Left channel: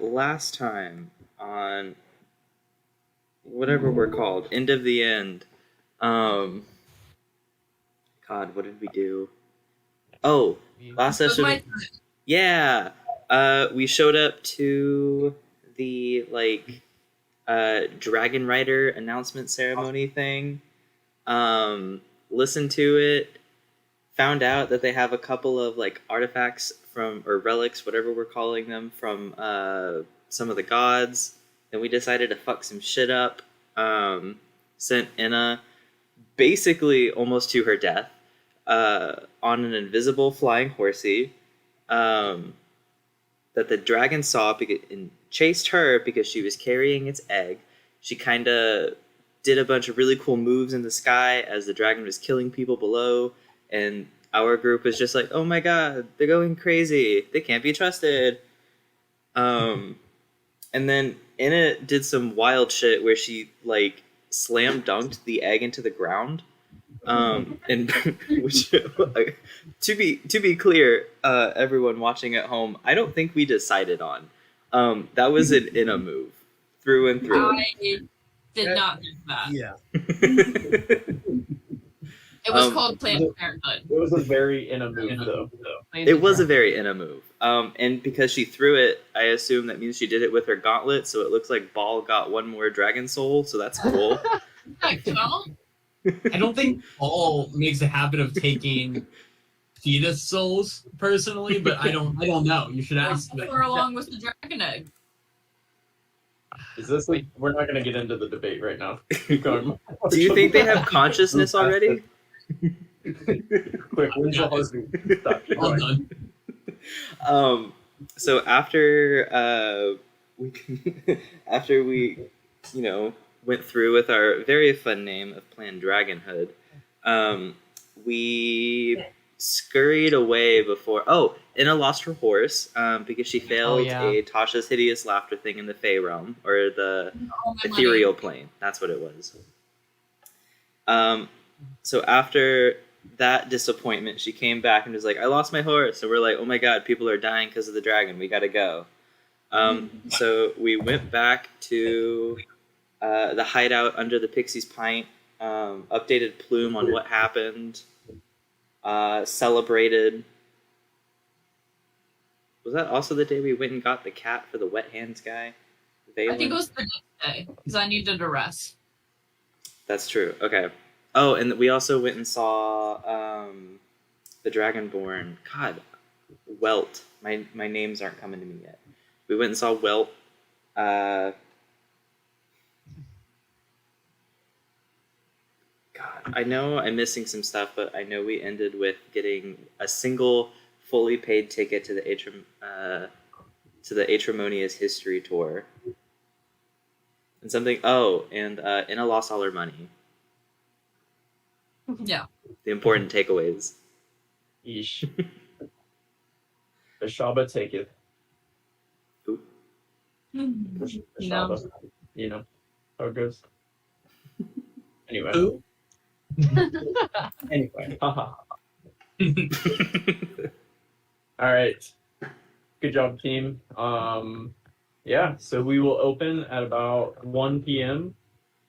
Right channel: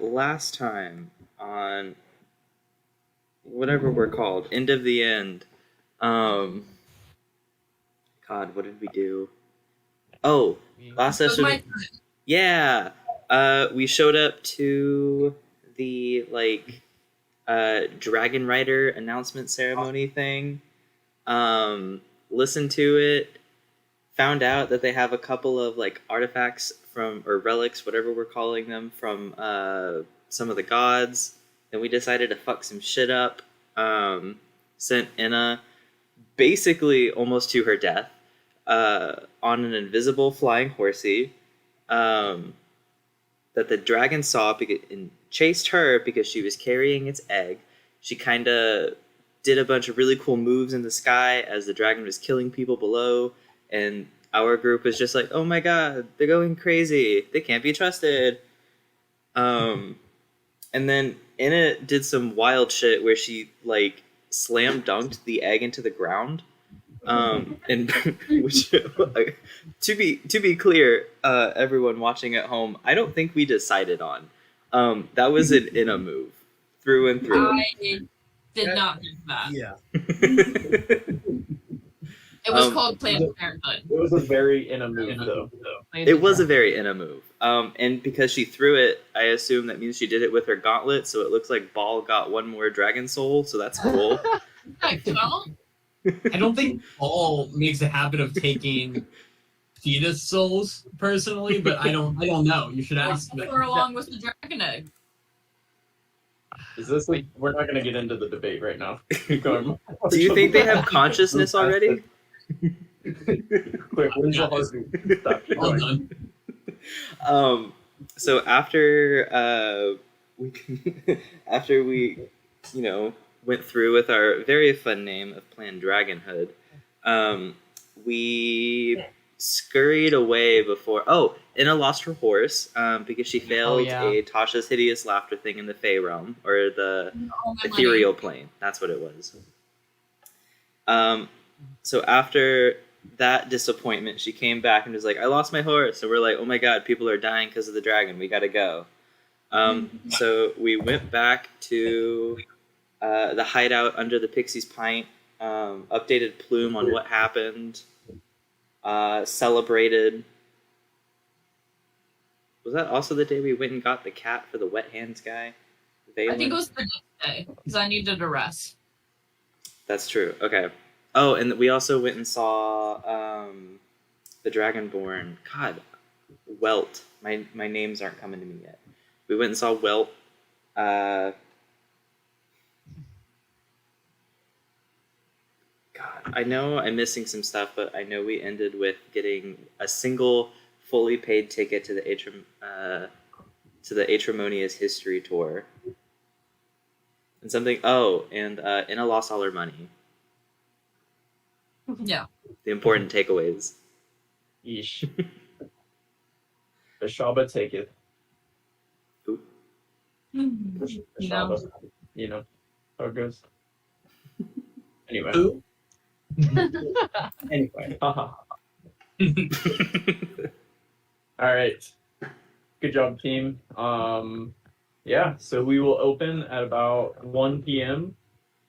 last time on whatever we're called, End of the End. Um, God, what did we do? Oh, last session. Yeah. We showed up to the Dragon Rider announcement ceremony thing. Listened to it. Found out that they have a couple of artifacts from or relics, whatever we're calling them, from some of the gods. Then we decided to fuck some shit up. Sent Inna basically almost to her death on an invisible flying horsey that the dragon saw and chased her because she was carrying its egg. She kind of did a bunch of really cool moves in the sky as the dragon was killing people below, and our group was just like, oh my god, they're going crazy. They can't be trusted. And then Inna did some wild shit where she slam dunked the egg into the ground. And which, to be clear, everyone watching at home, I don't think we decided on. That was an Inna move, through and through. I did not do that. Yeah. It was called Planned Parenthood. It was a very Inna move, though. It was a very Inna move. And because she threw it, I assume that means she did it with her gauntlet, so it looks like Ball got one more dragon soul, so that's cool. I don't think Ball makes a habit of taking fetus souls personally, but I don't know. You should ask them. Or along with the dragon egg. Is this we're not going to get into the debate right now. Do you think they have consciousness already? Quick, when's your husband? Well done. So after we went through with our very fun name of Planned Dragonhood, we scurried away before. Oh, Inna lost her horse because she failed a Tasha's Hideous Laughter thing in the Fey realm, or the ethereal plane. That's what it was. So after that disappointment, she came back and was like, I lost my horse. So we're like, oh my god, people are dying because of the dragon. We gotta go. So we went back to the hideout under the Pixie's Pint, updated Plume on what happened, celebrated. Was that also the day we went and got the cat for the wet hands guy? I think it was the next day, because I needed a rest. That's true. Okay. Oh, and we also went and saw the Dragonborn. God, Welt. My names aren't coming to me yet. We went and saw Welt. God, I know I'm missing some stuff, but I know we ended with getting a single fully paid ticket to the Aetremonious history tour. And something. Oh, and Inna lost all her money. Yeah. The important takeaways. Yeesh. The Shaba take it. Ooh. The Shaba. You know how it goes. Anyway. Ooh. Anyway. All right. Good job, team. Yeah, so we will open at about 1 p.m.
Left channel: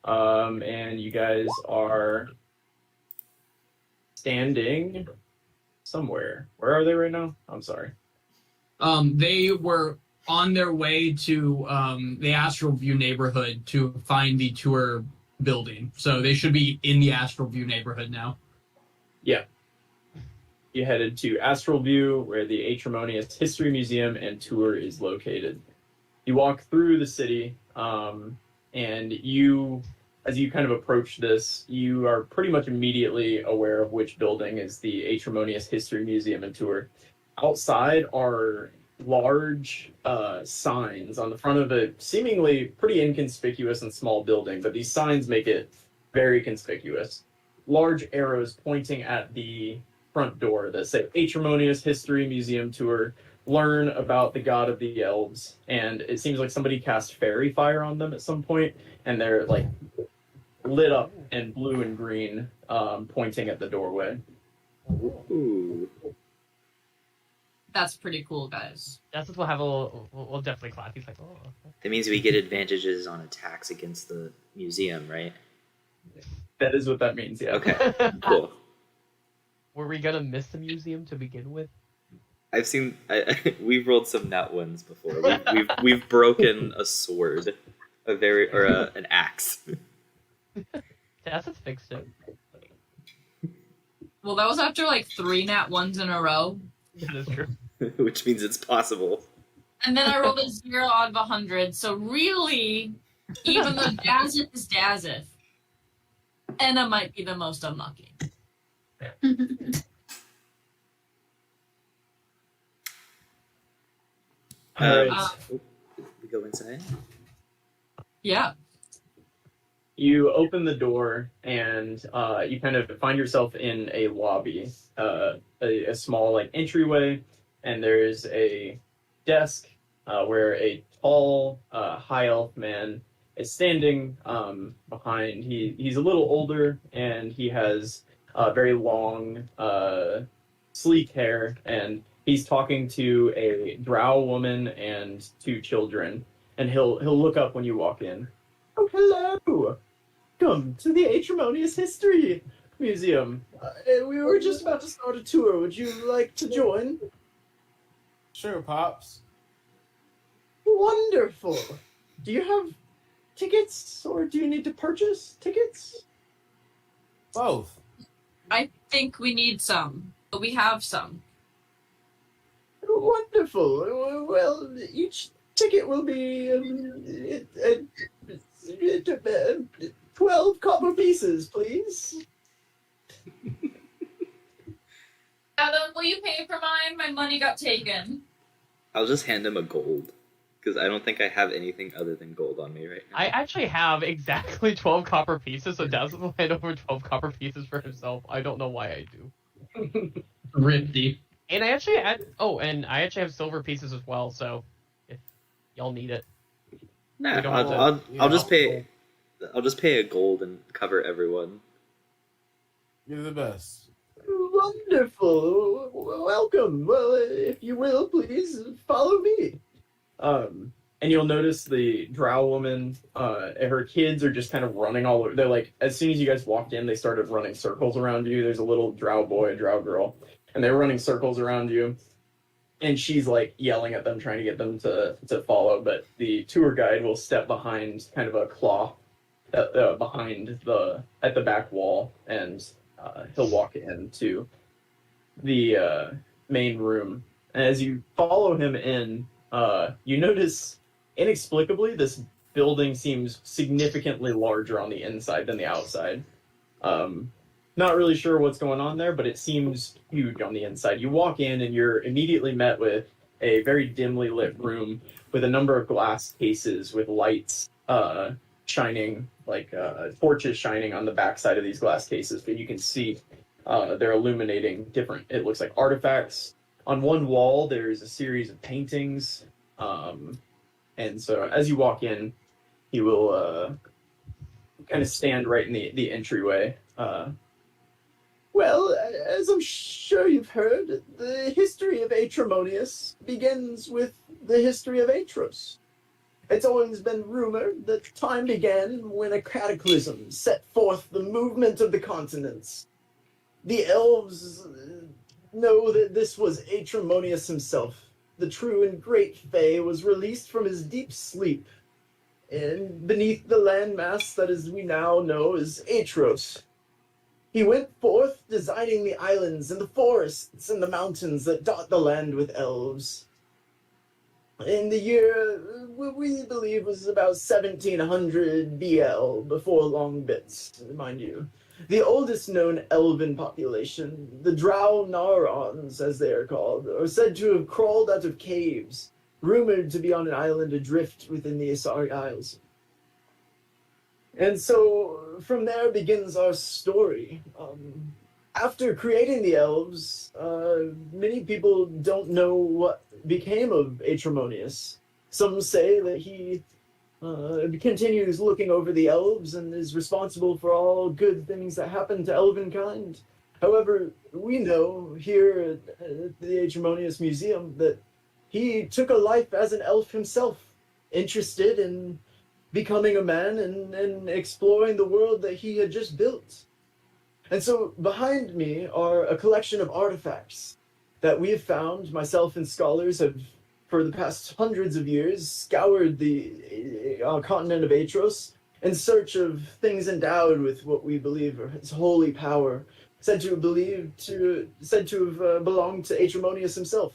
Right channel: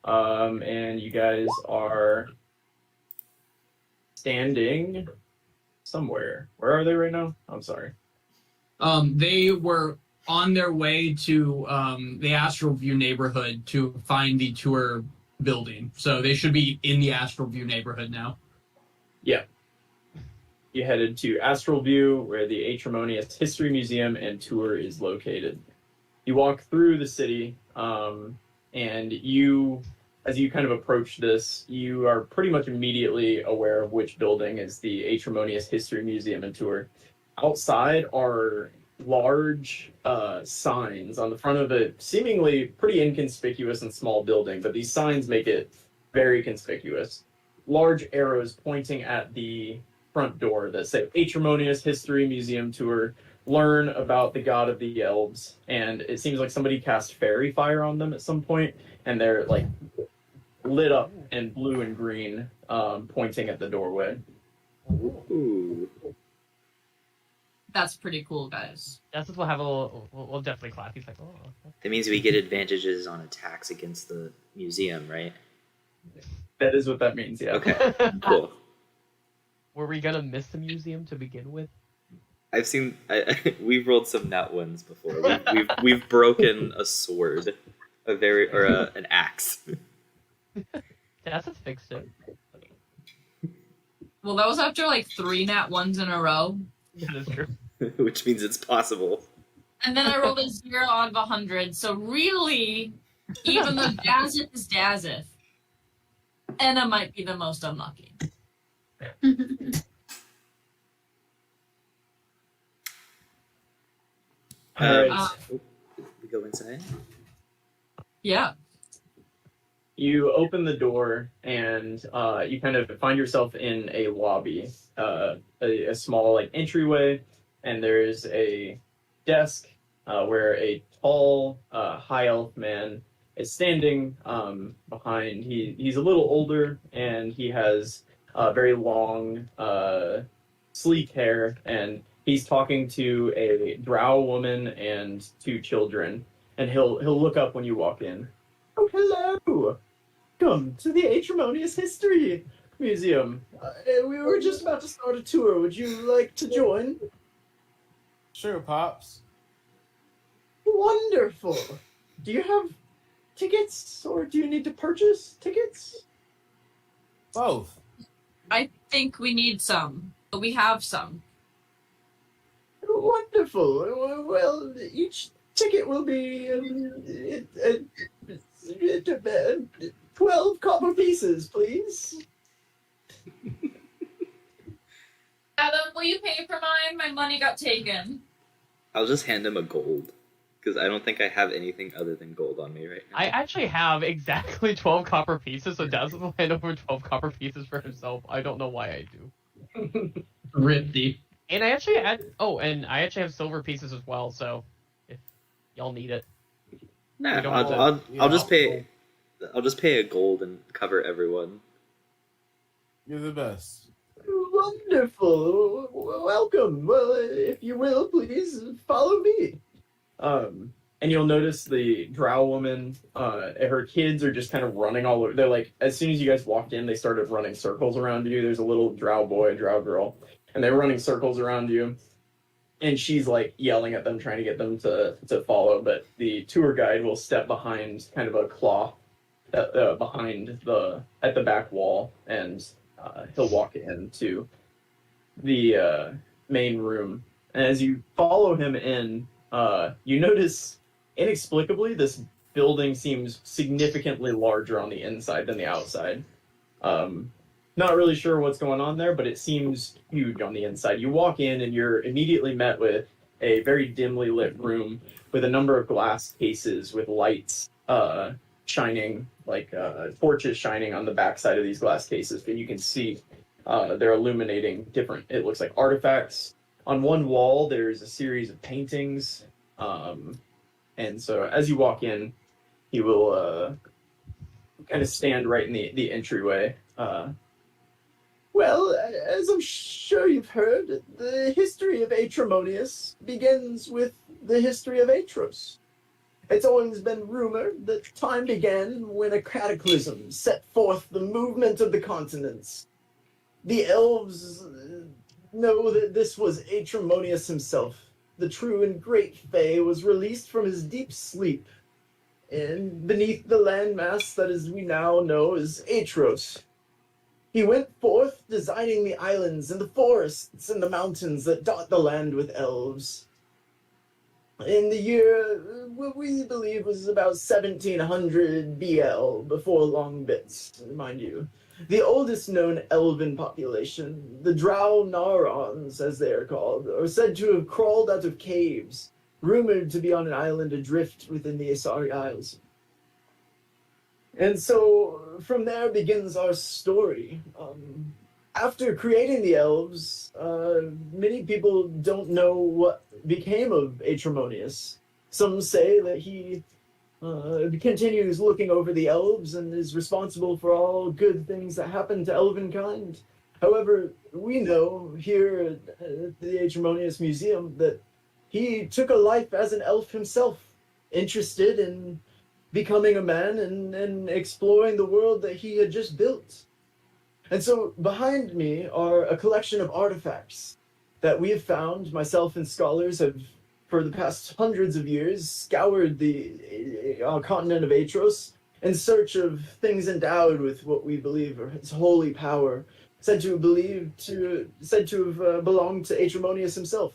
And you guys are standing somewhere. Where are they right now? I'm sorry. They were on their way to the Astral View neighborhood to find the tour building. So they should be in the Astral View neighborhood now. Yeah. You headed to Astral View, where the Aetremonious History Museum and tour is located. You walk through the city, and you, as you kind of approach this, you are pretty much immediately aware of which building is the Aetremonious History Museum and tour. Outside are large signs on the front of a seemingly pretty inconspicuous and small building, but these signs make it very conspicuous. Large arrows pointing at the front door that say Aetremonious History Museum Tour. Learn about the god of the elves, and it seems like somebody cast fairy fire on them at some point, and they're like lit up in blue and green, pointing at the doorway. Ooh. That's pretty cool, guys. Justice will have a little. We'll definitely clap. He's like, oh. That means we get advantages on attacks against the museum, right? That is what that means, yeah. Okay, cool. Were we gonna miss the museum to begin with? I've seen. We've rolled some nat ones before. We've broken a sword, an axe. Justice fixed it. Well, that was after like 3 nat 1s in a row. That is true. Which means it's possible. And then I rolled a 0 out of 100. So really, even though Dazith is Dazith, Enna might be the most unlucky. We go inside. Yeah. You open the door and you kind of find yourself in a lobby, a small like entryway, and there's a desk where a tall high elf man is standing behind. He's a little older and he has very long, sleek hair, and he's talking to a drow woman and 2 children. And he'll look up when you walk in. Oh, hello! Welcome to the Aetremonious History Museum. We were just about to start a tour. Would you like to join? Sure, Pops. Wonderful. Do you have tickets, or do you need to purchase tickets? Both. I think we need some, but we have some. Wonderful. Well, each ticket will be 12 copper pieces, please. Adam, will you pay for mine? My money got taken. I'll just hand him a gold, because I don't think I have anything other than gold on me right now. I actually have exactly 12 copper pieces, so Daz will hand over 12 copper pieces for himself. I don't know why I do. Rindy. And I actually have silver pieces as well, so if y'all need it. Nah, We don't I'll just pay. I'll just pay a gold and cover everyone. You're the best. Wonderful. Welcome. Well, if you will, please follow me. And you'll notice the drow woman, her kids are just kind of running all over. They're like, as soon as you guys walked in, they started running circles around you. There's a little drow boy, a drow girl, and they're running circles around you. And she's like yelling at them, trying to get them to follow. But the tour guide will step behind kind of a cloth behind at the back wall, and he'll walk into the main room. And as you follow him in, you notice inexplicably this building seems significantly larger on the inside than the outside. Not really sure what's going on there, but it seems huge on the inside. You walk in and you're immediately met with a very dimly lit room with a number of glass cases with lights shining, like torches shining on the backside of these glass cases that you can see. They're illuminating different, it looks like, artifacts. On one wall, there's a series of paintings. And so as you walk in, he will kind of stand right in the entryway. Well, as I'm sure you've heard, the history of Aetremonious begins with the history of Aetros. It's always been rumored that time began when a cataclysm set forth the movement of the continents. The elves know that this was Aetremonious himself. The true and great Fae was released from his deep sleep, and beneath the landmass that as we now know as Aetros. He went forth designing the islands and the forests and the mountains that dot the land with elves. In the year, we believe was about 1700 BL, before long bits, mind you. The oldest known elven population, the Drownaurons, as they are called, are said to have crawled out of caves, rumored to be on an island adrift within the Asari Isles. And so, from there begins our story. After creating the elves, many people don't know what became of Aetremonious. Some say that he continues looking over the elves and is responsible for all good things that happen to elven kind. However, we know here at the Aetremonious Museum that he took a life as an elf himself, interested in becoming a man and exploring the world that he had just built. And so behind me are a collection of artifacts that we have found. Myself and scholars have, for the past hundreds of years, scoured the continent of Aetros in search of things endowed with what we believe are its holy power, said to have belonged to Aetremonious himself.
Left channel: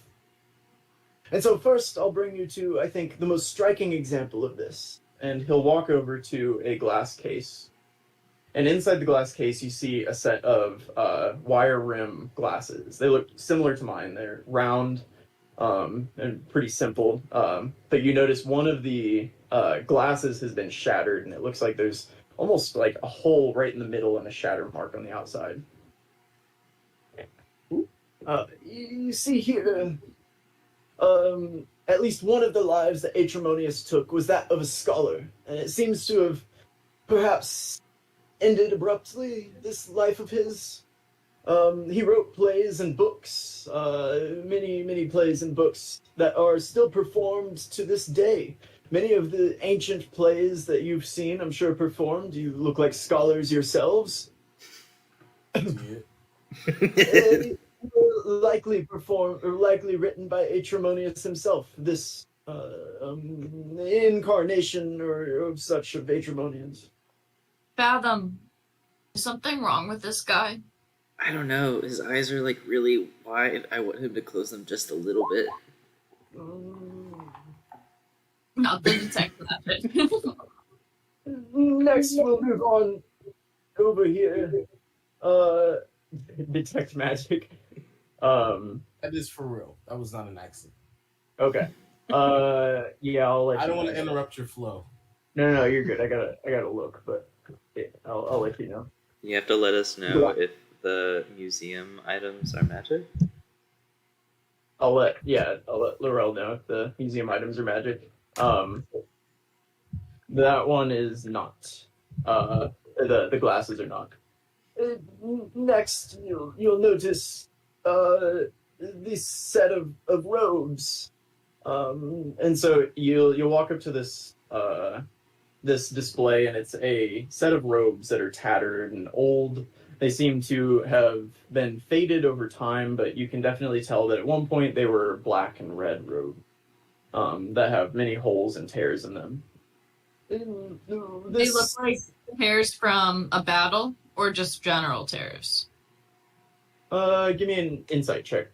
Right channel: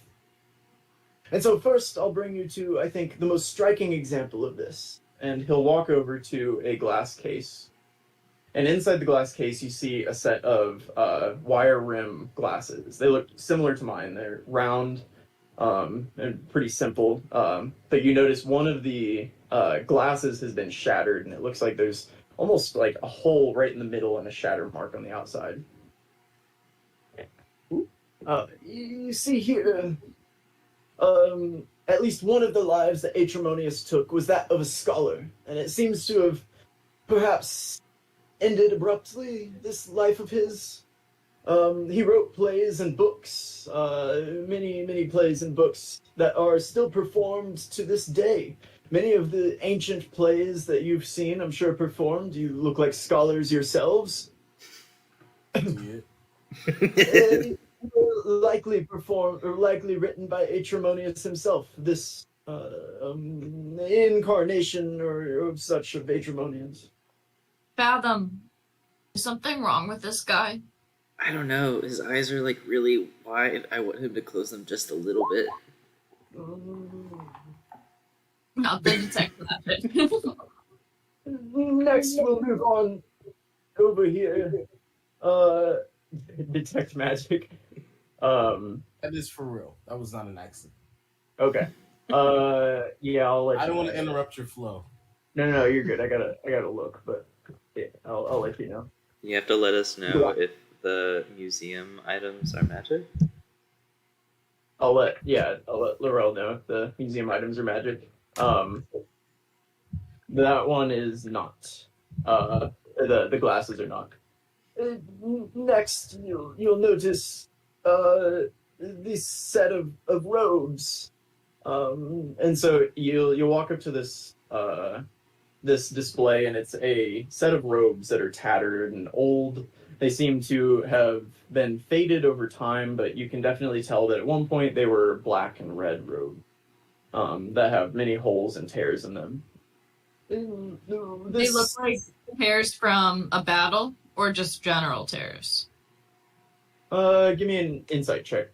And so first, I'll bring you to, I think, the most striking example of this. And he'll walk over to a glass case. And inside the glass case, you see a set of wire rim glasses. They look similar to mine. They're round and pretty simple. But you notice one of the glasses has been shattered, and it looks like there's almost like a hole right in the middle and a shatter mark on the outside. You see here, at least one of the lives that Aetremonious took was that of a scholar, and it seems to have perhaps ended abruptly, this life of his. He wrote plays and books, many plays and books that are still performed to this day. Many of the ancient plays that you've seen, I'm sure, performed. You look like scholars yourselves. Likely written by Aetremonious himself. This incarnation or such of Aetremonians. Fathom, is something wrong with this guy? I don't know. His eyes are like really wide. I want him to close them just a little bit. Not the detective that. Next, we'll move on over here. Detect magic. That is for real. That was not an accident. Okay. Yeah, I'll let I you don't want know. to interrupt your flow. No, you're good. I gotta look, but yeah, I'll let you know. You have to let us know if the museum items are magic. I'll let Laurel know if the museum items are magic. That one is not. The glasses are not. Next, you'll notice this set of robes, and so you'll walk up to this this display, and it's a set of robes that are tattered and old. They seem to have been faded over time, but you can definitely tell that at one point they were black and red robes that have many holes and tears in them. They look like tears from a battle or just general tears? Give me an insight check.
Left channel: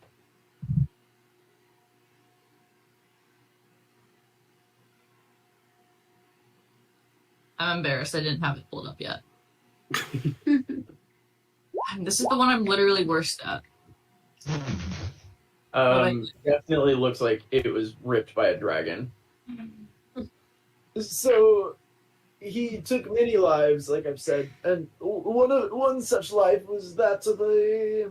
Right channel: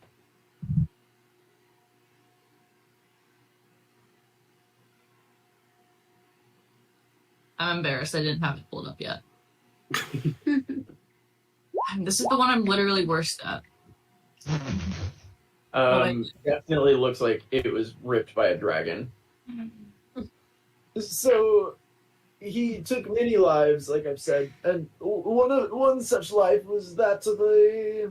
I'm embarrassed I didn't have it pulled up yet. This is the one I'm literally worst at. Definitely looks like it was ripped by a dragon. So he took many lives, like I've said, and one such life was that of a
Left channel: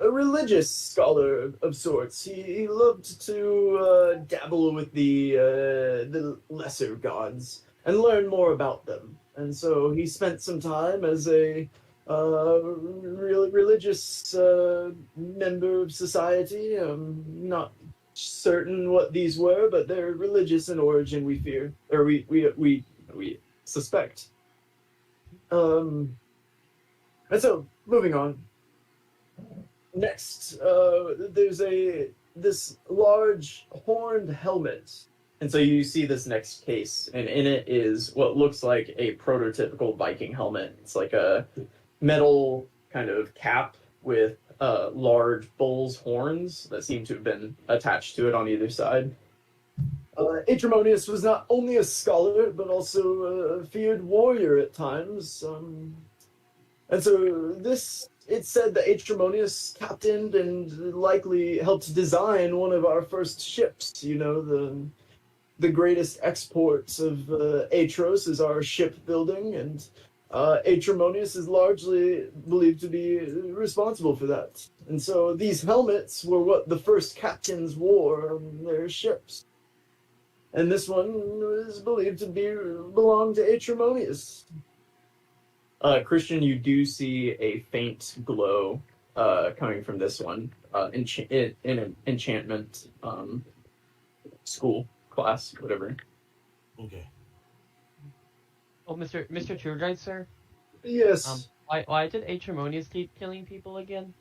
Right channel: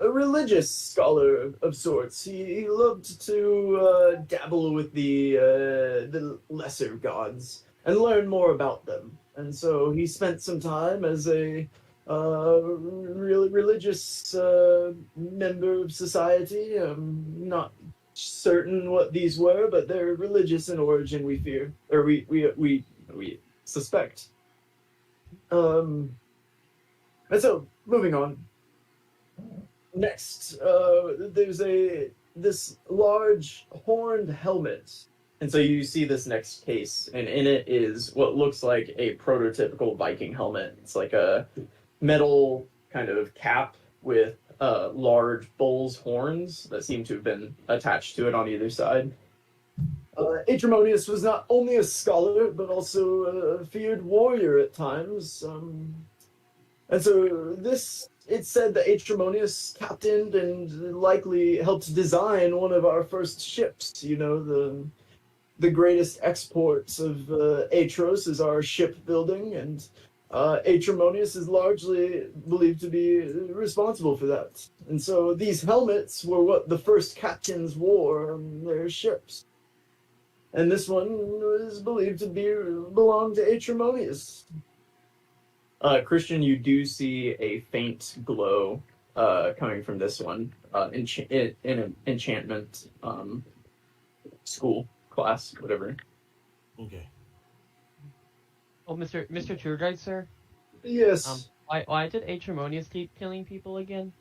religious scholar of sorts. He loved to dabble with the lesser gods and learn more about them. And so he spent some time as a really religious member of society. Not certain what these were, but they're religious in origin. We fear, or we suspect. And so moving on. Next, there's this large horned helmet. And so you see this next case, and in it is what looks like a prototypical Viking helmet. It's like a metal kind of cap with large bull's horns that seem to have been attached to it on either side. Aetremonious was not only a scholar, but also a feared warrior at times. And so it's said that Aetremonious captained and likely helped design one of our first ships. You know, the greatest exports of Aetros is our shipbuilding, and Aetremonious is largely believed to be responsible for that. And so these helmets were what the first captains wore on their ships. And this one is believed to belong to Aetremonious. Christian, you do see a faint glow coming from this one in an enchantment school class, whatever. Okay. Oh, Mr. Tour Guide, sir. Yes. Why did Aetremonious keep killing people again?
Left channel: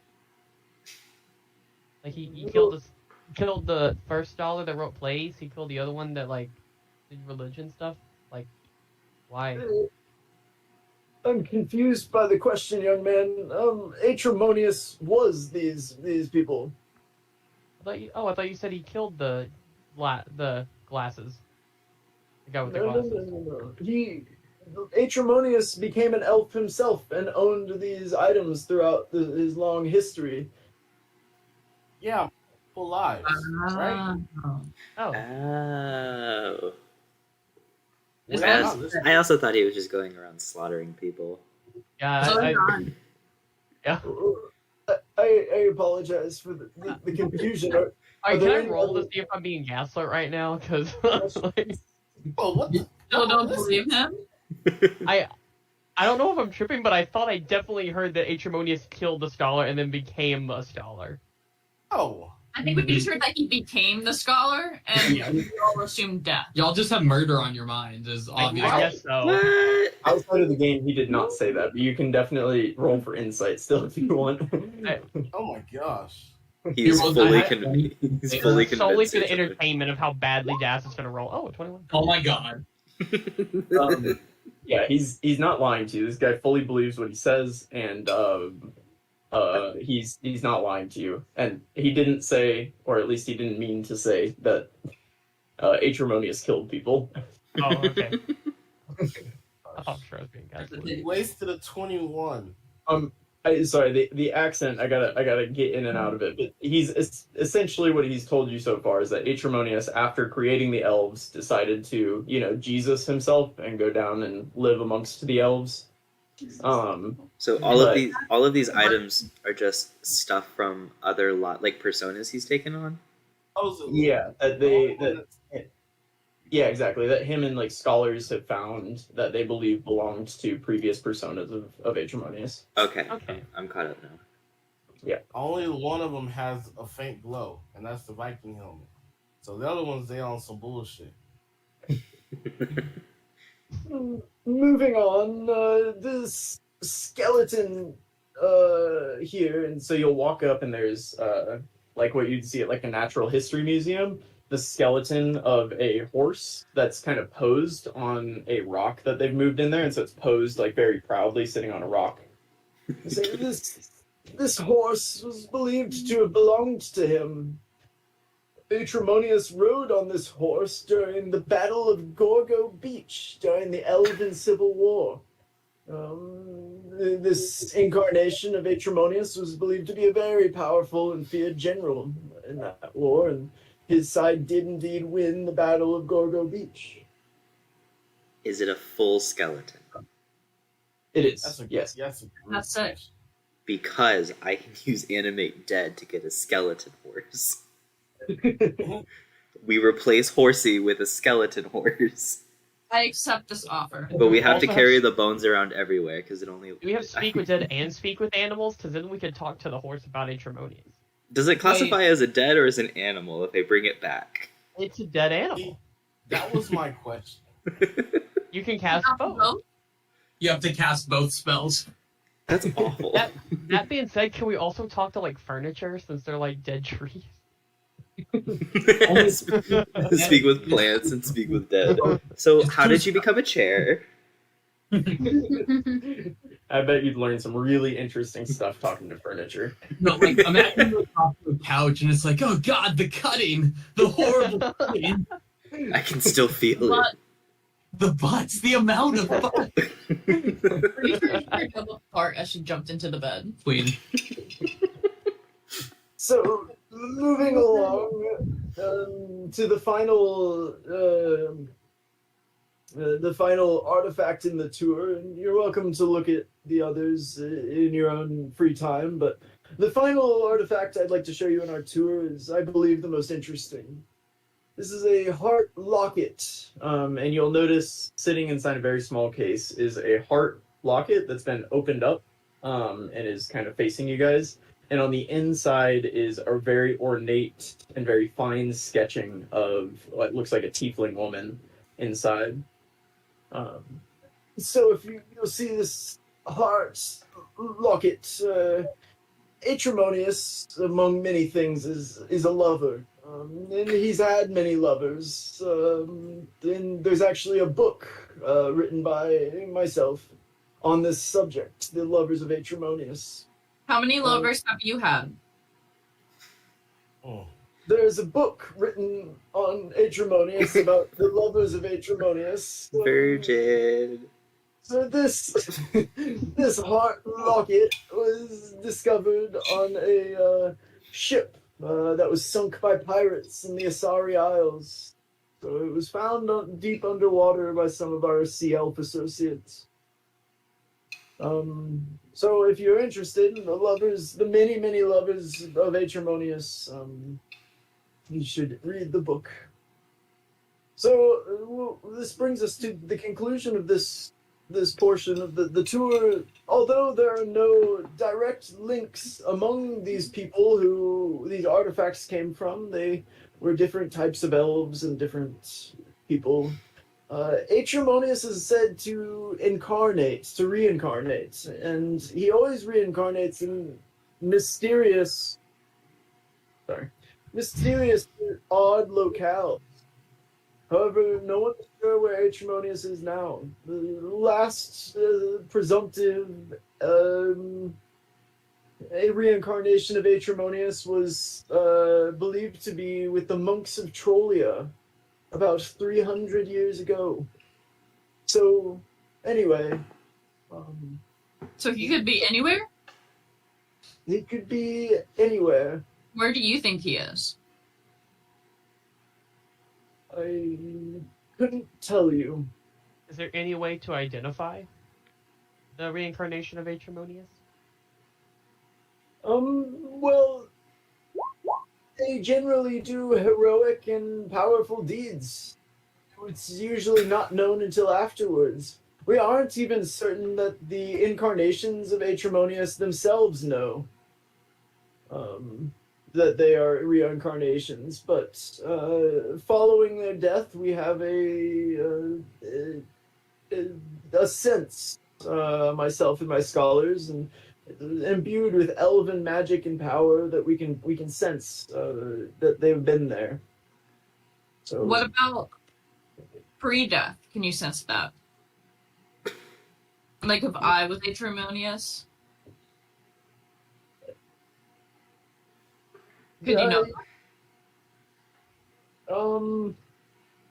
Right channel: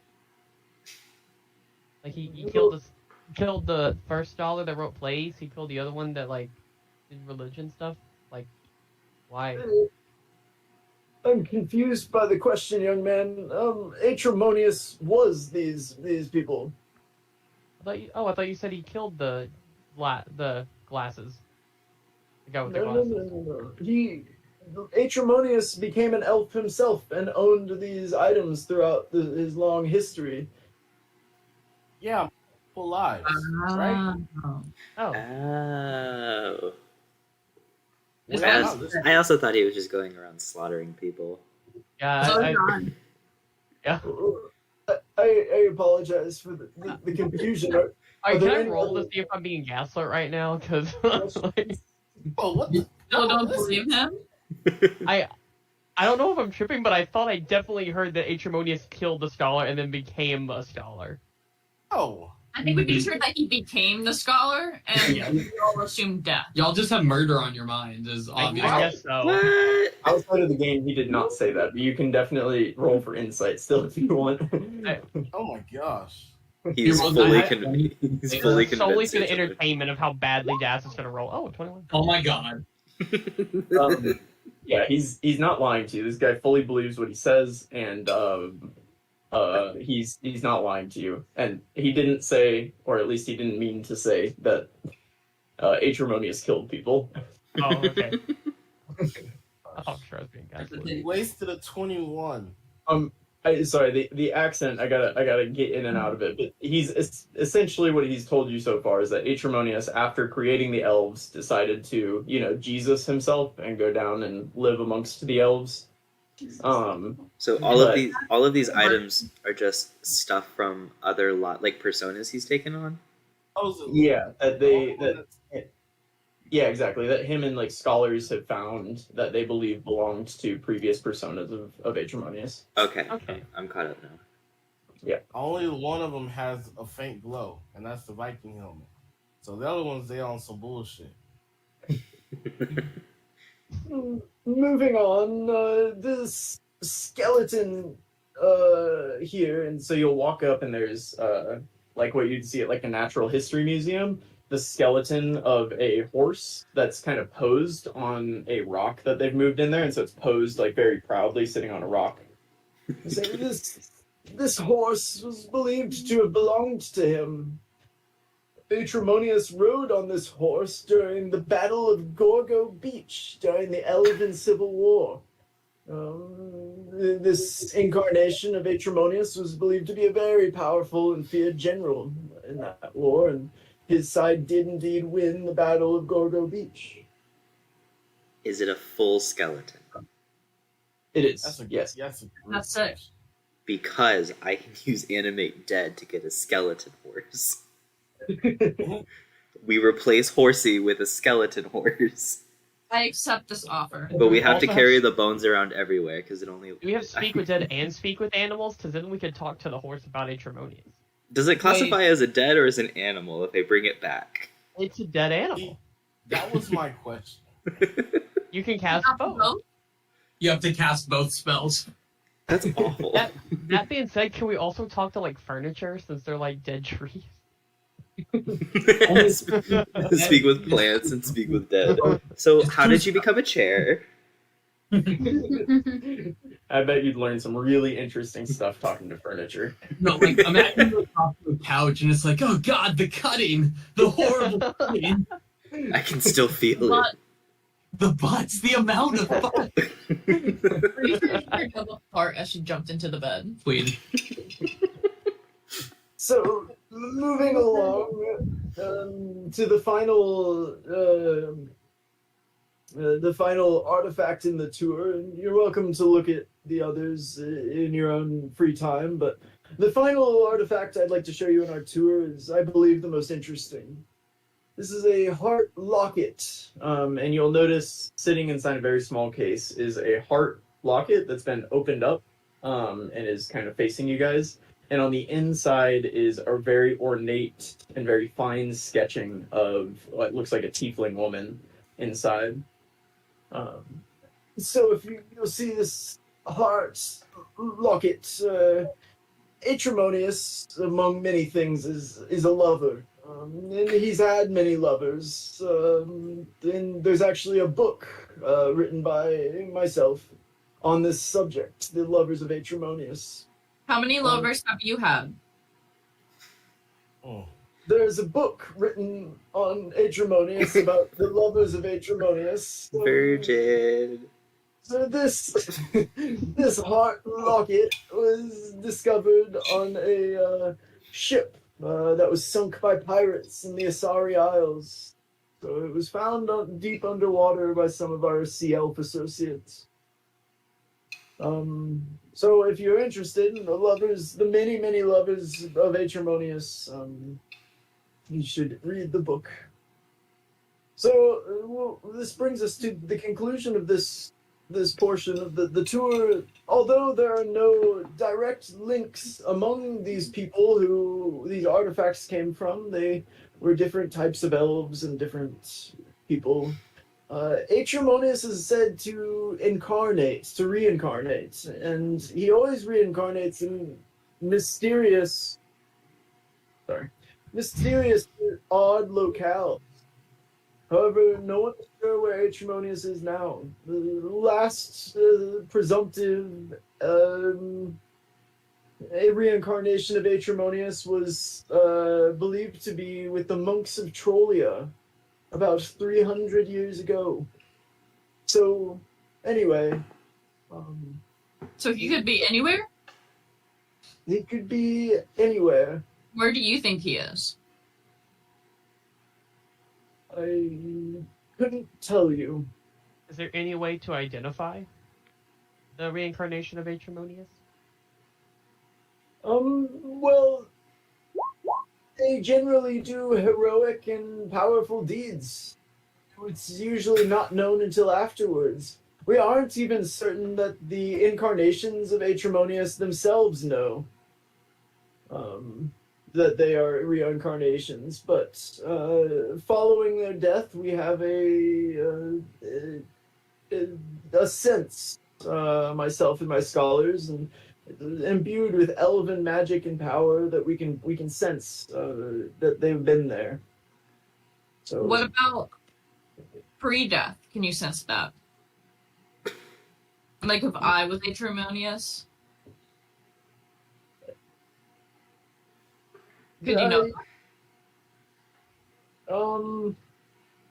Like he killed the first scholar that wrote plays. He killed the other one that like did religion stuff. Like, why? I'm confused by the question, young man. Aetremonious was these people. I thought you said he killed the glasses. The guy with the No, glasses. Aetremonious became an elf himself and owned these items throughout his long history. Yeah, full lives, right? Oh. Oh. Is I that- also, I also thought he was just going around slaughtering people. Yeah, yeah. I apologize for the confusion. Are Can there I any roll to other- see if I'm being gaslit right now? Because like, Oh, what the? No, don't believe him. I don't know if I'm tripping, but I thought I definitely heard that Aetremonious killed the scholar and then became a scholar. Oh, I think we'd be sure that he became the scholar, and Yeah. we all assumed death. Y'all just have murder on your mind, is I obvious. guess so. What? Outside of the game, he did not say that, but you can definitely roll for insight still if you want. oh my gosh. He's Well, fully I- convinced. He's It's fully Solely convinced. for the Aetremonious. entertainment of how badly Das is going to roll. Oh, 21. Oh my god. Yeah, he's not lying to you. This guy fully believes what he says, and he's not lying to you. And he didn't say, or at least he didn't mean to say, that Aetremonious killed people. Oh, okay. Oh, sure, I was being gaslit. He wasted a 21. Sorry, the accent, I gotta get in and out of it. But essentially what he's told you so far is that Aetremonious, after creating the elves, decided to, Jesus himself and go down and live amongst the elves. So all of these items are just stuff from other like personas he's taken on. Yeah, yeah, exactly. That him and like scholars have found that they believe belonged to previous personas of Aetremonious. Okay, Okay. I'm caught up now. Only one of them has a faint glow, and that's the Viking helmet. So the other ones, they on some bullshit. Moving on, this skeleton here, And so you'll walk up and there's like what you'd see at like a natural history museum, the skeleton of a horse that's kind of posed on a rock that they've moved in there, and so it's posed like very proudly sitting on a rock. so this horse was believed to have belonged to him. Aetremonious rode on this horse during the Battle of Gorgo Beach during the Elven Civil War. This incarnation of Aetremonious was believed to be a very powerful and feared general in that war, and his side did indeed win the Battle of Gorgo Beach. Is it a full skeleton? It is. Yes. That's it. Because I can use animate dead to get a skeleton horse. We replace Horsey with a skeleton horse. I accept this offer. But we have to Also carry the bones around everywhere because it only. Do we have speak with dead and speak with animals? Because then we could talk to the horse about Aetremonious. Does it classify as a dead or as an animal if they bring it back? It's a dead animal. That was my question. You can cast both. You have to cast both spells. That's awful. That being said, can we also talk to like furniture since they're like dead trees? Speak with plants and speak with dead. So, how did you become a chair? I bet you'd learn some really interesting stuff talking to furniture. No, like imagine you're talking to a couch and it's like, oh god, the cutting, the horrible cutting, I can still feel it. the butts, the amount of butt. Pretty sure she heard the part as she jumped into the bed. Wait, So, moving along to the final artifact in the tour, and you're welcome to look at the others in your own free time, but the final artifact I'd like to show you in our tour is, I believe, the most interesting. This is a heart locket, And you'll notice sitting inside a very small case is a heart locket that's been opened up and is kind of facing you guys. And on the inside is a very ornate and very fine sketching of what looks like a tiefling woman inside. So if you'll see this heart locket, Aetremonious, among many things, is a lover. And he's had many lovers. And there's actually a book written by myself on this subject, The Lovers of Aetremonious. How many lovers have you had? Oh. There's a book written on Aetremonious about the lovers of Aetremonious. Virgin. So this this heart locket was discovered on a ship that was sunk by pirates in the Asari Isles. So it was found deep underwater by some of our sea elf associates. So if you're interested in the many lovers of Aetremonious, you should read the book. So this brings us to the conclusion of this portion of the tour. Although there are no direct links among these people who these artifacts came from, they were different types of elves and different people. Aetremonious is said to reincarnate, and he always reincarnates in mysterious, odd locales. However, no one is sure where Aetremonious is now. The last presumptive a reincarnation of Aetremonious was believed to be with the monks of Trollia about 300 years ago. So, anyway. So he could be anywhere? He could be anywhere. Where do you think he is? I couldn't tell you. Is there any way to identify the reincarnation of Aetremonious? Well, they generally do heroic and powerful deeds. It's usually not known until afterwards. We aren't even certain that the incarnations of Aetremonious themselves know that they are reincarnations, but following their death, we have a sense, myself and my scholars, and imbued with elven magic and power that we can sense that they've been there. So, What about pre-death? Can you sense that? Like if I was Aetremonious? Could you know?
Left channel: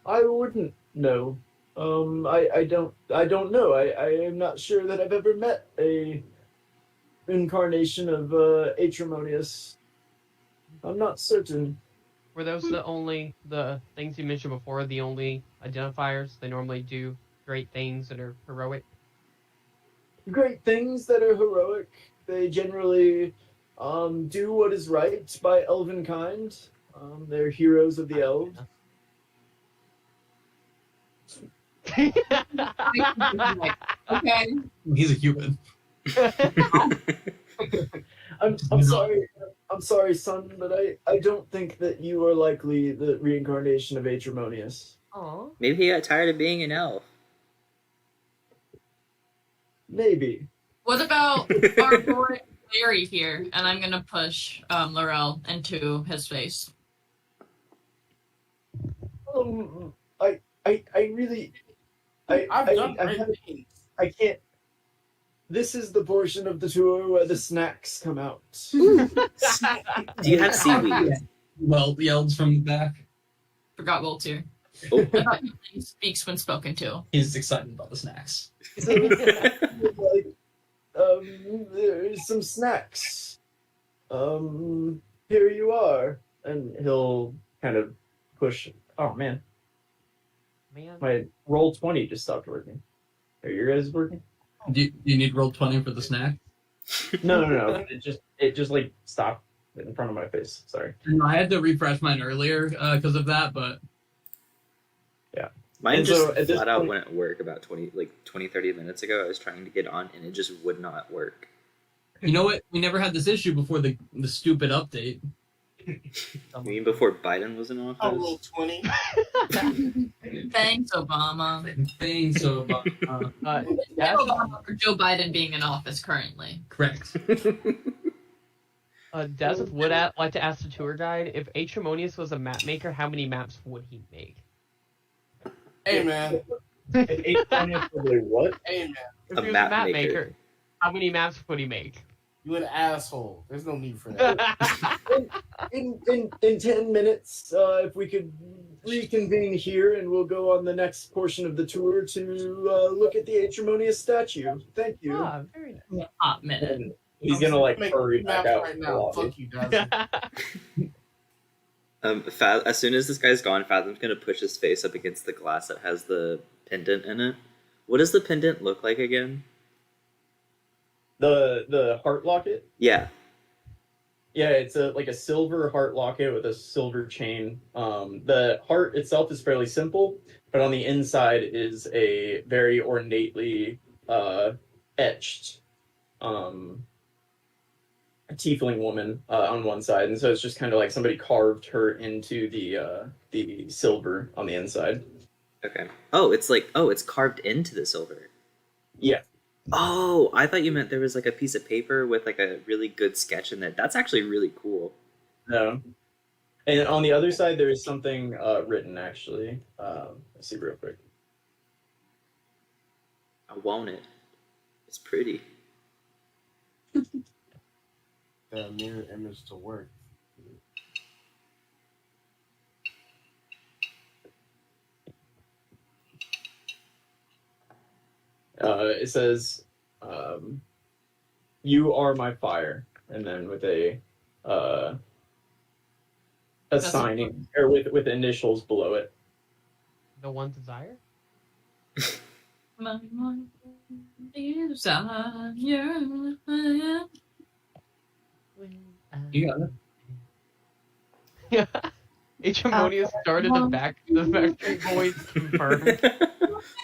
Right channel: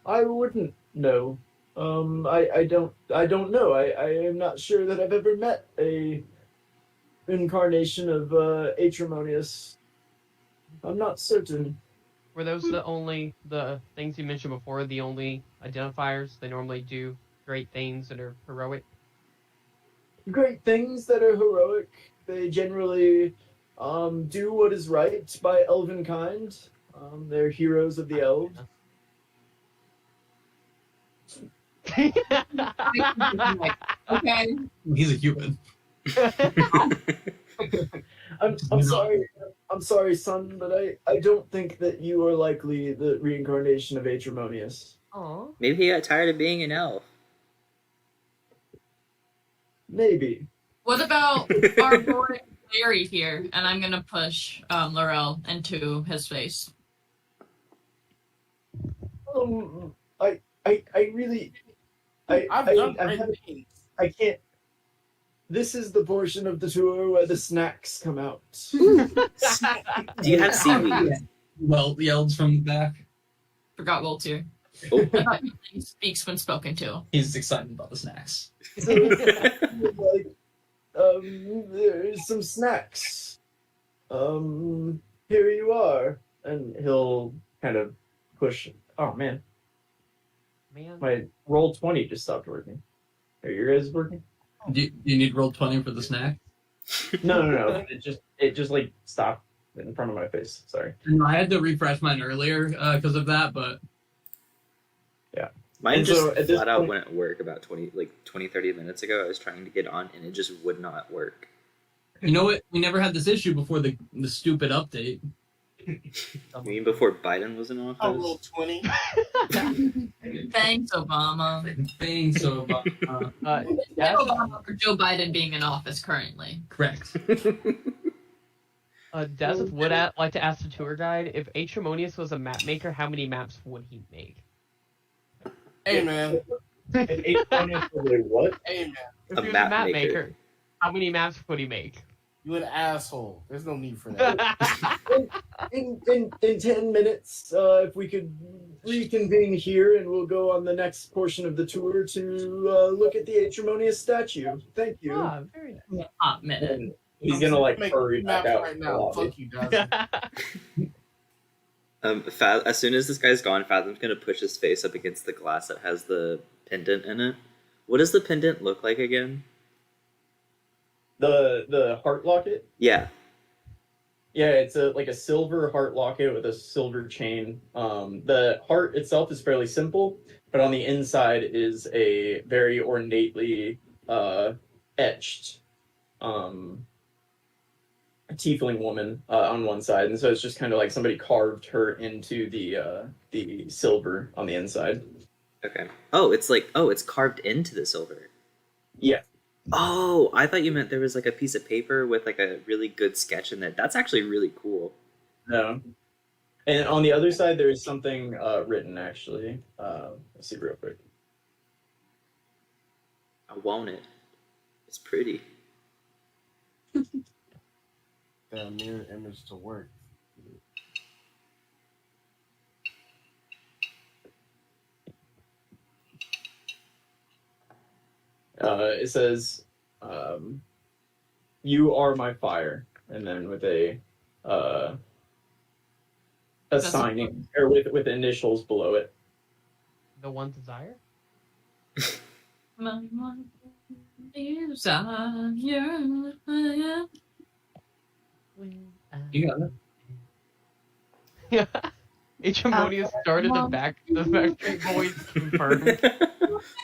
I wouldn't know. I don't know. I am not sure that I've ever met a incarnation of Aetremonious. I'm not certain. Were those the things you mentioned before, the only identifiers? They normally do great things that are heroic? Great things that are heroic. They generally do what is right by elven kind. They're heroes of the elves. Okay. He's a human. I'm sorry. I'm sorry, son, but I don't think that you are likely the reincarnation of Aetremonious. Aw. Maybe he got tired of being an elf. Maybe. What about our boy Larry here? And I'm gonna push Laurel into his face. I really, I can't. This is the portion of the tour where the snacks come out. Do you have seaweed? Well, yelled from the back. Forgot Will too. Oh. I thought he speaks when spoken to. He's excited about the snacks. So, there's some snacks. Here you are. And he'll kind of push. Oh man, Man. my roll 20 just stopped working. Are your guys working? Do you need roll 20 for the snack? No. It just like stopped in front of my face. Sorry. No, I had to refresh mine earlier because of that, but Mine And just so at this flat out point- wouldn't work about 30 minutes ago. I was trying to get on and it just would not work. You know what? We never had this issue before the stupid update. You mean before Biden was in I office? rolled 20. Thanks, Obama. Thing, so Des, Obama for Joe Biden being in office currently. correct. Des would like to ask the tour guide, if Aetremonious was a map maker, how many maps would he make? Hey, man. What? Hey, man. If A he was map a map maker. maker, how many maps would he make? You an asshole. There's no need for that. In 10 minutes, if we could reconvene here, and we'll go on the next portion of the tour to look at the Aetremonious statue. Thank you. Ah, very nice. Hot minute. And he's gonna like Make hurry maps back out. right to the now. lobby. Fuck you, Dazzy. As soon as this guy's gone, Fathom's gonna push his face up against the glass that has the pendant in it. What does the pendant look like again? The heart locket. Yeah. Yeah, it's like a silver heart locket with a silver chain. The heart itself is fairly simple, but on the inside is a very ornately etched tiefling woman on one side, and so it's just kind of like somebody carved her into the silver on the inside. Okay. It's carved into the silver. Yeah. Oh, I thought you meant there was like a piece of paper with like a really good sketch in it. That's actually really cool. No. And on the other side, there is something written, actually. Let's see real quick. I want it. It's pretty. That mirror image to work. It says, "You are my fire," and then with a signing or with initials below it. The one desire? You got it. Yeah. Aetremonious started the Backstreet Boys confirmed.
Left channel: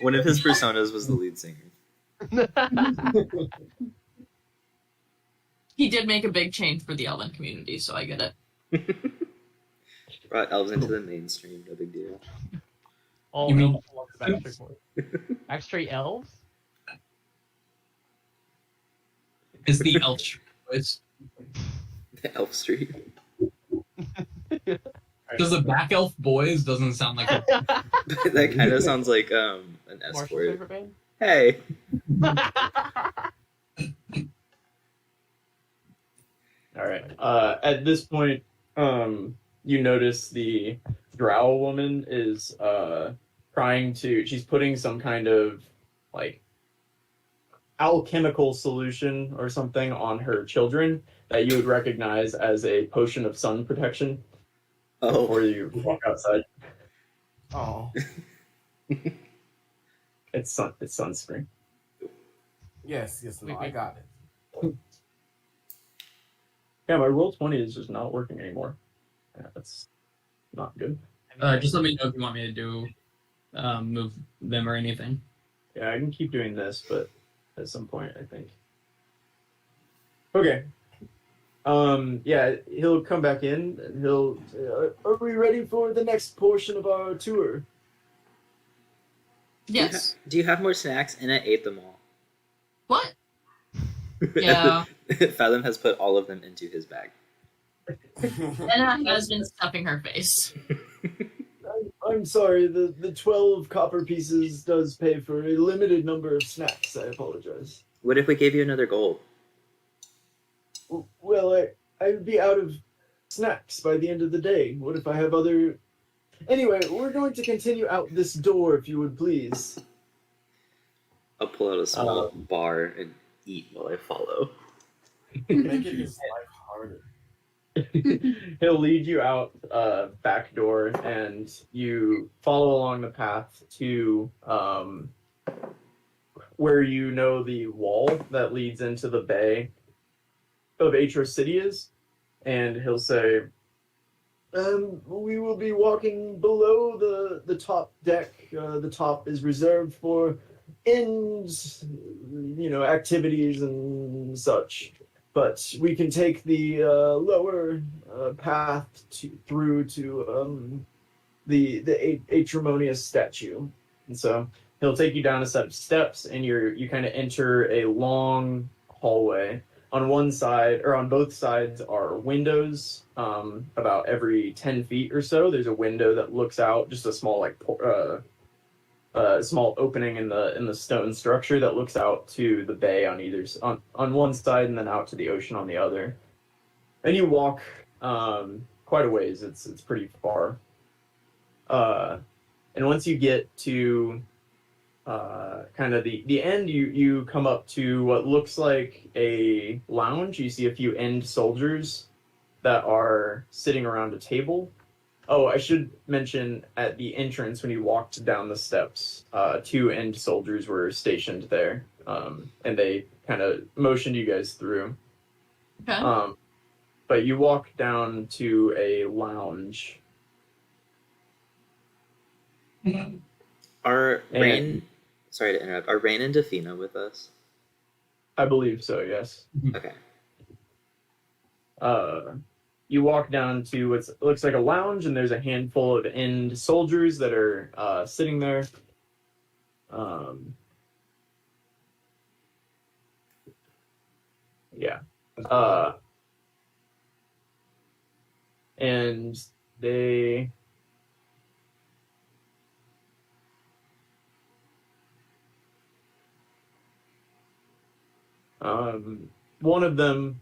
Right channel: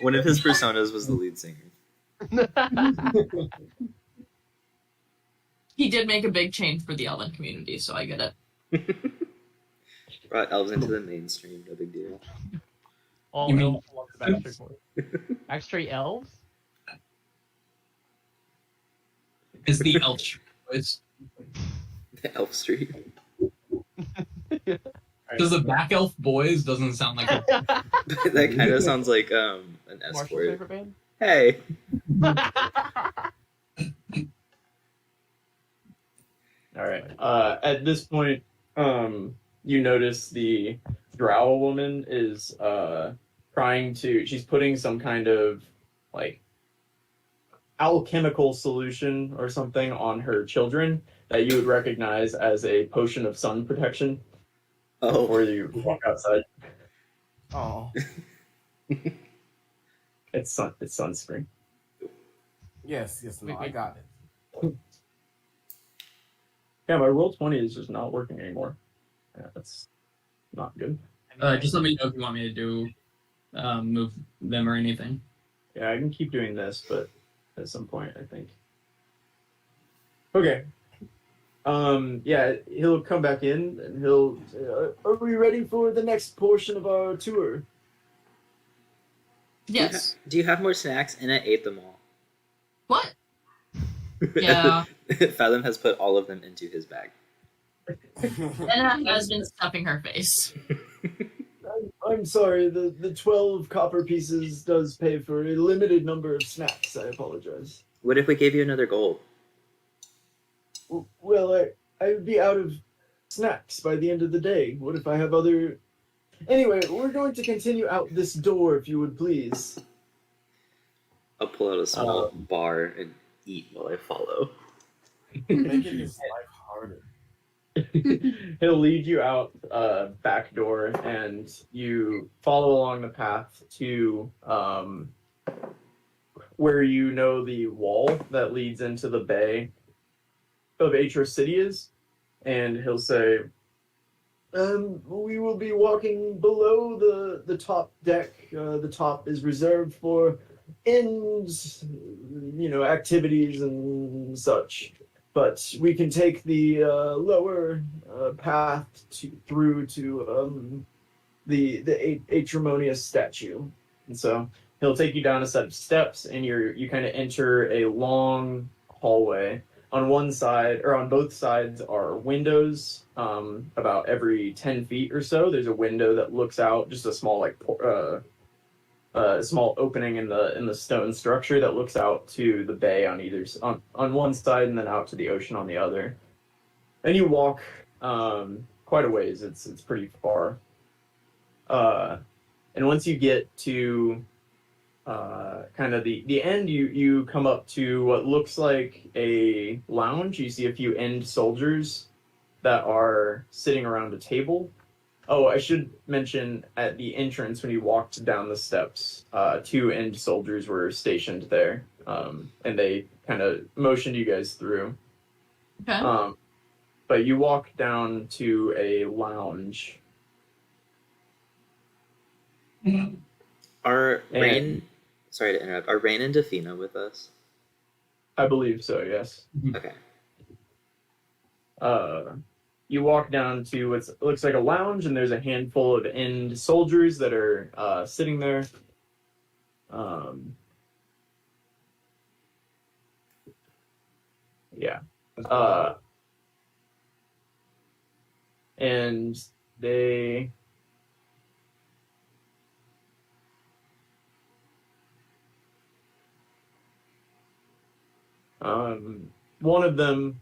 One of his personas was the lead singer. He did make a big change for the elven community, so I get it. Brought elves into the mainstream, no big deal. All You mean- elves love the Backstreet Boys. Backstreet Elves? It's the Elch. It's The Elf Street. because the back elf boys doesn't sound like a That kind of sounds like an Marshall's escort. favorite band? Hey. All right. At this point, you notice the Drow woman is she's putting some kind of like alchemical solution or something on her children that you would recognize as a potion of sun protection before Oh. you walk outside. Oh, It's sunscreen. yes, no, I got it. Yeah, my roll 20 is just not working anymore. Yeah, that's not good. just let me know if you want me to do move them or anything. Yeah, I can keep doing this, but at some point, I think. Okay. Yeah, he'll come back in and he'll say, are we ready for the next portion of our tour? Yes. Do you have more snacks? And I ate them all. What? Yeah. Fathom has put all of them into his bag. Anna has been stuffing her face. I'm sorry, the 12 copper pieces does pay for a limited number of snacks. I apologize. What if we gave you another gold? Well, I would be out of snacks by the end of the day. What if I have other... Anyway, we're going to continue out this door, if you would please. I'll pull out a small bar and eat while I follow. Making his life harder. He'll lead you out back door, and you follow along the path to where you know the wall that leads into the bay of Aetros City is, and he'll say, We will be walking below the top deck. The top is reserved for ends, activities and such. But we can take the lower path through to the Aetremonious statue. And so he'll take you down a set of steps, and you kind of enter a long hallway. On one side, or on both sides, are windows. About every 10 feet or so, there's a window that looks out, just a small small opening in the stone structure that looks out to the bay on one side, and then out to the ocean on the other. And you walk quite a ways. It's pretty far. And once you get to kind of the end, you come up to what looks like a lounge. You see a few end soldiers that are sitting around a table. Oh, I should mention, at the entrance when you walked down the steps, 2 end soldiers were stationed there, and they kind of motioned you guys through. Okay. But you walk down to a lounge. Are And- Rain? Sorry to interrupt. Are Rain and Defina with us? I believe so, yes. Okay. You walk down to what looks like a lounge, and there's a handful of end soldiers that are sitting there. Yeah. And they... one of them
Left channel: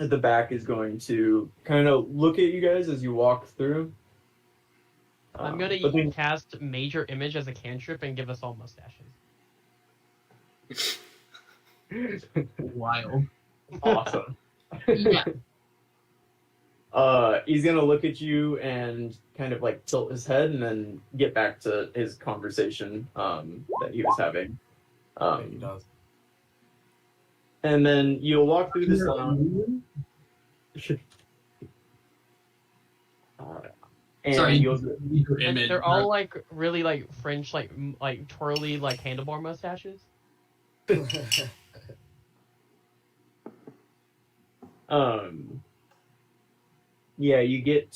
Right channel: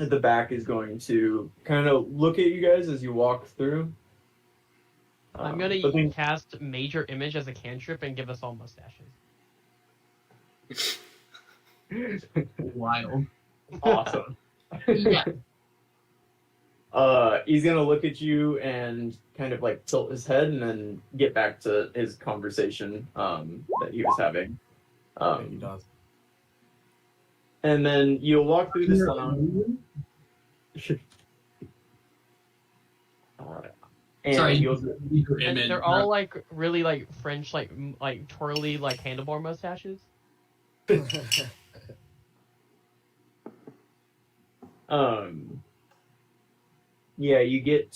at the back is going to kind of look at you guys as you walk through. I'm gonna but then- cast Major Image as a cantrip and give us all mustaches. Wild. Awesome. Yeah. He's gonna look at you and kind of like tilt his head and then get back to his conversation that he was having. He does. And then you'll walk through this lounge. And Sorry, you'll your And image. they're all like really like French, like twirly, like handlebar mustaches. Yeah, you get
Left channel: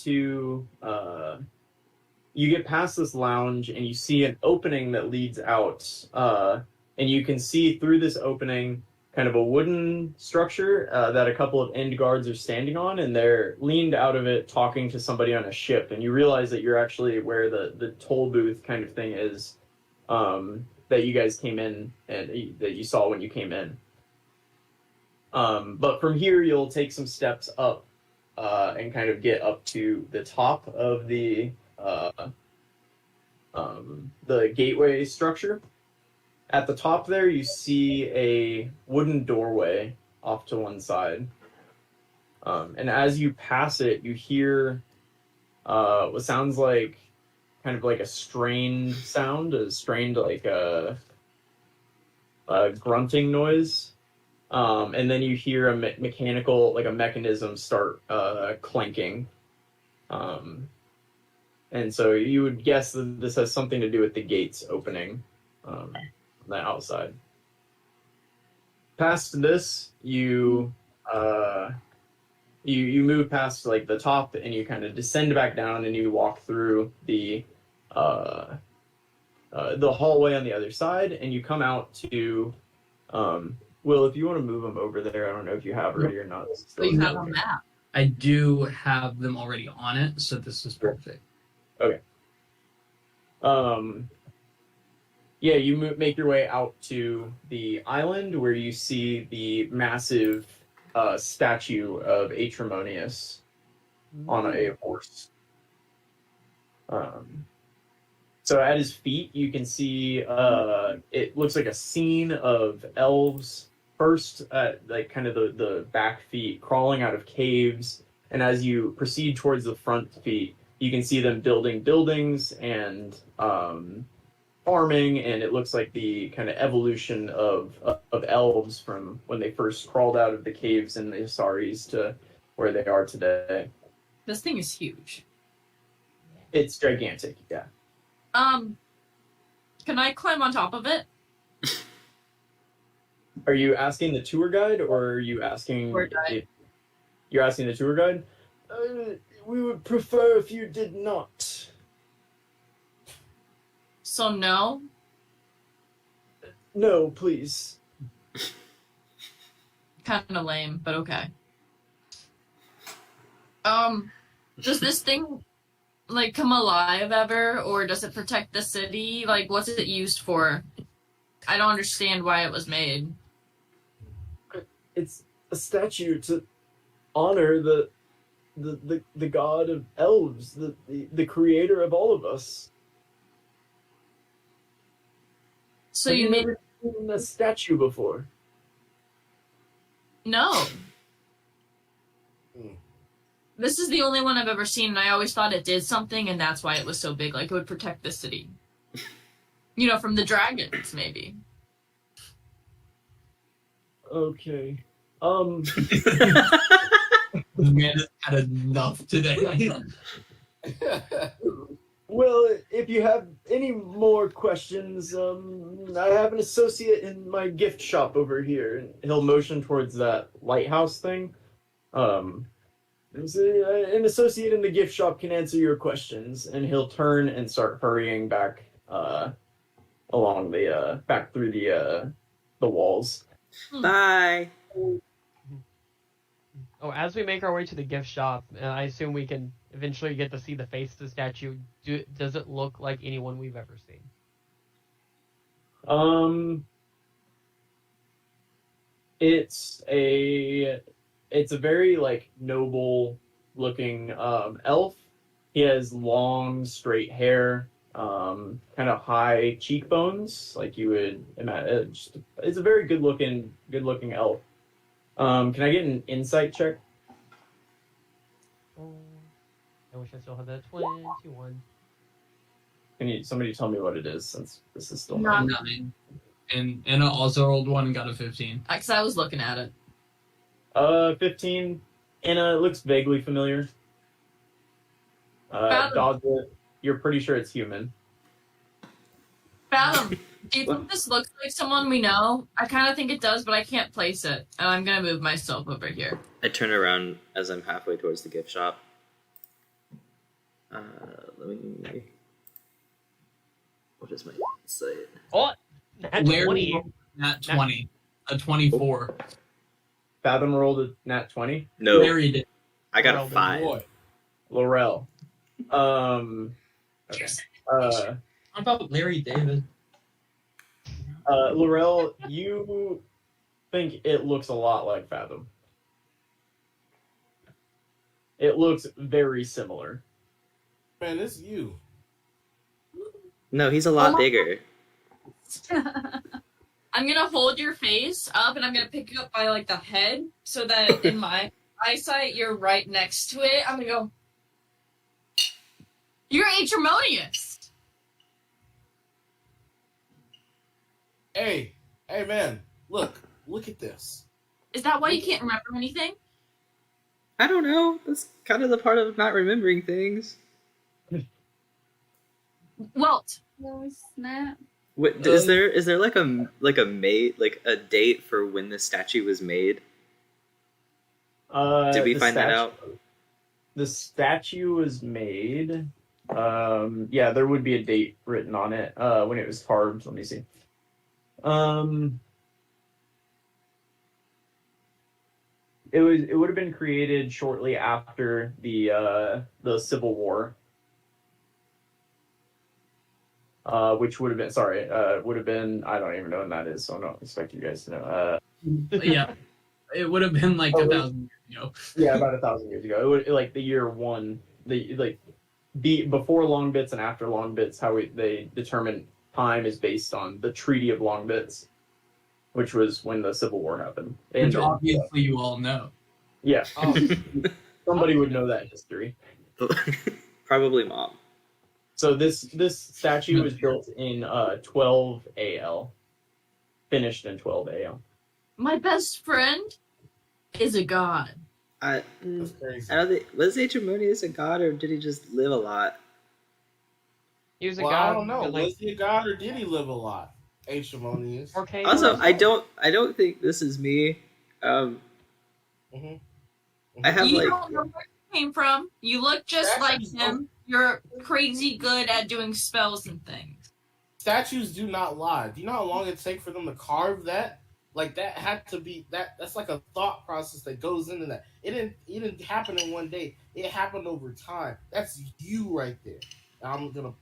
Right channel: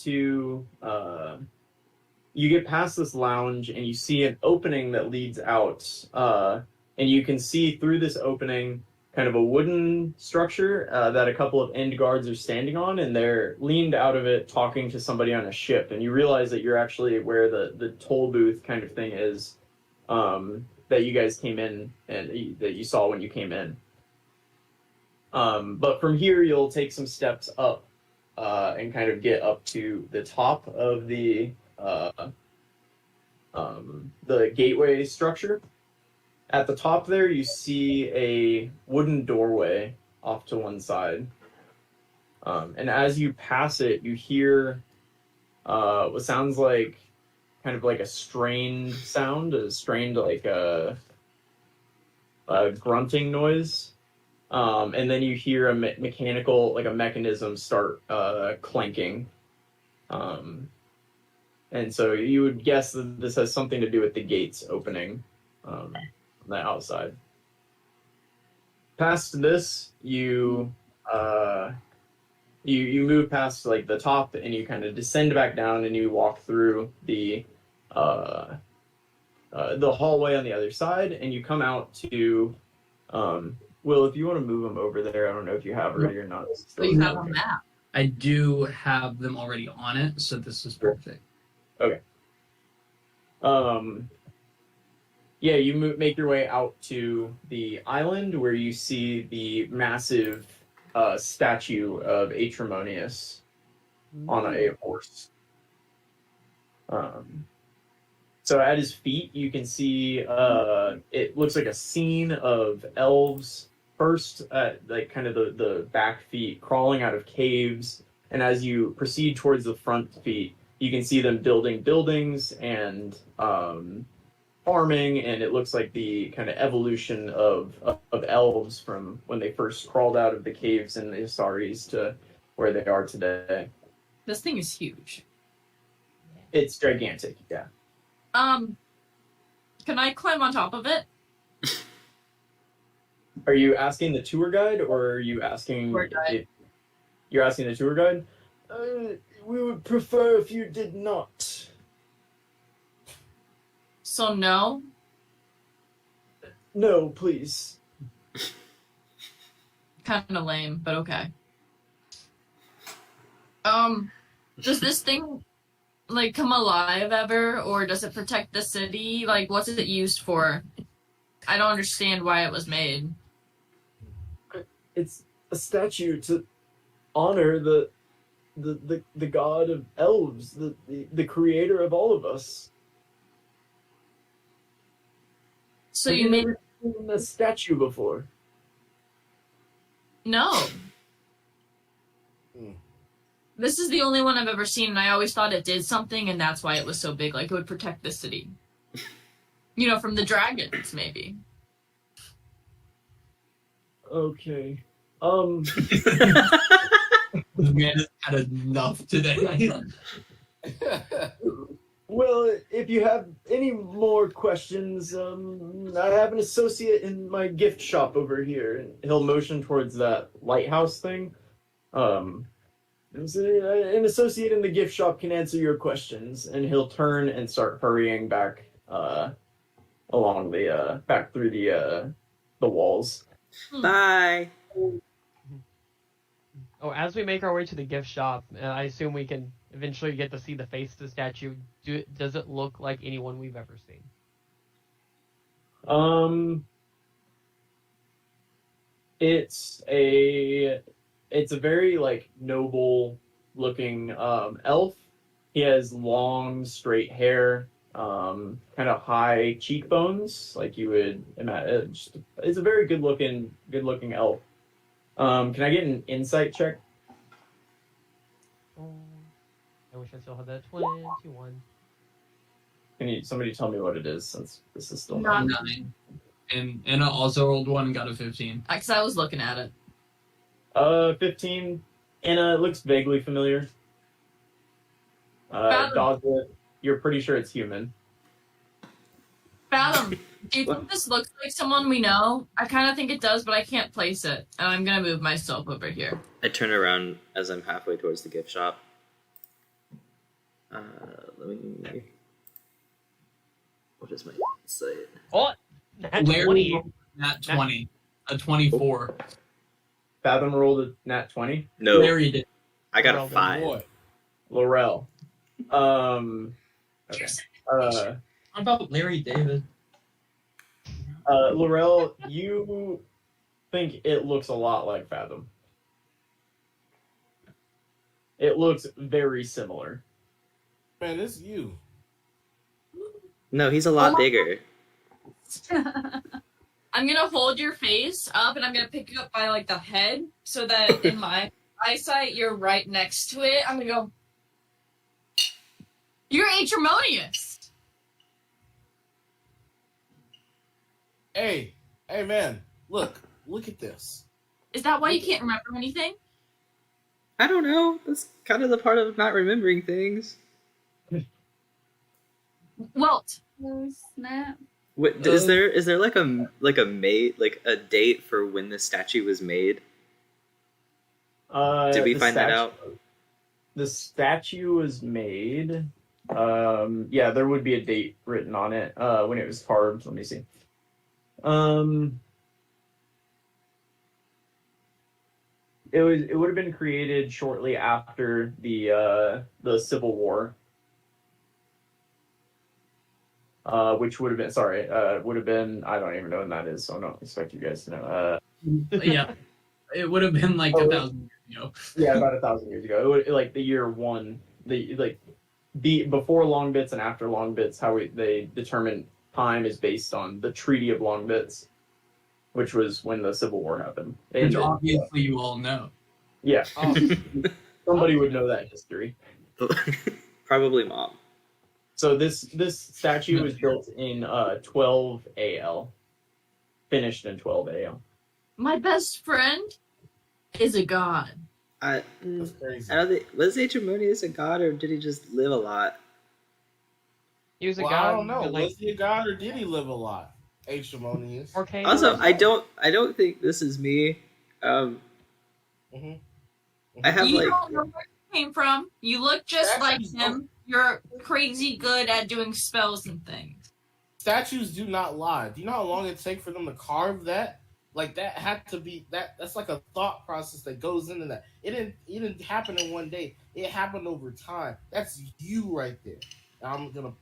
past this lounge and you see an opening that leads out, and you can see through this opening kind of a wooden structure that a couple of end guards are standing on, and they're leaned out of it talking to somebody on a ship, and you realize that you're actually where the toll booth kind of thing is, that you guys came in and that you saw when you came in. But from here, you'll take some steps up and kind of get up to the top of the gateway structure. At the top there, you see a wooden doorway off to one side. And as you pass it, you hear what sounds like kind of like a strained sound, like a grunting noise. And then you hear a mechanical, like a mechanism start clanking. And so you would guess that this has something to do with the gates opening on the outside. Past this, you move past like the top, and you kind of descend back down, and you walk through the hallway on the other side, and you come out to Will, if you want to move them over there, I don't know if you have already or not. So you have a map. I do have them already on it, so this is perfect. Okay. Yeah, you make your way out to the island where you see the massive statue of Aetremonious on a horse. So at his feet, you can see it looks like a scene of elves first at like kind of the back feet crawling out of caves, and as you proceed towards the front feet, you can see them building buildings and farming, and it looks like the kind of evolution of elves from when they first crawled out of the caves in the Asaris to where they are today. This thing is huge. It's gigantic. Yeah. Can I climb on top of it? Are you asking the tour guide, or are you asking? Tour guide. You're asking the tour guide. We would prefer if you did not. So no. No, please. Kind of lame, but okay. Does this thing like come alive ever, or does it protect the city? Like, what's it used for? I don't understand why it was made. It's a statue to honor the god of elves, the creator of all of us. So Have you made never seen a statue before? no. Hmm. This is the only one I've ever seen, and I always thought it did something, and that's why it was so big. Like, it would protect the city. You know, from the dragons, maybe. Okay. This man has had enough today. Well, if you have any more questions, I have an associate in my gift shop over here. He'll motion towards that lighthouse thing. An associate in the gift shop can answer your questions. And he'll turn and start hurrying back along the back through the walls. Bye. Oh, as we make our way to the gift shop, I assume we can eventually get to see the face of the statue. Does it look like anyone we've ever seen? It's a very like noble looking elf. He has long straight hair, kind of high cheekbones, like you would imagine. It's a very good looking elf. Can I get an insight check? I wish I still had that 21. Can somebody tell me what it is, since this is still No. 9. And Anna also rolled 1 and got a 15. Because I was looking at it. 15. Anna, it looks vaguely familiar. Dawes, you're pretty sure it's human. Fathom, do you think this looks like someone we know? I kind of think it does, but I can't place it. And I'm going to move myself over here. I turn around as I'm halfway towards the gift shop. Let me. What is my insight? Oh, that's Larry 20. rolled nat 20. A 24. Fathom rolled a nat 20. No, Larry did. I got Well, a 5. Boy. Laurel. Okay. How about Larry David? Laurel, you think it looks a lot like Fathom. It looks very similar. Man, it's you. No, he's a lot bigger. I'm going to hold your face up, and I'm going to pick you up by, like, the head, so that in my eyesight, you're right next to it. I'm going to go, you're Aetremonious. Hey, man, look at this. Is that why you can't remember anything? I don't know. That's kind of the part of not remembering things. Welt. Oh, snap. What, is there like a date for when the statue was made? Did we find that out? The statue was made. Yeah, there would be a date written on it when it was carved. Let me see. It would have been created shortly after the Civil War. Which would have been I don't even know when that is, so I don't expect you guys to know. Yeah. It would have been like 1,000 years ago. Yeah, about 1,000 years ago. It would, like the year 1, the before Long Bits and after Long Bits, how they determine time is based on the Treaty of Long Bits, which was when the Civil War happened. Which obviously you all know. Yeah, Oh, somebody would know that history. Probably Mom. So this statue was built in 12 AL, finished in 12 AL. My best friend is a god. I That's crazy. I don't think was Aetremonious a god or did he just live a lot? He was a Well, god. I don't know. with, like, Was he a god or did he live a lot? Aetremonious. 4K. Also, I don't think this is me. Mm-hmm. I have You like don't know where you came from. You look just like Statues him. You're crazy good at doing spells and things. Statues do not lie. Do you know how long it takes for them to carve that? Like that had to be that's like a thought process that goes into that. It didn't happen in one day. It happened over time. That's you right there. I'm gonna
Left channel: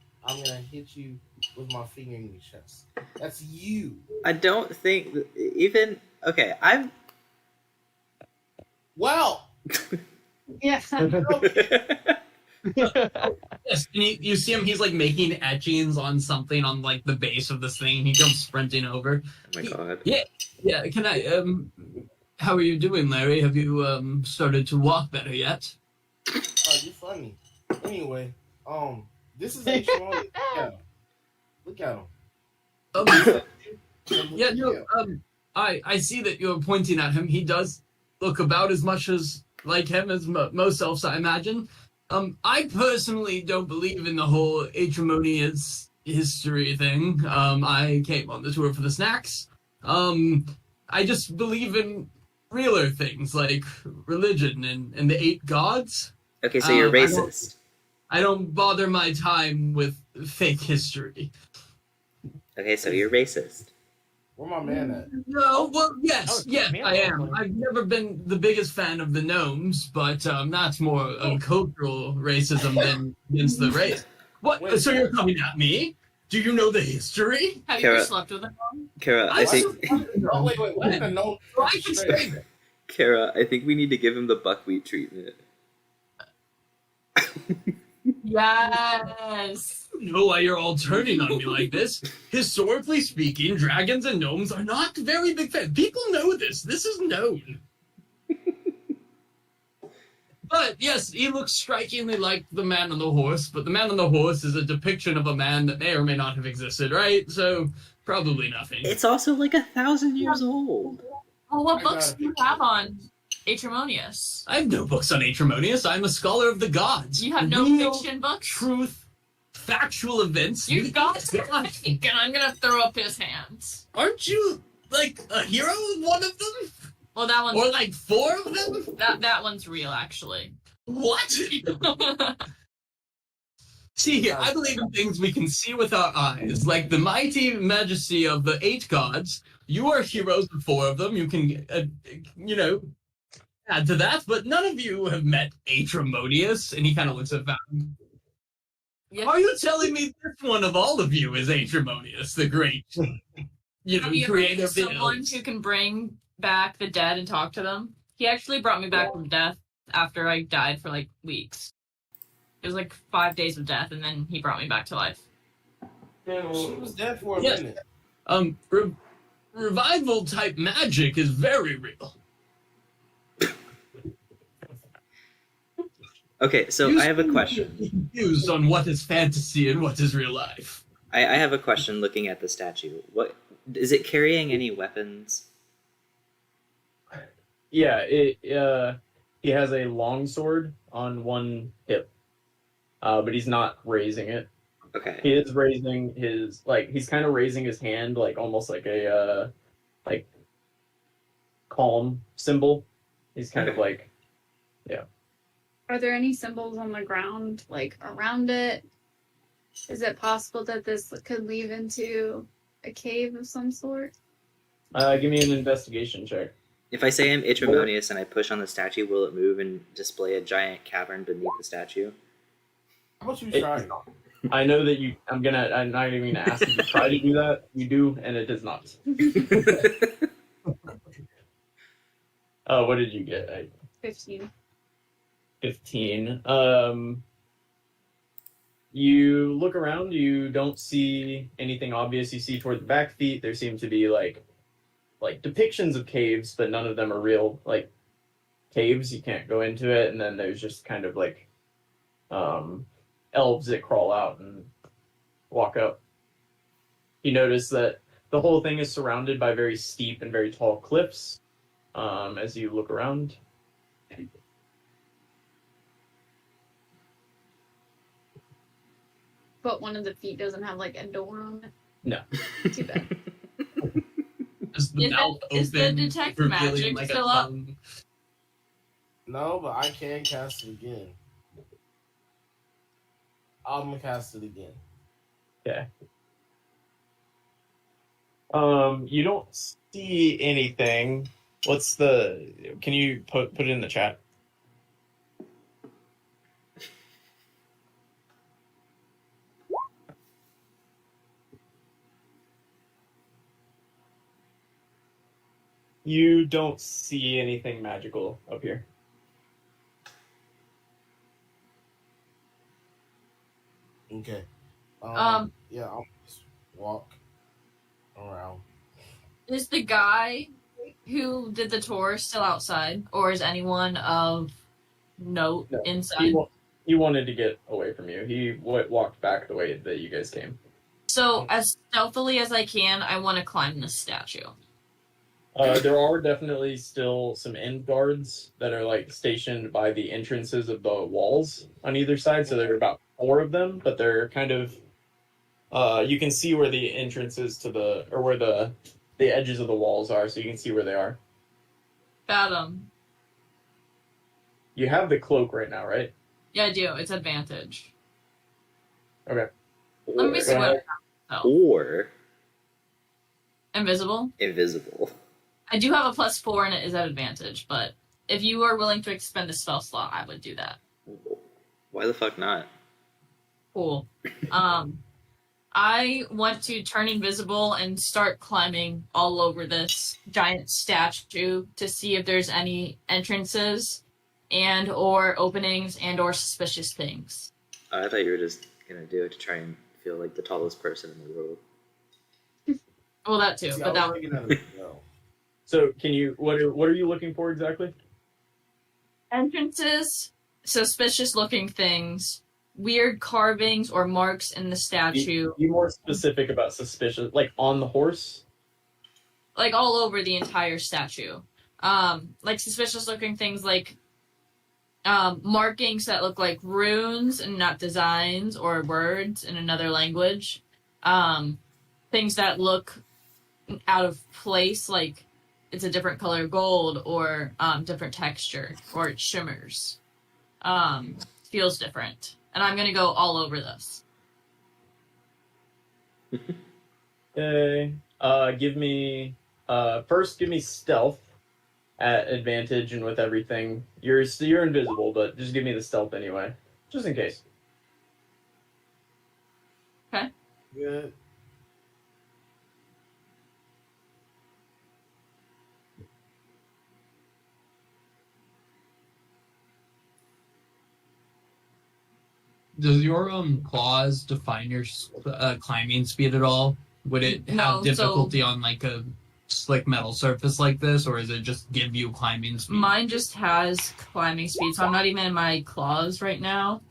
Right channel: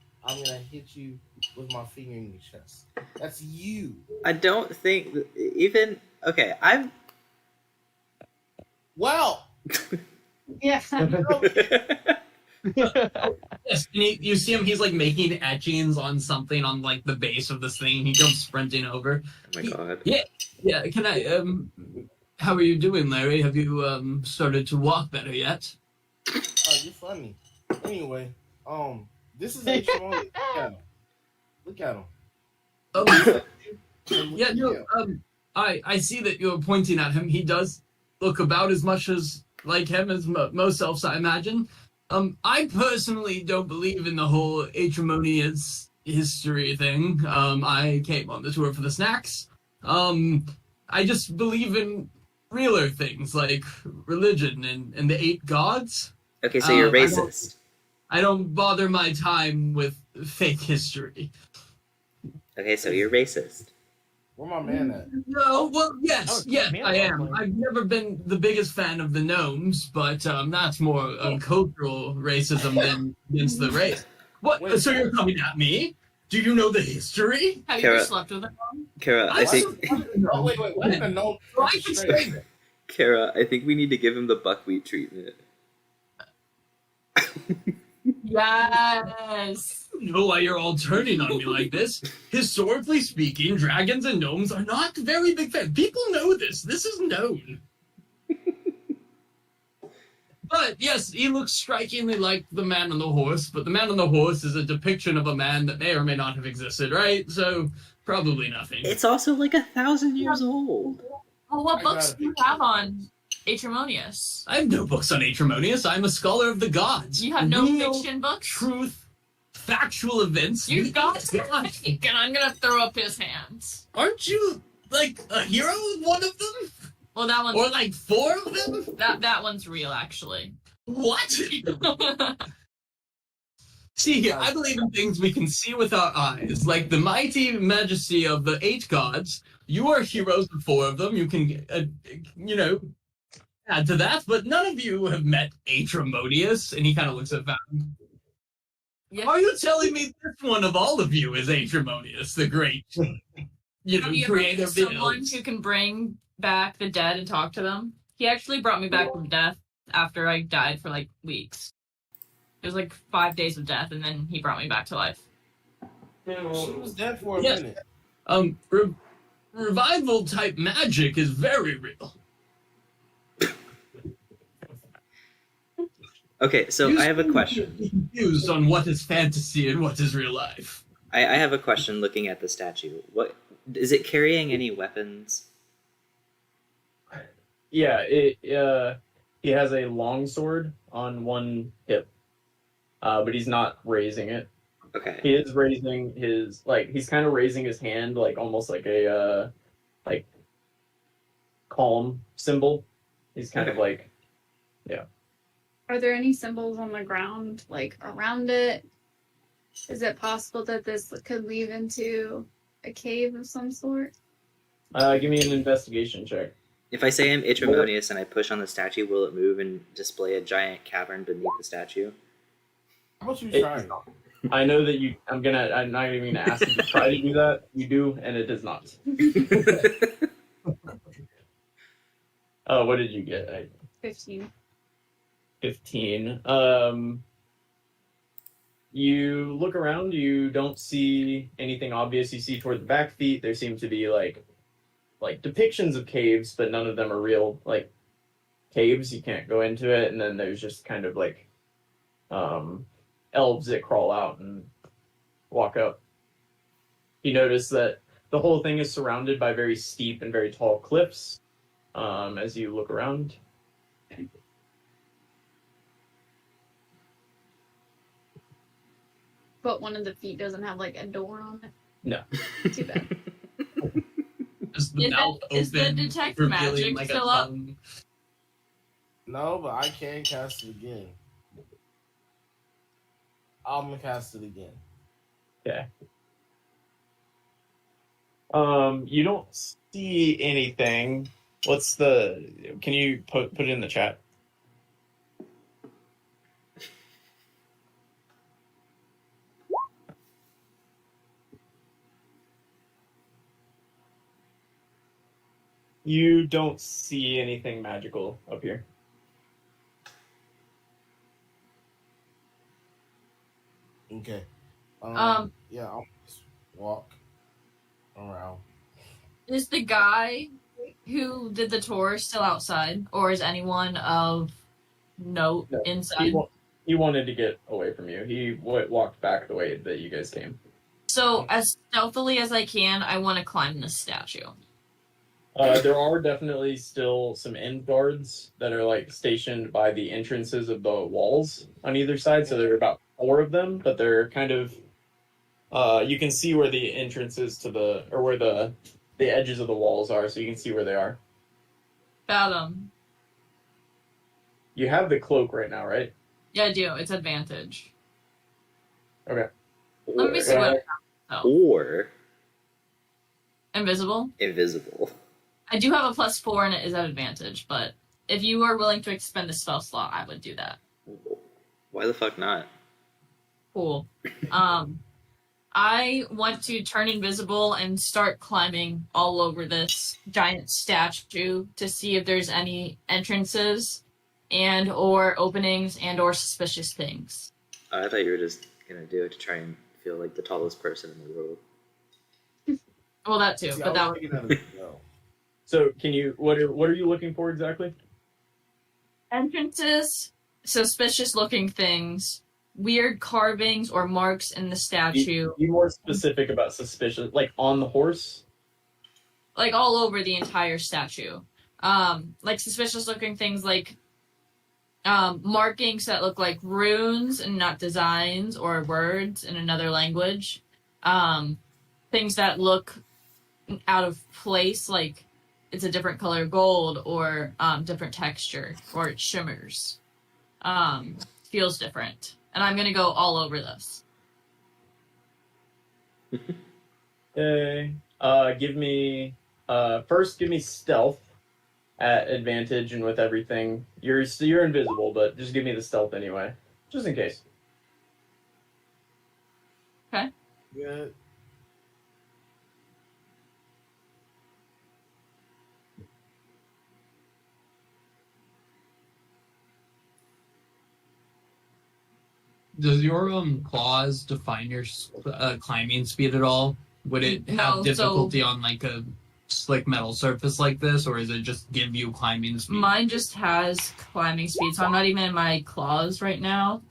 hit you with my finger in your chest. That's you. I don't think even okay. I'm Well, Yeah. Yes, and you see him. He's like making etchings on something on like the base of this thing. He comes sprinting over. Oh my god. Yeah. Can I? How are you doing, Larry? Have you started to walk better yet? you're funny. Anyway, this is H1. Look at him. Yeah, no. I see that you're pointing at him. He does look about as much as like him as most elves, I imagine. I personally don't believe in the whole Aetremonious history thing. I came on the tour for the snacks. I just believe in realer things like religion and the 8 gods. Okay, so you're I racist. I don't bother my time with fake history. Okay, so you're racist. Where my man at? No, well, yes, Oh, yes, man, I am. lovely. I've never been the biggest fan of the gnomes, but that's more cultural racism than against the race. What? Wait. So you're coming at me? Do you know the history? Have you Kara. ever slept with him? Kara, I think Oh wait. We're gonna know. I can say that. Kara, I think we need to give him the buckwheat treatment. Yes. I don't know why you're all turning on me like this. Historically speaking, dragons and gnomes are not very big fans. People know this. This is known. But yes, he looks strikingly like the man on the horse, but the man on the horse is a depiction of a man that may or may not have existed, right? So probably nothing. It's also like 1,000 years old. Well, what I books got do you have on Aetremonious? I have no books on Aetremonious. I'm a scholar of the gods. You have no Real fiction books? truth, factual events. You got gods. and I'm gonna throw up his hands. Aren't you like a hero of one of them? Well, that one's Or like 4 of them? that one's real, actually. What? See here, I believe in things we can see with our eyes, like the mighty majesty of the 8 gods. You are heroes of 4 of them. You can, add to that, but none of you have met Aetremonious. And he kind of looks at Val. Yeah. Are you telling me this one of all of you is Aetremonious, the great, Have you ever creator met of the someone elves? who can bring back the dead and talk to them? He actually brought me back from death after I died for like weeks. It was like 5 days of death, and then he brought me back to life. She was dead for a Yes. minute. Revival type magic is very real. Okay, so I have a question. Confused on what is fantasy and what is real life. I have a question looking at the statue. What is it carrying any weapons? Yeah, he has a long sword on one hip, but he's not raising it. Okay. He is raising his he's kind of raising his hand like almost like a calm symbol. He's kind of Okay. like Are there any symbols on the ground, like around it? Is it possible that this could lead into a cave of some sort? give me an investigation check. If I say I'm Aetremonious and I push on the statue, will it move and display a giant cavern beneath the statue? How about you It- try? I know that I'm not even gonna ask you to try to do that. You do, and it does not. What did you get? 15. 15. You look around, you don't see anything obvious. You see toward the back feet, there seem to be like depictions of caves, but none of them are real caves. You can't go into it, and then there's just kind of elves that crawl out and walk up. You notice that the whole thing is surrounded by very steep and very tall cliffs. As you look around, but one of the feet doesn't have like a door on it. No. Too bad. Is the mouth is the open, detect revealing magic like still a up? tongue? No, but I can cast it again. I'm gonna cast it again. Okay. You don't see anything. What's the? Can you put it in the chat? You don't see anything magical up here. Okay. Yeah, I'll just walk around. Is the guy who did the tour still outside, or is anyone of note No, inside? He wanted to get away from you. He walked back the way that you guys came. So, as stealthily as I can, I want to climb this statue. There are definitely still some end guards that are like stationed by the entrances of the walls on either side. So there are about 4 of them, but they're kind of. You can see where the entrances to where the edges of the walls are, so you can see where they are. Got him. You have the cloak right now, right? Yeah, I do. It's advantage. Okay. Let me see Or, what. or Invisible. invisible. I do have a +4 and it is at advantage, but if you are willing to expend a spell slot, I would do that. Why the fuck not? Cool. I want to turn invisible and start climbing all over this giant statue to see if there's any entrances and or openings and or suspicious things. I thought you were just gonna do it to try and feel like the tallest person in the world. Well, that too, See, but that I was would... thinking of no. So can you? What are you looking for exactly? Entrances, suspicious-looking things, weird carvings or marks in the statue, Be more specific about suspicious, like on the horse. like all over the entire statue. Like suspicious-looking things like markings that look like runes and not designs or words in another language. Things that look out of place, like it's a different color gold or different texture or it shimmers. Feels different. And I'm going to go all over this. Okay. Give me stealth at advantage and with everything. You're invisible, but just give me the stealth anyway, just in case. Good. Does your claws define your climbing speed at all? Would it have No, difficulty on like a slick metal surface like this, or is it just give you climbing speed? Mine just has climbing speed, so I'm not even in my claws right now.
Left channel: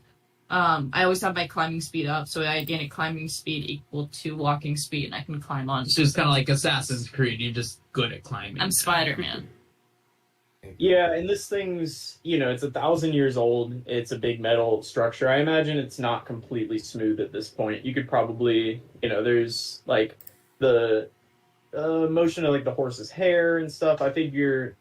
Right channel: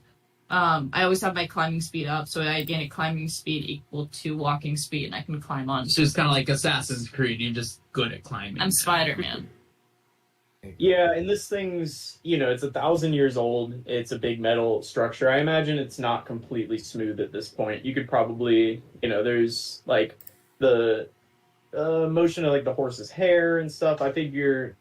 I always have my climbing speed up, so I gain a climbing speed equal to walking speed, and I can climb on. It's just kind of like Assassin's Creed. You're just good at climbing. I'm Spider-Man. Yeah, and this thing's, it's 1,000 years old. It's a big metal structure. I imagine it's not completely smooth at this point. You could probably, there's like the motion of like the horse's hair and stuff. I figure,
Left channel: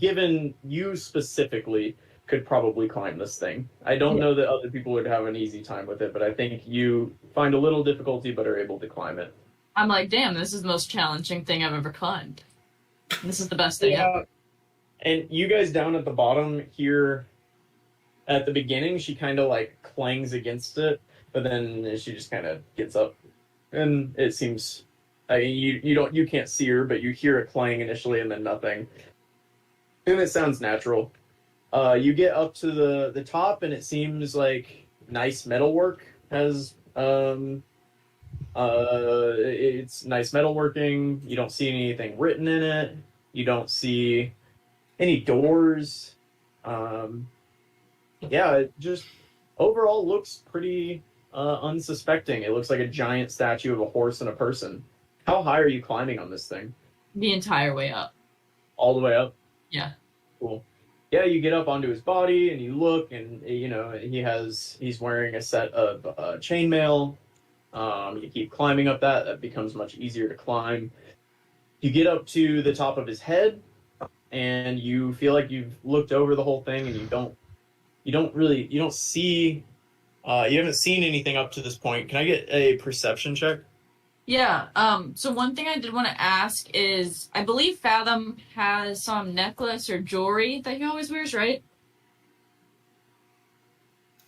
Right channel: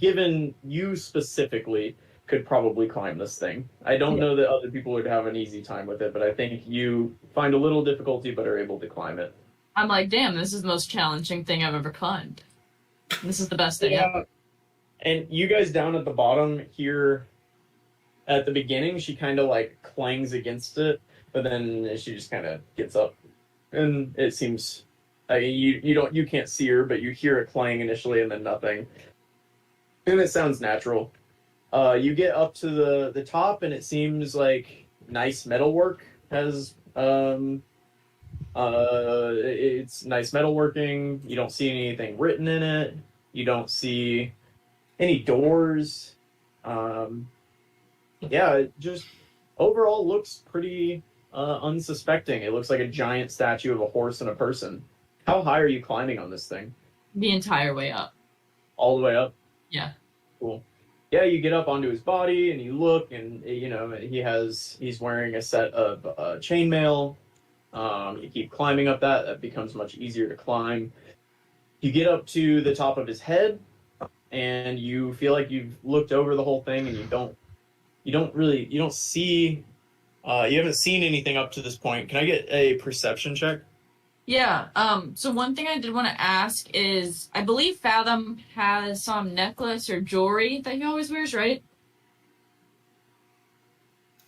given you specifically, could probably climb this thing. I don't know that other people would have an easy time with it, but I think you find a little difficulty but are able to climb it. I'm like, damn, this is the most challenging thing I've ever climbed. This is the best thing ever. And you guys down at the bottom here, at the beginning, she kind of like clangs against it, but then she just kind of gets up, and it seems you can't see her, but you hear it clang initially, and then nothing, and it sounds natural. You get up to the top, and it seems like nice metalwork has it's nice metalworking. You don't see anything written in it. You don't see any doors. It just overall looks pretty unsuspecting. It looks like a giant statue of a horse and a person. How high are you climbing on this thing? The entire way up. All the way up? Yeah. Cool. Yeah, you get up onto his body and you look, and he's wearing a set of chainmail. You keep climbing up that becomes much easier to climb. You get up to the top of his head, and you feel like you've looked over the whole thing, and you don't see, you haven't seen anything up to this point. Can I get a perception check? Yeah. So one thing I did want to ask is, I believe Fathom has some necklace or jewelry that he always wears, right?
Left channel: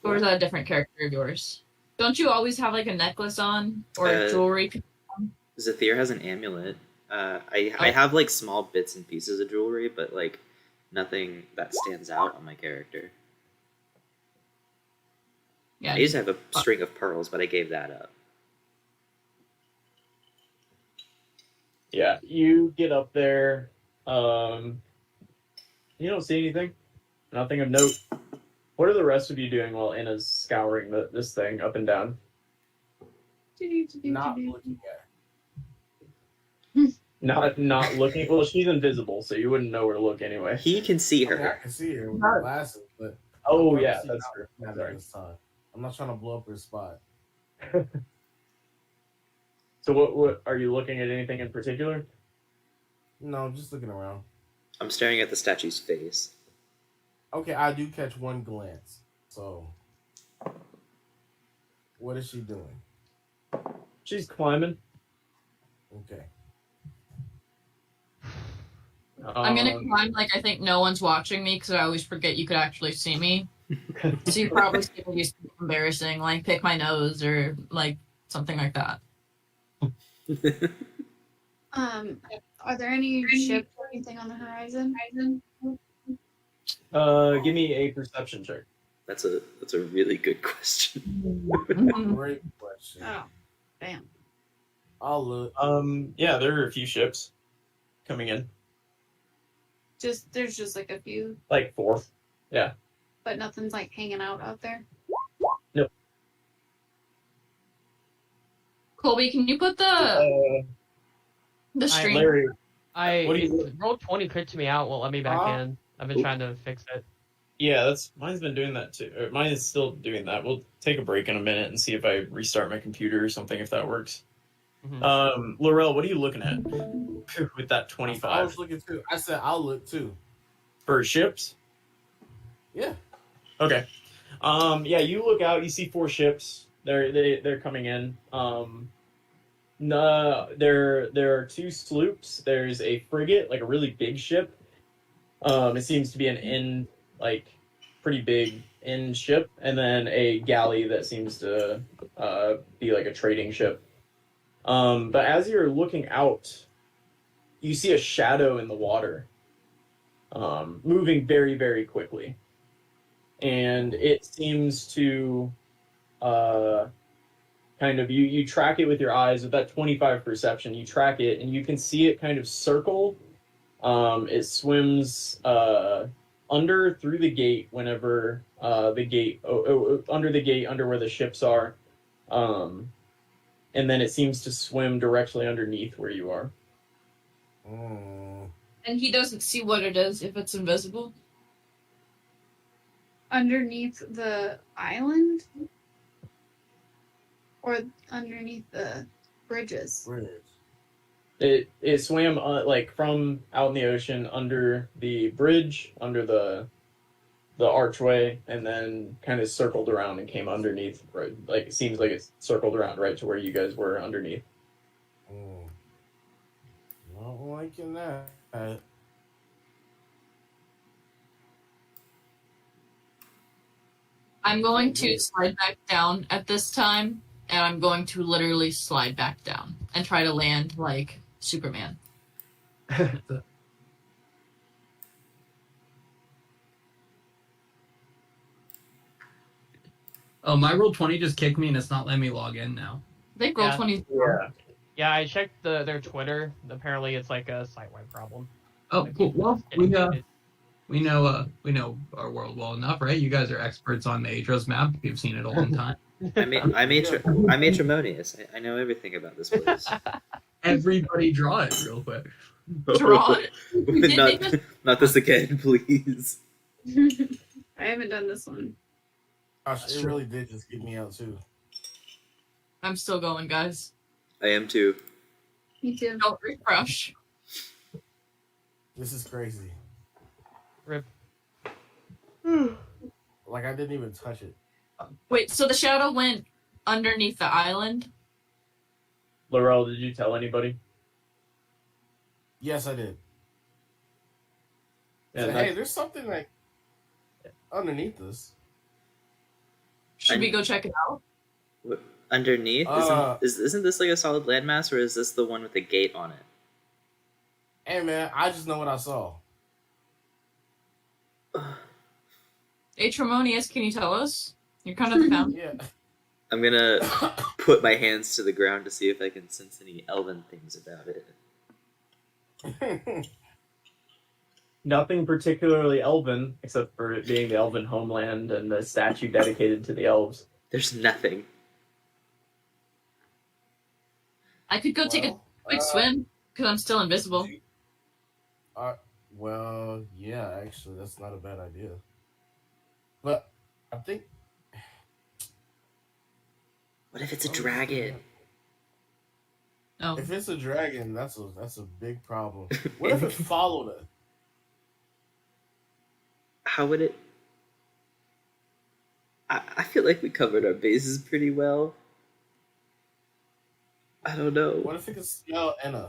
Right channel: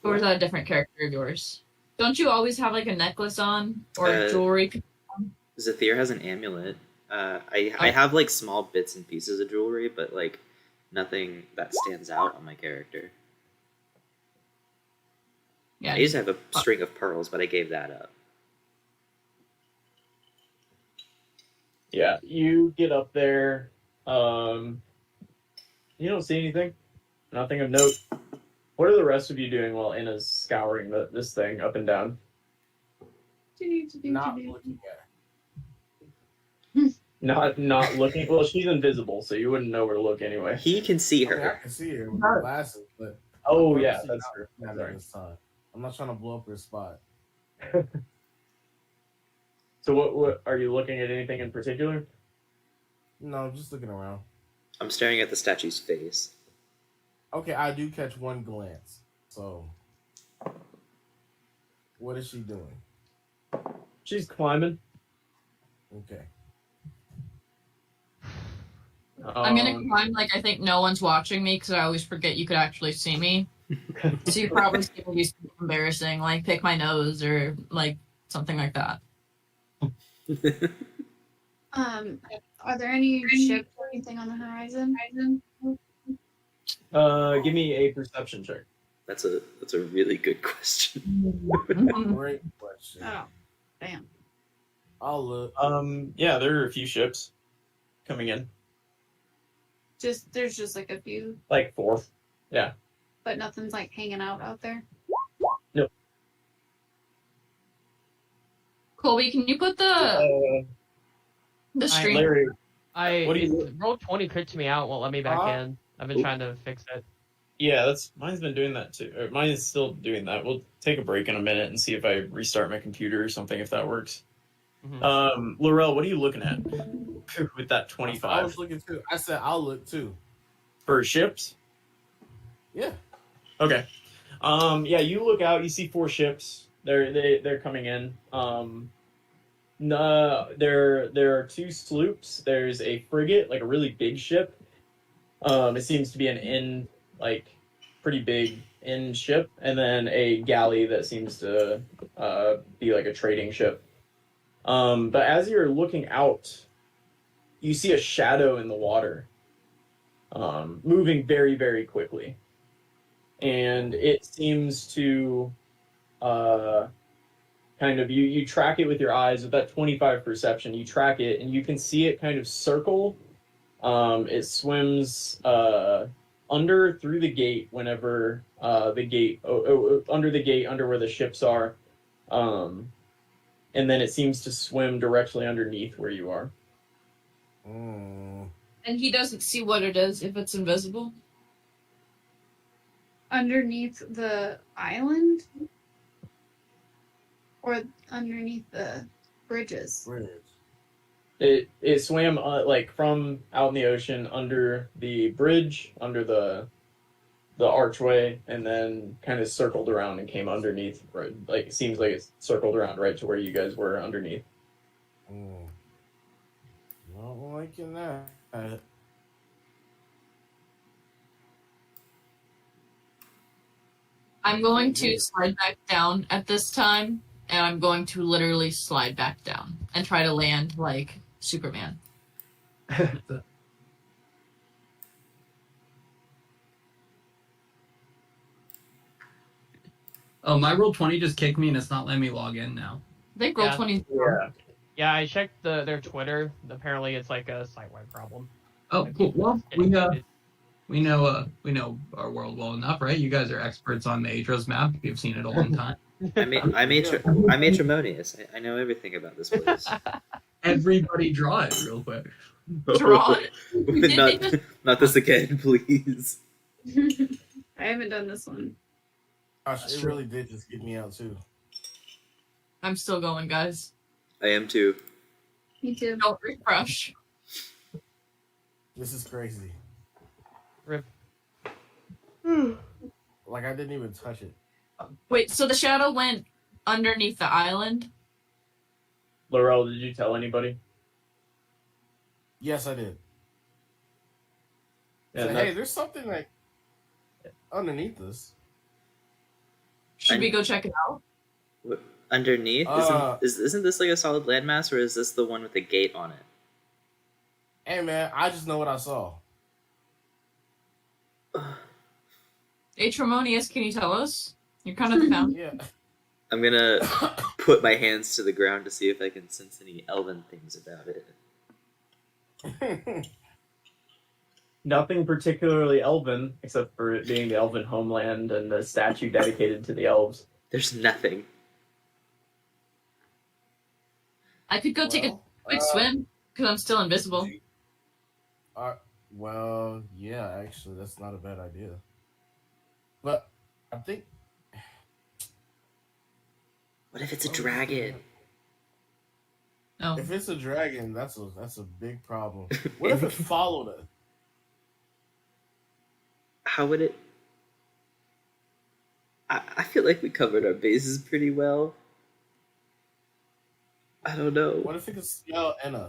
Or is that a different character of yours? Don't you always have like a necklace on or jewelry? Zathir has an amulet. I have like small bits and pieces of jewelry, but like nothing that stands out on my character. Yeah. I used to have a string of pearls, but I gave that up. Yeah, you get up there. You don't see anything. Nothing of note. What are the rest of you doing while Anna's scouring this thing up and down? Not looking at Not looking. Well, she's invisible, so you wouldn't know where to look anyway. He can see her. her. I can see her with the glasses, but Oh yeah, that's true. Sorry. This time. I'm not trying to blow up her spot. So what are you looking at? Anything in particular? No, I'm just looking around. I'm staring at the statue's face. Okay, I do catch one glance. So, what is she doing? She's climbing. Okay. I'm gonna climb like I think no one's watching me because I always forget you could actually see me. So you probably see me do something embarrassing, like pick my nose or like something like that. Are there any ships or anything on the horizon? Give me a perception check. That's a really good question. Great question. Oh, damn. I'll look. Yeah, there are a few ships coming in. There's just like a few, Like 4. Yeah. but nothing's like hanging out there. Colby, can you put the stream? Larry, what do roll 20 crits me out, won't let me back in. I've been trying to fix it. yeah, mine's been doing that too. Or mine is still doing that. We'll take a break in a minute and see if I restart my computer or something, if that works. Mhm. Laurel, what are you looking at with that I 25 was looking too. I said I'll look too. for ships? Yeah. Okay. Yeah, you look out. You see 4 ships. They're coming in. No, there are 2 sloops. There's a frigate, like a really big ship. It seems to be an pretty big in ship, and then a galley that seems to be like a trading ship. But as you're looking out, you see a shadow in the water, moving very, very quickly, and it seems to kind of you track it with your eyes with that 25 perception. You track it, and you can see it kind of circle. It swims under through the gate whenever the gate under where the ships are, and then it seems to swim directly underneath where you are. And he doesn't see what it is if it's invisible. Underneath the island? Or underneath the bridges? Bridge. It swam like from out in the ocean under the bridge, under the archway, and then kind of circled around and came underneath. Right, like it seems like it circled around right to where you guys were underneath. Not liking that. I'm going to slide back down at this time, and I'm going to literally slide back down and try to land like Superman. Oh, my roll 20 just kicked me and it's not letting me log in now. I think roll Yeah. 20. Yeah, I checked their Twitter. Apparently, it's like a site-wide problem. Oh, cool. Well, we know our world well enough, right? You guys are experts on the Aetros map. You've seen it a long time. I'm Aetremonious. I know everything about this place. Everybody draw it real quick. Draw it. not this again, please. I haven't done this one. Gosh, it really did just get me out too. I'm still going, guys. I am too. Me too. Don't refresh. This is crazy. Rip. Like I didn't even touch it. Wait, so the shadow went underneath the island? Laurel, did you tell anybody? Yes, I did. And So, that- hey, there's something like underneath this. Should we go check it out? What, underneath? Uh, Isn't this like a solid landmass, or is this the one with the gate on it? Hey man, I just know what I saw. Aetremonious, can you tell us? You're kind of the fountain. Yeah. I'm gonna put my hands to the ground to see if I can sense any elven things about it. Nothing particularly elven, except for it being the elven homeland and the statue dedicated to the elves. There's nothing. I could go take a quick swim, because I'm still invisible. Well, yeah, actually, that's not a bad idea. But I think What if it's a dragon? Oh. if it's a dragon, that's a big problem. What if it followed us? How would it? I feel like we covered our bases pretty well. I don't know. What if it could smell Enna?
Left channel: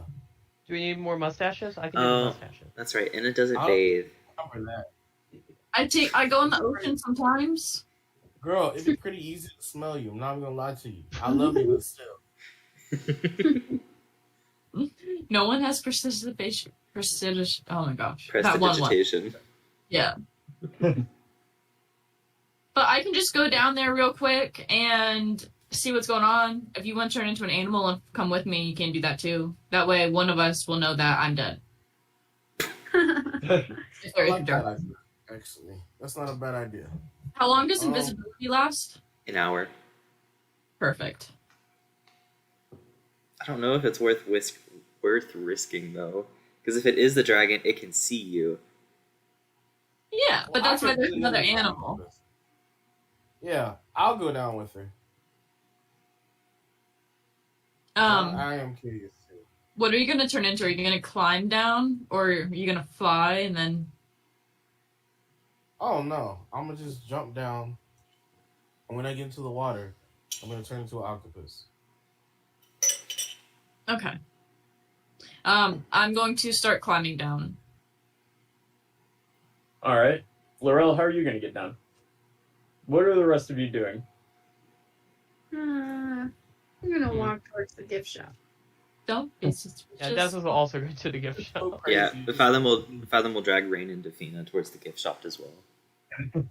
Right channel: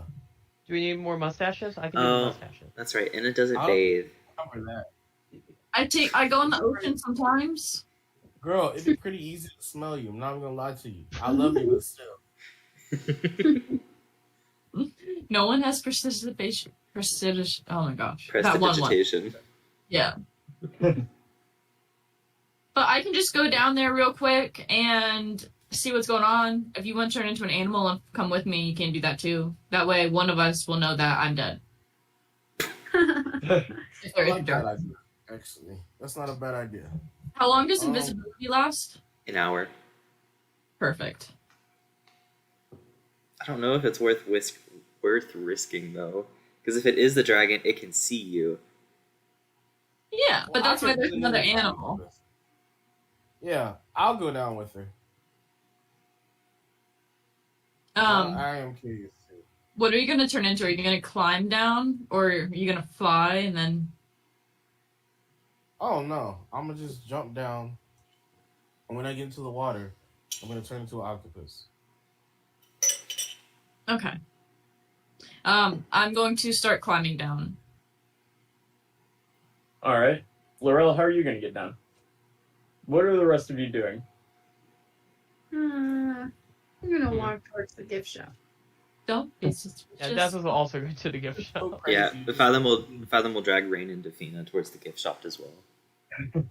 Do we need more mustaches? I can do Oh. mustaches. That's right, and it doesn't I'll- bathe. Cover that. I go in the ocean sometimes. Girl, it'd be pretty easy to smell you. I'm not gonna lie to you. I love you, but still. No one has precipitation. Oh my gosh. That one. Prestidigitation. Yeah. But I can just go down there real quick and see what's going on. If you want to turn into an animal and come with me, you can do that too. That way, one of us will know that I'm dead. If there I is a like that dark. idea, actually. That's not a bad idea. How long does invisibility last? An hour. Perfect. I don't know if it's worth risking though, because if it is the dragon, it can see you. Yeah, but Well, that's I why could there's do another another animal. process. Yeah, I'll go down with her. I am curious too. What are you gonna turn into? Are you gonna climb down, or are you gonna fly and then? Oh no, I'm gonna just jump down, and when I get into the water, I'm gonna turn into an octopus. Okay. I'm going to start climbing down. All right, Laurel, how are you going to get down? What are the rest of you doing? I'm gonna walk towards the gift shop. Don't be suspicious. Yeah, Daz is also good to the gift So shop. crazy. Yeah, the Fathom will drag Rain and Defina towards the gift shop as well.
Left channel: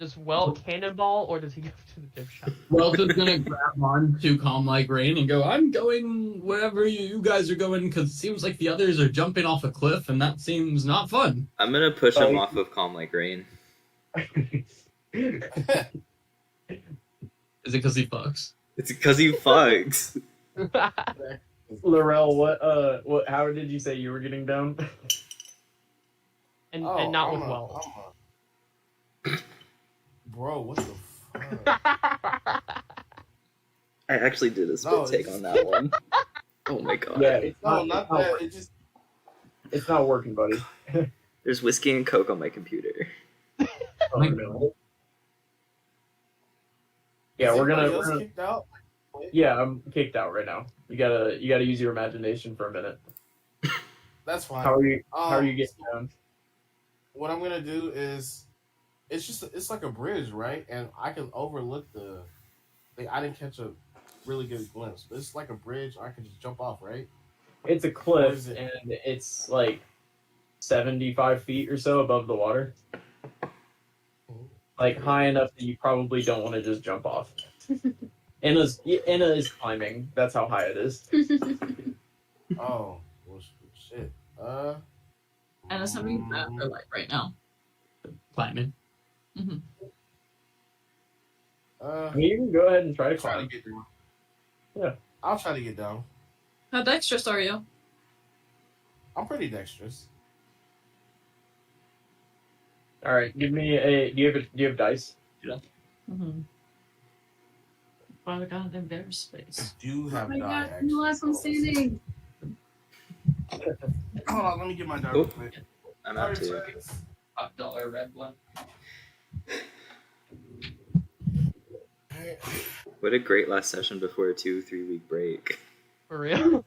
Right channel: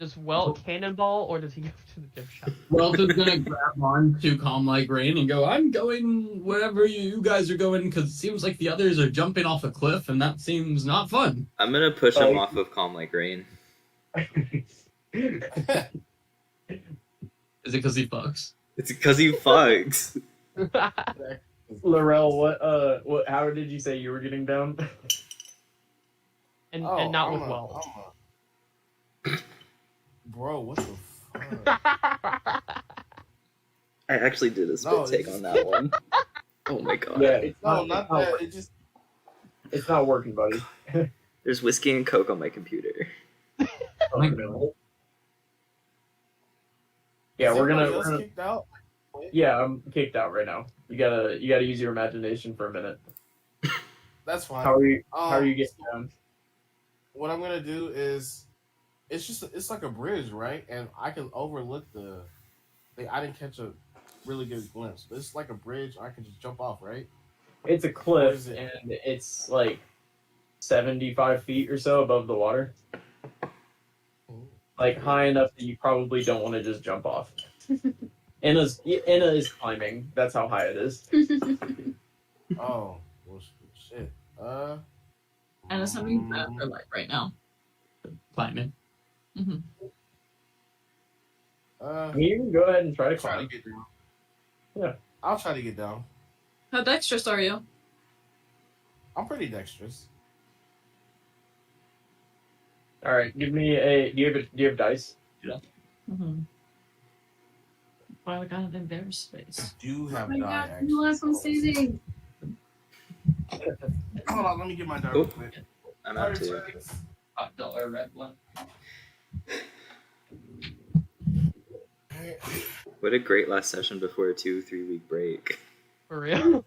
Just cannonball, or does he go to the gift shop? Wells is gonna grab on to Calm Like Rain and go, I'm going wherever you guys are going, because it seems like the others are jumping off a cliff, and that seems not fun. I'm gonna push him off of Calm Like Rain. Is it because he fucks? It's because he fucks. Laurel, how did you say you were getting down? and Oh, not I'm with Wells. Bro, what the fuck? I actually did a spit No, take it's- on that one. Oh my god. Yeah, it's No, not, not it's not that. working. It just It's not working, buddy. There's whiskey and coke on my computer. Oh, no. Yeah, Is we're anybody gonna. else kicked out? Yeah, I'm kicked out right now. You gotta use your imagination for a minute. That's fine. How are you getting down? What I'm gonna do is, it's like a bridge, right? And I can overlook the. Like, I didn't catch a really good glimpse, but it's like a bridge. I can just jump off, right? It's a Where cliff, is it? and it's like 75 feet or so above the water. Like high enough that you probably don't want to just jump off. Anna is climbing. That's how high it is. Oh, well, shit. And it's having bad for life right now. Climbing. Hmm. You can go ahead and try to Try to climb. get down. Yeah. I'll try to get down. How dexterous are you? I'm pretty dexterous. All right, give me a. Do you have dice? Mm-hmm. Why we got in their space? Do Oh have my die god, action the last one spells. standing. Hold on, let me get my die Oh. real quick. I'm out 30 too. seconds. $5 red one. What a great last session before a 2-3 week break. For real?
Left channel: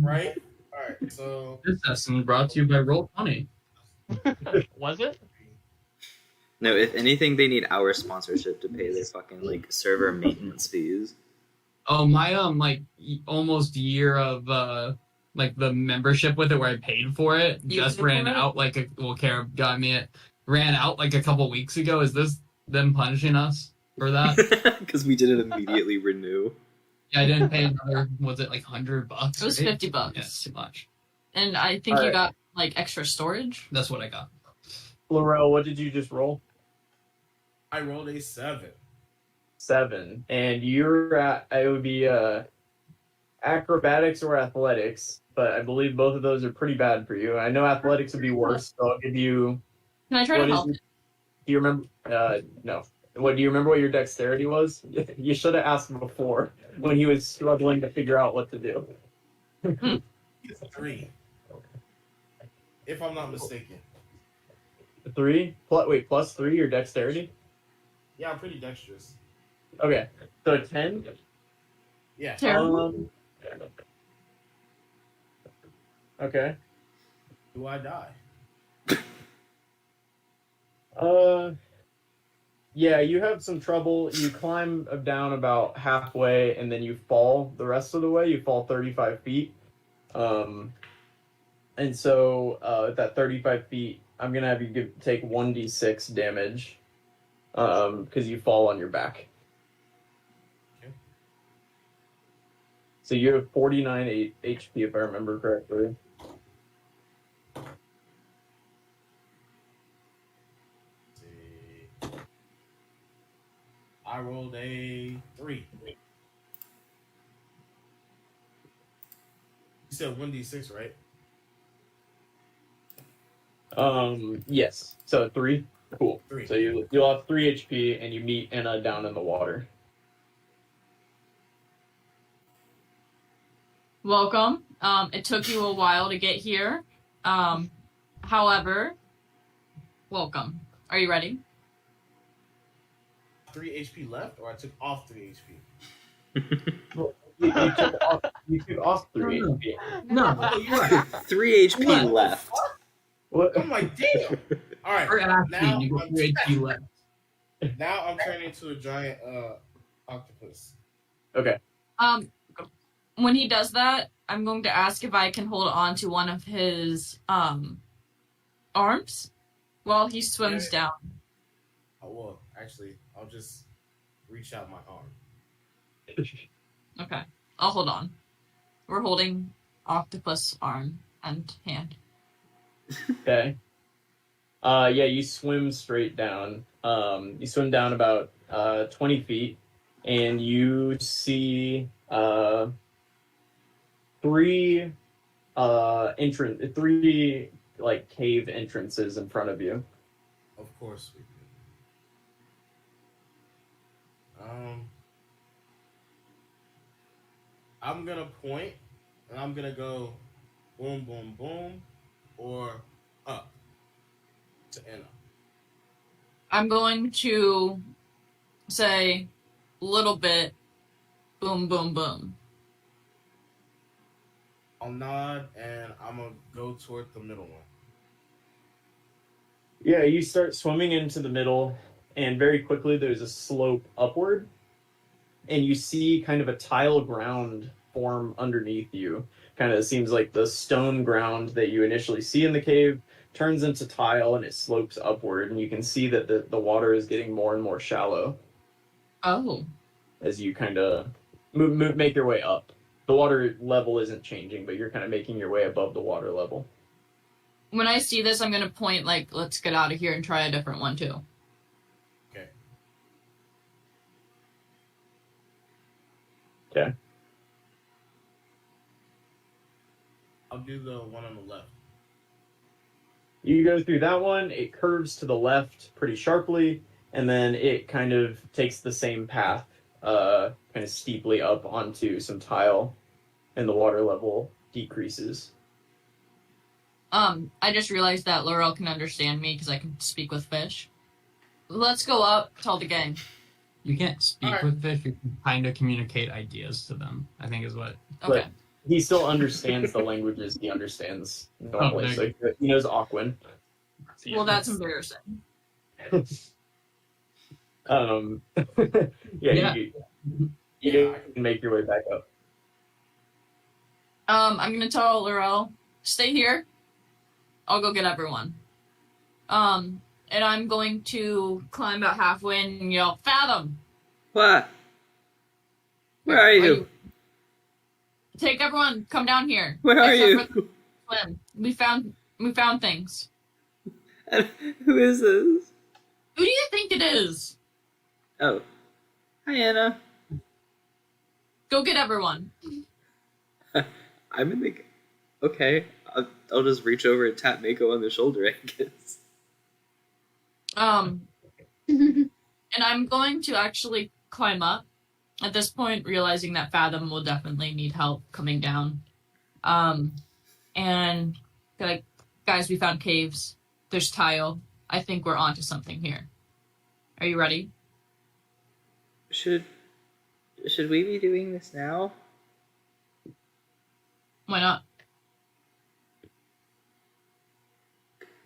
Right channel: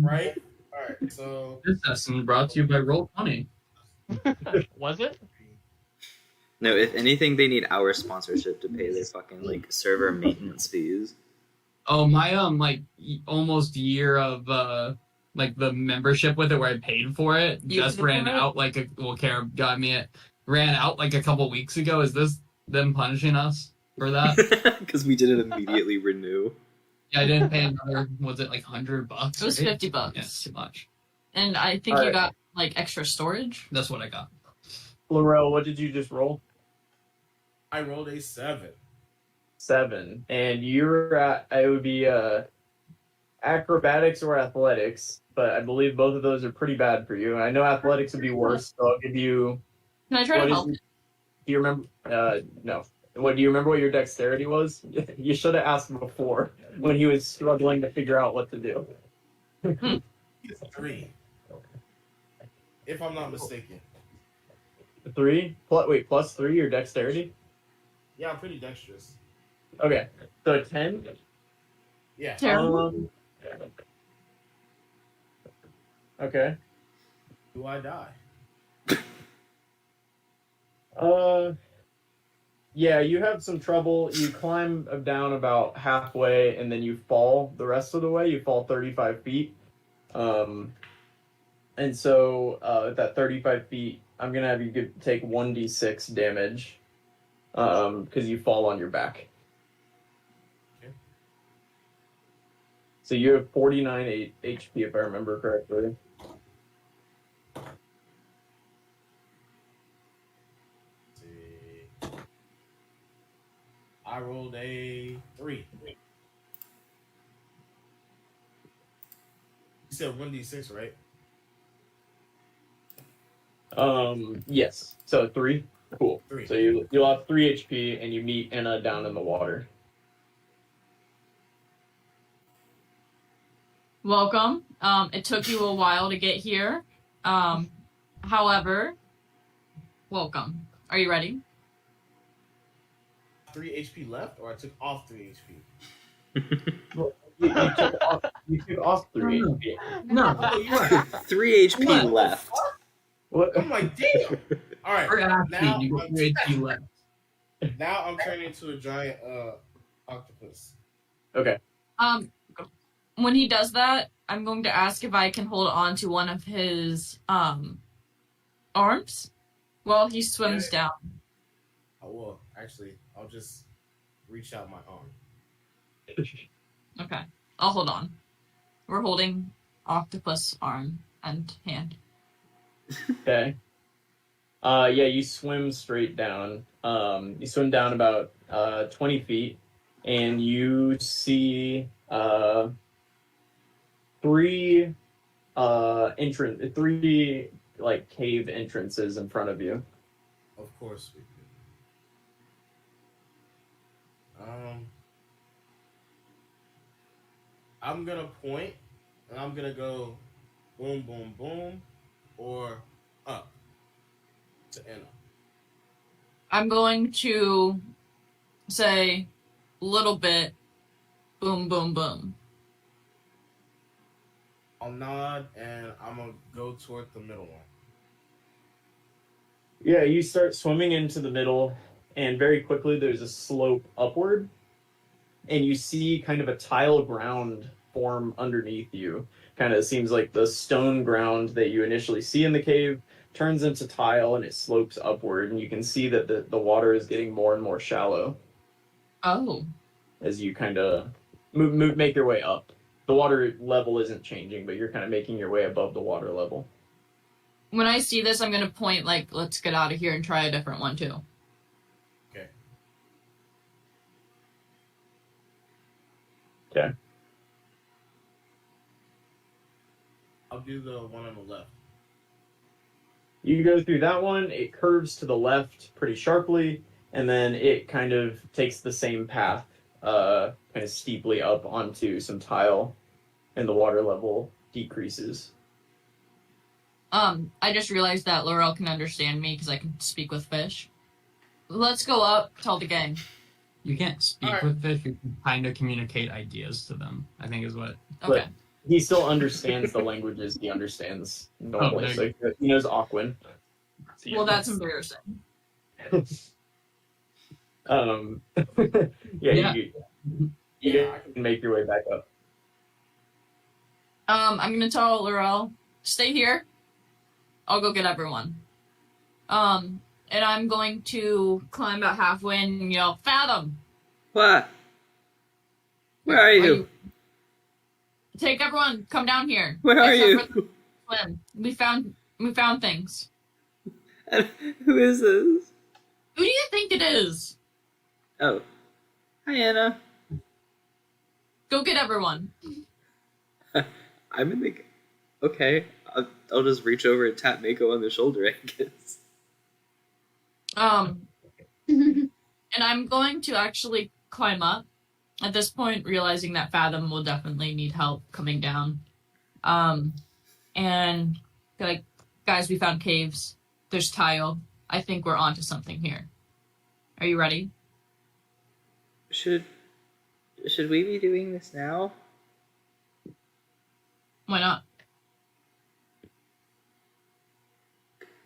Right? Alright, so This session brought to you by Roll20. Was it? No, if anything, they need our sponsorship to pay their fucking like server maintenance fees. Oh, my almost year of like the membership with it where I paid for it You just paid ran for it? out Kara got me it. Ran out like a couple weeks ago. Is this them punishing us for that? Because we didn't immediately renew. Yeah, I didn't pay another, was it like $100? It was right? $50. Yeah, too much. And I think All you right. got like extra storage. That's what I got. Laurel, what did you just roll? I rolled a 7. 7. And you're at, it would be acrobatics or athletics, but I believe both of those are pretty bad for you. I know athletics would be worse, so I'll give you. Can I try What to is help? your- Do you remember? No. What do you remember? What your dexterity was? You should have asked him before when he was struggling to figure out what to do. It's 3. If I'm not mistaken. 3? Plus 3 your dexterity. Yeah, I'm pretty dexterous. Okay, so 10. Yeah. Terrible. Okay. Do I die? Yeah, you have some trouble. You climb down about halfway, and then you fall the rest of the way. You fall 35 feet. And so at that 35 feet, I'm gonna have you take 1d6 damage, because you fall on your back. Okay. So you have 49 HP, if I remember correctly. Let's see. I rolled a 3. You said 1d6, right? Yes. So 3. Cool. 3. So you'll have 3 HP, and you meet Anna down in the water. Welcome. It took you a while to get here. However, welcome. Are you ready? 3 HP left, or I took off 3 HP? You took off 3 HP. No, Oh, you're right. 3 HP What? left. What? I'm like, damn. All right. we're Now asking. You got I'm, 3 HP left. now I'm turning into a giant octopus. Okay. When he does that, I'm going to ask if I can hold on to one of his arms while he swims down. Oh, well, actually, I'll just reach out my arm. Okay. I'll hold on. We're holding octopus arm and hand. Okay. Yeah, you swim straight down. You swim down about 20 feet, and you see 3 3 like cave entrances in front of you. Of course we do. I'm gonna point, and I'm gonna go boom, boom, boom, or up to Anna. I'm going to say little bit boom, boom, boom. I'll nod, and I'm gonna go toward the middle one. Yeah, you start swimming into the middle, and very quickly there's a slope upward, and you see kind of a tile ground form underneath you. Kind of seems like the stone ground that you initially see in the cave turns into tile, and it slopes upward, and you can see that the water is getting more and more shallow Oh. as you kind of make your way up. The water level isn't changing, but you're kind of making your way above the water level. When I see this, I'm going to point like, let's get out of here and try a different one too. Okay. Okay. I'll do the one on the left. You go through that one, it curves to the left pretty sharply, and then it kind of takes the same path kind of steeply up onto some tile, and the water level decreases. I just realized that Laurel can understand me because I can speak with fish. Let's go up, tell the gang. You can't speak Alright. with fish. You can kind of communicate ideas to them, I think is what. Okay. He still understands the languages he understands normally. there So you he knows Aquan. Well, that's embarrassing. Yeah. Yeah. You can make your way back up. I'm gonna tell Laurel, stay here. I'll go get everyone. And I'm going to climb about halfway and yell, Fathom! What? Where are you? Take everyone, come down here. Where are Except you? for Slim. We found things. Who is this? Who do you think it is? Oh. Hi, Anna. Go get everyone. I'm in the... Okay. I'll just reach over and tap Mako on the shoulder, I guess. And I'm going to actually climb up. At this point, realizing that Fathom will definitely need help coming down. And like, guys, we found caves. There's tile. I think we're onto something here. Are you ready? Should we be doing this now? Why not?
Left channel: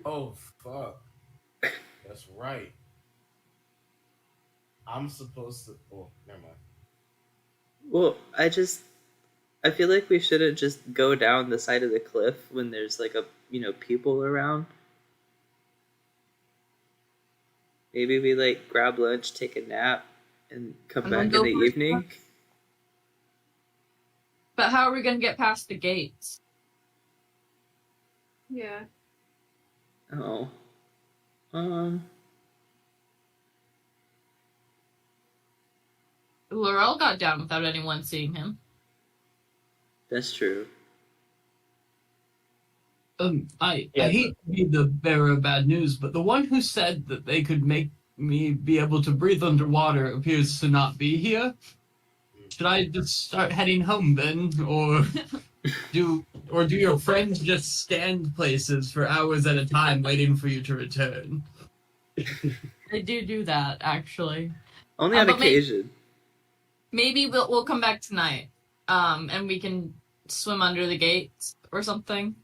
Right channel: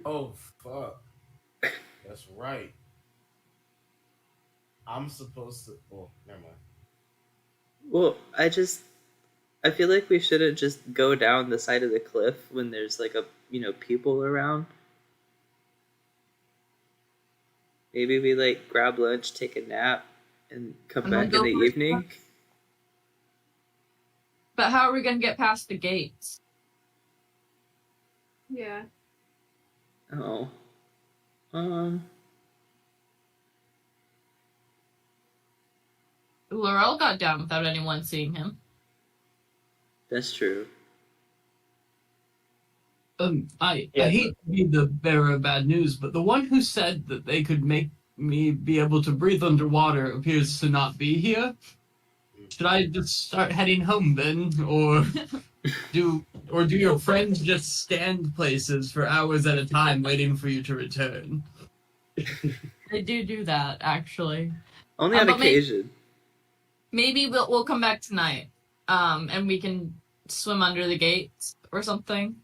Oh fuck. That's right. I'm supposed to. Oh, never mind. Well, I feel like we shouldn't just go down the side of the cliff when there's like people around. Maybe we like grab lunch, take a nap, and come And then back in go the for a evening. But how are we going to get past the gates? Yeah. Oh. Laurel got down without anyone seeing him. That's true. I Yeah. hate to be the bearer of bad news, but the one who said that they could make me be able to breathe underwater appears to not be here. Should I just start heading home then, or do your friends just stand places for hours at a time waiting for you to return? They do that, actually. Only on but occasion. Maybe we'll come back tonight, and we can swim under the gates or something.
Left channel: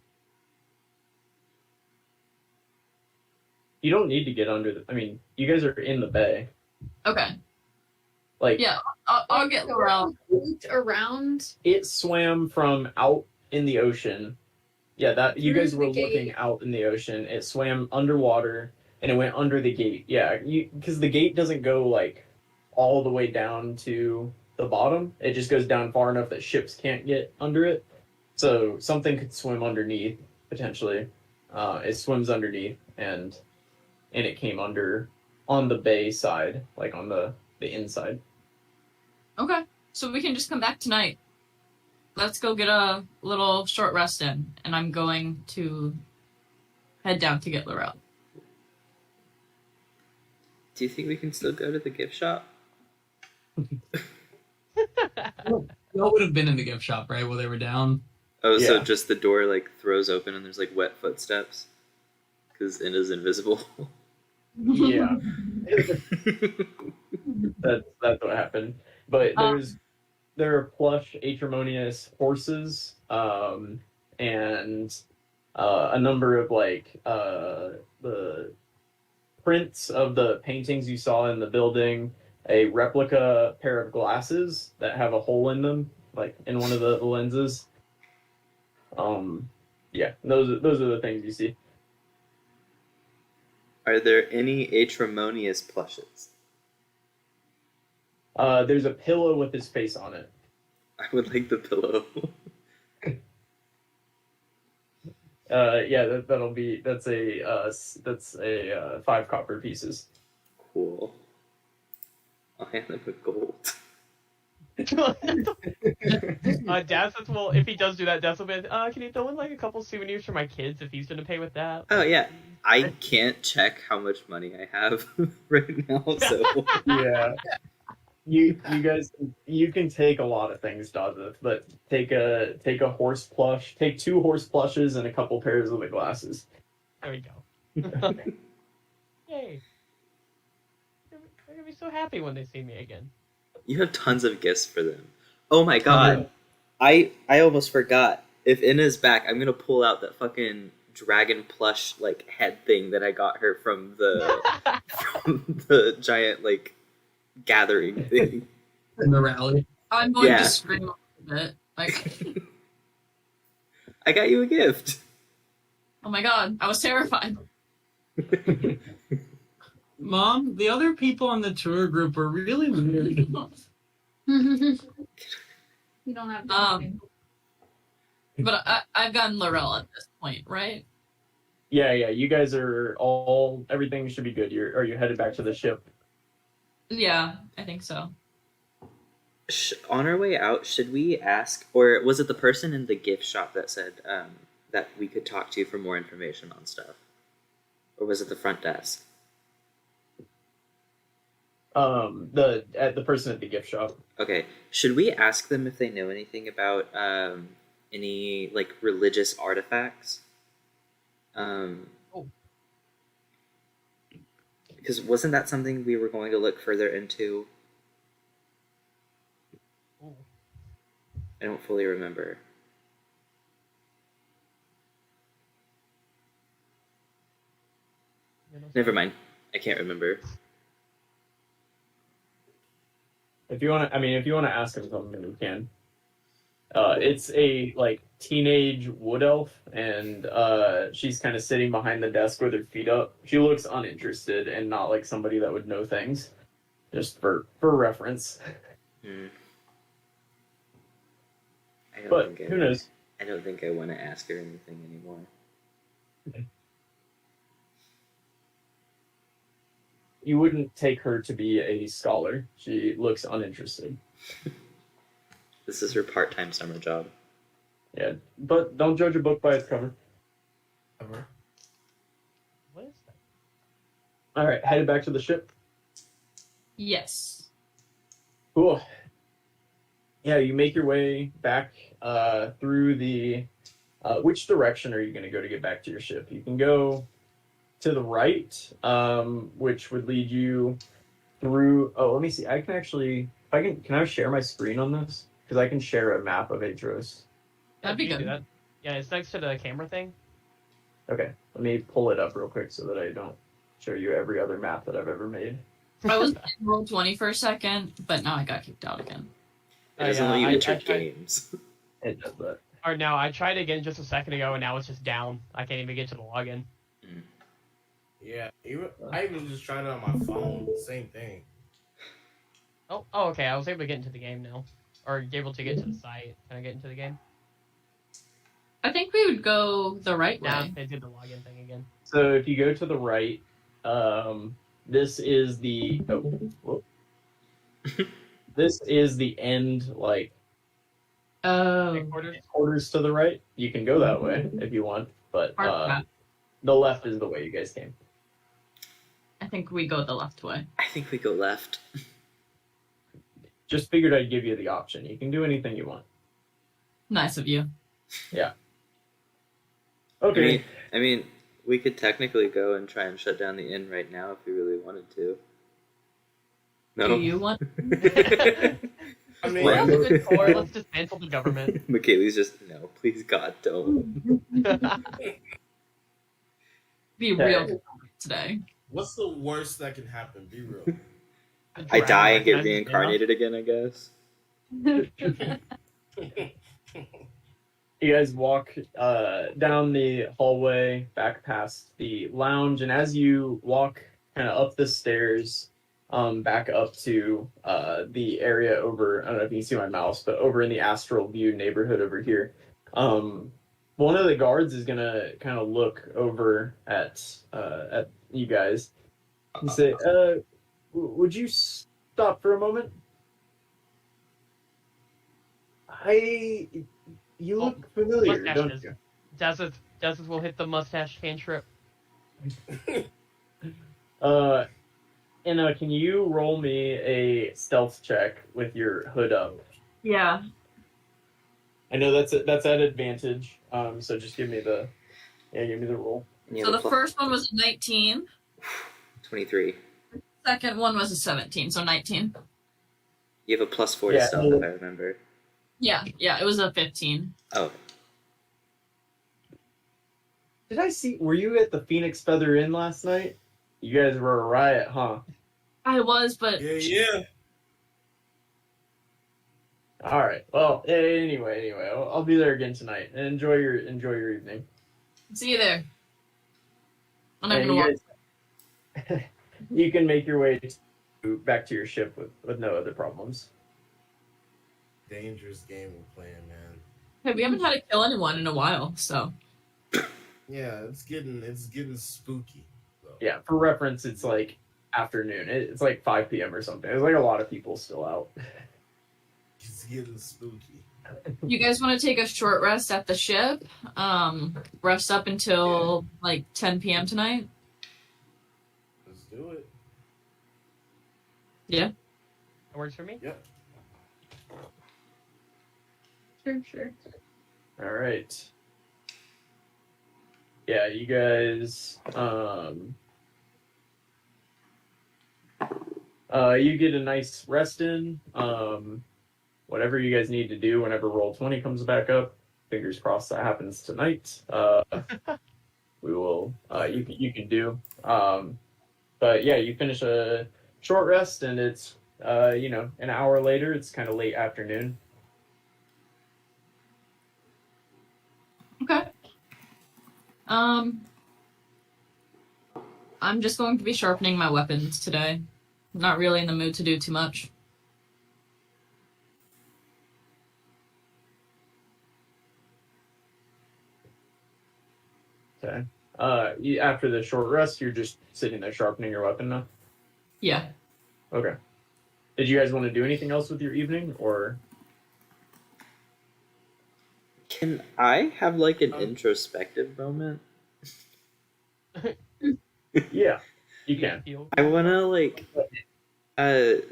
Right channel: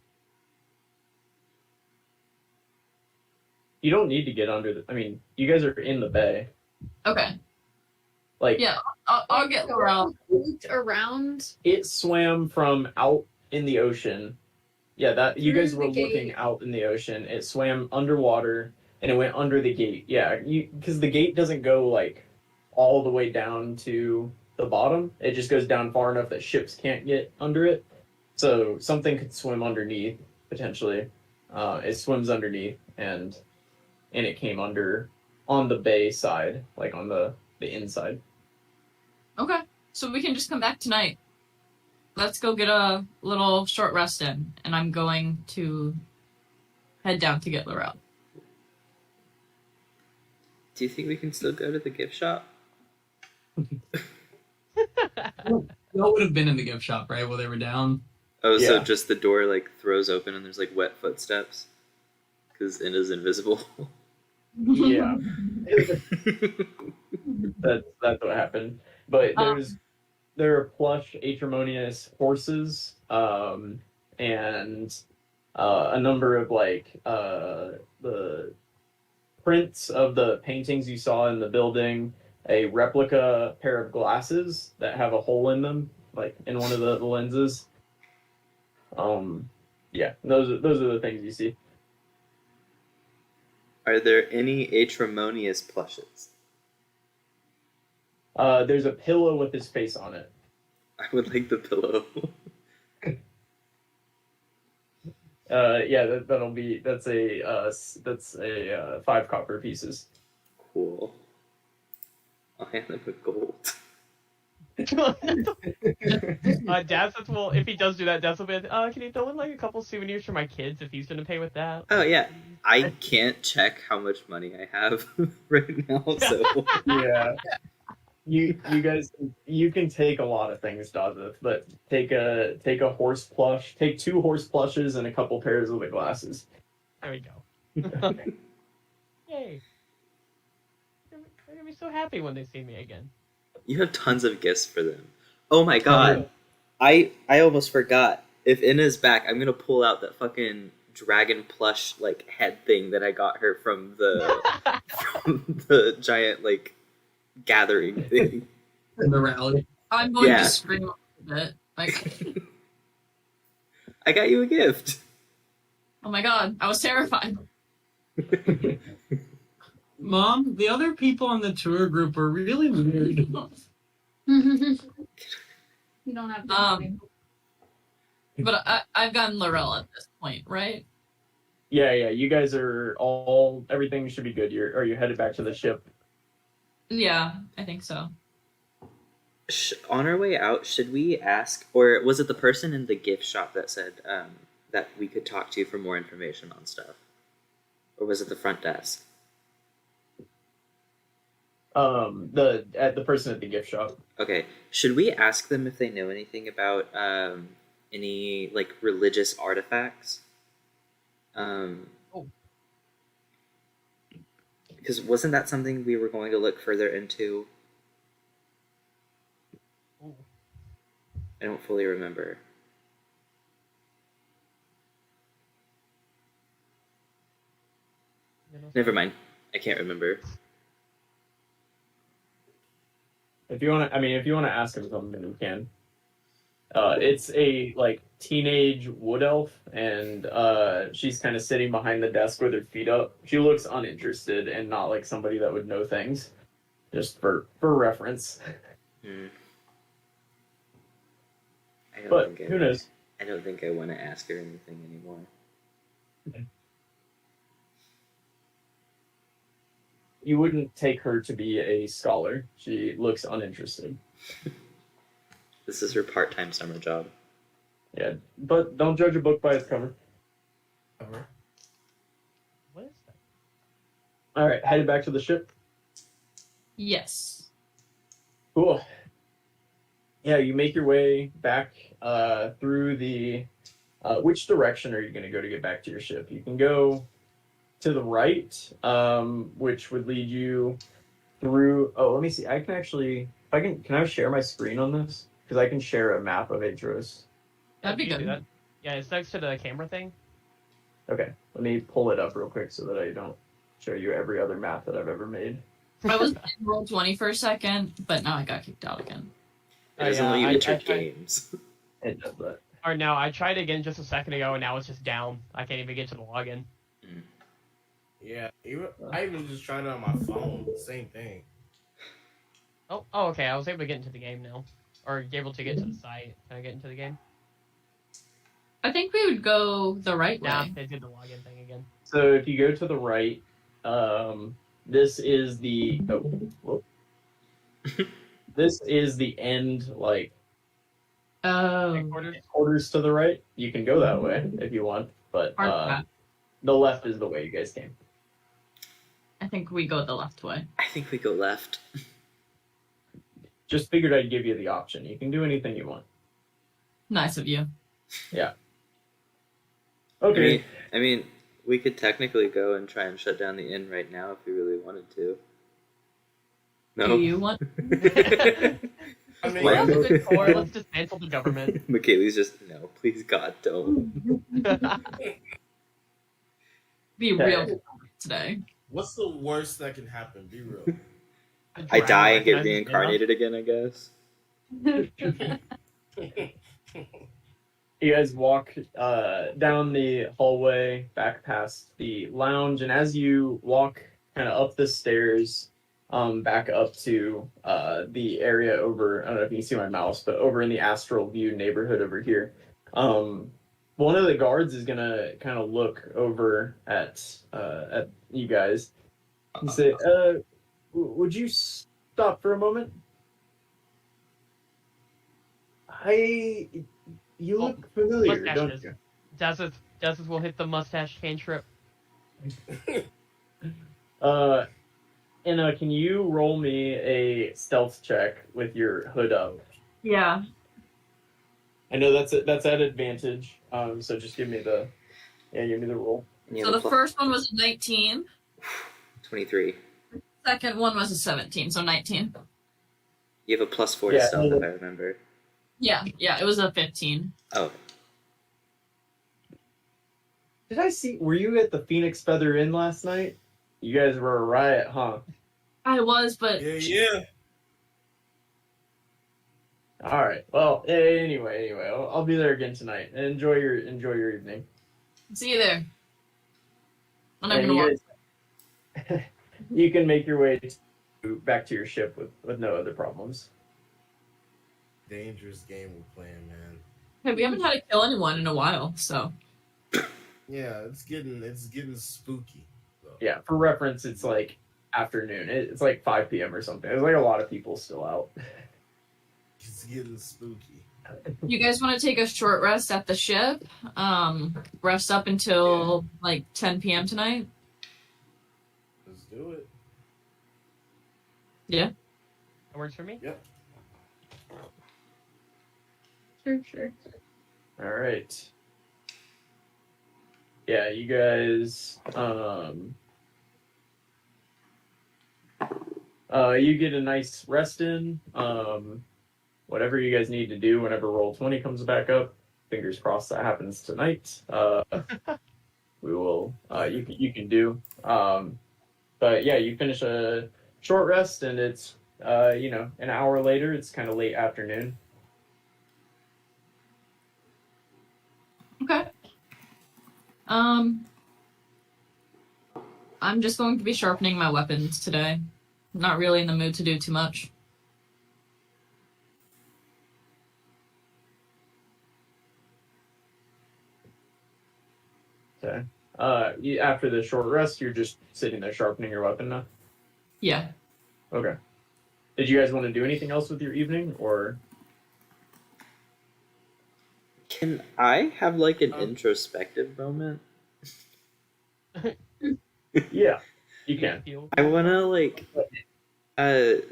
You don't need to get under the. I mean, you guys are in the bay. Okay. Like, Yeah. I'll get Laurel. Looked around. it swam from out in the ocean. Yeah, that you Through guys the were looking gate. out in the ocean. It swam underwater and it went under the gate. Yeah, because the gate doesn't go like all the way down to the bottom. It just goes down far enough that ships can't get under it. So something could swim underneath potentially. It swims underneath and it came under on the bay side, like on the inside. Okay. So we can just come back tonight. Let's go get a little short rest in, and I'm going to head down to get Laurel. Do you think we can still go to the gift shop? Y'all would have been in the gift shop, right, while they were down? Oh, so Yeah. just the door like throws open and there's like wet footsteps? Because it is invisible. Yeah. That's what happened. But there are plush Aetremonious horses, and a number of like the prints of the paintings you saw in the building, a replica pair of glasses that have a hole in them, like in one of the lenses. Yeah, those are the things you see. Are there any Aetremonious plushes? There's a pillow with his face on it. I would like the pillow. Yeah, that's a 5 copper pieces. Cool. I'll hand them with gold. Daz will, if he does do that, Daz will be, can you throw in like a couple souvenirs for my kids if he's gonna pay with that? Oh yeah, I can't check how much money I have right now, so Yeah. You guys, you can take a lot of things, Dazeth, but take a horse plush, take 2 horse plushes and a couple pairs of the glasses. There we go. Yay! They're gonna be so happy when they see me again. You have tons of gifts for them. Oh my god. I almost forgot. If Inna's back, I'm gonna pull out that fucking dragon plush like head thing that I got her from the giant like gathering thing. In the rally. I'm going Yeah. to scream a bit. Like, I got you a gift. oh my god, I was terrified. Mom, the other people on the tour group are really weird. You don't have to. But I've gotten Laurel at this point, right? Yeah, you guys are all. Everything should be good. Are you headed back to the ship? Yeah, I think so. On our way out, should we ask, or was it the person in the gift shop that said that we could talk to for more information on stuff? Or was it the front desk? The person at the gift shop. Okay, should we ask them if they know anything about any like religious artifacts? Because wasn't that something we were going to look further into? I don't fully remember. Never mind. I can't remember. If you want to ask him something, you can. It's a like teenage wood elf, and she's kind of sitting behind the desk with her feet up. She looks uninterested and not like somebody that would know things. Just for reference. But who knows? I don't think I want to ask her anything anymore. You wouldn't take her to be a scholar. She looks uninterested. This is her part-time summer job. Yeah, but don't judge a book by its cover. What is that? All right, headed back to the ship. Yes. Cool. Yeah, you make your way back through the. Which direction are you going to go to get back to your ship? You can go to the right, which would lead you through. Oh, let me see. I can actually. If I can I share my screen on this? Because I can share a map of Aetros. That'd be You do good. that? Yeah, it's next to the camera thing. Okay, let me pull it up real quick so that I don't show you every other map that I've ever made. I was in roll 20 for a second, but now I got kicked out again. It doesn't let you I enter tried- games. It does that. Or no, I tried again just a second ago, and now it's just down. I can't even get to the login. Yeah, I even just tried it on my phone. Same thing. Oh, okay. I was able to get into the game now, or able to get to the site. Can I get into the game? I think we would go the right Yeah, way. they did the login thing again. So if you go to the right, this is the this is the end like Oh. quarters to the right. You can go that way if you want, but Hard path. the left is the way you guys came. I think we go the left way. I think we go left. Just figured I'd give you the option. You can do anything you want. Nice of you. Okay. I mean, we could technically go and try and shut down the inn right now if we really wanted to. No. Do you want? I mean, What? We're good for. Let's dismantle the government. Michaeli's just, no, please God, don't. Be real today. what's the worst that can happen? Be real. I die and get reincarnated again, I guess. You guys walk down the hallway, back past the lounge, and as you walk kind of up the stairs, back up to the area over, I don't know if you can see my mouse, but over in the Astral View neighborhood over here. One of the guards is gonna kind of look over at you guys and say, would you stop for a moment? You look familiar, don't mustaches. you? Desert will hit the mustache cantrip. Anna, can you roll me a stealth check with your hood up? Yeah. I know that's at advantage. So just give me the roll. And you So have the a first one was a 19. 23. Second one was a 17, so 19. You have a +4 to stealth, if I remember. Yeah, it was a 15. Oh, Did I see? Were you at the Phoenix Feather Inn last night? You guys were a riot, huh? I was, but Yeah. All right. Well, anyway, I'll be there again tonight. Enjoy your evening. see you there. I'm not And gonna walk. you guys, you can make your way back to your ship with no other problems. Dangerous gaming plan, man. Hey, we haven't had to kill anyone in a while, so. Yeah, it's getting spooky. So. Yeah. For reference, it's like afternoon. It's like 5 p.m. or something. There's like a lot of people still out. It's getting spooky. You guys want to take a short rest at the ship? Rest up until like 10 p.m. tonight? Let's do it. Yeah. That works for me. Yep. Sure. All right. Yeah, you guys. You get a nice rest in. Whatever you guys need to do whenever Roll20 comes back up. Fingers crossed that happens tonight. We will. You can do. But yeah, you finish a short rest, and it's an hour later. It's kind of late afternoon. Okay. I'm just going to be sharpening my weapons today. Not really in the mood to do too much. Okay. After the short rest, you're just sitting there sharpening your weapon now? Yeah. Okay. Did you guys want to do anything else with your evening, or? can I have like an introspective moment? Yeah, you can. I wanna like,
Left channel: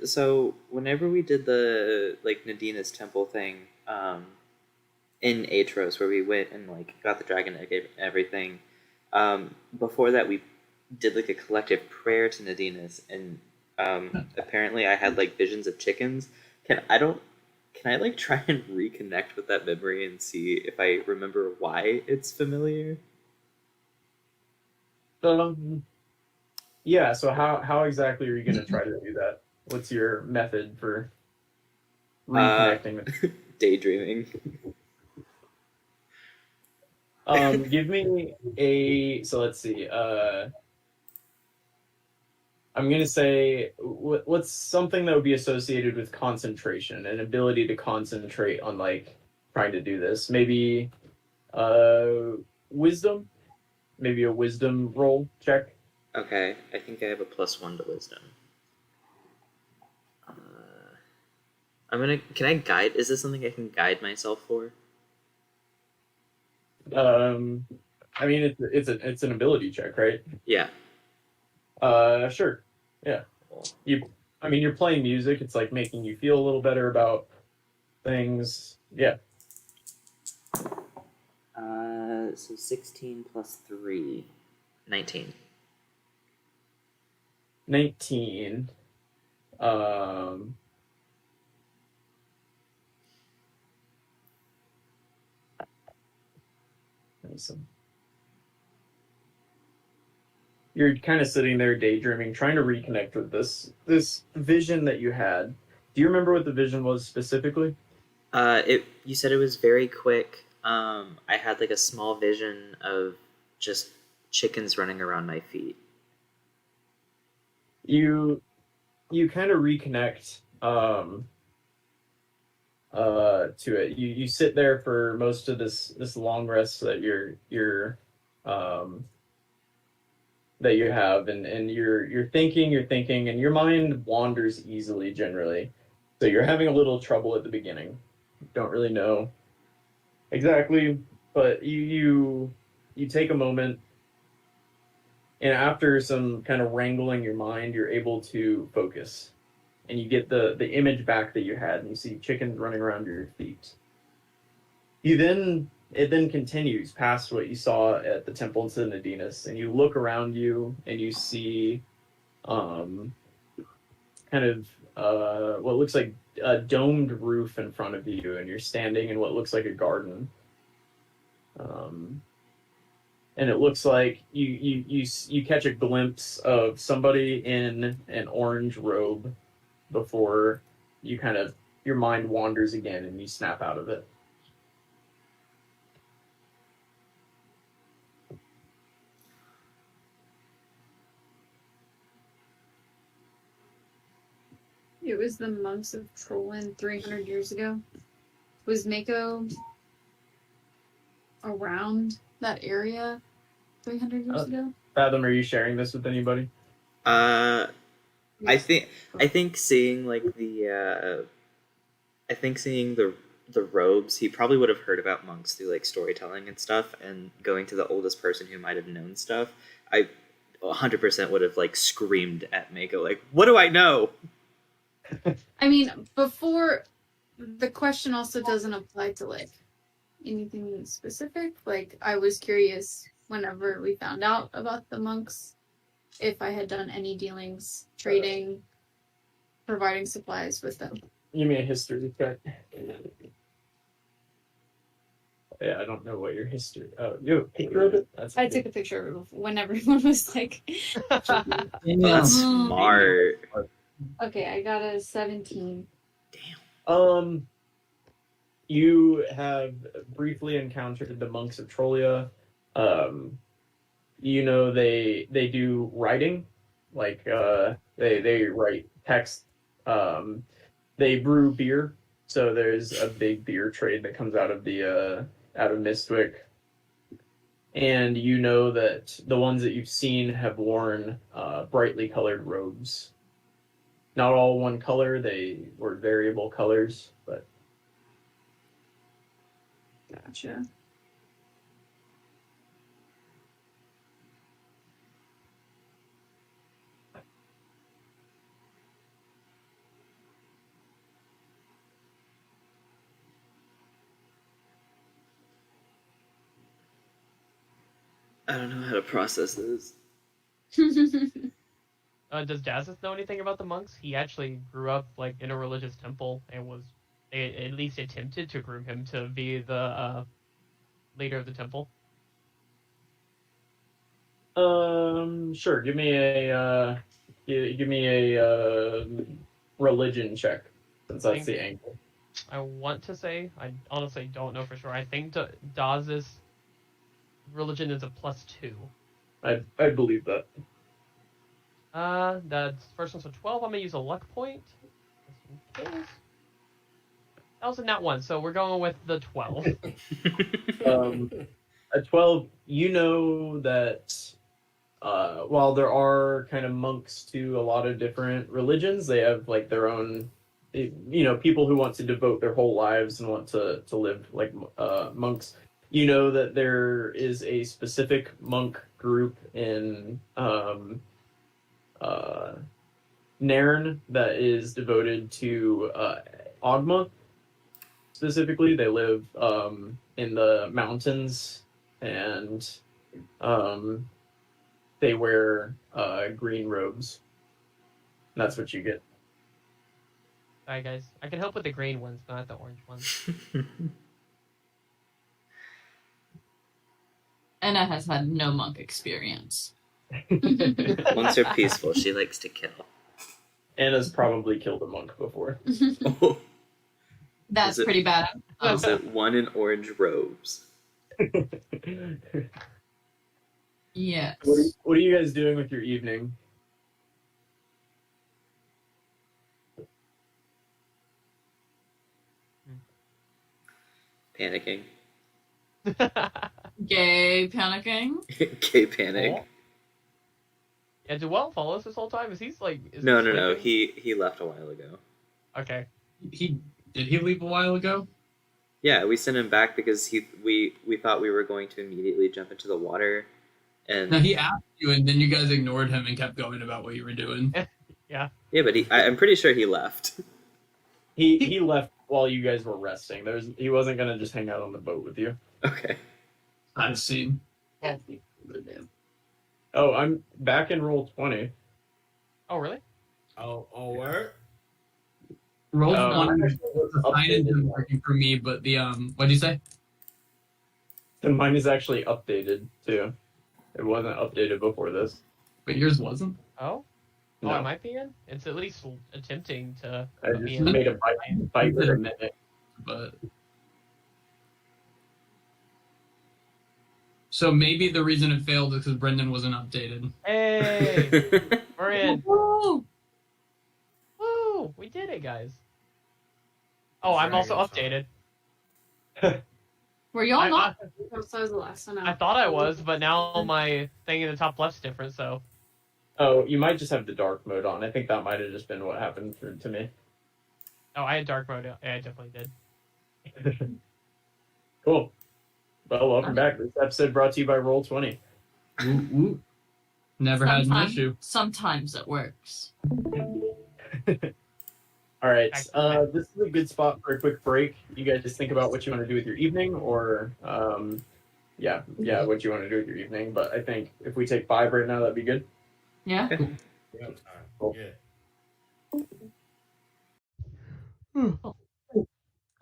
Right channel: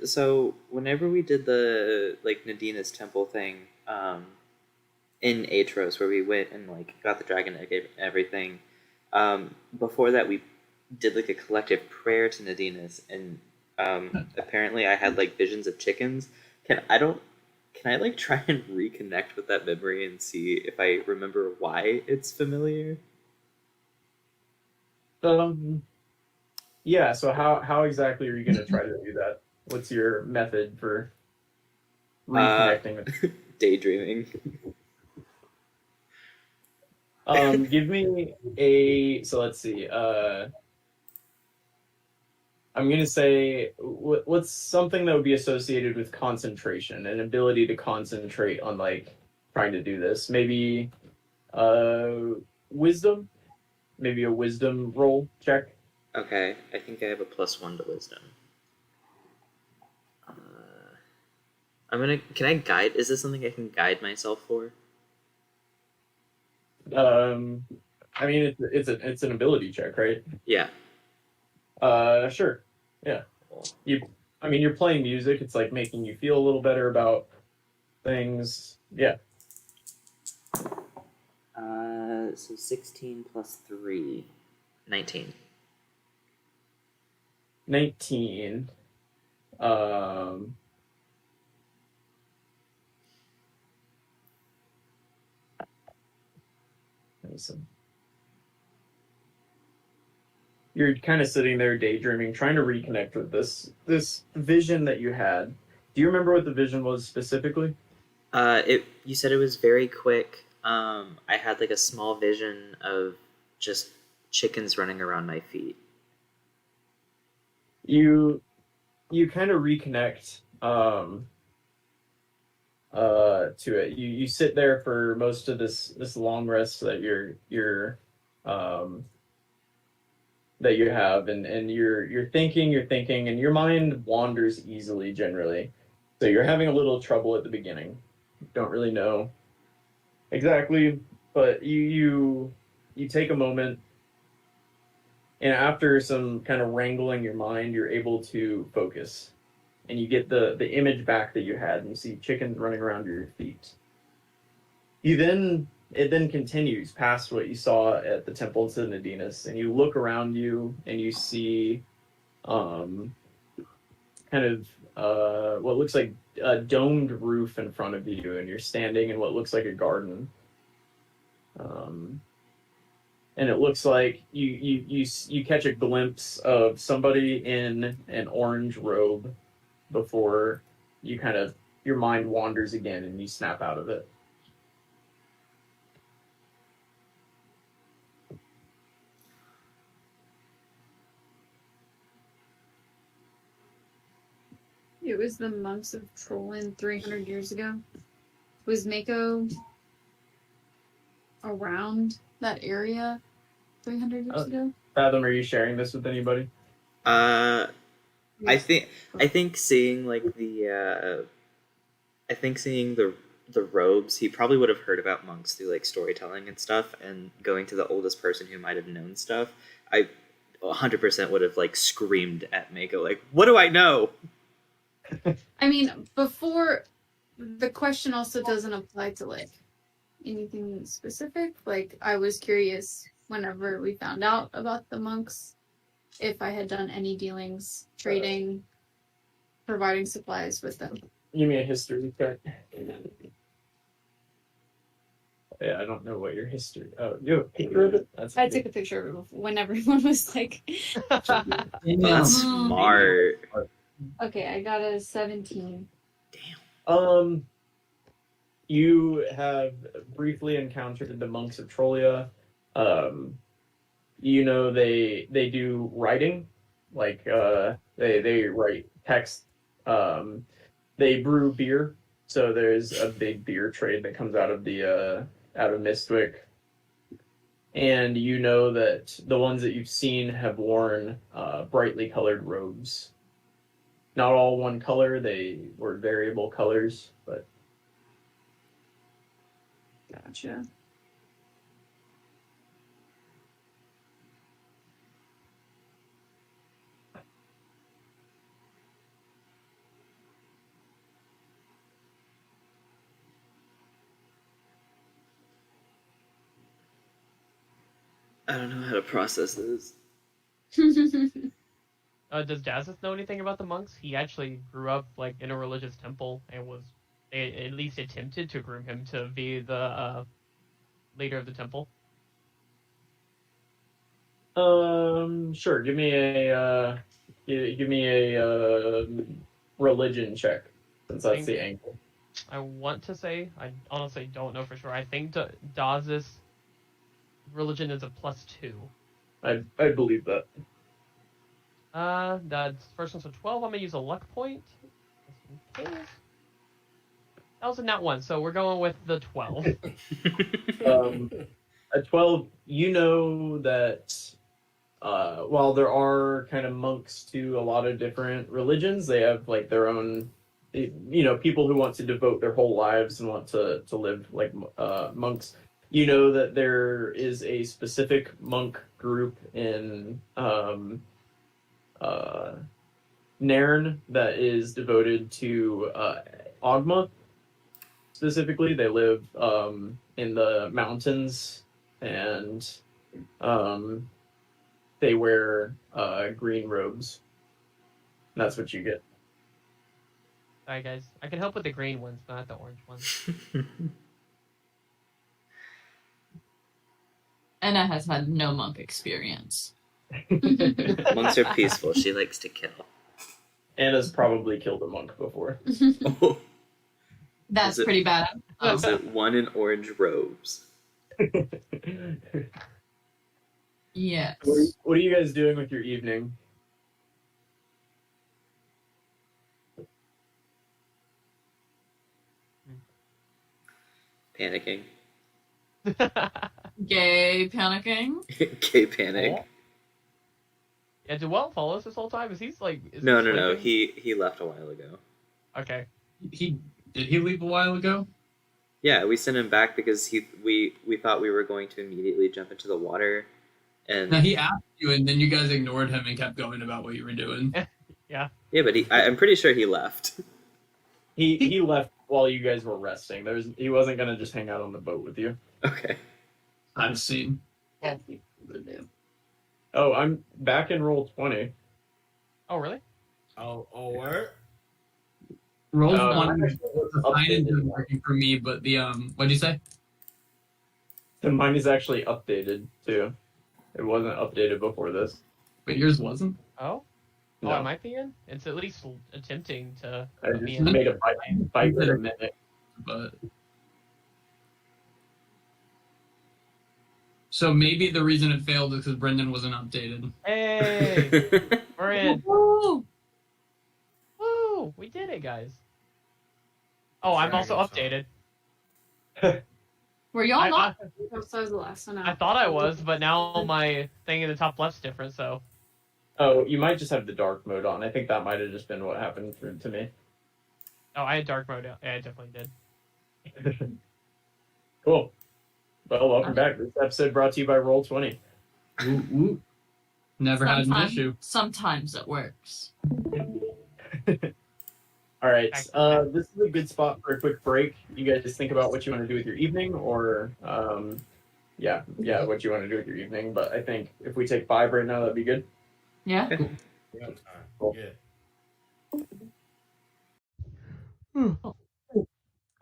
so whenever we did the like Nadina's temple thing, in Aetros, where we went and like got the dragon egg and everything, before that we did like a collective prayer to Nadina's, and apparently I had like visions of chickens. Can I like try and reconnect with that memory and see if I remember why it's familiar? Yeah. So how exactly are you going to try to do that? What's your method for reconnecting with? Daydreaming. Give me a. So let's see. I'm gonna say what's something that would be associated with concentration, an ability to concentrate on like trying to do this. Maybe, wisdom. Maybe a wisdom roll check. Okay, I think I have a +1 to wisdom. Can I guide? Is this something I can guide myself for? I mean it's an ability check, right? Yeah. Sure. Yeah. You're playing music. It's like making you feel a little better about things. Yeah. So 16 plus 3, 19. 19. Listen. You're kind of sitting there daydreaming, trying to reconnect with this vision that you had. Do you remember what the vision was specifically? You said it was very quick. I had like a small vision of just chickens running around my feet. You kind of reconnect to it. You sit there for most of this long rest that you're that you have, and you're thinking, and your mind wanders easily generally. So you're having a little trouble at the beginning. Don't really know exactly, but you take a moment And after some kind of wrangling your mind, you're able to focus. And you get the image back that you had, and you see chickens running around your feet. It then continues past what you saw at the temple to Nadinies, and you look around you and you see kind of what looks like a domed roof in front of you, and you're standing in what looks like a garden. And it looks like you catch a glimpse of somebody in an orange robe before you kind of your mind wanders again and you snap out of it. It was the monks of Trollin 300 years ago. Was Mako around that area 300 years ago? Fathom, are you sharing this with anybody? I think seeing like the the robes, he probably would have heard about monks through like storytelling and stuff, and going to the oldest person who might have known stuff. I 100% would have like screamed at Mako like, "What do I know?" I mean, before the question also doesn't apply to like anything specific. Like, I was curious whenever we found out about the monks if I had done any dealings, trading, providing supplies with them. You mean a history check? Yeah, I don't know what your history. Oh, you have a picture of it? I took a picture of when everyone was like. That's smart. Okay, I got a 17. You have briefly encountered the monks of Trollia. You know they do writing, like they write text. They brew beer, so there's a big beer trade that comes out of the out of Mistwick. And you know that the ones that you've seen have worn brightly colored robes. Not all one color; they were variable colors, but. Gotcha. I don't know how to process this. Does Dazis know anything about the monks? He actually grew up like in a religious temple and was at least attempted to groom him to be the leader of the temple. Sure. Give me a religion check, since that's the angle. I want to say, I honestly don't know for sure. I think Dazis religion is a +2. I believe that. The first one's a 12. I'm gonna use a luck point. That was a nat 1, so we're going with the 12. At 12, you know that while there are kind of monks to a lot of different religions, they have like their own, people who want to devote their whole lives and want to live like monks. You know that there is a specific monk group in Nairn that is devoted to Ogma. Specifically, they live in the mountains, and they wear green robes. And that's what you get. Sorry, guys. I can help with the green ones, not the orange ones. Anna has had no monk experience. Monks are peaceful. She likes to kill. Anna's probably killed a monk before. Oh, That's pretty bad. is it one in orange robes? Yes. What are you guys doing with your evening? Panicking. Gay panicking. Gay panic. Yeah, Duell follows this whole time? Is No. He left a while ago. Okay. Did he leave a while ago? Yeah, we sent him back because we thought we were going to immediately jump into the water, And Now he asked you, and then you guys ignored him and kept going about what you were doing. yeah, but I'm pretty sure he left. He left while you guys were resting. He wasn't gonna just hang out on the boat with you. Okay. I've seen. Oh, I'm back in roll 20. Oh, really? Oh, word? Roll Uh, one. mine The sign isn't working for me, but the what'd you say? And mine is actually updated too. It wasn't updated before this. But yours wasn't. Oh? No. Oh, I might be in? It's at least attempting to I put me just in. made a bike for a minute. But so maybe the reason it failed is because Brendan wasn't updated. Hey! We're in. Woo! Woo! We did it, guys. Oh, I'm also updated. Were y'all I, not? I, So I was the last one I out. thought I was, but now my thing in the top left's different, so. Oh, you might just have the dark mode on. I think that might have just been what happened to me. Oh, I had dark mode. Yeah, I definitely did. Cool. Well, welcome back. This episode brought to you by Roll20. Ooh, ooh. Never had an issue. Sometimes it works. All right. This is a good spot for a quick break. You guys just think about what you want to do with your evening, or yeah, what you want to do with your evening. But I think if we take 5 right now, that'd be good. Yeah. Cool. Yeah.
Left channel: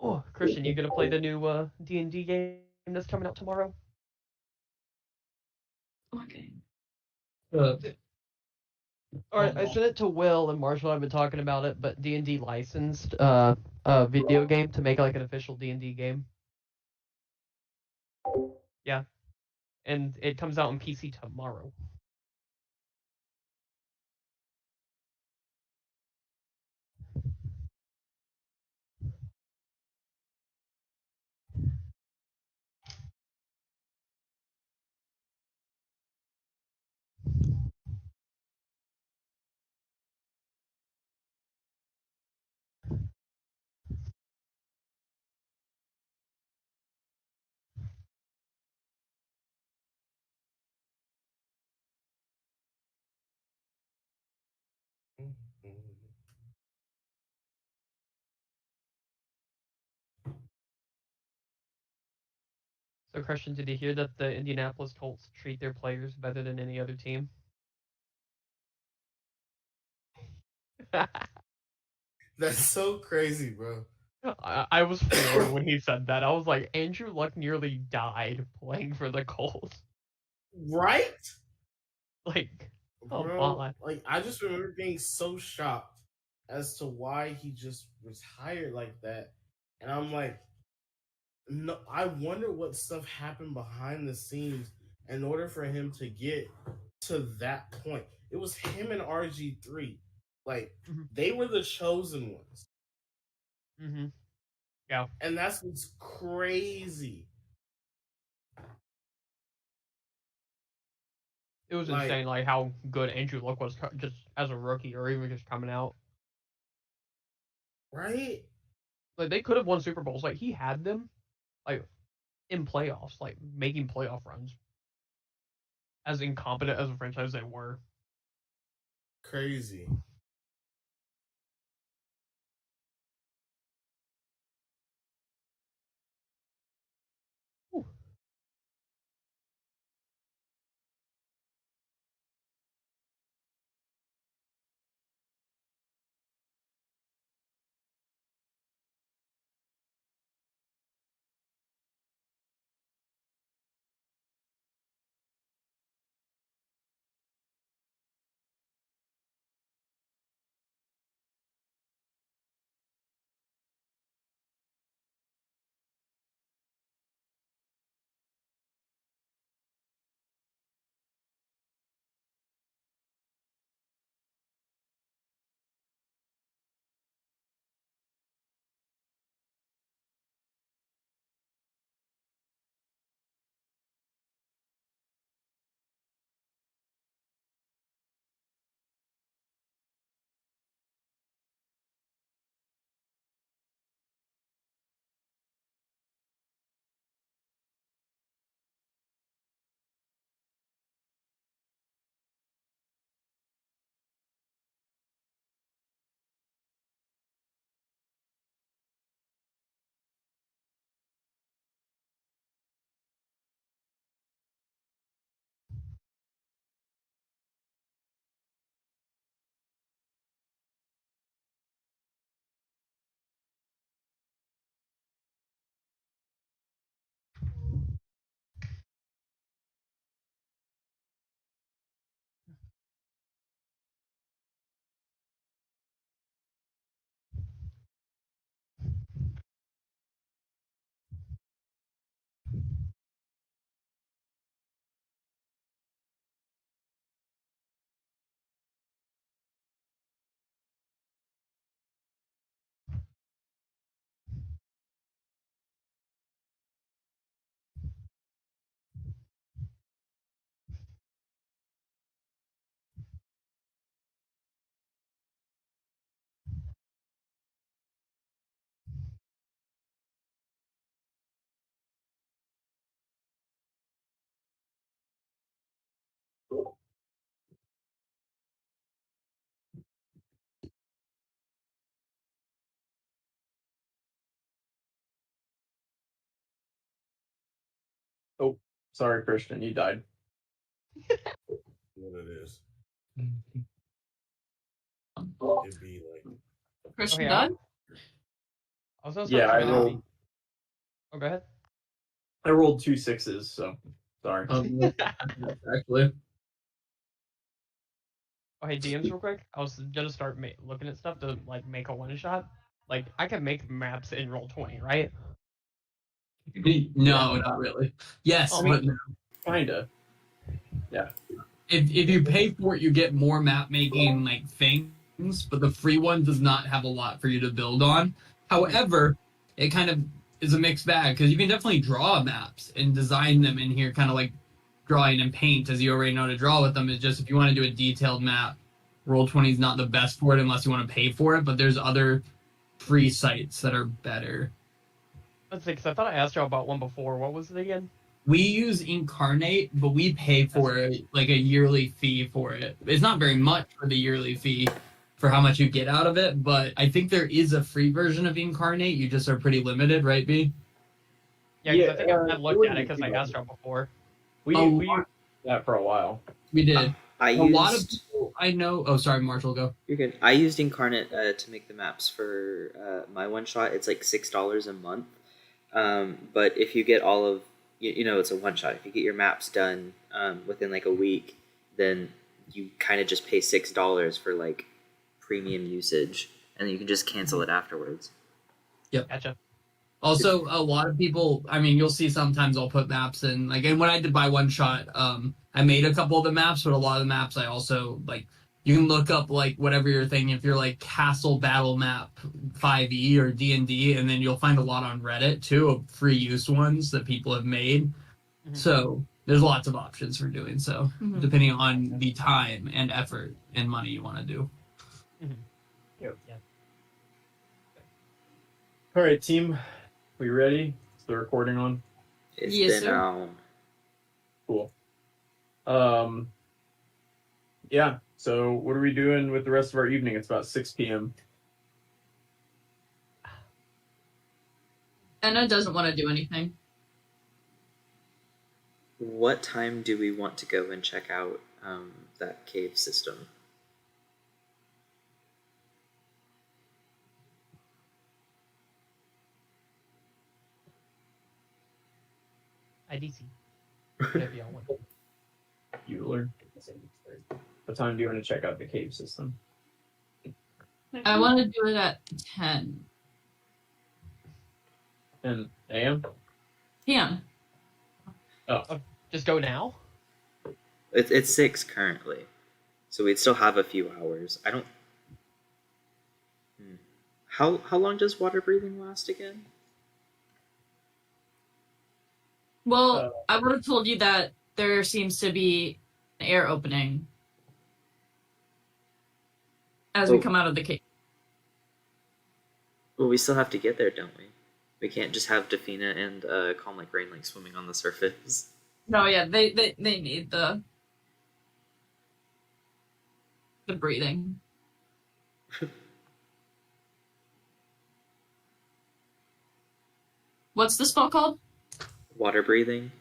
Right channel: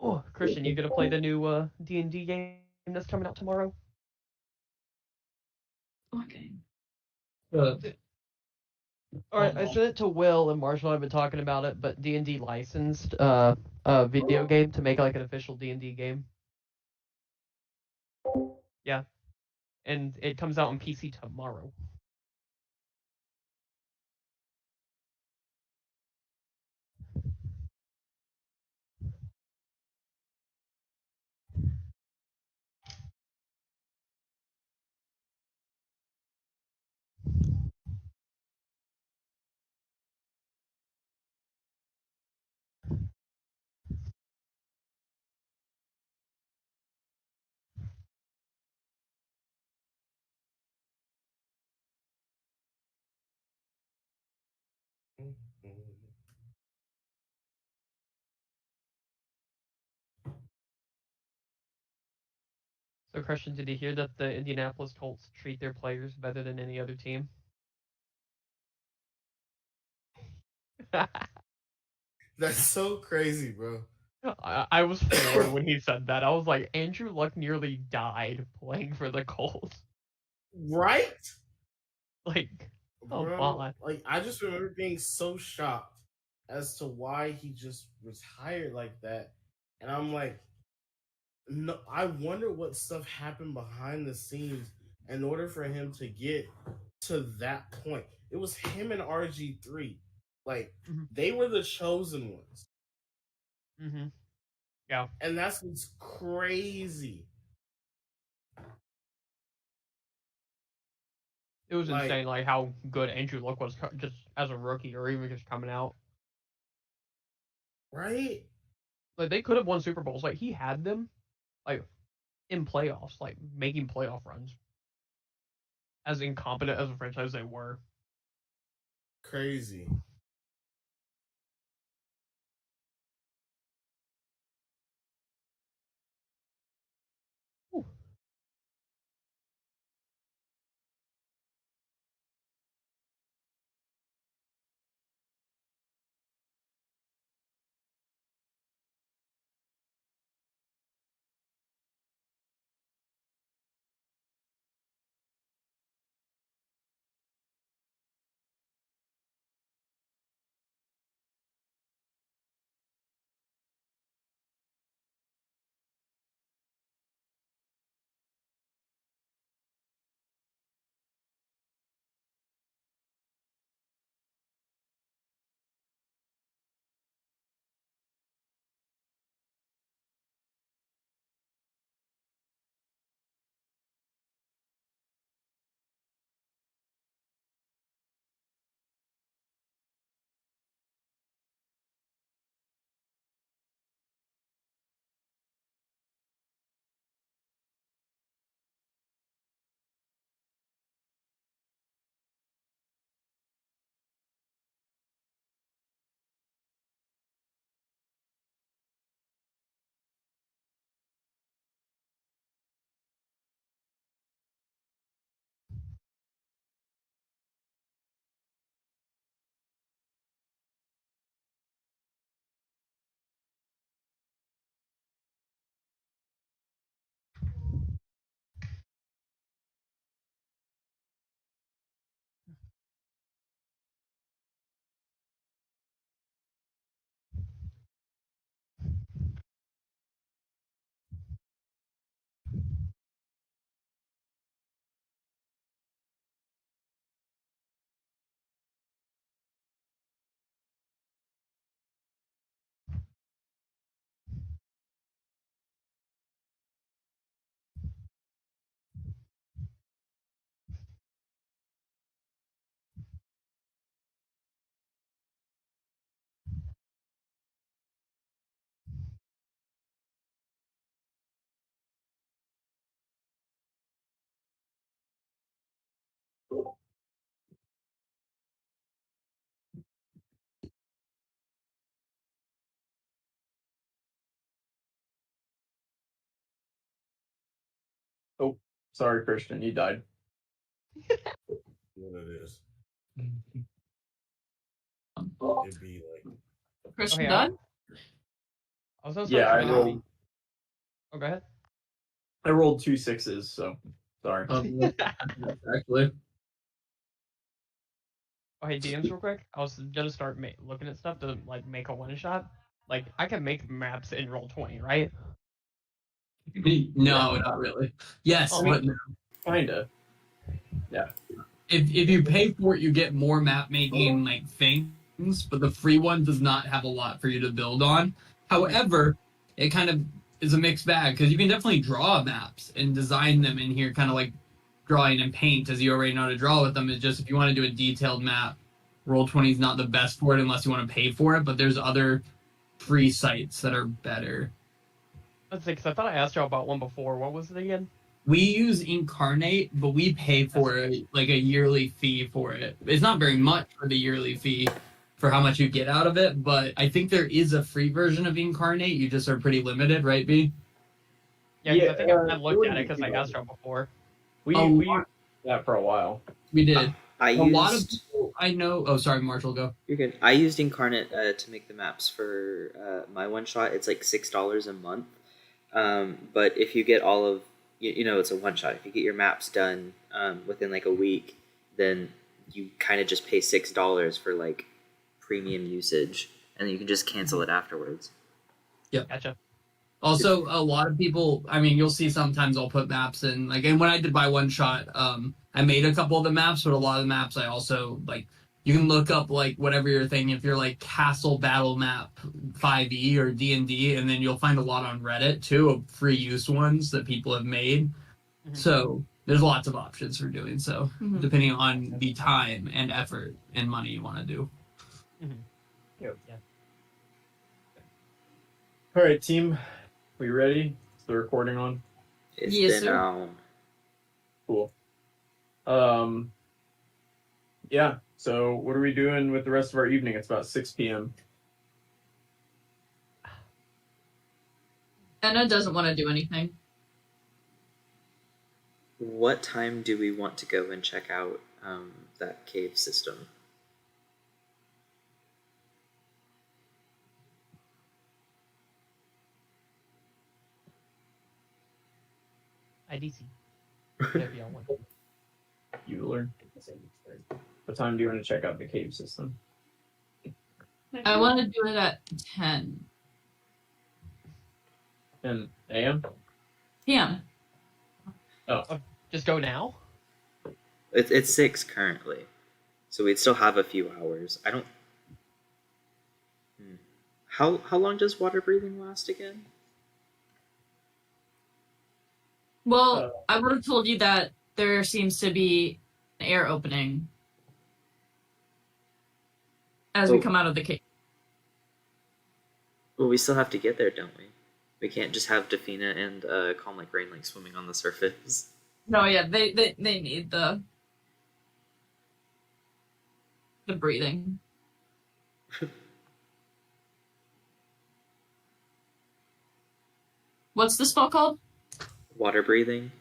Oh, Christian, you gonna play the new D&D game that's coming out tomorrow? Okay. Alright, I sent it to Will and Marshall. I've been talking about it, but D&D licensed a video game to make like an official D&D game. Yeah, and it comes out on PC tomorrow. So, Christian, did you hear that the Indianapolis Colts treat their players better than any other team? That's so crazy, bro. I was floored when he said that. I was like, Andrew Luck nearly died playing for the Colts. Right? Like, come Bro, on. like I just remember being so shocked as to why he just retired like that. And I'm like, no, I wonder what stuff happened behind the scenes in order for him to get to that point. It was him and RG3. Like, they were the chosen ones. Mm-hmm. Yeah. And that's what's crazy. It was Like- insane, like how good Andrew Luck was just as a rookie or even just coming out. Right? Like they could have won Super Bowls. Like he had them, like in playoffs, like making playoff runs. As incompetent as a franchise they were. Crazy. Sorry, Christian, you died. What it is. It'd be like Christian Okay, done? I was gonna Yeah, start I trying to rolled. be- Oh, go ahead. I rolled 2 6s, so sorry. Actually, Oh, hey, DMs, real quick. I was gonna start looking at stuff to like make a one shot. Like I can make maps in Roll20, right? no, not really. Yes, Oh, but no. Kinda. If you pay for it, you get more map making like things, but the free one does not have a lot for you to build on. However, it kind of is a mixed bag because you can definitely draw maps and design them in here, kind of like drawing and paint, as you already know how to draw with them. It's just if you want to do a detailed map, Roll20 is not the best for it unless you want to pay for it. But there's other free sites that are better. let's see, because I thought I asked y'all about one before. What was it again? We use Incarnate, but we pay for it like a yearly fee for it. It's not very much for the yearly fee for how much you get out of it, but I think there is a free version of Incarnate. You just are pretty limited, right, B? Yeah, because Yeah, I think I it looked at wouldn't it because be I bad. asked y'all before. We Oh, used that for a while. We did. I A used. lot of people I know. Oh, sorry, Marshall, go. You're good. I used Incarnate to make the maps for my one shot. It's like $6 a month. But if you get all of you know, it's a one shot. If you get your maps done within like a week, then you kind of just pay $6 for like premium usage, and then you can just cancel it afterwards. Gotcha. Also, a lot of people, I mean, you'll see sometimes I'll put maps in, like, and when I did buy one shot, I made a couple of the maps, but a lot of the maps I also, like, you can look up, like, whatever you're thinking, if you're, like, Castle Battle Map 5e or D&D, and then you'll find a lot on Reddit, too, of free use ones that people have made. Mhm. So, there's lots of options for doing so, Mhm. depending on the time and effort and money you want to do. Yeah. All right, team. We ready? Is the recording on? It's Yes, been sir. on. Cool. Yeah. So what are we doing with the rest of our evening? It's about 6 p.m. Anna doesn't want to do anything. What time do we want to go and check out that cave system? IDC. Whatever y'all want. You learn. What time do you want to check out the cave system? I want to do it at 10 10 a.m. p.m. Just go now. It's 6 currently, so we'd still have a few hours. I don't. How long does water breathing last again? Well, I would have told you that there seems to be an air opening as we Oh. come out of the cave. Well, we still have to get there, don't we? We can't just have Defina and Calm Like Rain like swimming on the surface. No, yeah, they need the breathing. What's the spell called? Water breathing.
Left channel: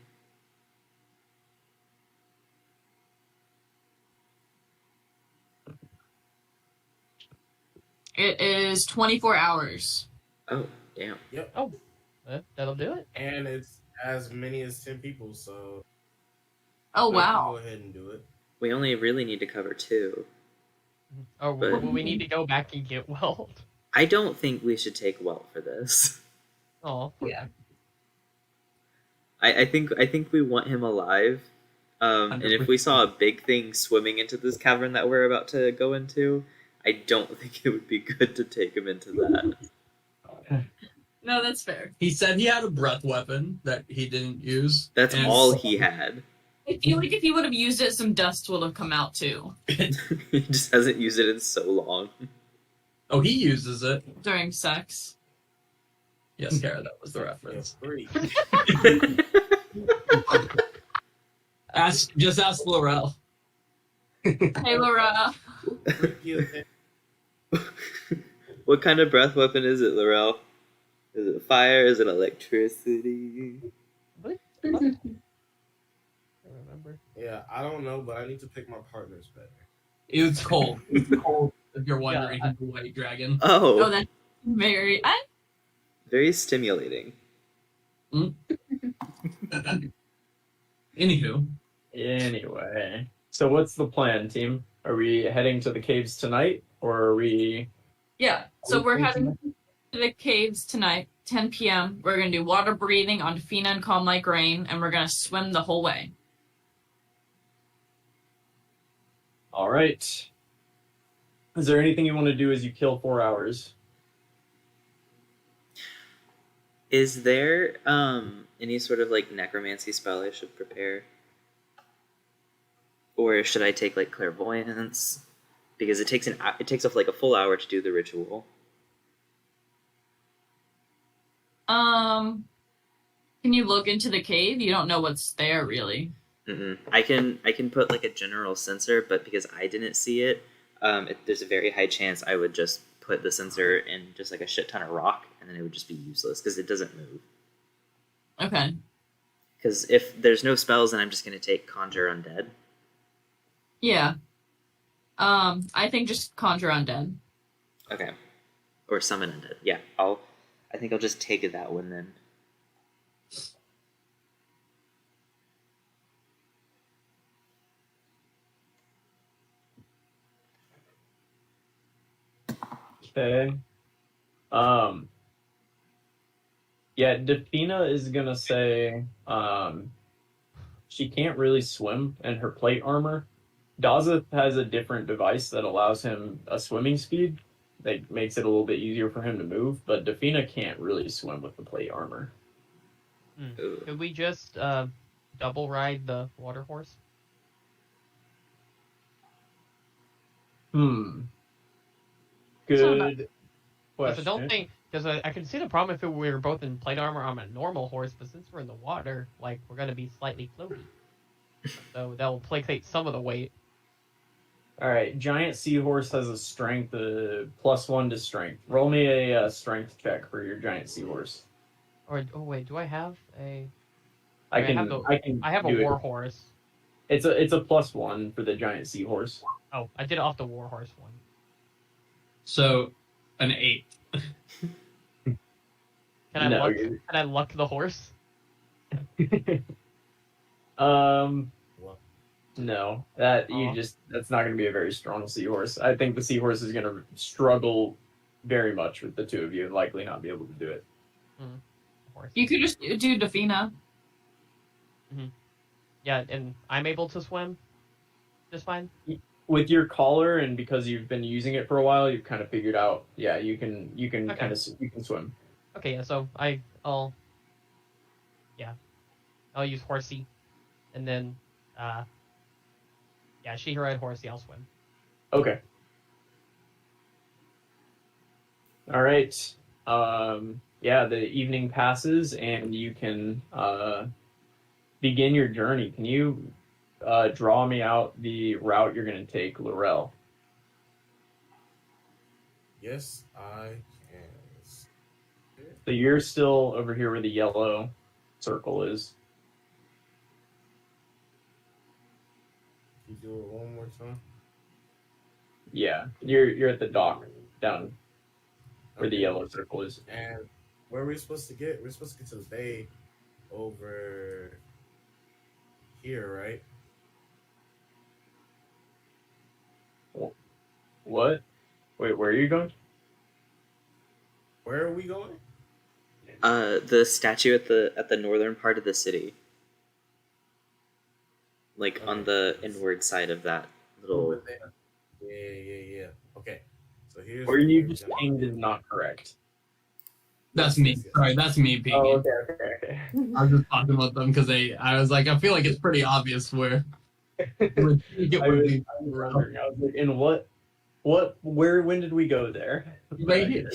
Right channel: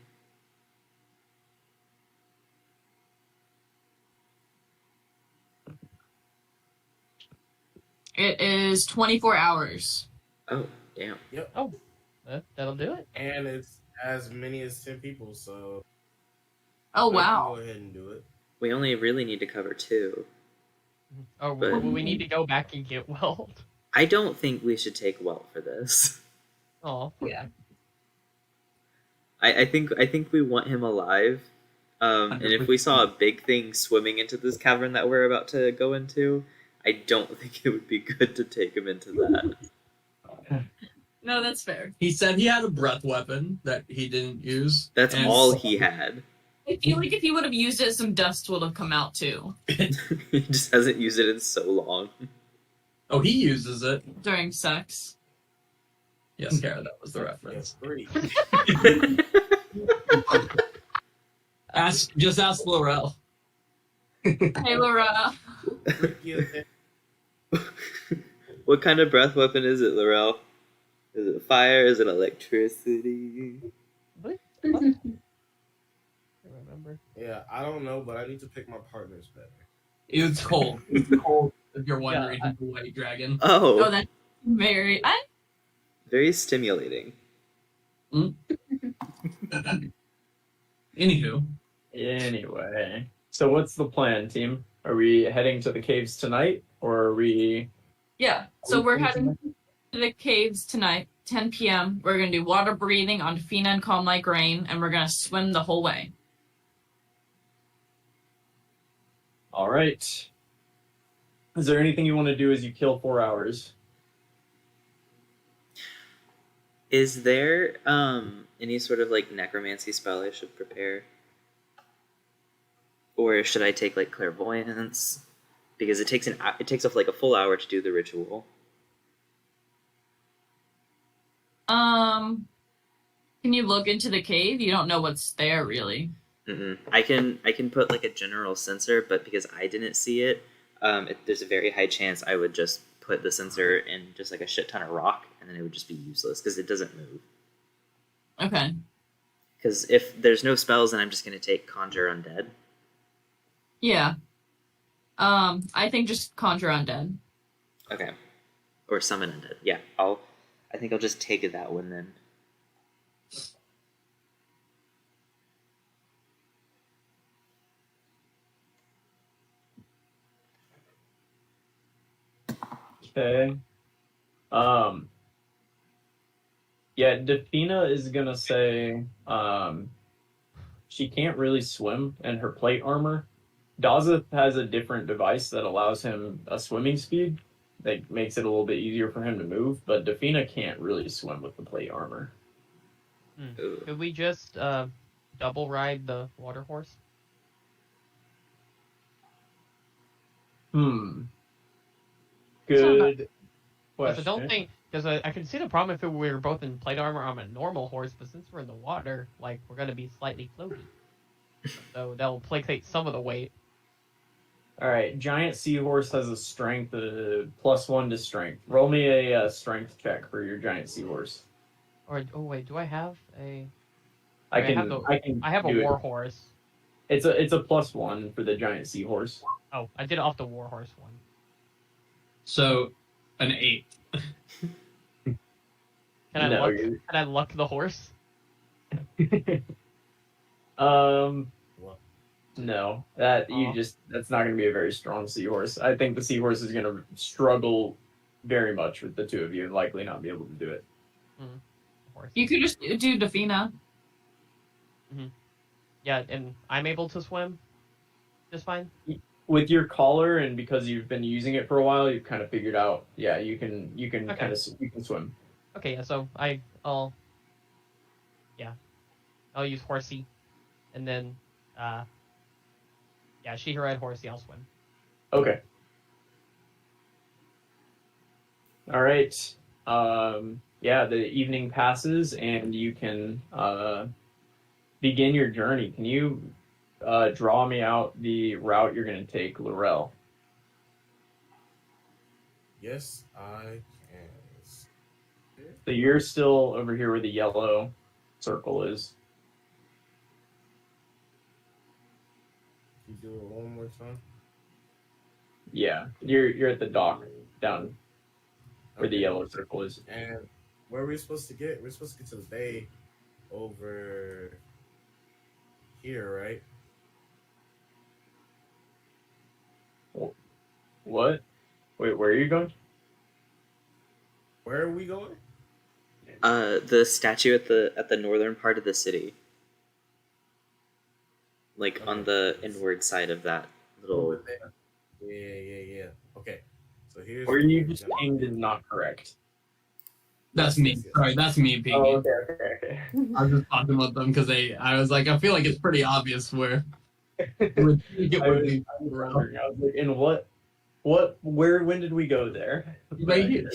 It is 24 hours. Oh, damn. Oh, that'll do it. and it's as many as 10 people, so Oh, I can wow. go ahead and do it. We only really need to cover 2. Oh, But- we need to go back and get Weld. I don't think we should take Welt for this. Oh, Yeah. I think we want him alive. And if we saw a big thing swimming into this cavern that we're about to go into, I don't think it would be good to take him into that. No, that's fair. He said he had a breath weapon that he didn't use. That's and all he had. I feel like if he would have used it, some dust would have come out too He just hasn't used it in so long. Oh, he uses it. during sex. Yes, Kara, that was the reference. 3. Just ask Laurel. Hey, Laura. What kind of breath weapon is it, Laurel? Is it fire? Is it electricity? remember? Yeah, I don't know, but I need to pick my partners better. It's cold. It's cold. If you're wondering, Yeah, he's a white dragon. Oh, Oh, that's very. very stimulating. Anywho, Anyway, so what's the plan, team? Are we heading to the caves tonight, or are we? Yeah. So we're heading to the caves tonight, 10 p.m. We're gonna do water breathing on Fina and Calm Like Rain, and we're gonna swim the whole way. All right. Is there anything you want to do as you kill 4 hours? Is there any sort of like necromancy spell I should prepare? Or should I take like clairvoyance? Because it takes like a full hour to do the ritual. Can you look into the cave? You don't know what's there, really. I can put like a general sensor, but because I didn't see it, there's a very high chance I would just put the sensor in just like a shit ton of rock, and then it would just be useless because it doesn't move. Okay. Because if there's no spells, then I'm just gonna take Conjure Undead. Yeah. I think just conjure undead. Okay. Or Summon Undead. Yeah, I think I'll just take that one then. Okay. Yeah, Defina is gonna say she can't really swim in her plate armor. Daza has a different device that allows him a swimming speed that makes it a little bit easier for him to move, but Defina can't really swim with the plate armor. Ooh. Could we just double ride the water horse? Good Because question. I don't think, because I can see the problem if we were both in plate armor on a normal horse, but since we're in the water, like, we're going to be slightly floaty. So that'll placate some of the weight. All right, giant seahorse has a strength +1 to strength. Roll me a strength check for your giant seahorse. Or, oh wait, do I have a... I I have a do it. war horse. It's a +1 for the giant seahorse. Oh, I did it off the war horse one. so an 8. Can No, can I luck the horse? No, that's not going to be a very strong seahorse. I think the seahorse is going to struggle very much with the two of you and likely not be able to do it. Horse. You could just do Defina. Yeah, and I'm able to swim just fine. With your collar and because you've been using it for a while, you've kind of figured out. Yeah, you can Okay. you can swim. Okay, yeah, so I'll use horsey, and then she can ride horsey. I'll swim. Okay. All right. The evening passes and you can begin your journey. Can you draw me out the route you're going to take, Laurel? Yes, I can. So you're still over here where the yellow circle is. Can you do it one more time? Yeah, you're at the dock down where the Okay. yellow circle is. And where are we supposed to get? We're supposed to get to the bay over here, right? What? Wait, where are you going? Where are we going? The statue at the northern part of the city. Like on the inward side of that little. Over there. Yeah. Okay. So here's Where you we're just gonna- pinged is not correct. That's me. Sorry, that's me being. Oh, okay. I was just talking about them because I was like, I feel like it's pretty obvious where. I was wondering. I was like, in what, when did we go there? Right here.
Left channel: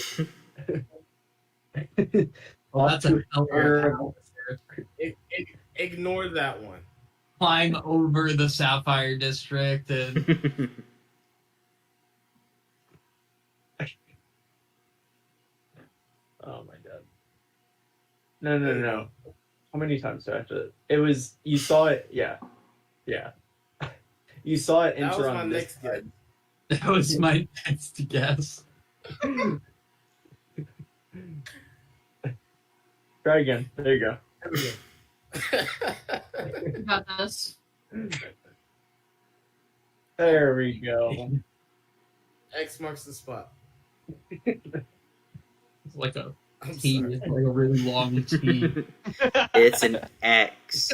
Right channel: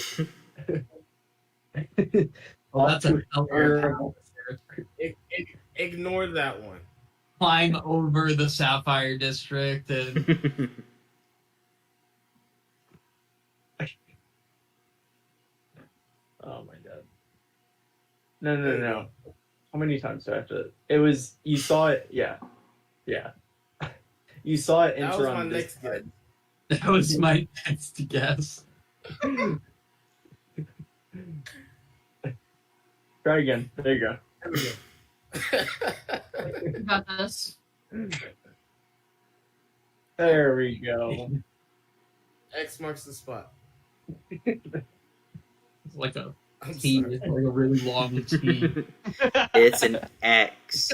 Well, that's a Terrible. Ignore that one. climb over the Sapphire District and Oh my god. No. How many times do I have to? It was, you saw it, yeah. Yeah. You saw it That enter was my on this next guess. That was my next guess. Try again. There you go. You got this. There we go. X marks the spot. It's like a I'm T. sorry. It's like a really long T. It's an X.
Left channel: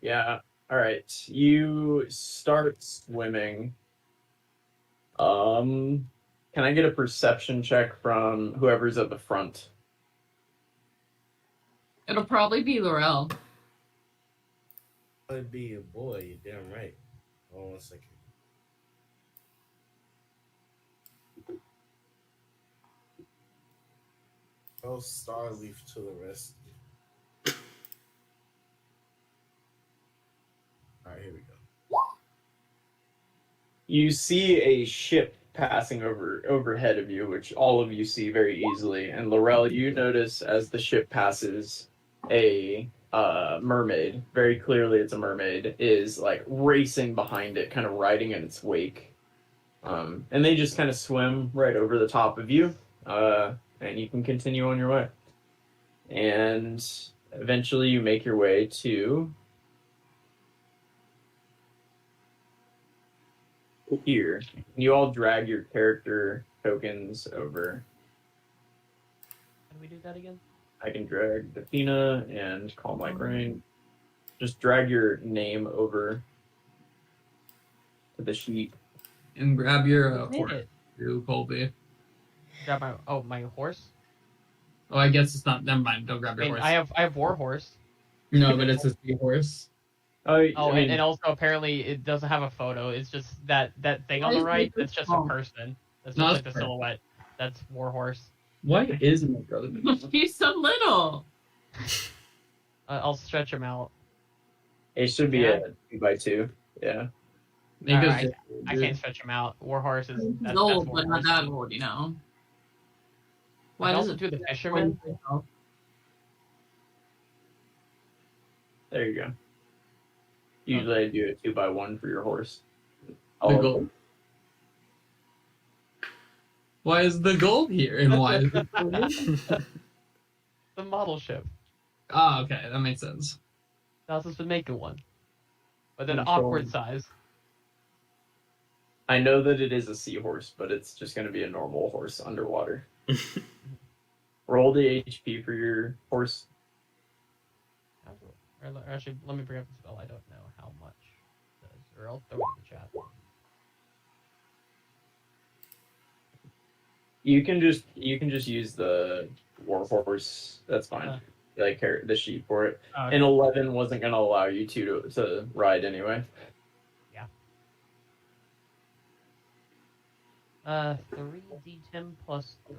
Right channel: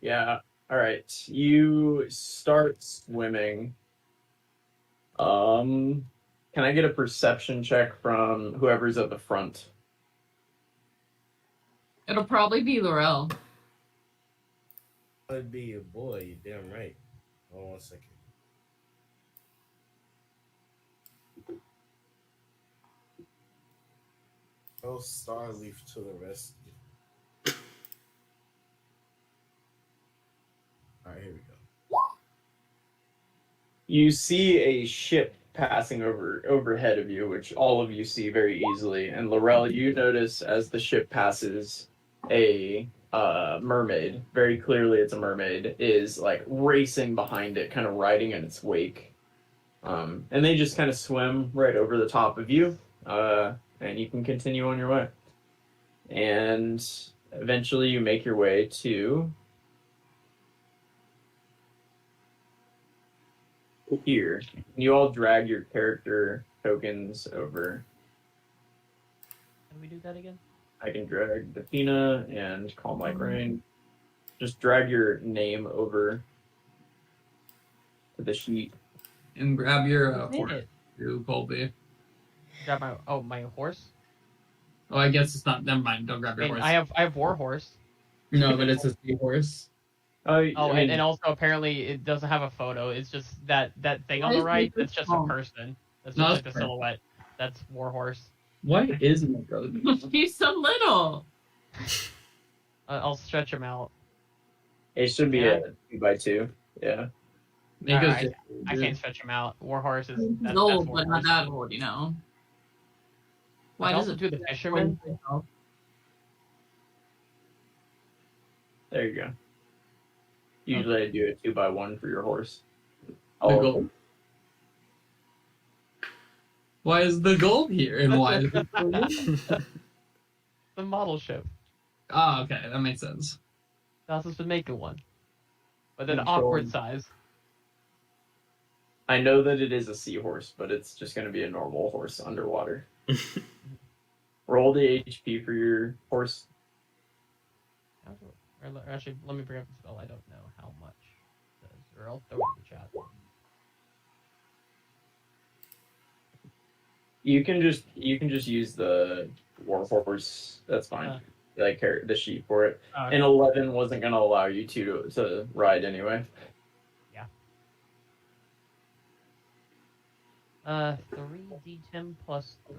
Yeah. All right. You start swimming. Can I get a perception check from whoever's at the front? It'll probably be Laurel. I'd be a boy. You're damn right. Hold on 1 second. Oh, Starleaf to the rescue. Alright, here we go. You see a ship passing overhead of you, which all of you see very easily. And Laurel, you notice as the ship passes, a mermaid, very clearly it's a mermaid, is like racing behind it, kind of riding in its wake. And they just kind of swim right over the top of you, and you can continue on your way. And eventually you make your way to here. You all drag your character tokens over. Can we do that again? I can drag Athena and Calm Like Rain. Just drag your name over to the sheet. And grab your Who horse, did it? too, Colby. Grab my horse. Oh, I guess it's not. Never mind. Don't grab I your mean, horse. I have war horse. No, but it's a seahorse. Oh, I mean, and also apparently it doesn't have a photo. It's just that thing on the right. That's just a person. That's No, just like that's the silhouette. That's war horse. Why isn't it brother? He's so little. I'll stretch him out. it should be Yeah. a 2x2. Yeah. Make us Alright, just- I can't stretch him out. War horse is He's that's old, war but not horse. that old, you know. Why I does also it do the fisherman. There you go. Usually I do a 2x1 for your horse. The All of gold. them. Why is the gold here? And why is it The model ship. Oh, okay. That makes sense. That's been making one, but then Control. awkward size. I know that it is a seahorse, but it's just going to be a normal horse underwater. Roll the HP for your horse. Actually, let me bring up the spell. I don't know how much. Or I'll throw it in the chat. You can just use the war horse. That's fine. Like the sheep for it. And 11 wasn't going to allow you to ride anyway. 3d10 plus 3.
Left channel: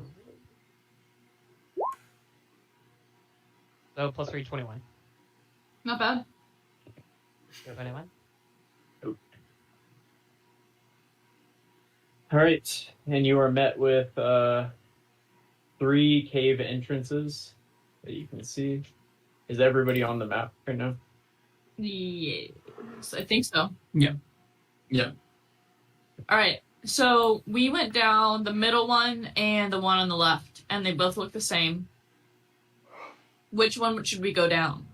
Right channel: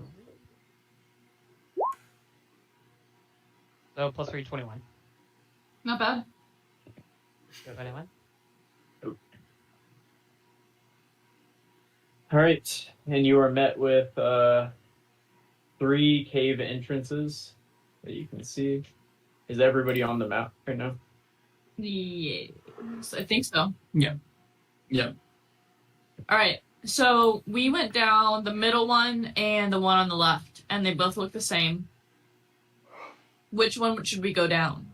So plus 3, 21. Not bad. 21. All right, and you are met with 3 cave entrances that you can see. Is everybody on the map right now? Yes, I think so. Yeah. All right. So we went down the middle one and the one on the left, and they both look the same. Which one should we go down?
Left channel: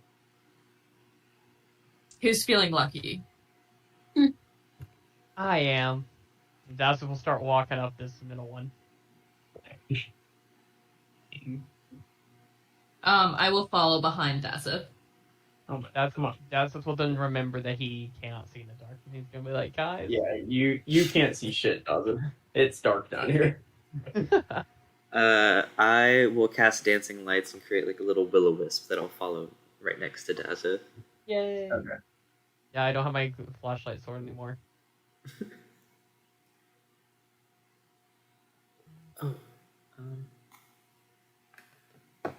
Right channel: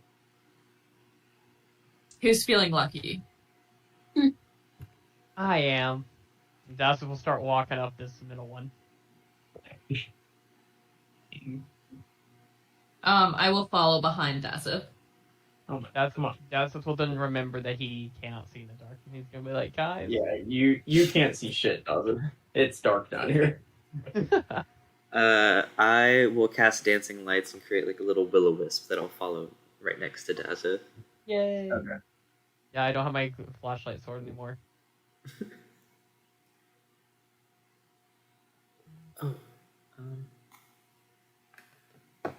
Who's feeling lucky? I am. That's when we'll start walking up this middle one. I will follow behind Dasif. Oh my, That's come on. will then remember that he cannot see in the dark. He's gonna be like, guys. Yeah, you can't see shit, does it? It's dark down here. I will cast dancing lights and create like a little will-o-wisp that I'll follow right next to Dazza. Yay. Okay. Yeah, I don't have my flashlight sword anymore. Oh, I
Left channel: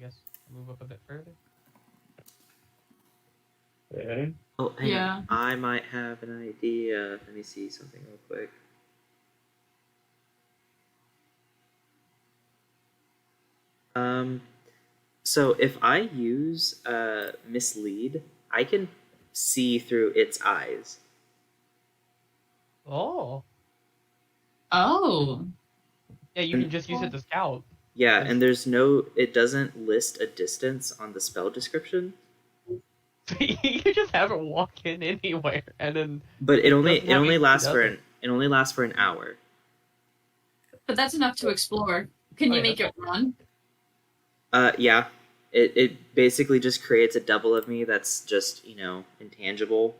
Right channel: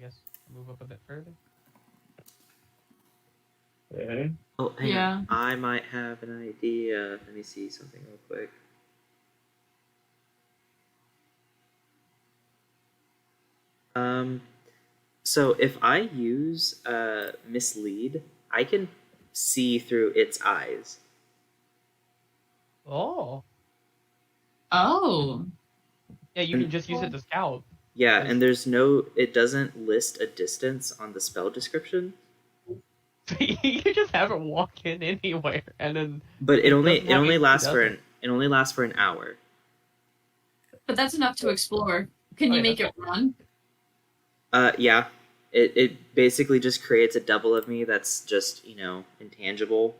guess move up a bit further. Ready? oh, hang Yeah. on. I might have an idea. Let me see something real quick. So if I use mislead, I can see through its eyes. Oh. Oh. Yeah, you can just use it to scout. Yeah, and it doesn't list a distance on the spell description. You just have it walk in anywhere, and then. But it only doesn't have AC, lasts does it? it only lasts for an hour. But that's enough to explore. Can you yeah. make it run? Yeah. It basically just creates a double of me that's just, intangible.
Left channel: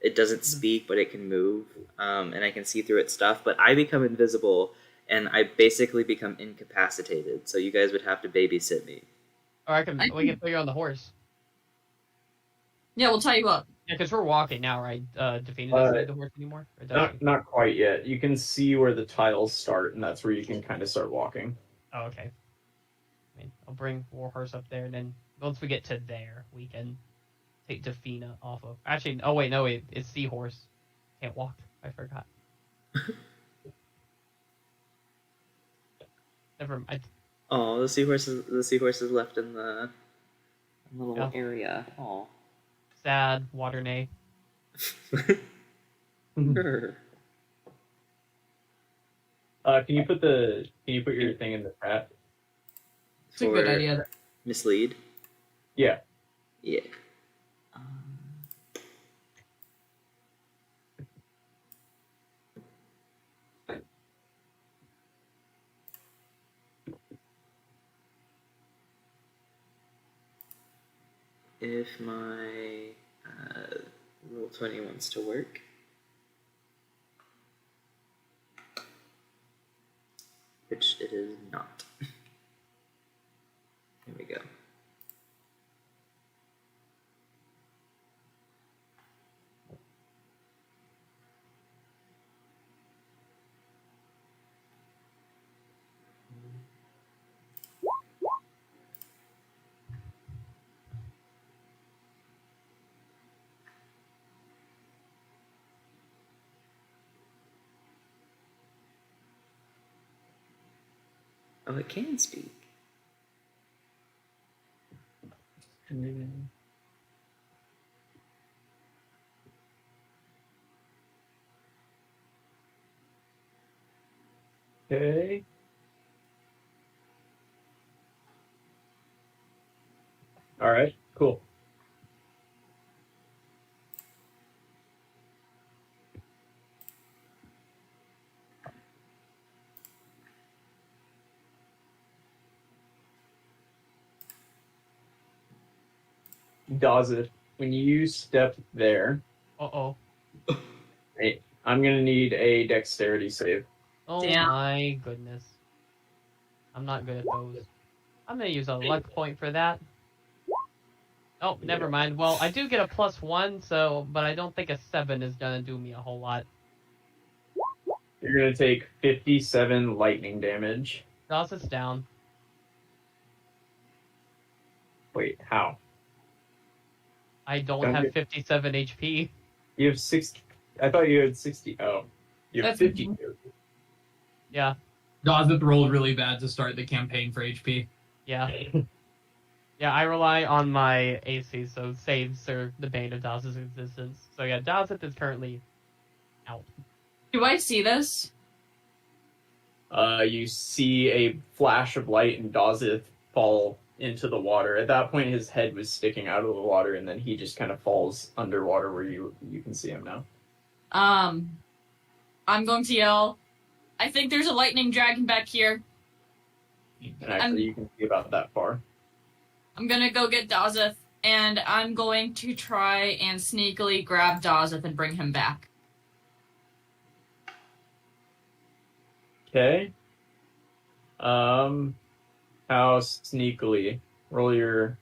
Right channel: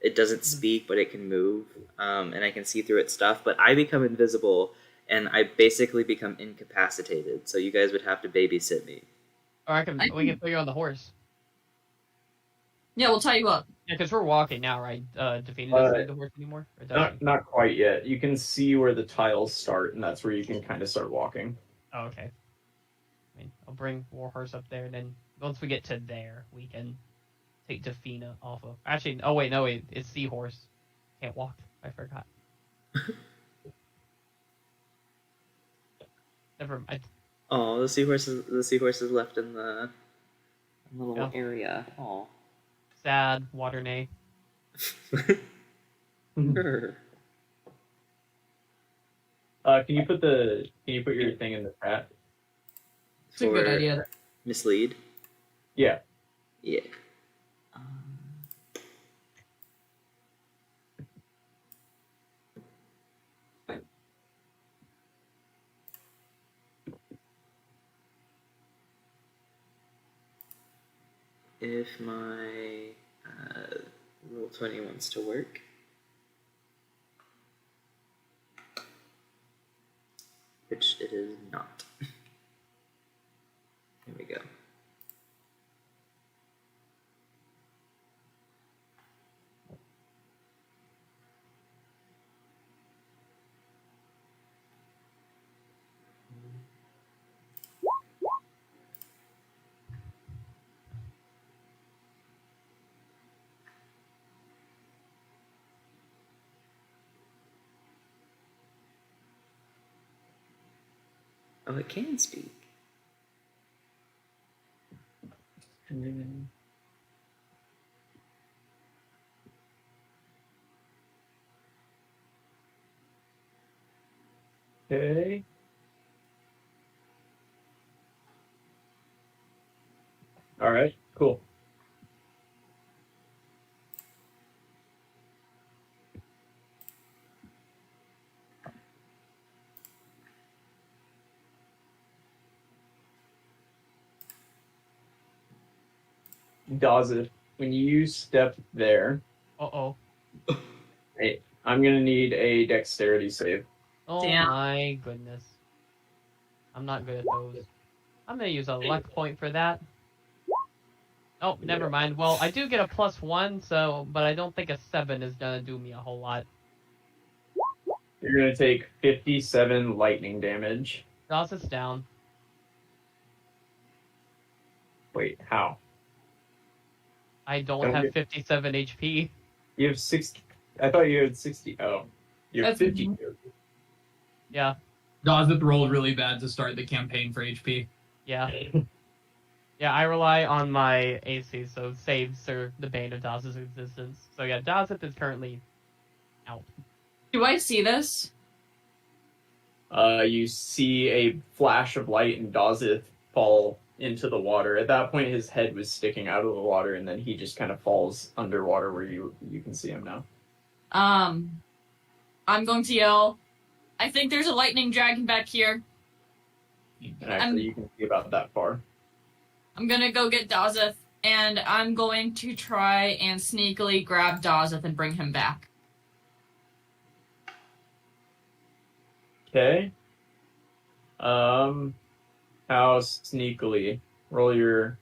It doesn't speak, but it can move, and I can see through its stuff. But I become invisible, and I basically become incapacitated. So you guys would have to babysit me. Or we can put you on the horse. Yeah, we'll tie you up. Yeah, because we're walking now, right? Defina doesn't need the horse anymore? Or does she? Not quite yet. You can see where the tiles start, and that's where you can kind of start walking. Oh, okay. I mean, I'll bring Warhorse up there, and then once we get to there, we can take Defina off of. Actually, no, wait, it's Seahorse. Can't walk. I forgot. Never mind. Oh, the seahorse is left in the little Yeah. area. Oh. Sad, Waternay. Sure. Can you put your thing in the chat? It's a good idea. Mislead. Yeah. Yeah. If my roll 20 wants to work. Which it is not. Here we go. Oh, it can speak. Okay. All right. Cool. Does it? When you step there, Uh-oh. hey, I'm gonna need a dexterity save. Oh Damn. my goodness. I'm not good at those. I'm gonna use a luck point for that. Oh, never mind. Well, I do get a +1, but I don't think a 7 is gonna do me a whole lot. You're gonna take 57 lightning damage. Toss us down. Wait, how? I don't Don't have you- 57 HP. You have 60. I thought you had 60. Oh, you have That's- 50. Yeah, Dazith rolled really bad to start the campaign for HP. yeah. Yeah, I rely on my AC, so saves are the bane of Daz's existence. So yeah, Dazith is currently out. Do I see this? You see a flash of light and Dazith fall into the water. At that point, his head was sticking out of the water, and then he just kind of falls underwater where you can see him now. I'm going to yell, I think there's a lightning dragon back here. And actually, you can see about that far. I'm gonna go get Dazeth, and I'm going to try and sneakily grab Dazeth and bring him back. Okay. How sneakily? Roll your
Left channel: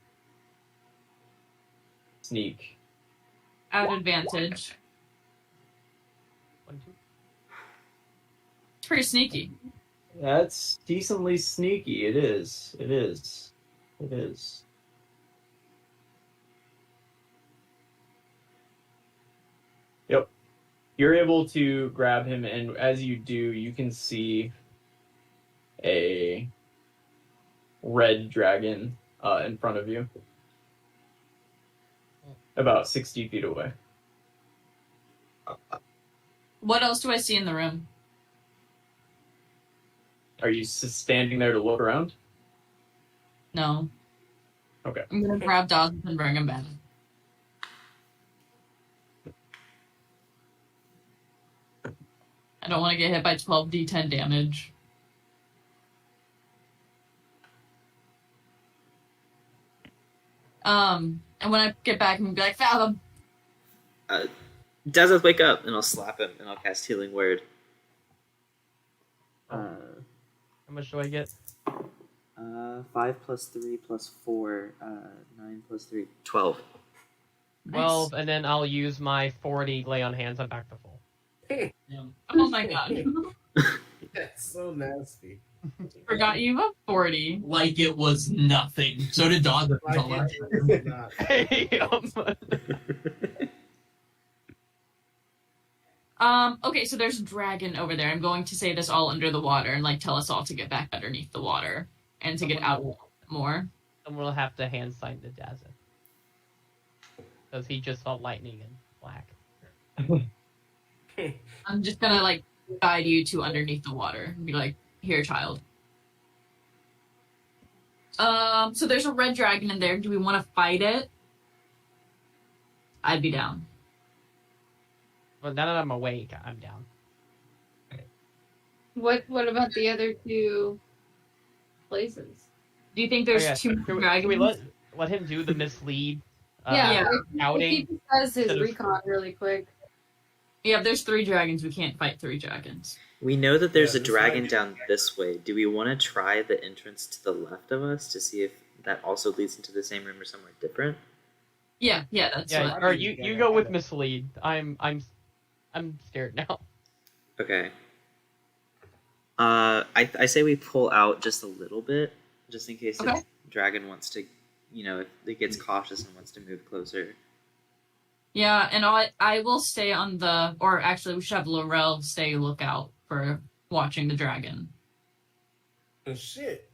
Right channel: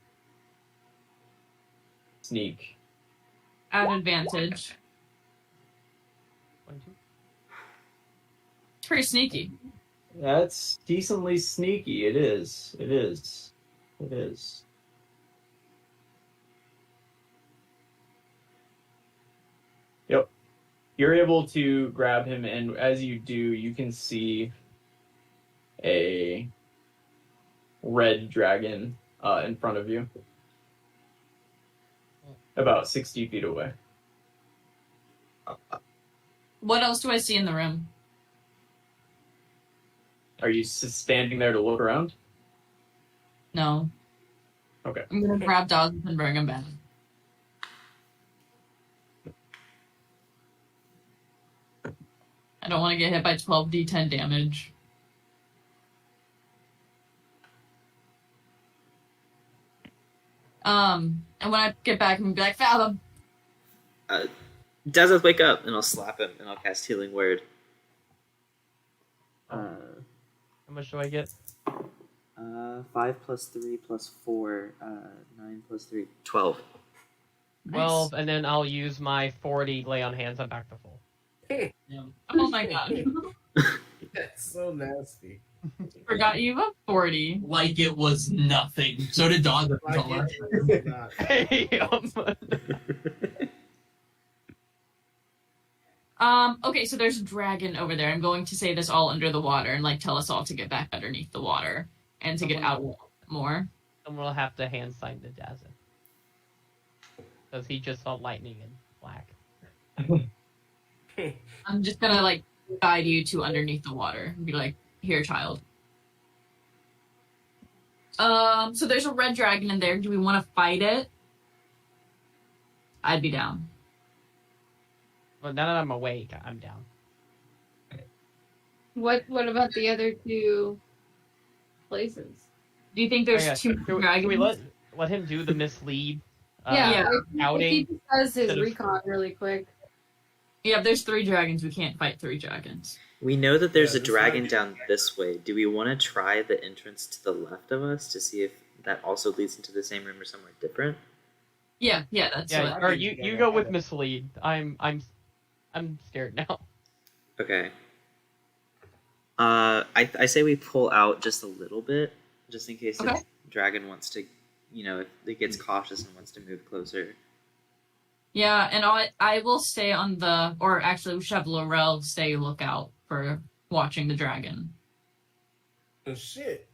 sneak. At advantage. It's pretty sneaky. That's decently sneaky. It is. It is. It is. Yep. You're able to grab him, and as you do, you can see a red dragon in front of you, about 60 feet away. What else do I see in the room? Are you standing there to look around? No. Okay. I'm gonna grab dogs and bring him back. I don't want to get hit by 12d10 damage. And when I get back, I'm gonna be like, Fathom! Dazeth, wake up, and I'll slap him, and I'll cast Healing Word. How much do I get? 5 plus 3 plus 4, 9 plus 3, 12. 12, and then I'll use my 40 lay on hands. I'm back to full. Oh my god. That's so nasty. Forgot you have 40. Like it was nothing. So did Dog. Like it's not. Okay, so there's a dragon over there. I'm going to say this all under the water and like tell us all to get back underneath the water and to get out more. Someone will have to hand sign to Dazeth. Because he just saw lightning and black. I'm just gonna like guide you to underneath the water and be like, here, child. So there's a red dragon in there. Do we want to fight it? I'd be down. Well, now that I'm awake, I'm down. What about the other two places? Do you think there's two Can dragons? we let him do the mislead Yeah. If outing? he just does his instead of- recon really quick. Yeah, if there's 3 dragons, we can't fight 3 dragons. We know that there's Yeah, a this dragon might be- down this way. Do we want to try the entrance to the left of us to see if that also leads into the same room or somewhere different? Yeah, that's Yeah, what. or you go with mislead. I'm scared now. Okay. I say we pull out just a little bit, just in case Okay. the dragon wants to, if it gets cautious and wants to move closer. Yeah, and I will stay on the, or actually we should have Laurel stay lookout for watching the dragon. Oh, shit.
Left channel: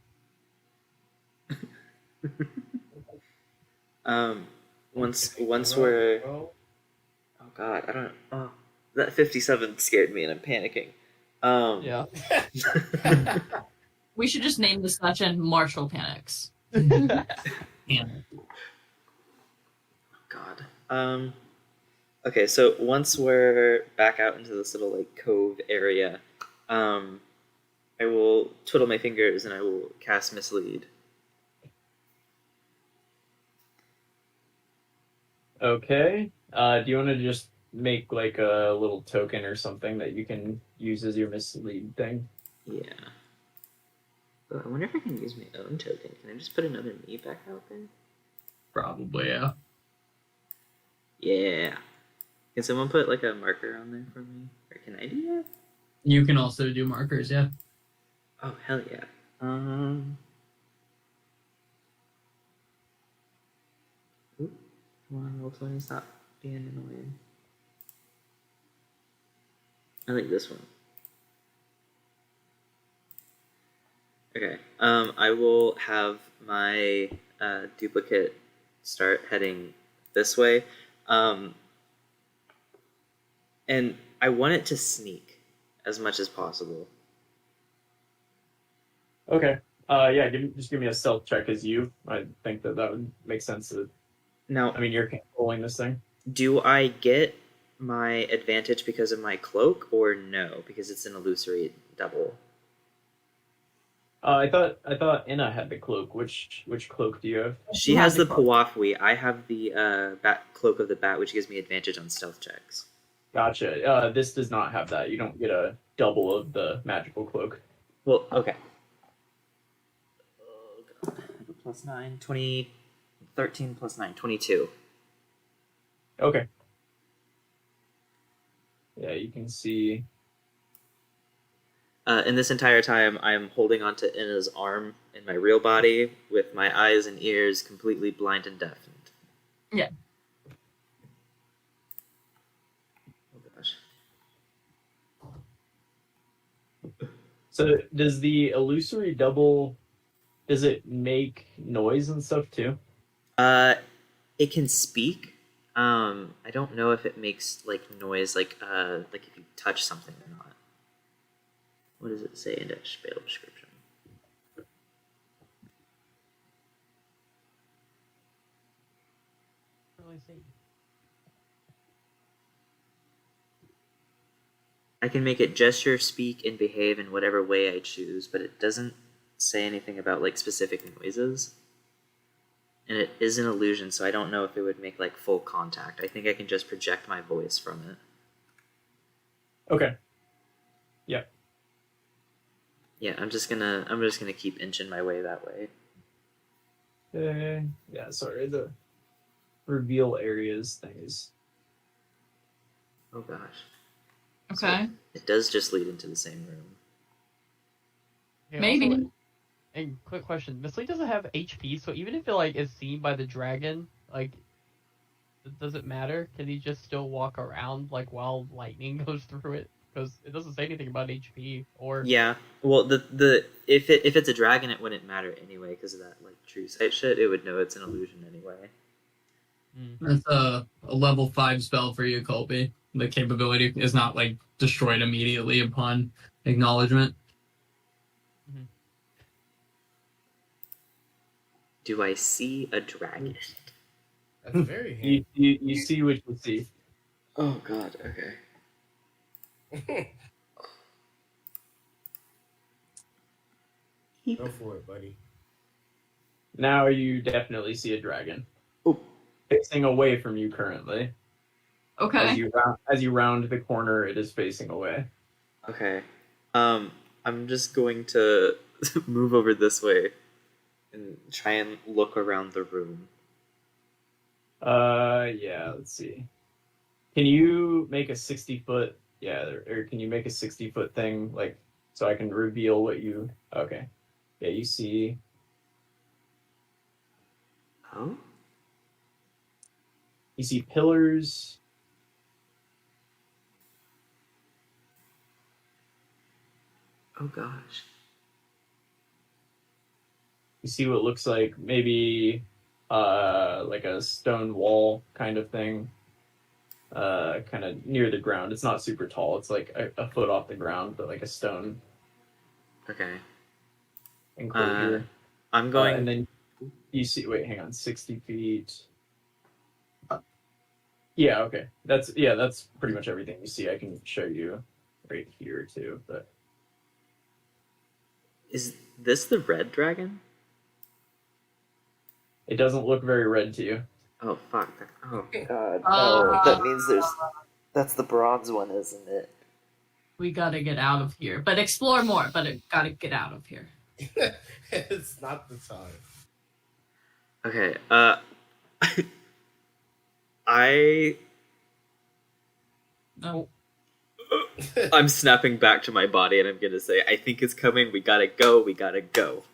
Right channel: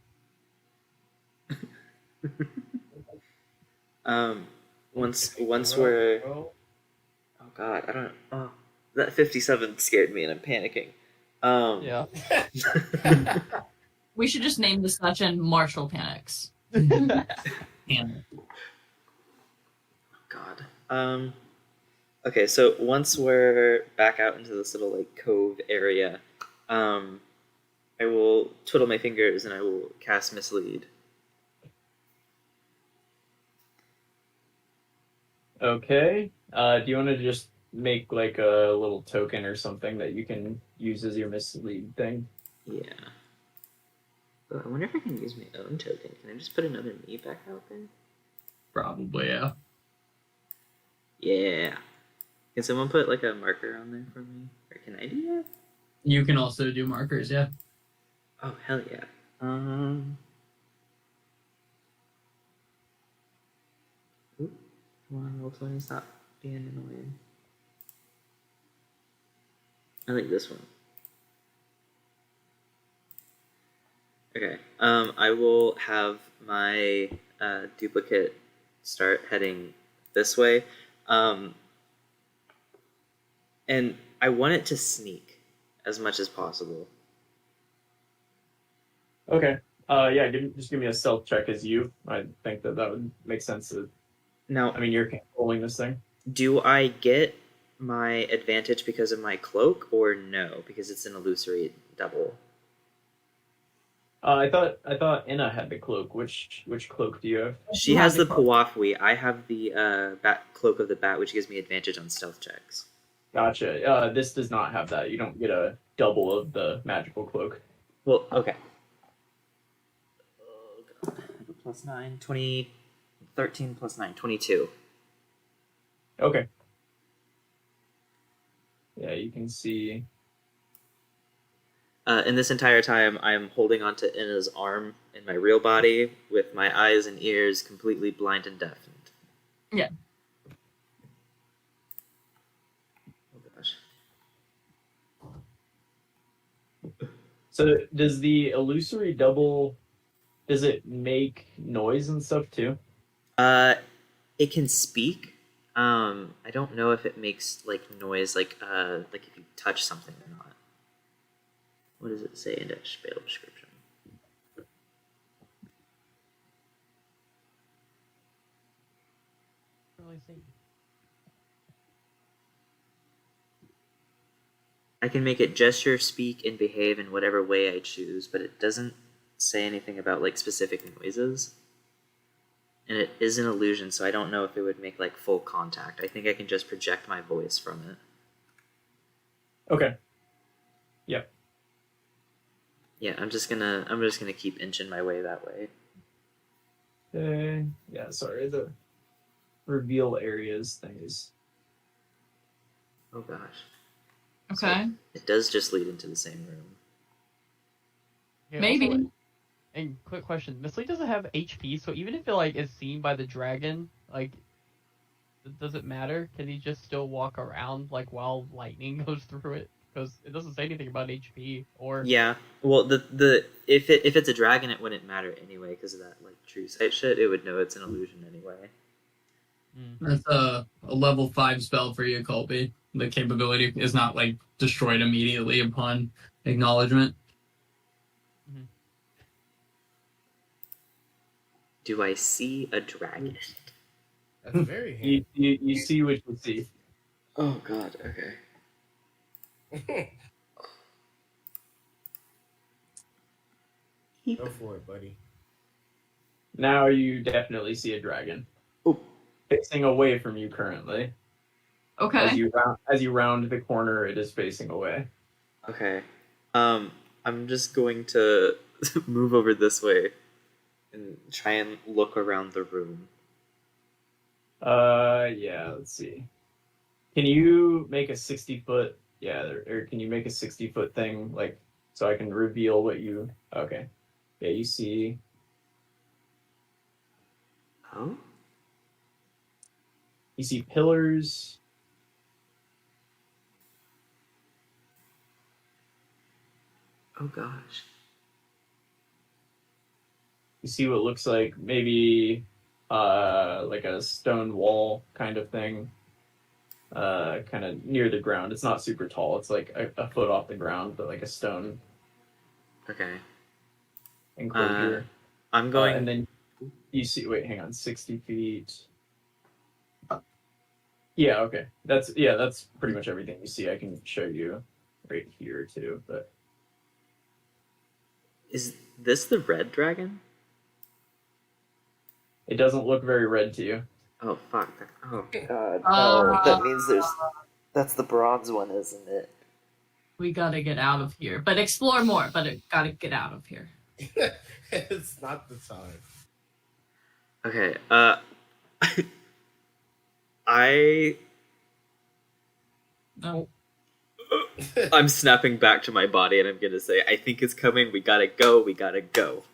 Once we're, oh god, I don't. Oh, that 57 scared me and I'm panicking. Yeah. We should just name the session Marshall Panics. And God. Okay, so once we're back out into this little like cove area, I will twiddle my fingers and I will cast Mislead. Okay. Do you want to just make like a little token or something that you can use as your mislead thing? Yeah. Oh, I wonder if I can use my own token. Can I just put another me back out there? probably, yeah. Yeah. Can someone put like a marker on there for me? Or can I do that? You can also do markers, yeah. Oh hell yeah. Oop. Come on, roll 20, stop being annoying. I like this one. Okay. I will have my duplicate start heading this way. And I want it to sneak as much as possible. Okay. Yeah, just give me a stealth check as you. I think that would make sense. Now, I mean, you're controlling this thing. do I get my advantage because of my cloak, or no, because it's an illusory double? I thought Inna had the cloak. Which cloak do you have? She has the Pawafwi. I have the bat cloak of the bat, which gives me advantage on stealth checks. Gotcha. This does not have that. You don't get a double of the magical cloak. Well, okay. Oh, God. I have a plus 9, 20, 13 plus 9, 22. Okay. Yeah, you can see. In this entire time, I'm holding onto Inna's arm in my real body with my eyes and ears completely blind and deafened. Yeah. Oh gosh. So does the illusory double Does it make noise and stuff too? It can speak. I don't know if it makes like noise, like if you touch something or not. What does it say in the spell description? Really see. I can make it gesture, speak, and behave in whatever way I choose, but it doesn't say anything about like specific noises. And it is an illusion, so I don't know if it would make like full contact. I think I can just project my voice from it. Okay. Yeah, I'm just gonna keep inching my way that way. Yeah, sorry, the reveal areas thing is. Oh gosh. Okay. It does just lead into the same room. Okay, Maybe. also, and quick question: Miss Lee doesn't have HP, so even if it like is seen by the dragon, like, does it matter? Can he just still walk around like while lightning goes through it? Because it doesn't say anything about HP or. Yeah. Well, the if it's a dragon, it wouldn't matter anyway because of that like true sight shit. It would know it's an illusion anyway. That's a level 5 spell for you, Colby. The capability is not like destroyed immediately upon acknowledgement. Do I see a dragon? That's very handy. You see what you see. Oh god. Okay. Go for it, buddy. Now you definitely see a dragon. Oh. Facing away from you currently. Okay. As you round the corner, it is facing away. Okay. I'm just going to move over this way and try and look around the room. Yeah, let's see. Can you make a 60-foot? Yeah, or can you make a 60-foot thing, like, so I can reveal what you? Okay. Yeah, you see. Oh. You see pillars. Oh gosh. You see what looks like maybe like a stone wall kind of thing. Kind of near the ground. It's not super tall. It's like a foot off the ground, but like a stone Okay. enclosure. I'm going. And then you see. Wait, hang on. 60 feet. Yeah. Okay. That's pretty much everything you see. I can show you right here too. But Is this the red dragon? it doesn't look very red to you. Oh fuck! Oh god! Oh, that means that's the bronze one, isn't it? We gotta get out of here. But explore more, but it gotta get out of here. It's not the time. Okay. I'm snapping back to my body, and I'm gonna say, "I think it's coming. We gotta go. We gotta go.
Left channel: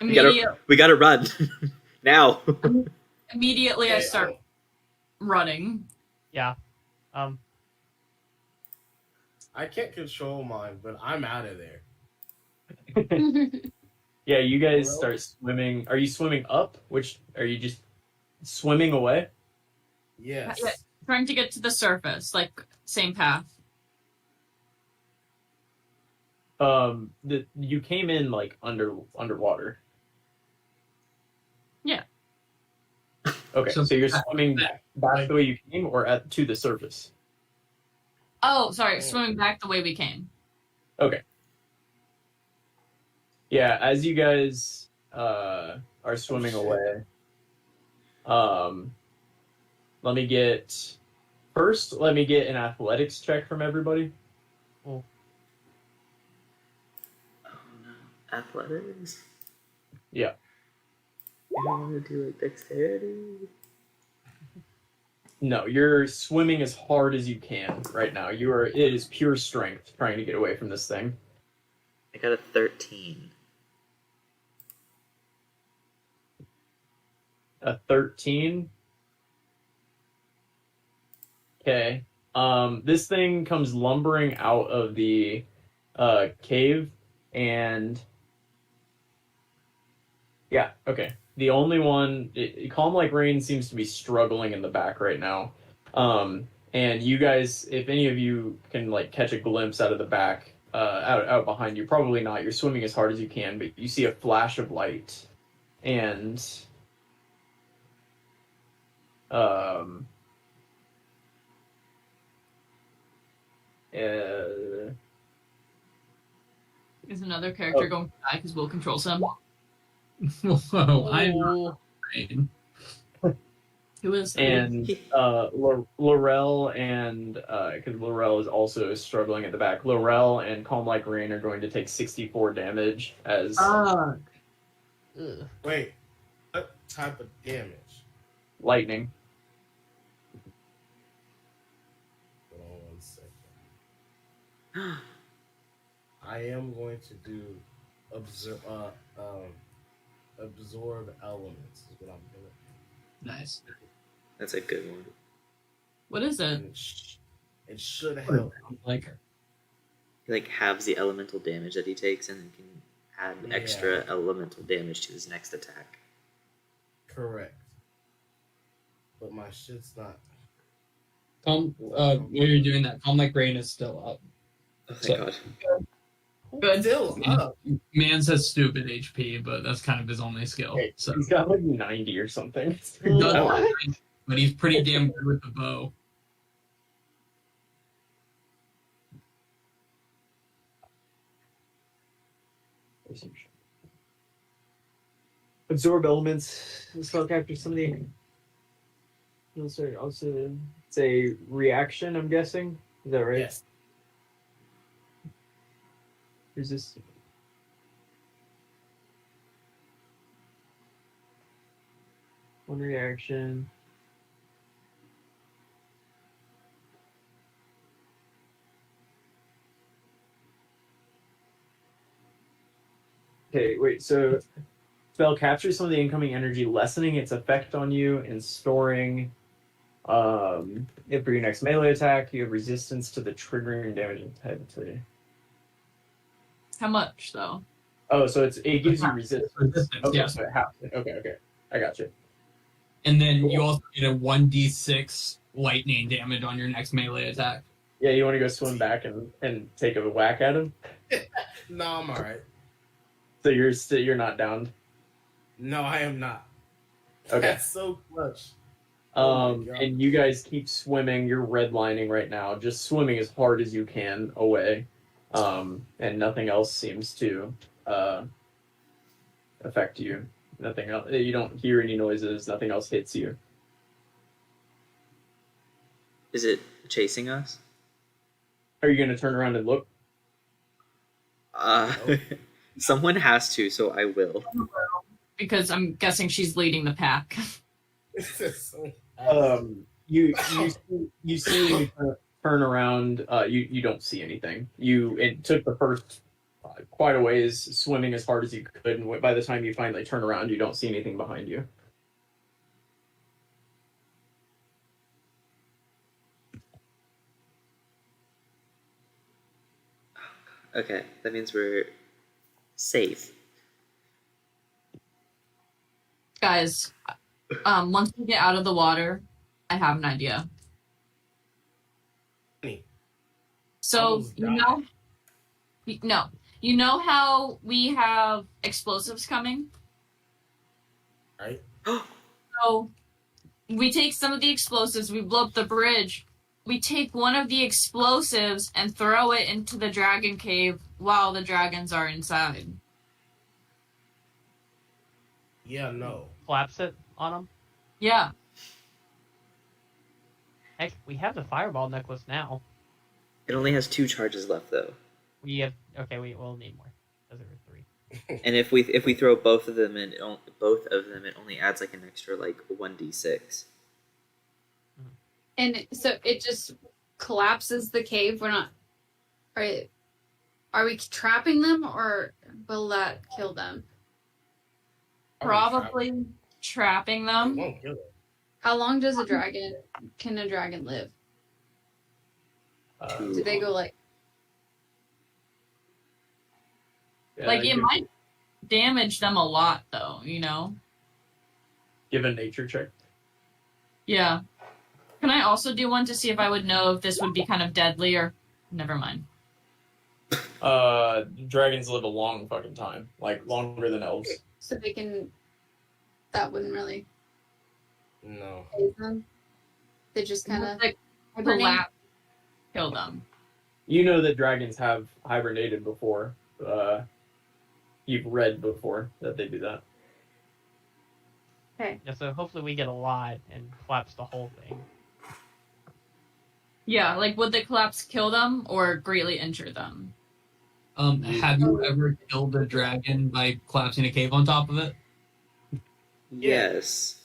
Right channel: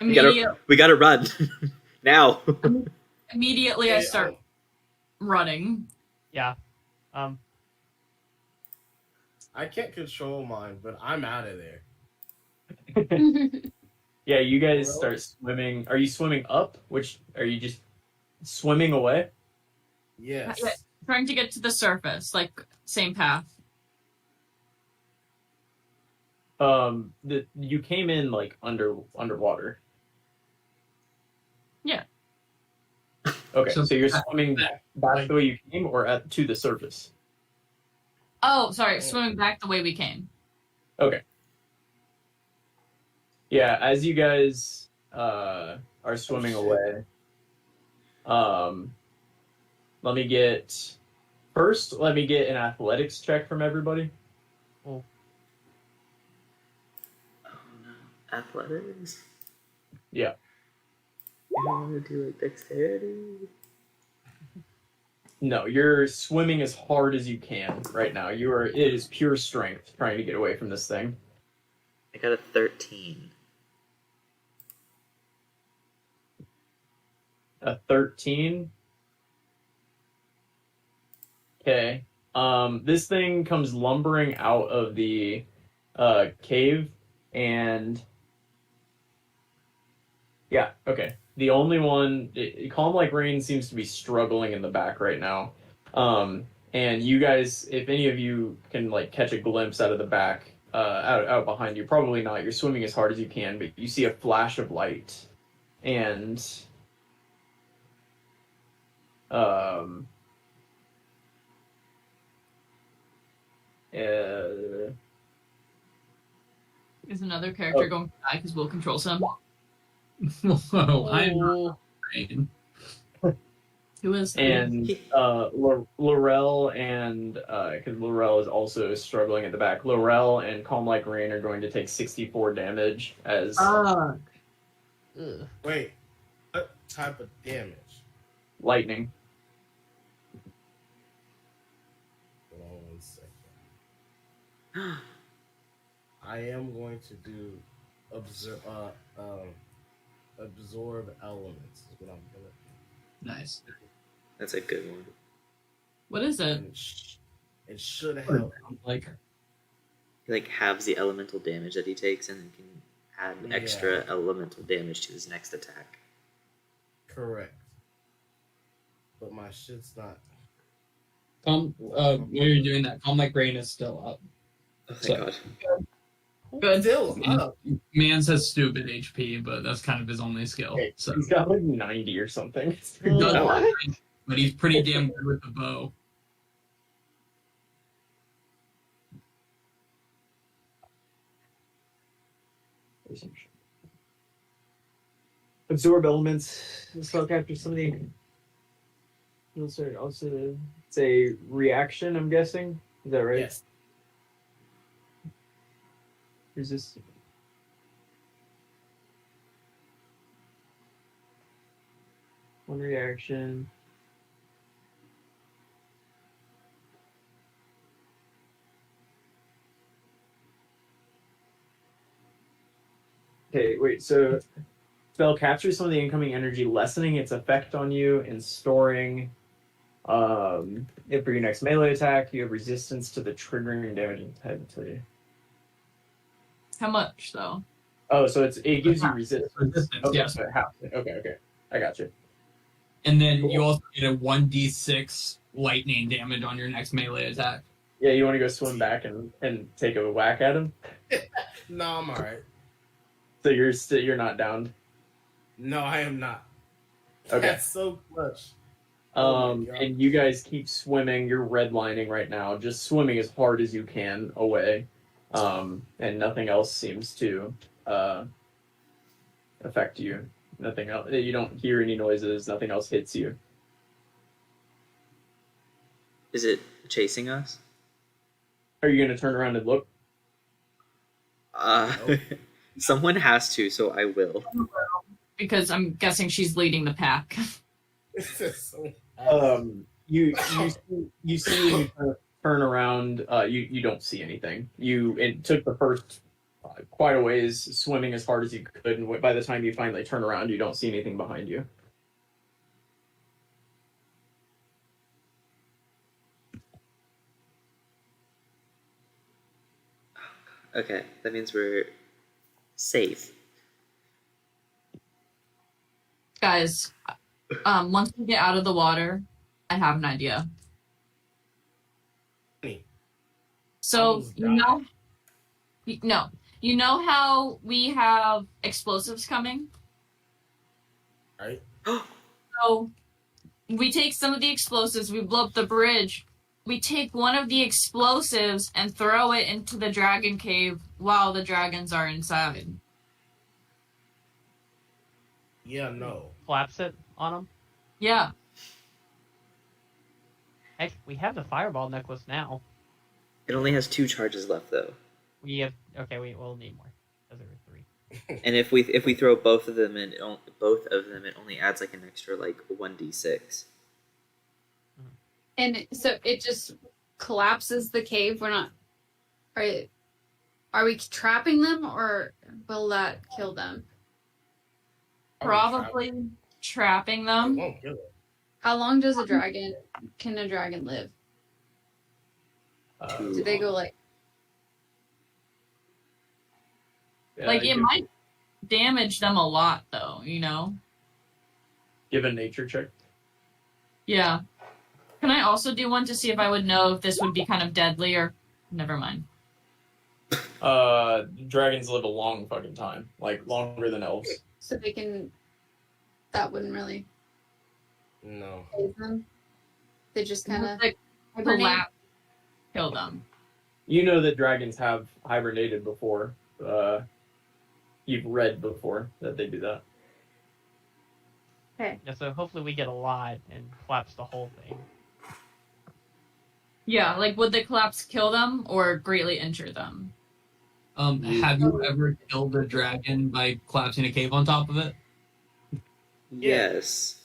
We gotta run now." Immediately, I start running. Yeah. I can't control mine, but I'm out of there. Yeah, you guys start swimming. Are you swimming up? Which are you just swimming away? Yes. Yeah, trying to get to the surface, like same path. You came in like underwater. Yeah. Okay, So so you're swimming back the way you came, or to the surface. Oh, sorry, swimming back the way we came. Okay. Yeah, as you guys are swimming away, let me get an athletics check from everybody. Oh no, athletics. Yeah. You don't want to do like dexterity. No, you're swimming as hard as you can right now. It is pure strength trying to get away from this thing. I got a 13. A 13. Okay. This thing comes lumbering out of the cave And yeah, okay. The only one, Calm Like Rain seems to be struggling in the back right now. And you guys, if any of you can like catch a glimpse out of the back, out behind you, probably not. You're swimming as hard as you can, but you see a flash of light, and um, Is another character going to die because Will controls him? Whoa, I'm Oh, afraid. Who is that? and Laurel and because Laurel is also struggling at the back. Laurel and Calm Like Rain are going to take 64 damage as ugh. Wait, what type of damage? lightning. Hold on 1 second. I am going to do absorb elements. Is what I'm doing. Nice. That's a good one. What is it? And it should help. Like, He like halves the elemental damage that he takes and then can add extra elemental damage to his next attack. Correct. But my shit's not. when you're doing that, Calm Like Rain is still up. Oh, thank So- God. Good. Still up. Man says stupid HP, but that's kind of his only skill. So He's got like 90 or something. He does Oh. have 90, but he's pretty damn good with the bow. Absorb elements. The spell captures some of the. Also, it's a reaction. I'm guessing. Is that right? Yes. Resist. One reaction. Okay, wait, so spell captures some of the incoming energy, lessening its effect on you and storing if for your next melee attack, you have resistance to the triggering damage type. How much though? Oh, so it gives you resistance. Resistance, Okay, yeah. so it half. Okay. I got you. And then you also get a 1d6 lightning damage on your next melee attack. Yeah, you want to go swim back and take a whack at him? No, I'm alright. So you're not down. No, I am not. Okay. That's so clutch. Oh my God. And you guys keep swimming. You're redlining right now, just swimming as hard as you can away. And nothing else seems to affect you. Nothing else. You don't hear any noises. Nothing else hits you. Is it chasing us? Are you going to turn around and look? Someone has to, so I will. Because I'm guessing she's leading the pack. You see when you turn around. You don't see anything. It took the first quite a ways swimming as hard as you could, and by the time you finally turn around, you don't see anything behind you. Okay, that means we're safe. Guys, once we get out of the water, I have an idea. So, you know how we have explosives coming? Right. So, we take some of the explosives, we blow up the bridge, we take one of the explosives and throw it into the dragon cave while the dragons are inside. Yeah, no. Flaps it on them. Yeah. Heck, we have the fireball necklace now. It only has 2 charges left, though. We have. Okay, we'll need more. Because there were 3. And if we throw both of them in, it only adds like an extra like 1d6. And so it just collapses the cave. We're not. Are we trapping them, or will that kill them? Probably trapping It them. won't kill it. How long does can a dragon live? Do they go like? Yeah, Like, it might damage them a lot, though, you know? give a nature check. Yeah. Can I also do one to see if I would know if this would be kind of deadly or... Never mind. Dragons live a long fucking time, like longer than elves. So they can. That wouldn't really No. phase them. They just kind of. Like, collapse, kill them. You know that dragons have hibernated before. You've read before that they do that. Okay. Yeah, so hopefully we get a lot and collapse the whole thing. Yeah, like, would the collapse kill them or greatly injure them? Have you ever killed a dragon by collapsing a cave on top of it? Yes.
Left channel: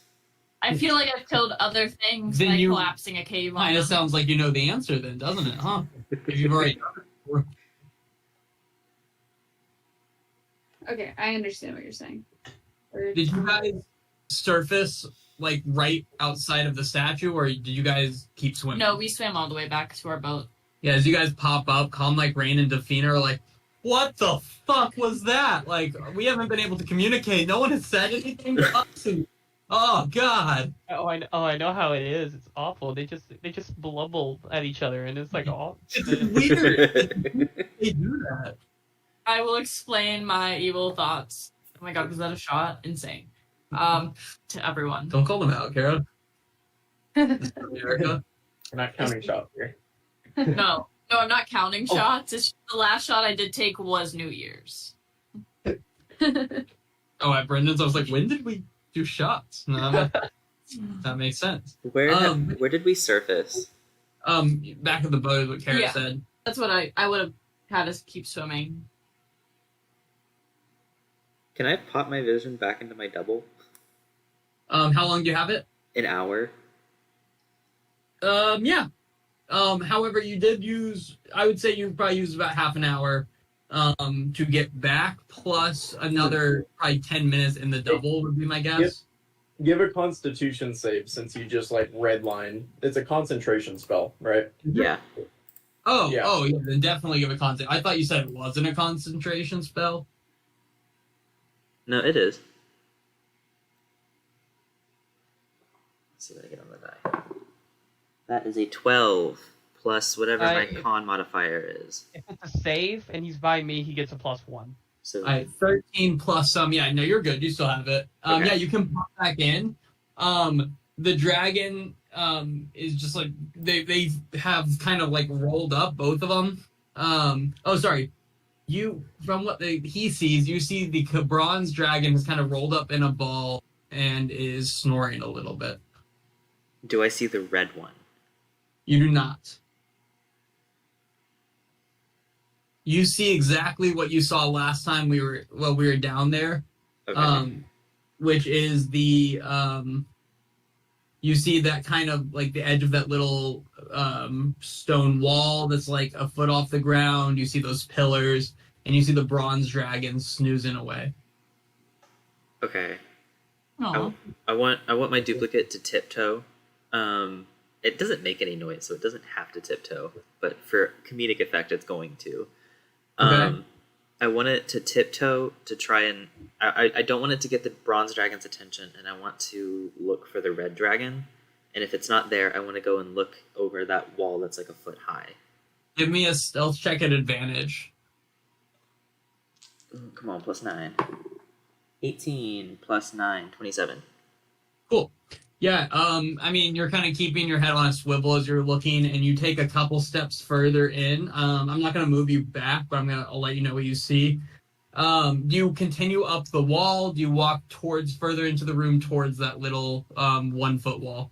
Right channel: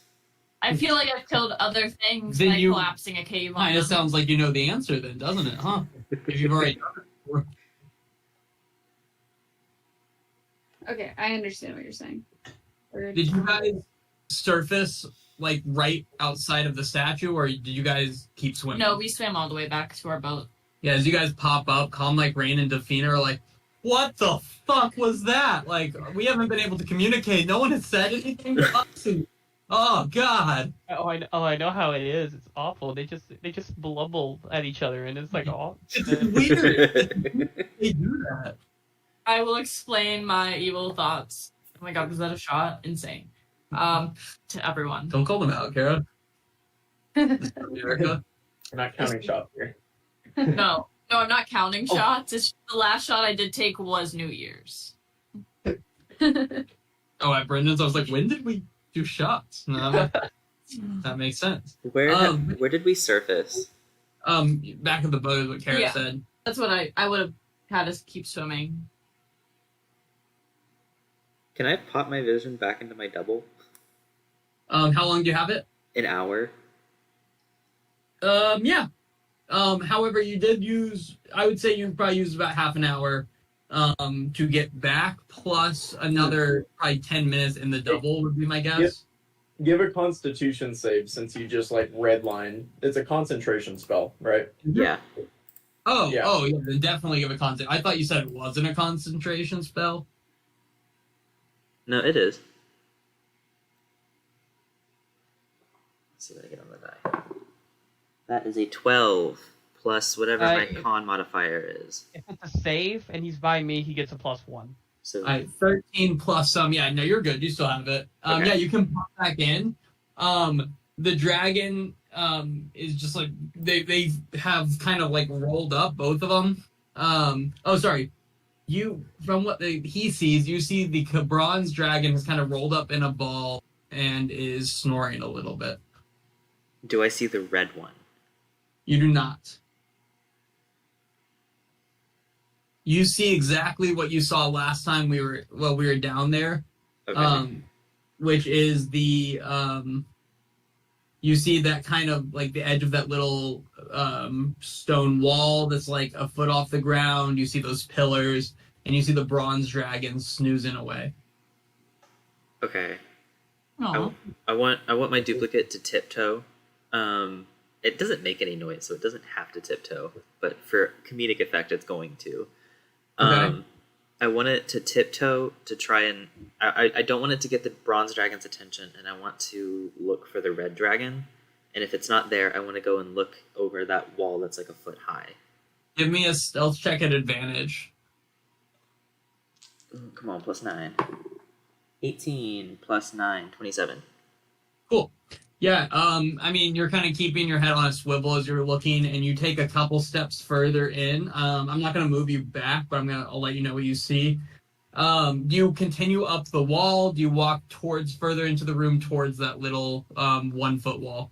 I feel like I've killed other things Then by you- collapsing a cave on Kind them. of sounds like you know the answer then, doesn't it, huh? If you've already done it before. Okay, I understand what you're saying. Did you guys surface like right outside of the statue, or did you guys keep swimming? No, we swam all the way back to our boat. Yeah, as you guys pop up, Calm like Rain and Delphina are like, what the fuck was that? Like, we haven't been able to communicate. No one has said anything to us. And, oh God. I know how it is. It's awful. They just blubble at each other, and it's like, oh, It's weird. They do that. I will explain my evil thoughts. Oh my god, was that a shot? Insane. To everyone. Don't call them out, Kara. Erica. We're not counting shots here. No, I'm not counting Oh. shots. It's just the last shot I did take was New Year's. Oh, at Brendan's, I was like, when did we do shots? No, that makes sense. Where did we surface? Back of the boat is what Kara Yeah. said. That's what I would have had us keep swimming. Can I pop my vision back into my double? How long do you have it? An hour. Yeah. However, you did use, I would say you probably used about half an hour to get back, plus another probably 10 minutes in the double would be my guess. Yep. Give a Constitution save since you just like redline. It's a concentration spell, right? Yeah. Oh, Yeah. yeah, then definitely give a concentration. I thought you said it wasn't a concentration spell. No, it is. Let's see what I get on the die. That is a 12 plus whatever my con modifier is. if it's a save and he's by me, he gets a +1. So 13 plus some. Yeah, no, you're good. You still have it. Okay. Yeah, you can pop back in. The dragon is just like they have kind of like rolled up, both of them. Sorry. You, from what he sees, you see the bronze dragon is kind of rolled up in a ball and is snoring a little bit. do I see the red one? You do not. You see exactly what you saw last time we were down there. Okay. Which is the you see that kind of like the edge of that little stone wall that's like a foot off the ground. You see those pillars, and you see the bronze dragon snoozing away. Okay. Oh, I want my duplicate to tiptoe. It doesn't make any noise, so it doesn't have to tiptoe. But for comedic effect, it's going to. Okay. I want it to tiptoe to try and. I don't want it to get the bronze dragon's attention, and I want to look for the red dragon. And if it's not there, I want to go and look over that wall that's like a foot high. Give me a stealth check at advantage. Come on, plus 9. 18 plus 9, 27. Cool. Yeah, I mean, you're kind of keeping your head on a swivel as you're looking, and you take a couple steps further in. I'm not going to move you back, but I'll let you know what you see. Do you continue up the wall? Do you walk further into the room towards that little 1 foot wall?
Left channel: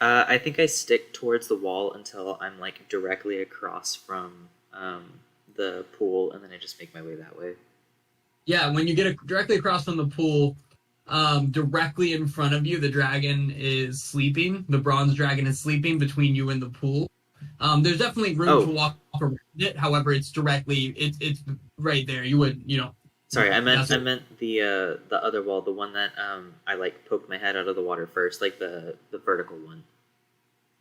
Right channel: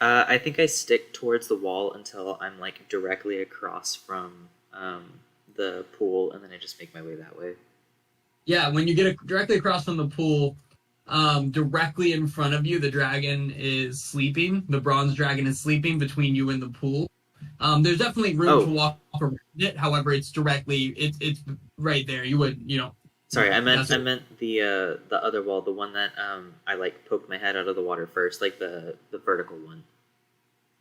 I think I stick towards the wall until I'm like directly across from the pool, and then I just make my way that way. Yeah, when you get directly across from the pool, directly in front of you, the dragon is sleeping. The bronze dragon is sleeping between you and the pool. There's definitely room to walk around it. However, it's right there. You would, Sorry, I meant the other wall, the one that I like poked my head out of the water first, like the vertical one.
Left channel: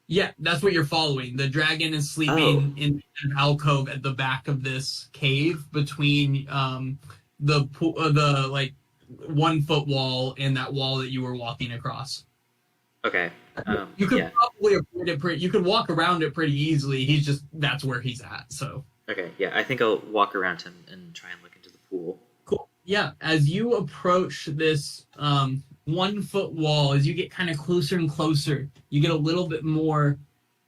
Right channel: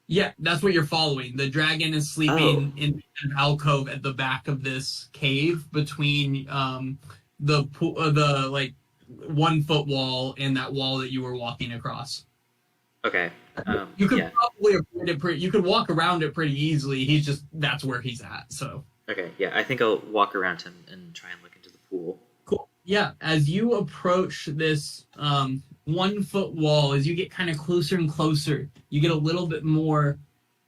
Yeah, that's what you're following. The dragon is sleeping in an alcove at the back of this cave between the like 1 foot wall and that wall that you were walking across. Okay. You could Yeah. probably avoid it you could walk around it pretty easily. That's where he's at. So Okay. Yeah. I think I'll walk around him and try and look into the pool. cool. Yeah, as you approach this 1 foot wall, as you get kind of closer and closer, you get a little bit more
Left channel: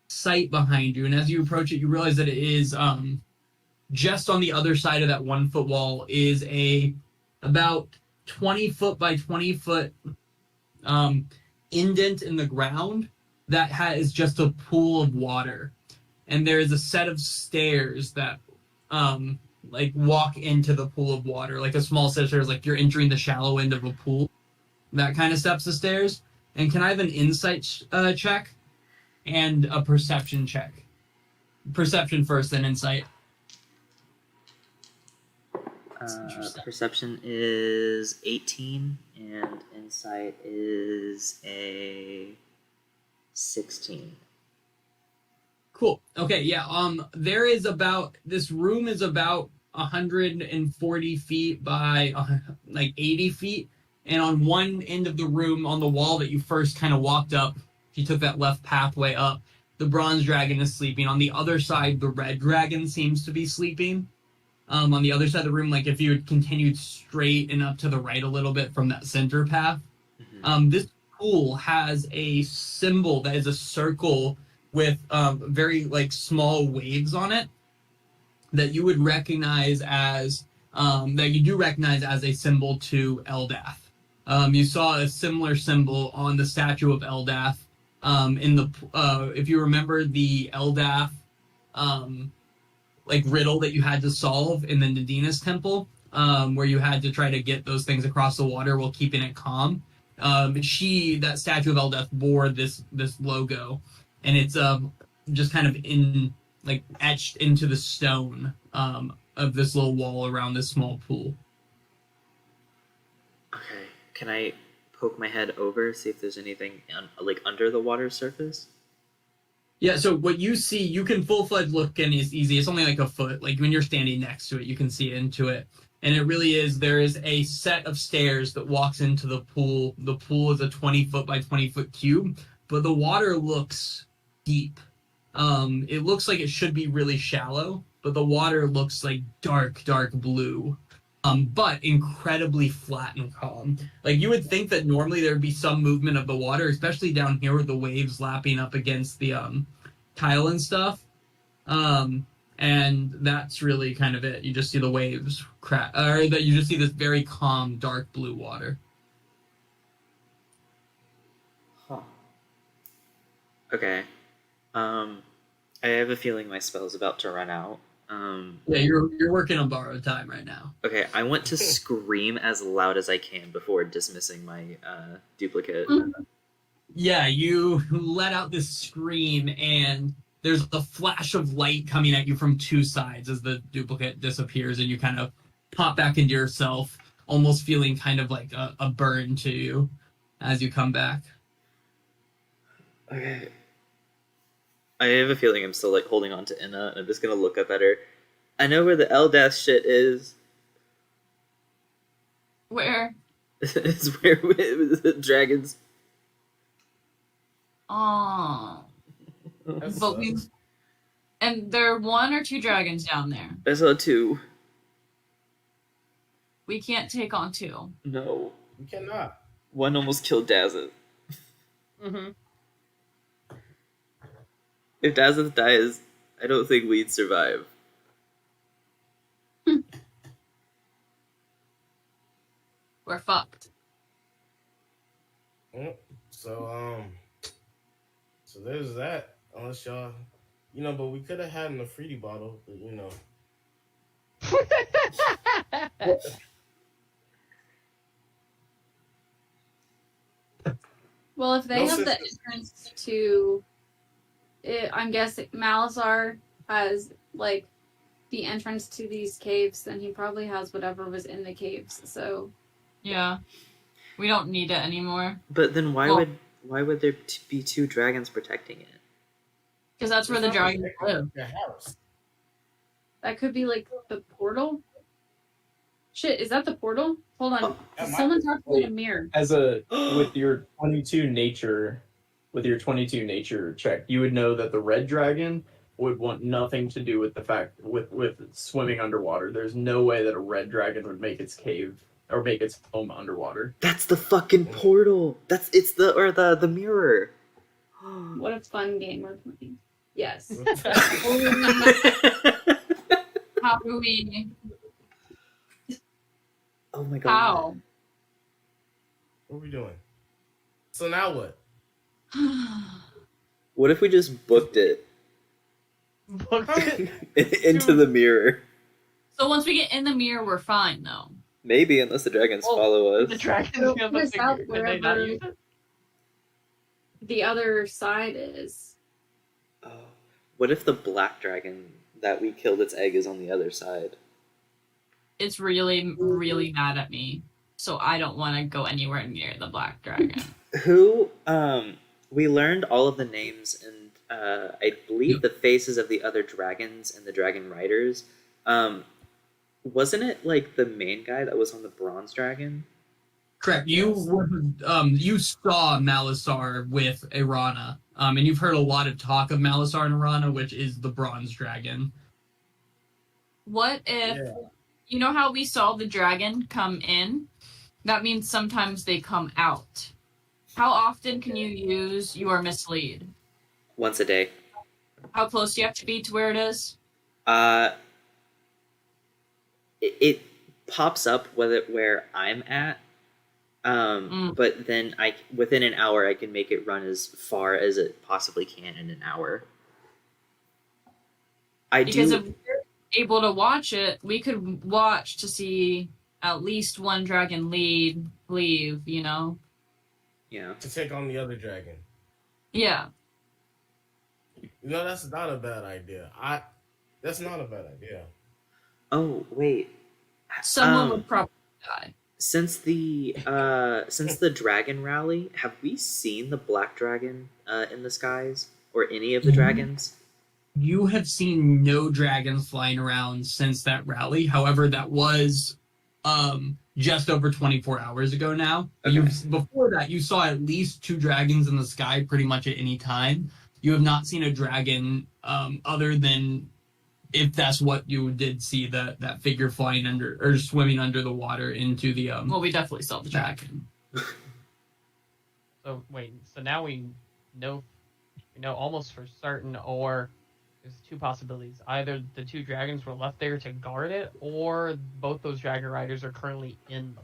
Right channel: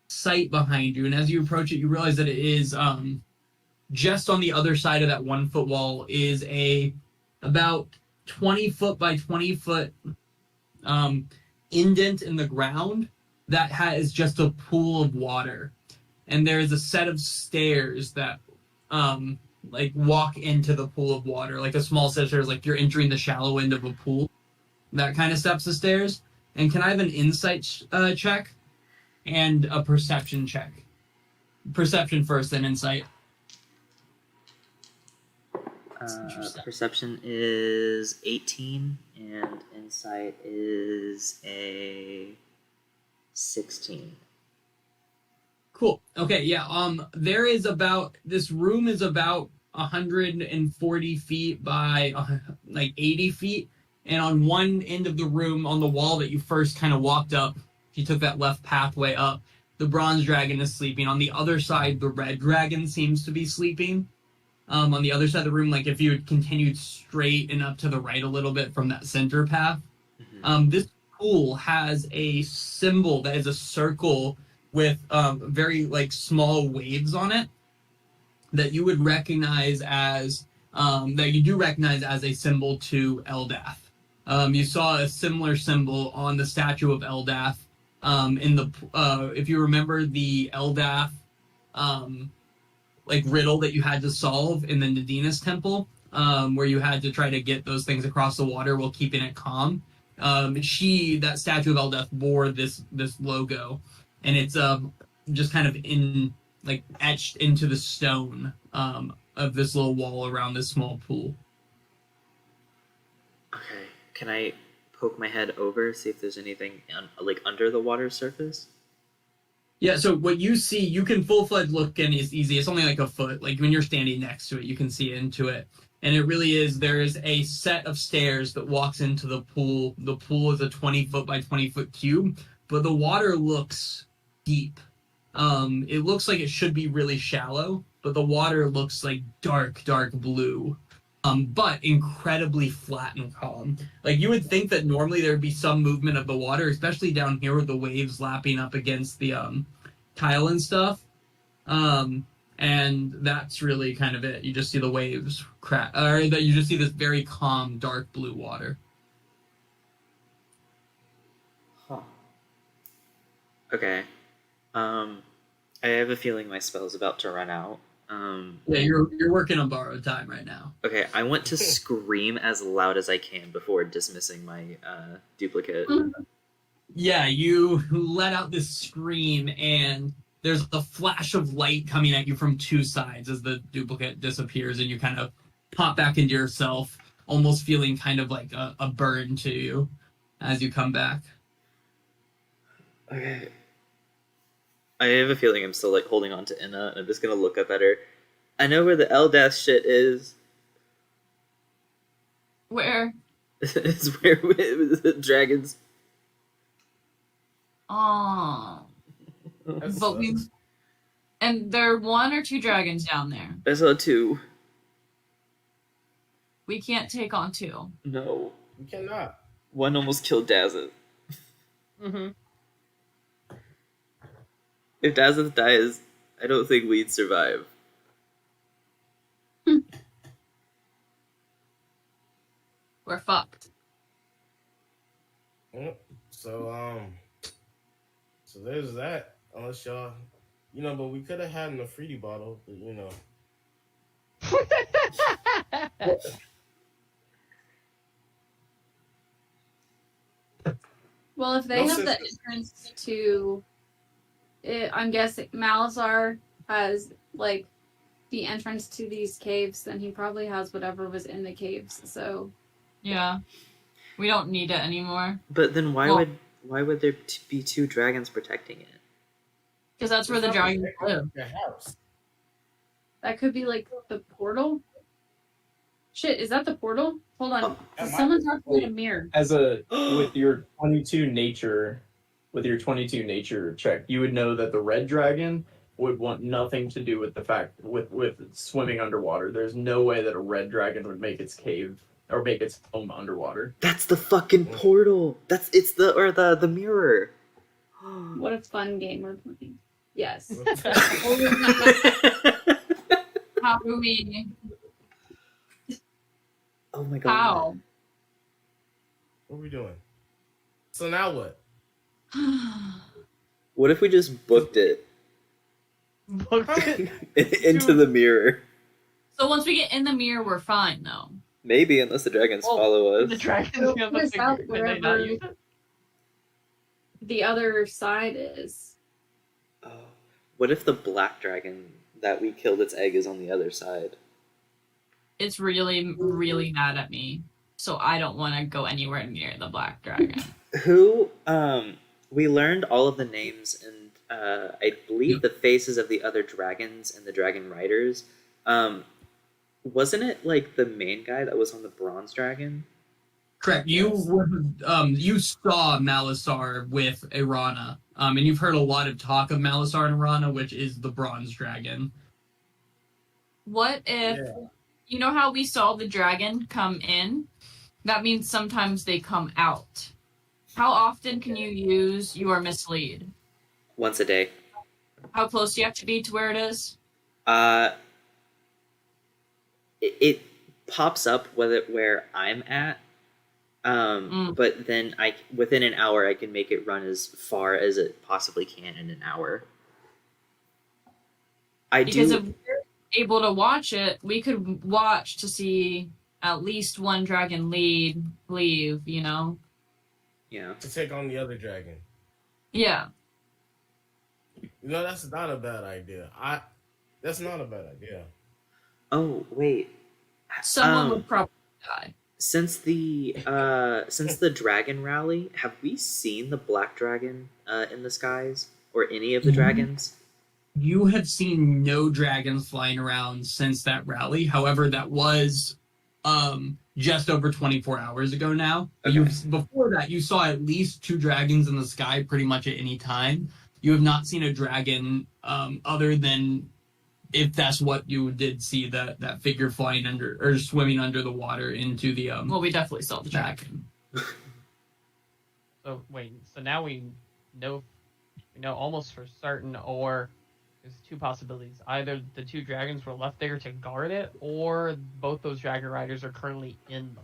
sight behind you, and as you approach it, you realize that it is just on the other side of that 1 foot wall is a about 20 foot by 20 foot indent in the ground that has just a pool of water, and there is a set of stairs that like walk into the pool of water, like a small set of stairs, like you're entering the shallow end of a pool. That kind of steps of stairs. And can I have an insight check and a perception check? Perception first, then insight. Perception is 18, and insight is a 16. Cool. Okay, yeah. This room is about 140 feet by like 80 feet. And on one end of the room, on the wall that you first kind of walked up, if you took that left pathway up, the bronze dragon is sleeping. On the other side, the red dragon seems to be sleeping. On the other side of the room, like if you had continued straight and up to the right a little bit from that center path, this pool has a symbol that is a circle with very like small waves on it that you would recognize as that you do recognize as a symbol to Eldath. You saw a similar symbol on the statue of Eldath in the if you remember the Eldath like riddle that you had to solve in the Nadinies temple, where you had to try to get those things across the water while keeping it calm. That statue of Eldath bore this logo, and it's just kind of etched into the stone of this little wall around this small pool. Okay. Can I poke my head over, see if there's anything like under the water surface? Yeah, so what you see, you can full-fledged look in is easy. It's only like a foot. Like when you're standing next to it, you can see into it. And it really is, there is a set of stairs that walks into the pool. The pool is a 20-foot by 20-foot cube, but the water looks deep. It looks like it should be really shallow, but the water looks like dark, dark blue. But incredibly flat and calm. Like you would think that normally there would be some movement of the water, especially down here with the waves lapping up against the tile and stuff. And that's really kind of it. You just see the waves crack, or that you just see this very calm, dark blue water. Huh. Okay. I have a feeling my spell's about to run out. Yeah, you're working on borrowed time right now. Okay, I want to scream as loud as I can before dismissing my duplicate. Yeah, you let out this scream, and there's a flash of light coming at you from two sides as the duplicate disappears, and you kind of pop back into yourself, almost feeling kind of like a burn to you as you come back. Okay. I have a feeling I'm still like holding on to Inna, and I'm just gonna look up at her. I know where the Eldath shit is. Where? It's where the dragons. Oh. But and there are 1 or 2 dragons down there. I saw 2. We can't take on 2. No. You cannot. 1 almost killed Dazeth. Mm-hmm. If Dazeth dies, I don't think we'd survive. We're fucked. So there's that. Unless y'all, but we could have had an Afridi bottle, but Well, if they No have the sisters. entrance to it, I'm guessing Malasar has like the entrance to these caves, then he probably has whatever was in the caves. So Yeah. We don't need it anymore. But then why Well- would there be 2 dragons protecting it? Because that's where the dragons live. Your house. That could be like the portal. Shit, is that the portal? Hold on. Oh, Did someone talk about a mirror? As a with your 22 nature check, you would know that the red dragon would want nothing to do with the fact with swimming underwater. There's no way that a red dragon would make its cave or make its home underwater. That's the fucking portal. It's the mirror. What a fun game we're playing. Yes. How do we? Oh my god. How? What are we doing? So now what? What if we just booked it into the mirror? So once we get in the mirror, we're fine, though. Maybe, unless the dragons follow us. The dragons It'll have put a us out figure. Can they not wherever- use it? The other side is. Oh. What if the black dragon that we killed its egg is on the other side? It's really, really mad at me. So I don't want to go anywhere near the black dragon. Who, we learned all of the names and, I believe the faces of the other dragons and the dragon riders. Wasn't it, like, the main guy that was on the bronze dragon? Correct. You saw Malasar with Irana, and you've heard a lot of talk of Malasar and Irana, which is the bronze dragon. What if, you know how we saw the dragon come in? That means sometimes they come out. How often can you use your mislead? Once a day. How close do you have to be to where it is? It pops up where I'm at, but then within an hour I can make it run as far as it possibly can in an hour. Because if we're able to watch it, we could watch to see at least one dragon leave, you know? Yeah. To take on the other dragon. Yeah. You know, that's not a bad idea. That's not a bad idea. Oh wait. Someone would probably die. Since the dragon rally, have we seen the black dragon in the skies or any of the dragons? You have seen no dragons flying around since that rally. However, that was just over 24 hours ago now. Okay. Before that, you saw at least 2 dragons in the sky pretty much at any time. You have not seen a dragon other than if that's what you did see, that figure flying under or swimming under the water into the Well, we definitely saw the dragon. So wait, so now we know almost for certain, or there's 2 possibilities. Either the 2 dragons were left there to guard it, or both those dragon riders are currently in the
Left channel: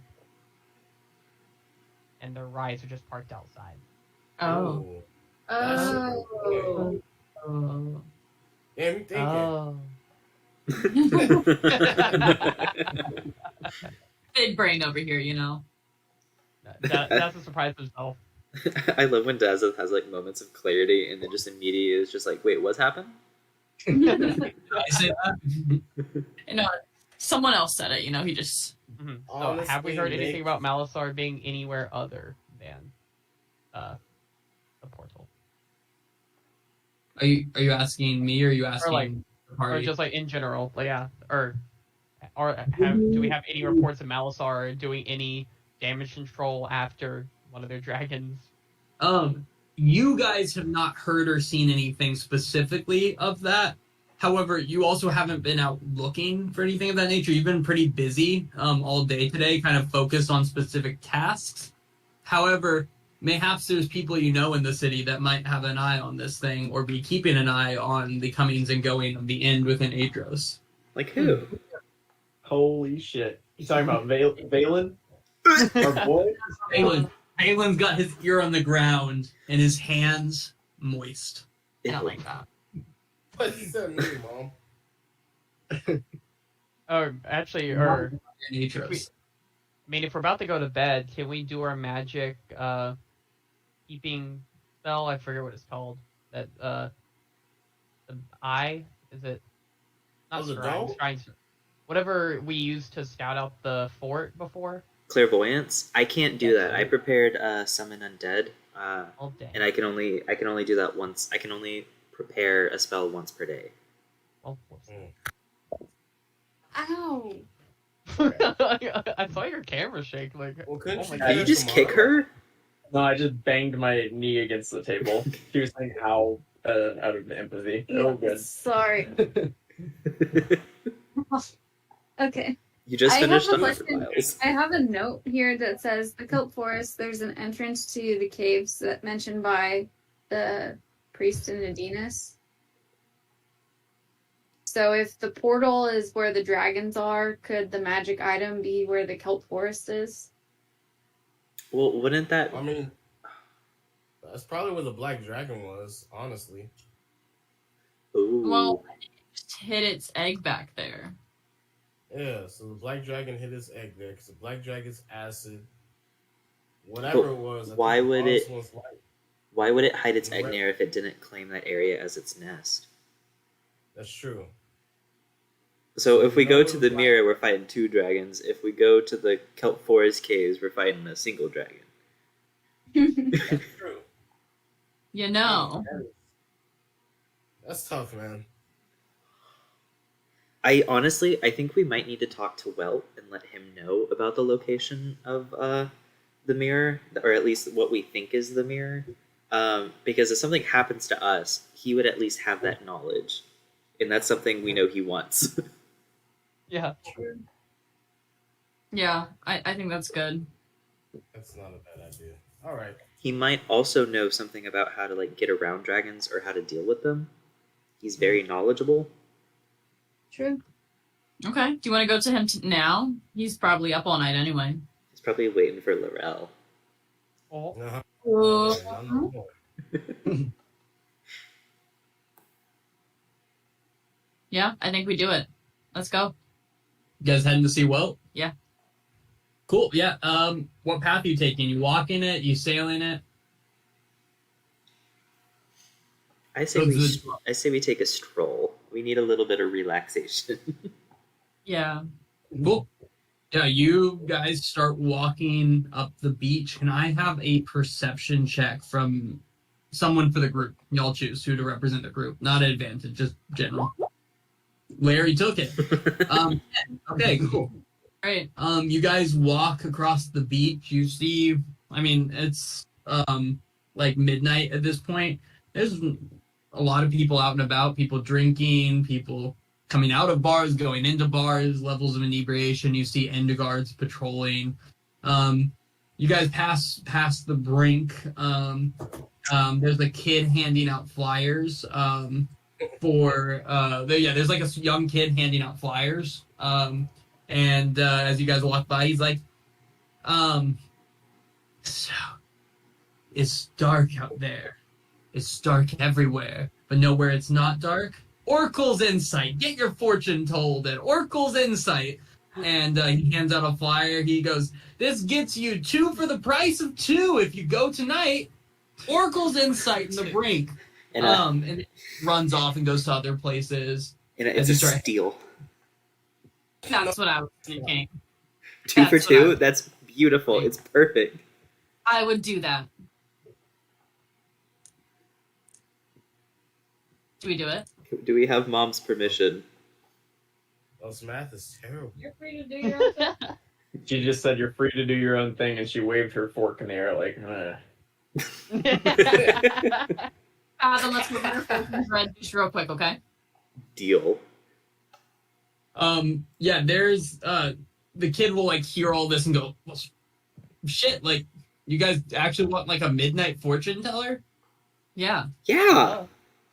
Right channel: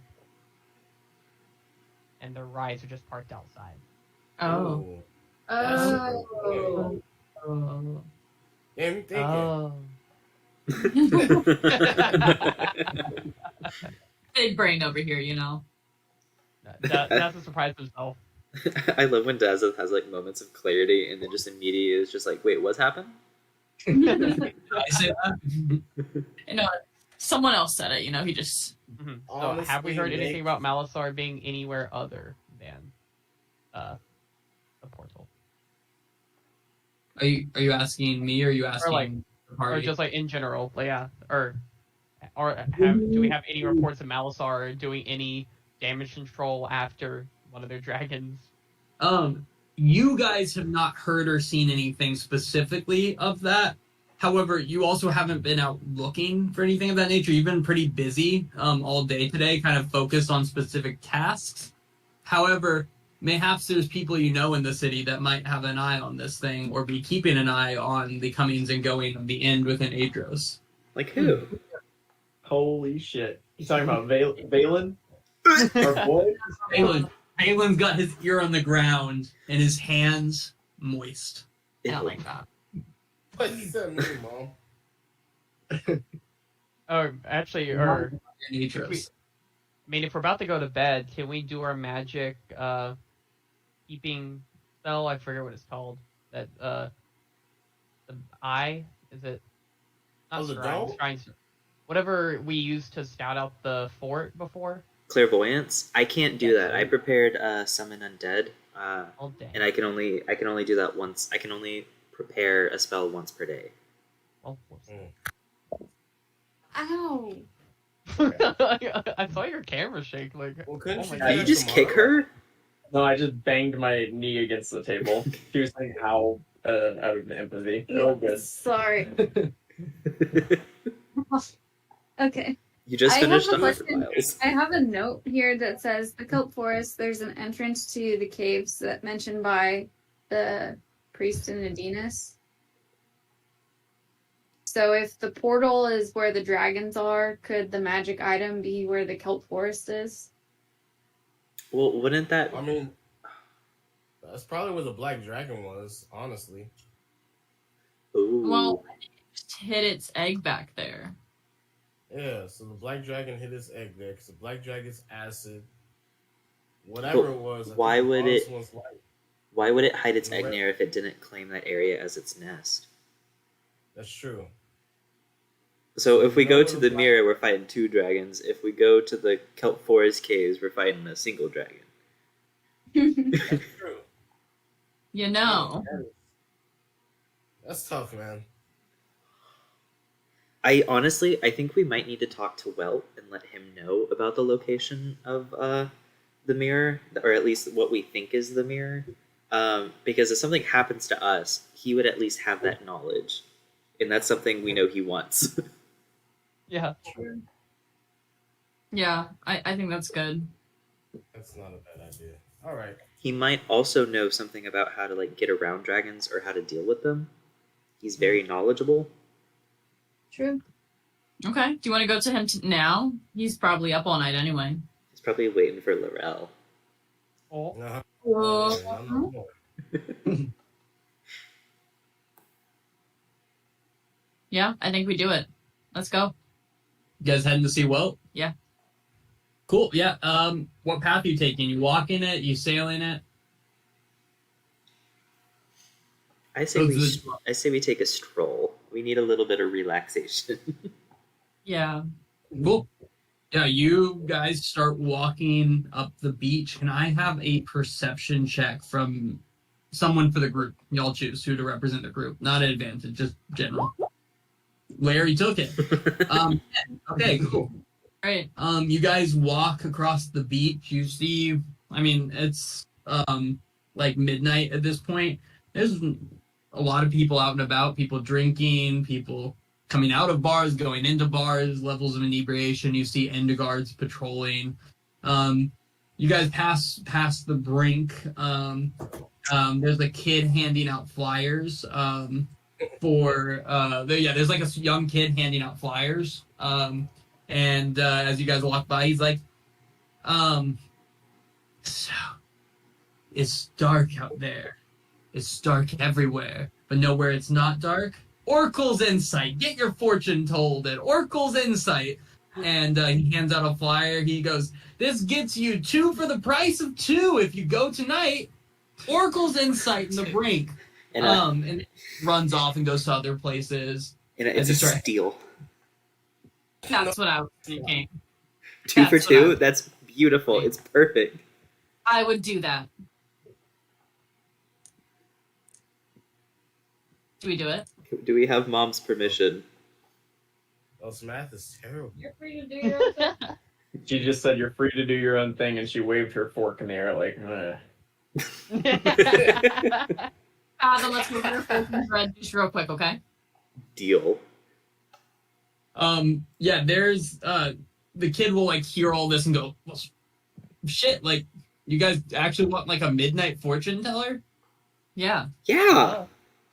and their rides are just parked outside. Oh. Oh. Yeah, I'm thinking. Oh. Big brain over here, you know? That's a surprise himself. I love when Dazeth has like moments of clarity and then just immediately is just like, wait, what's happened? Did I say that? You know, someone else said it, you know, he just... Mhm. So Honestly, have we heard Nick- anything about Malasar being anywhere other than the portal? Are you asking me or are you asking like- the Or party? just like in general, like, yeah, or do we have any reports of Malasar doing any damage control after one of their dragons? You guys have not heard or seen anything specifically of that. However, you also haven't been out looking for anything of that nature. You've been pretty busy all day today, kind of focused on specific tasks. However, mayhaps there's people you know in the city that might have an eye on this thing or be keeping an eye on the comings and going of the end within Aetros. Like who? Holy shit! You talking about Valen? Our boy? Balin's got his ear on the ground and his hands moist. I don't like that. What you said, me, Mom? Or actually, or In Aetros. I mean, if we're about to go to bed, can we do our magic keeping spell? I forget what it's called. That the eye is it? Not the scrounged, dome? scrounged. Whatever we used to scout out the fort before. Clairvoyance? I can't do that. I prepared summon undead, All day. and I can only do that once. I can only prepare a spell once per day. Oh, Ow. I saw your camera shake. Like, Well, couldn't oh my you God. Did you just kick her? No, I just banged my knee against the table. She was saying "ow" out of empathy. It was good. Sorry. Okay. You just I have finished a 100 question. miles. I have a note here that says the Kelp Forest, there's an entrance to the caves that mentioned by the priest in Nadinies. So if the portal is where the dragons are, could the magic item be where the Kelp Forest is? Well, wouldn't that... I mean, that's probably where the black dragon was, honestly. Ooh. Well, it just hid its egg back there. Yeah, so the black dragon hit his egg there because the black dragon's acid, whatever But it was. I why think the would honest it- one's light. Why would it hide its egg Right. there if it didn't claim that area as its nest? That's true. So if we go to the Why- mirror, we're fighting 2 dragons. If we go to the Kelp Forest caves, we're fighting a single dragon. That's true. You know. That's tough, man. I think we might need to talk to Welt and let him know about the location of the mirror, or at least what we think is the mirror. Because if something happens to us, he would at least have that knowledge, and that's something we know he wants. Yeah. Yeah, I think that's good. That's not a bad idea. All right. He might also know something about how to like get around dragons or how to deal with them. He's very knowledgeable. True. Okay. Do you want to go to him now? He's probably up all night anyway. He's probably waiting for Laurel. Oh. No. Yeah, I think we do it. Let's go. You guys heading to see Welt? Yeah. Cool. Yeah. What path are you taking? You walking it? You sailing it? I say we take a stroll. We need a little bit of relaxation. Yeah. Cool. Yeah, you guys start walking up the beach. Can I have a perception check from someone for the group? Y'all choose who to represent the group. Not an advantage, just general. Larry took it. Okay, cool. Great. You guys walk across the beach. You see, I mean, it's like midnight at this point. There's a lot of people out and about, people drinking, people coming out of bars, going into bars, levels of inebriation. You see Enderguards patrolling. You guys pass the brink. There's a kid handing out flyers there's like a young kid handing out flyers. And as you guys walk by, he's like, so it's dark out there. It's dark everywhere, but nowhere it's not dark. Oracle's Insight. Get your fortune told at Oracle's Insight. And he hands out a flyer. He goes, this gets you 2 for the price of 2 if you go tonight. Oracle's Insight in the brink. And And it runs off and goes to other places. it's a steal. That's what I was thinking. 2 for That's what 2? That's beautiful. It's perfect. I would do that. Do we do it? Do we have Mom's permission? Those math is terrible. You're free to do your own thing. She just said you're free to do your own thing, and she waved her fork in the air like, Then let's move our focus red just real quick, okay? Deal. Yeah, there's the kid will like hear all this and go, well, shit, like you guys actually want like a midnight fortune teller? Yeah. Yeah.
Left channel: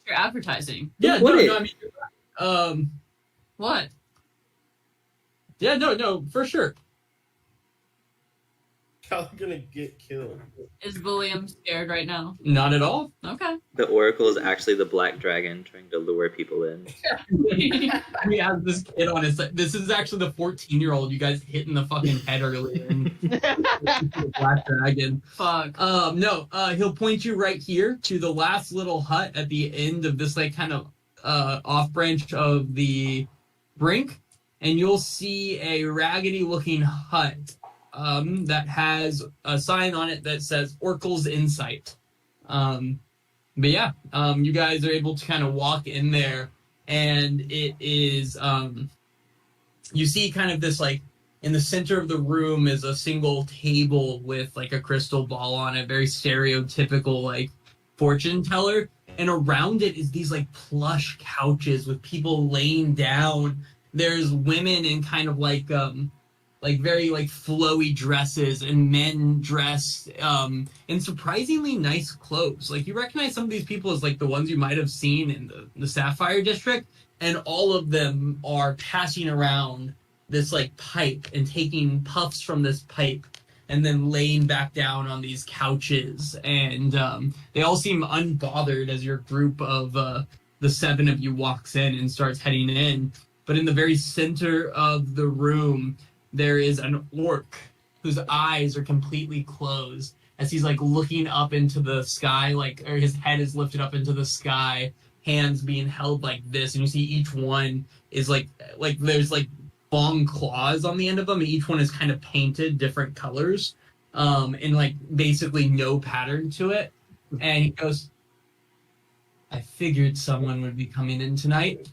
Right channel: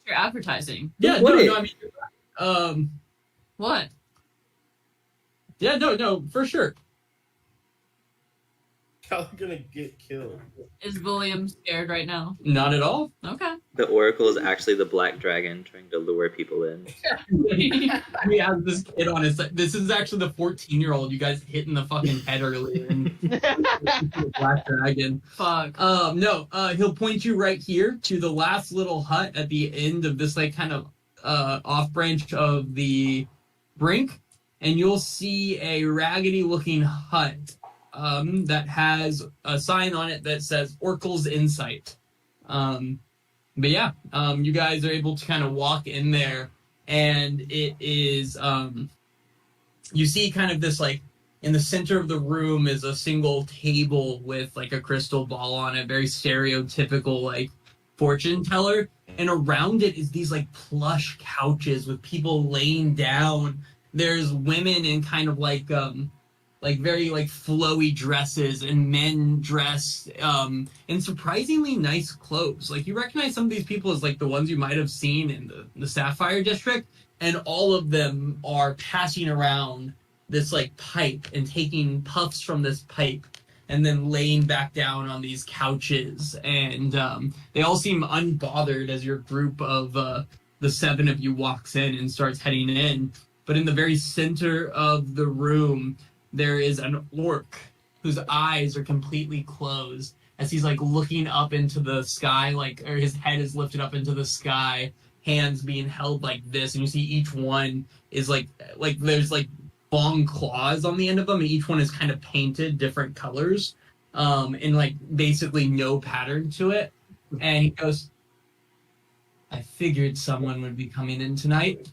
You're advertising. Yeah, Would it? no, I mean, What? yeah, no, for sure. Y'all are gonna get killed. Is William scared right now? Not at all. Okay. The Oracle is actually the black dragon trying to lure people in. We have this kid on his side. This is actually the 14-year-old you guys hit in the fucking head earlier. Black dragon. Fuck. No, he'll point you right here to the last little hut at the end of this like kind of off branch of the brink, and you'll see a raggedy looking hut that has a sign on it that says Oracle's Insight. But yeah, you guys are able to kind of walk in there, and it is you see kind of this like in the center of the room is a single table with like a crystal ball on it, very stereotypical like fortune teller. And around it is these like plush couches with people laying down. There's women in kind of like very like flowy dresses and men dressed in surprisingly nice clothes. Like you recognize some of these people as like the ones you might have seen in the Sapphire District, and all of them are passing around this like pipe and taking puffs from this pipe and then laying back down on these couches. And they all seem unbothered as your group of the 7 of you walks in and starts heading in. But in the very center of the room, there is an orc whose eyes are completely closed as he's like looking up into the sky, like, or his head is lifted up into the sky, hands being held like this, and you see each one is like there's like long claws on the end of them, and each one is kind of painted different colors, and like basically no pattern to it. And he goes, "I figured someone would be coming in tonight.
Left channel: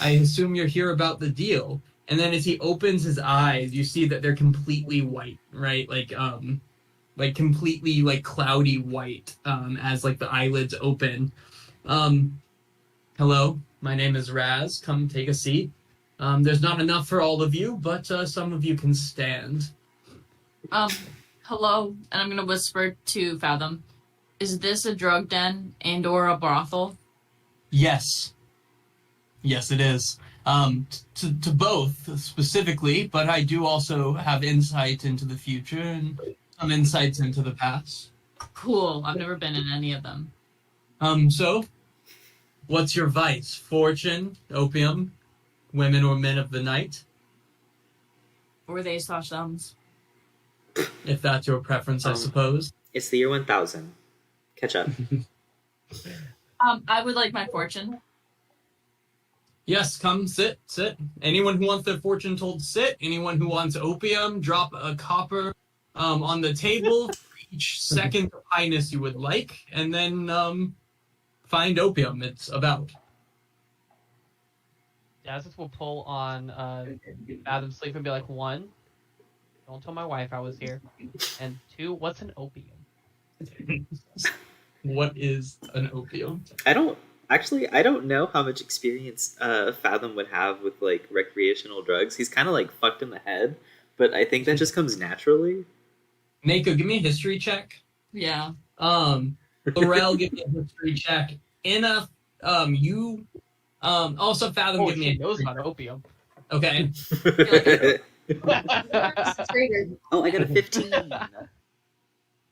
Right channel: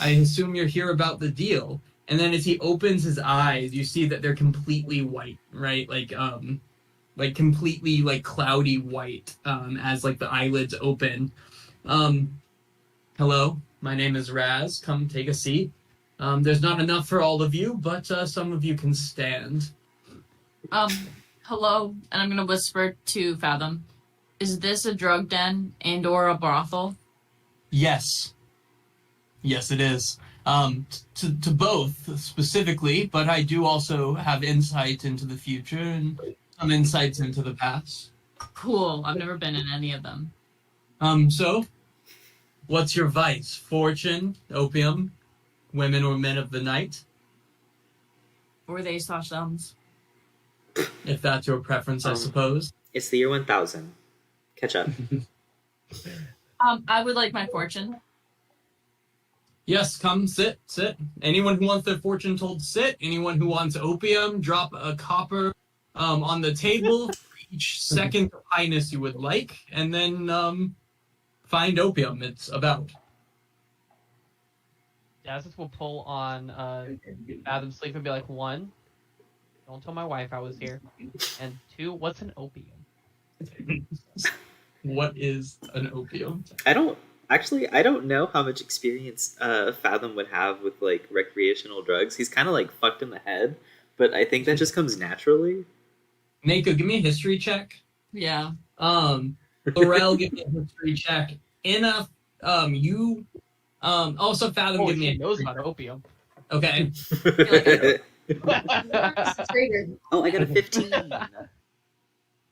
I assume you're here about the deal." And then as he opens his eyes, you see that they're completely white, right? Like completely like cloudy white, as like the eyelids open. Hello, my name is Raz. Come take a seat. There's not enough for all of you, but some of you can stand. Hello, and I'm gonna whisper to Fathom. Is this a drug den and or a brothel? Yes. Yes, it is. To both specifically, but I do also have insight into the future and some insights into the past. Cool. I've never been in any of them. So, what's your vice? Fortune, opium, women or men of the night? Or they slash thumbs. If that's your preference, I suppose. It's the year 1000. Catch up. I would like my fortune. Yes, come, sit. Anyone who wants their fortune told to sit. Anyone who wants opium, drop a copper on the table for each second of highness you would like, and then find opium. It's about. Dazis will pull on Fathom's sleeve and be like, 1, don't tell my wife I was here, and 2, what's an opium? What is an opium? I don't know how much experience Fathom would have with like recreational drugs. He's kind of like fucked in the head, but I think that just comes naturally. Mako, give me a history check. Yeah. Laurel, give me a history check. Inna, also Fathom, give me a knows about opium. Okay. Oh, I got a 15.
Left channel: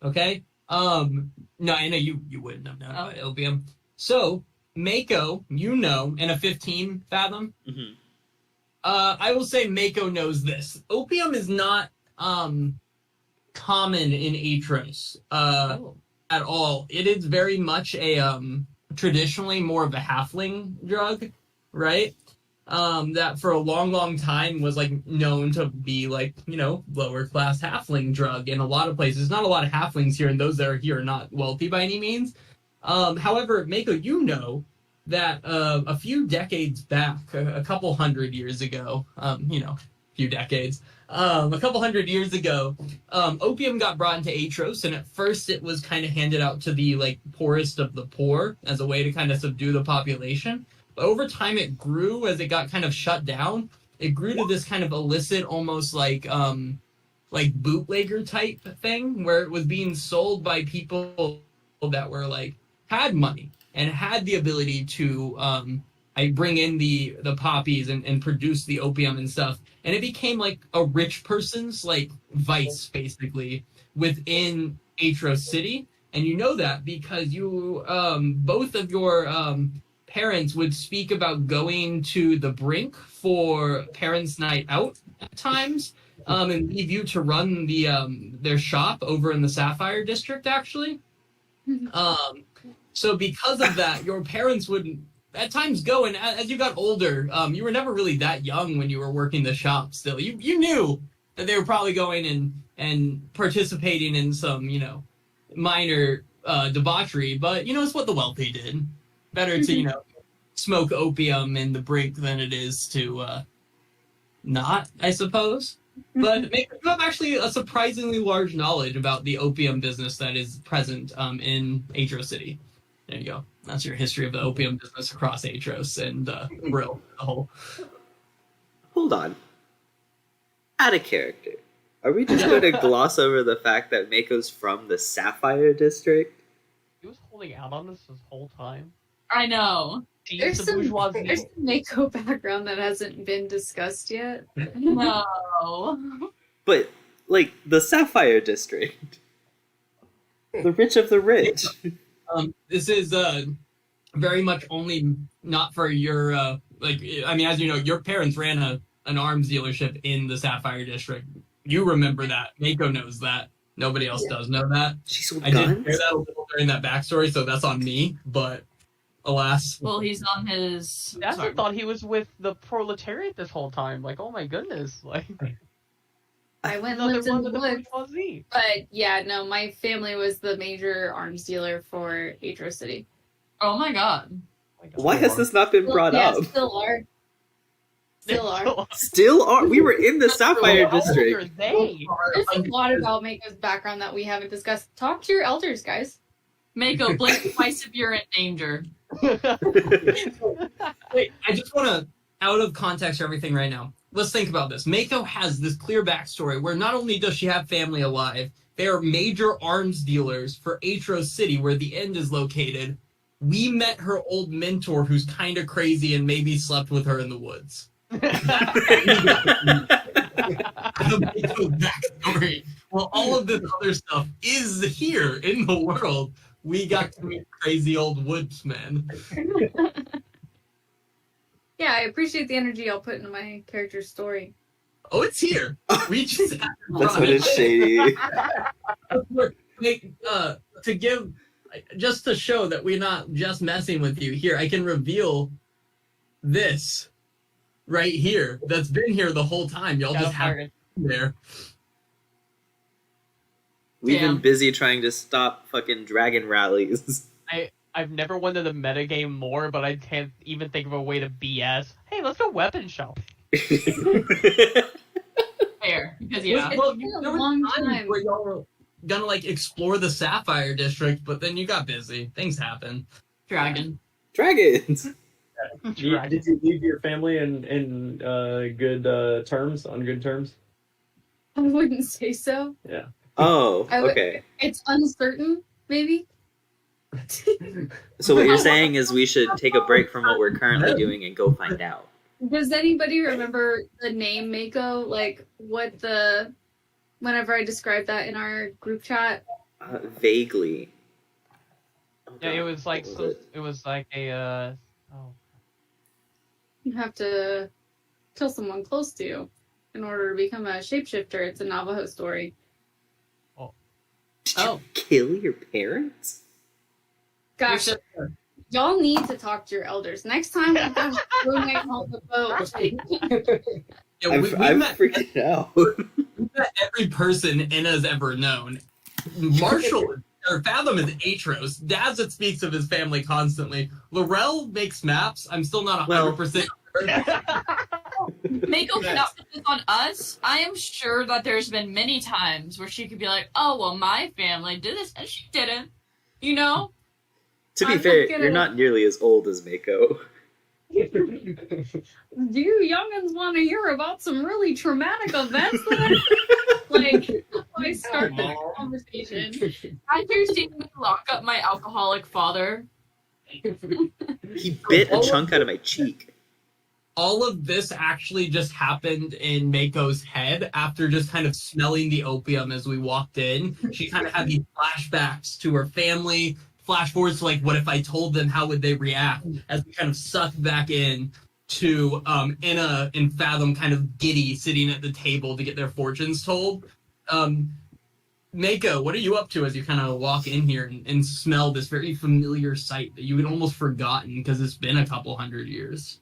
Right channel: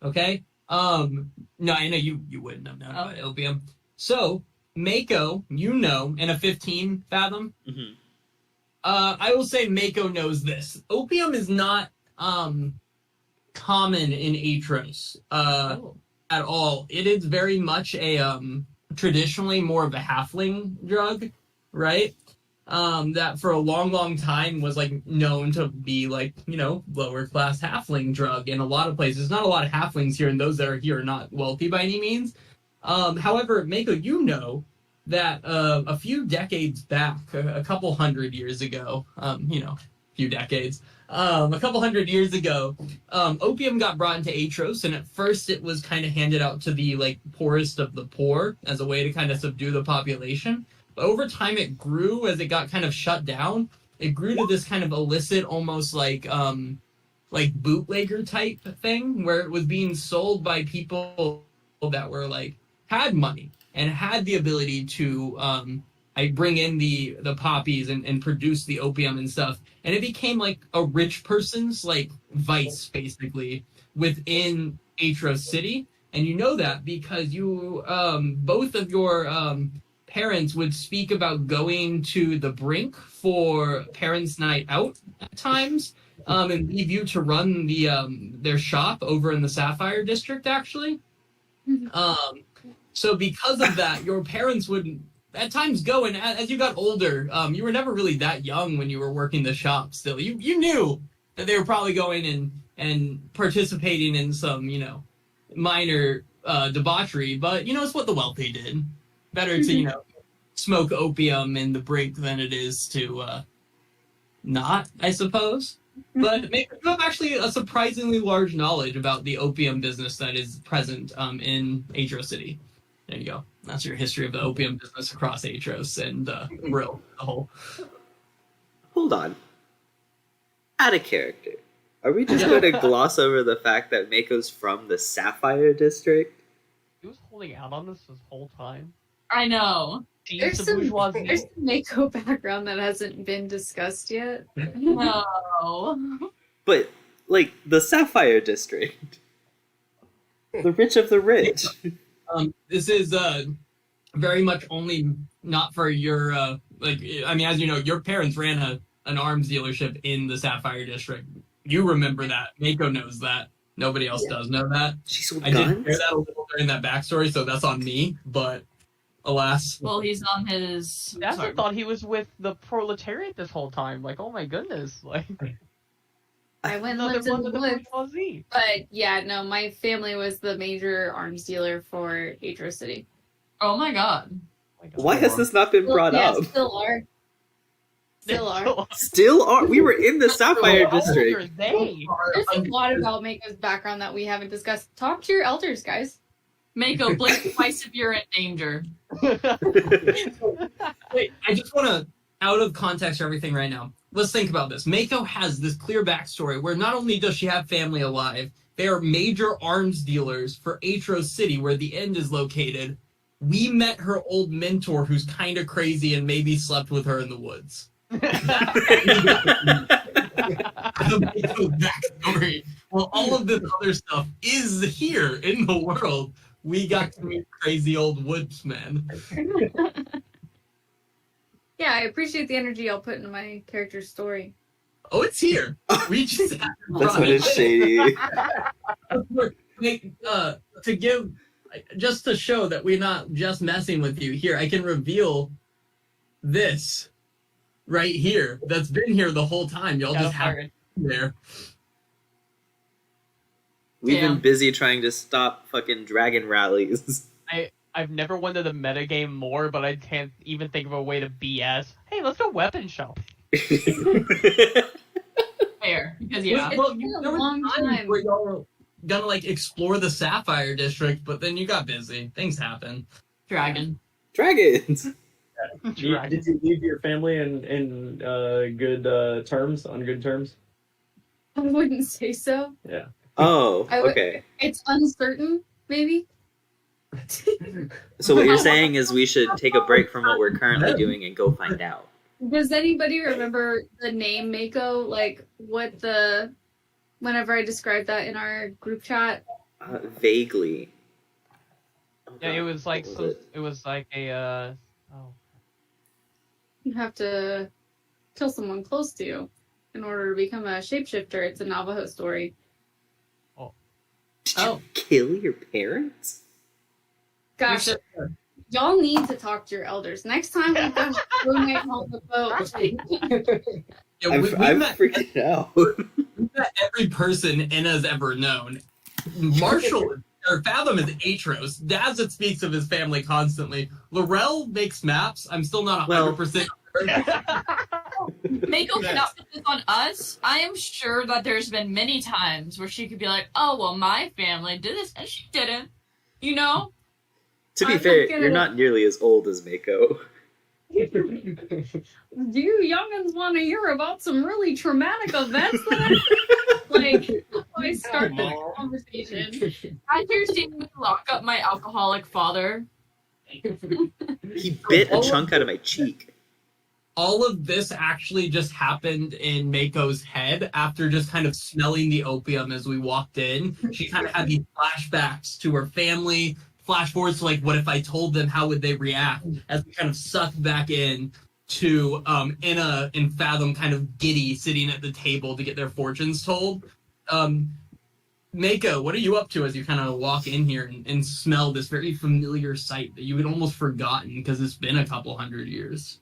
Okay. No, I know you wouldn't have known about opium. So, Mako, and a 15, Fathom. Mm-hmm. I will say Mako knows this. Opium is not common in Aetros at all. It is very much a traditionally more of a halfling drug, right? That for a long time was like known to be like, lower class halfling drug in a lot of places. Not a lot of halflings here, and those that are here are not wealthy by any means. However, Mako, that a few decades back, a couple hundred years ago, a couple hundred years ago, opium got brought into Aetros, and at first it was kind of handed out to the like poorest of the poor as a way to kind of subdue the population. But over time it grew as it got kind of shut down. It grew to this kind of illicit, almost like bootlegger type thing, where it was being sold by people that were like had money and had the ability to bring in the poppies and produce the opium and stuff. And it became like a rich person's like vice, basically, within Aetros City. And you know that because you both of your parents would speak about going to the Brink for parents' night out at times, and leave you to run their shop over in the Sapphire District, actually. So because of that, your parents would at times go, and as you got older, you were never really that young when you were working the shop still. You knew that they were probably going and participating in some, minor debauchery, but it's what the wealthy did. Better to smoke opium in the brink than it is to not, I suppose. But maybe you have actually a surprisingly large knowledge about the opium business that is present in Aetros City. There you go. That's your history of the opium business across Aetros and Brill, the whole. Hold on. Out of character. Are we just going to gloss over the fact that Mako's from the Sapphire District? He was holding out on this whole time. I know. There's The some bourgeoisie. Mako background that hasn't been discussed yet. No. But, like, the Sapphire District. The rich of the rich. This is very much only not for your as you know, your parents ran an arms dealership in the Sapphire District. You remember that. Mako knows that. Nobody else does know that. She sold I guns? did hear that a little during that backstory, so that's on me. But alas, Well, he's on his. I sorry. thought he was with the proletariat this whole time. Like, oh my goodness. Like, I went and another lived in one the with the woods. bourgeoisie. But yeah, no, my family was the major arms dealer for Aetros City. Oh my god. Oh my God. Why has this not been brought yeah, up? Still are. Still are. Still are. We were in the Sapphire How old District. are they? There's a lot about Mako's background that we haven't discussed. Talk to your elders, guys. Mako, blink twice if you're in danger. wait, I just want to, out of context for everything right now, let's think about this. Mako has this clear backstory where not only does she have family alive, they are major arms dealers for Aetros City, where the end is located. We met her old mentor who's kind of crazy and maybe slept with her in the woods. Backstory. Well, all of this other stuff is here in the world. We got to meet crazy old woodsmen. Yeah, I appreciate the energy I'll put into my character's story. Oh, it's here. We just have to That's run what is shady. to give, just to show that we're not just messing with you. Here, I can reveal this right here. That's been here the whole time. Y'all Got just a have pirate. it there. We've been Damn. busy trying to stop fucking dragon rallies. I've never wanted the metagame more, but I can't even think of a way to BS. Hey, let's go weapon shop. Fair. Because, yeah. It's been a there was long times time. where y'all were gonna explore the Sapphire District, but then you got busy. Things happen. Dragon. Dragons. Did you leave your family in good terms, on good terms? I wouldn't say so. Oh, I would- okay. It's uncertain, maybe. So what you're saying is we should take a break from what we're currently doing and go find out. Does anybody remember the name Mako? Like whenever I described that in our group chat? Vaguely. Oh, Yeah, it God, was like what so, was it was like a You have to kill someone close to you in order to become a shapeshifter. It's a Navajo story. Did you Oh. kill your parents? Gosh, y'all need to talk to your elders. Next time we go night on the boat. Yeah, I'm met, freaking out. we met every person Inna's ever known. Marshall or Fathom is Aetros. Dazit speaks of his family constantly. Laurel makes maps. I'm still not 100%. Mako cannot put this on us. I am sure that there's been many times where she could be like, oh, well, my family did this, and she didn't. You know? To be I'm fair, not gonna- you're not nearly as old as Mako. Do you youngins want to hear about some really traumatic events that like I start the conversation? Have you seen me lock up my alcoholic father? He bit a chunk out of my cheek. All of this actually just happened in Mako's head after just kind of smelling the opium as we walked in. She kind of had these flashbacks to her family, flash forwards to like, what if I told them, how would they react? As we kind of sucked back in to Inna and Fathom kind of giddy sitting at the table to get their fortunes told. Mako, what are you up to as you kind of walk in here and smell this very familiar sight that you had almost forgotten because it's been a couple hundred years?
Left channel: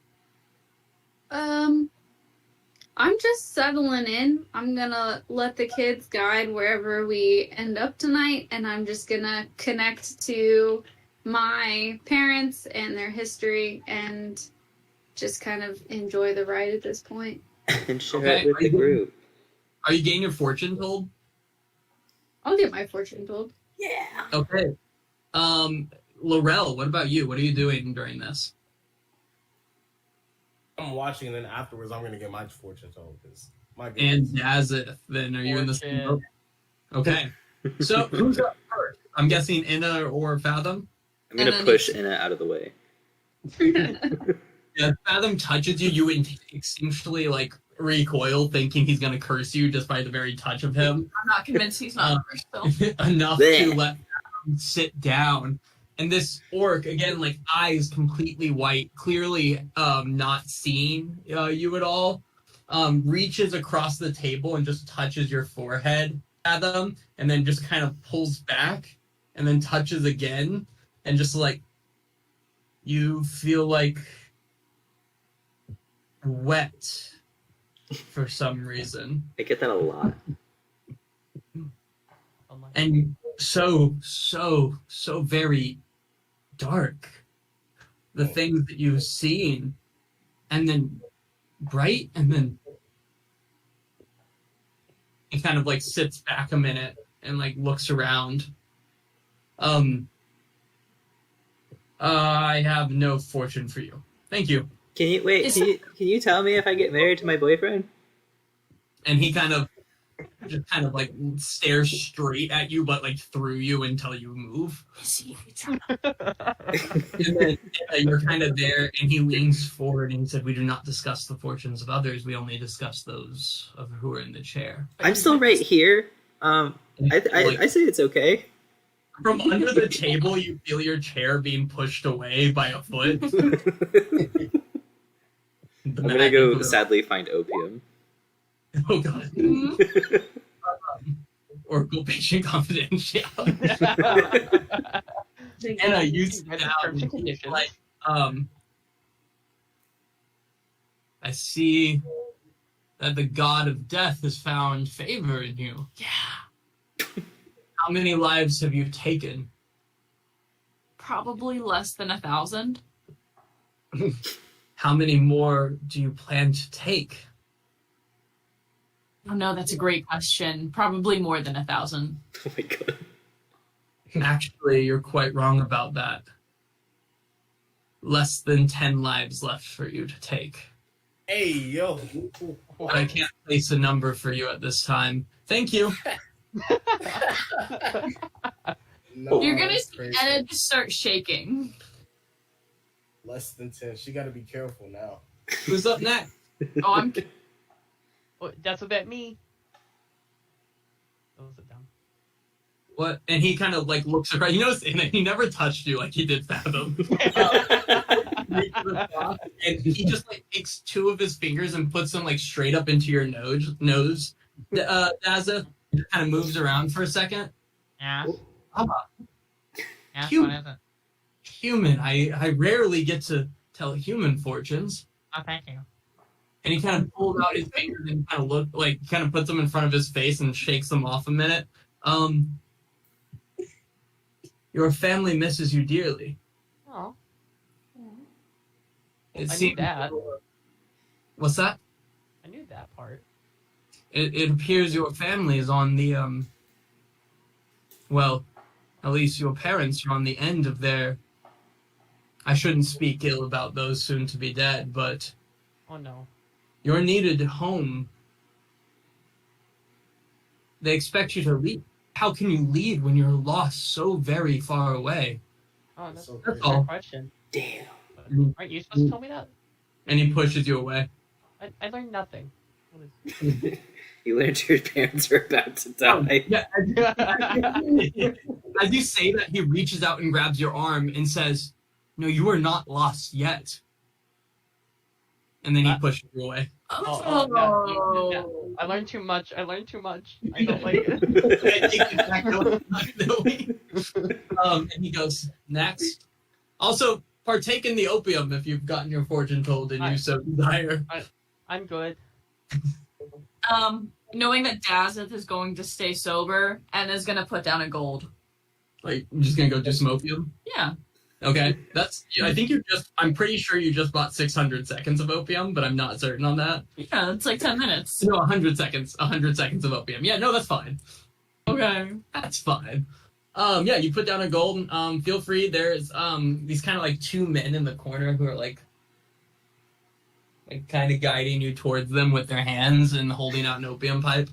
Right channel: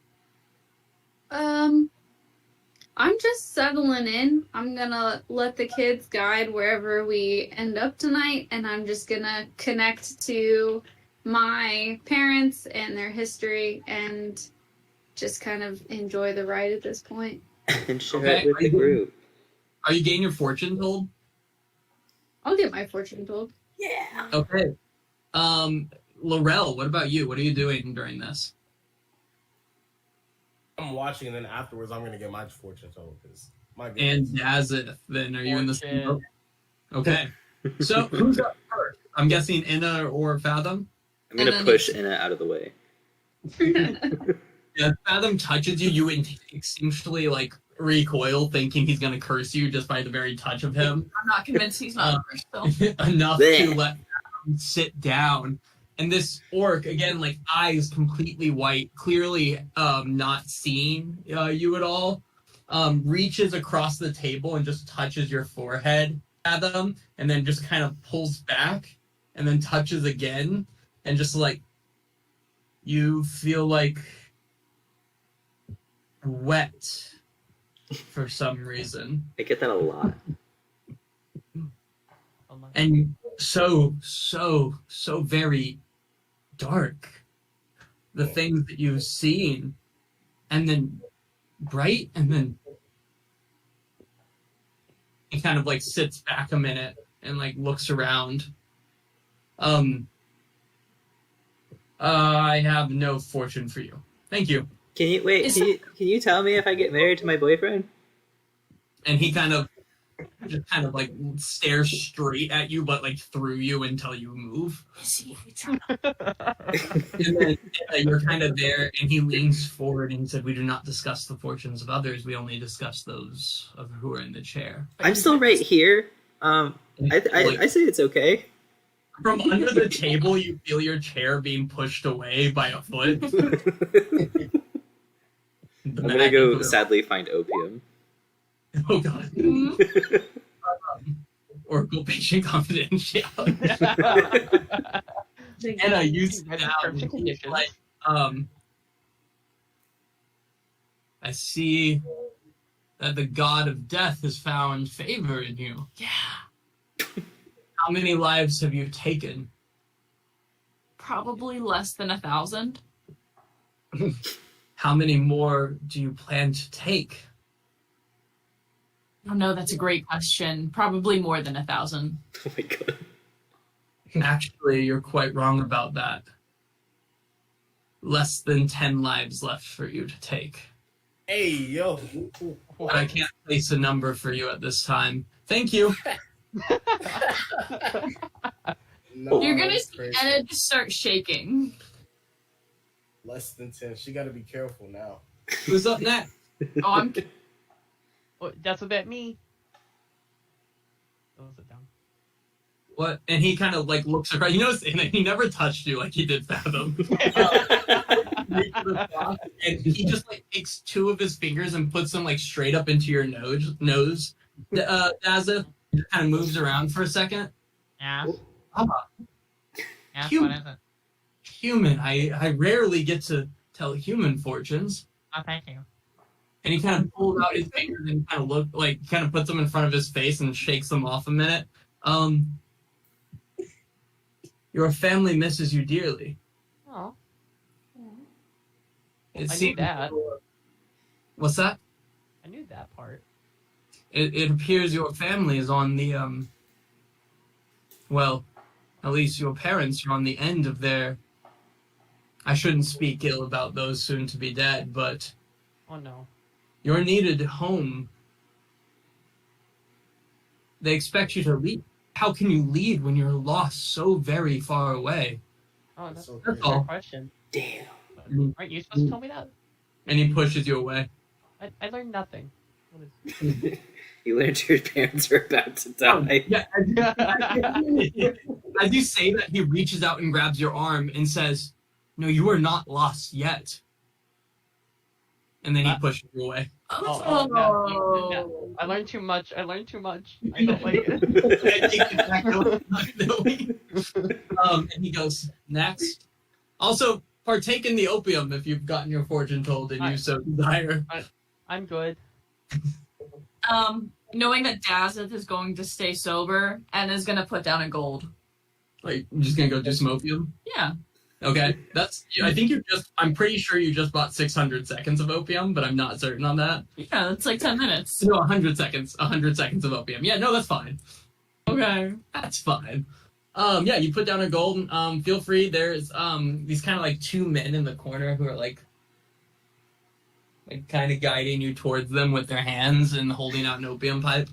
I'm just settling in. I'm gonna let the kids guide wherever we end up tonight, and I'm just gonna connect to my parents and their history and just kind of enjoy the ride at this point. And share Okay, it with the group. Are you getting your fortune told? I'll get my fortune told. Yeah. Okay. Laurel, what about you? What are you doing during this? I'm watching, and then afterwards, I'm gonna get my fortune told because my And goodness. Dazith, then are you in the same Fortune. boat? Okay. So who's up first? I'm guessing Inna or Fathom? I'm gonna And then push Inna out of the way. Yeah, Fathom touches you, you instinctually like recoil, thinking he's gonna curse you just by the very touch of him. I'm not convinced he's not first, though. Enough Blech. to let Fathom sit down. And this orc, again, like eyes completely white, clearly not seeing you at all, reaches across the table and just touches your forehead, Fathom, and then just kind of pulls back and then touches again, and just like you feel like wet for some reason. I get that a lot. Oh my And so very dark. The things that you've seen, and then bright, and then he kind of like sits back a minute and like looks around. I have no fortune for you. Thank you. Can you wait? Is Can you tell me if I get married to my boyfriend? And he kind of like stares straight at you, but like through you until you move. And then you're kind of there, and he leans forward and said, "We do not discuss the fortunes of others. We only discuss those of who are in the chair." I'm still right here. I say it's okay. From under the table, you feel your chair being pushed away by a foot. I'm gonna go sadly find opium. Oh god. Oracle patient confidentiality. Anna, you sit Terms down and conditions. like, I see that the god of death has found favor in you. Yeah. How many lives have you taken? Probably less than 1,000. How many more do you plan to take? Oh no, that's a great question. Probably more than 1,000. Oh my god. Actually, you're quite wrong about that. Less than 10 lives left for you to take. Hey, yo. But I can't place a number for you at this time. Thank you. No, You're gonna that's see crazy. Anna just start shaking. Less than 10. She got to be careful now. Who's up next? Oh, I'm Oh, that's about me. Oh, sit down. What? And he kind of like looks around. You notice, and he never touched you like he did Fathom. And he just like takes two of his fingers and puts them like straight up into your nose. Dazza kind of moves around for a second. Yeah. Yeah, Human. what is it? Human. I rarely get to tell human fortunes. Oh, thank you. And he kind of pulls out his fingers and kind of puts them in front of his face and shakes them off a minute. Your family misses you dearly. Oh, It I knew seems. that. What's that? I knew that part. It appears your family is on the well, at least your parents are on the end of their. I shouldn't speak ill about those soon to be dead, but Oh no. you're needed home. They expect you to leave. How can you leave when you're lost so very far away? Oh, that's So a crazy. fair question. Damn. Aren't you supposed to tell me that? And he pushes you away. I learned nothing. What is... You learned your parents were about to die. Yeah, as you say that, he reaches out and grabs your arm and says, "No, you are not lost yet." And then he pushes you away. Oh, no. I learned too much. I don't like it. And he goes, "Next. Also, partake in the opium if you've gotten your fortune told and you so desire." I'm good. Knowing that Dazeth is going to stay sober and is going to put down a gold. Like, you're just gonna go do some opium? Yeah. Okay, I think I'm pretty sure you just bought 600 seconds of opium, but I'm not certain on that. Yeah, it's like 10 minutes. No, 100 seconds. 100 seconds of opium. Yeah, no, that's fine. Okay. That's fine. Yeah, you put down a gold. Feel free. There's these kind of like two men in the corner who are like kind of guiding you towards them with their hands and holding out an opium pipe.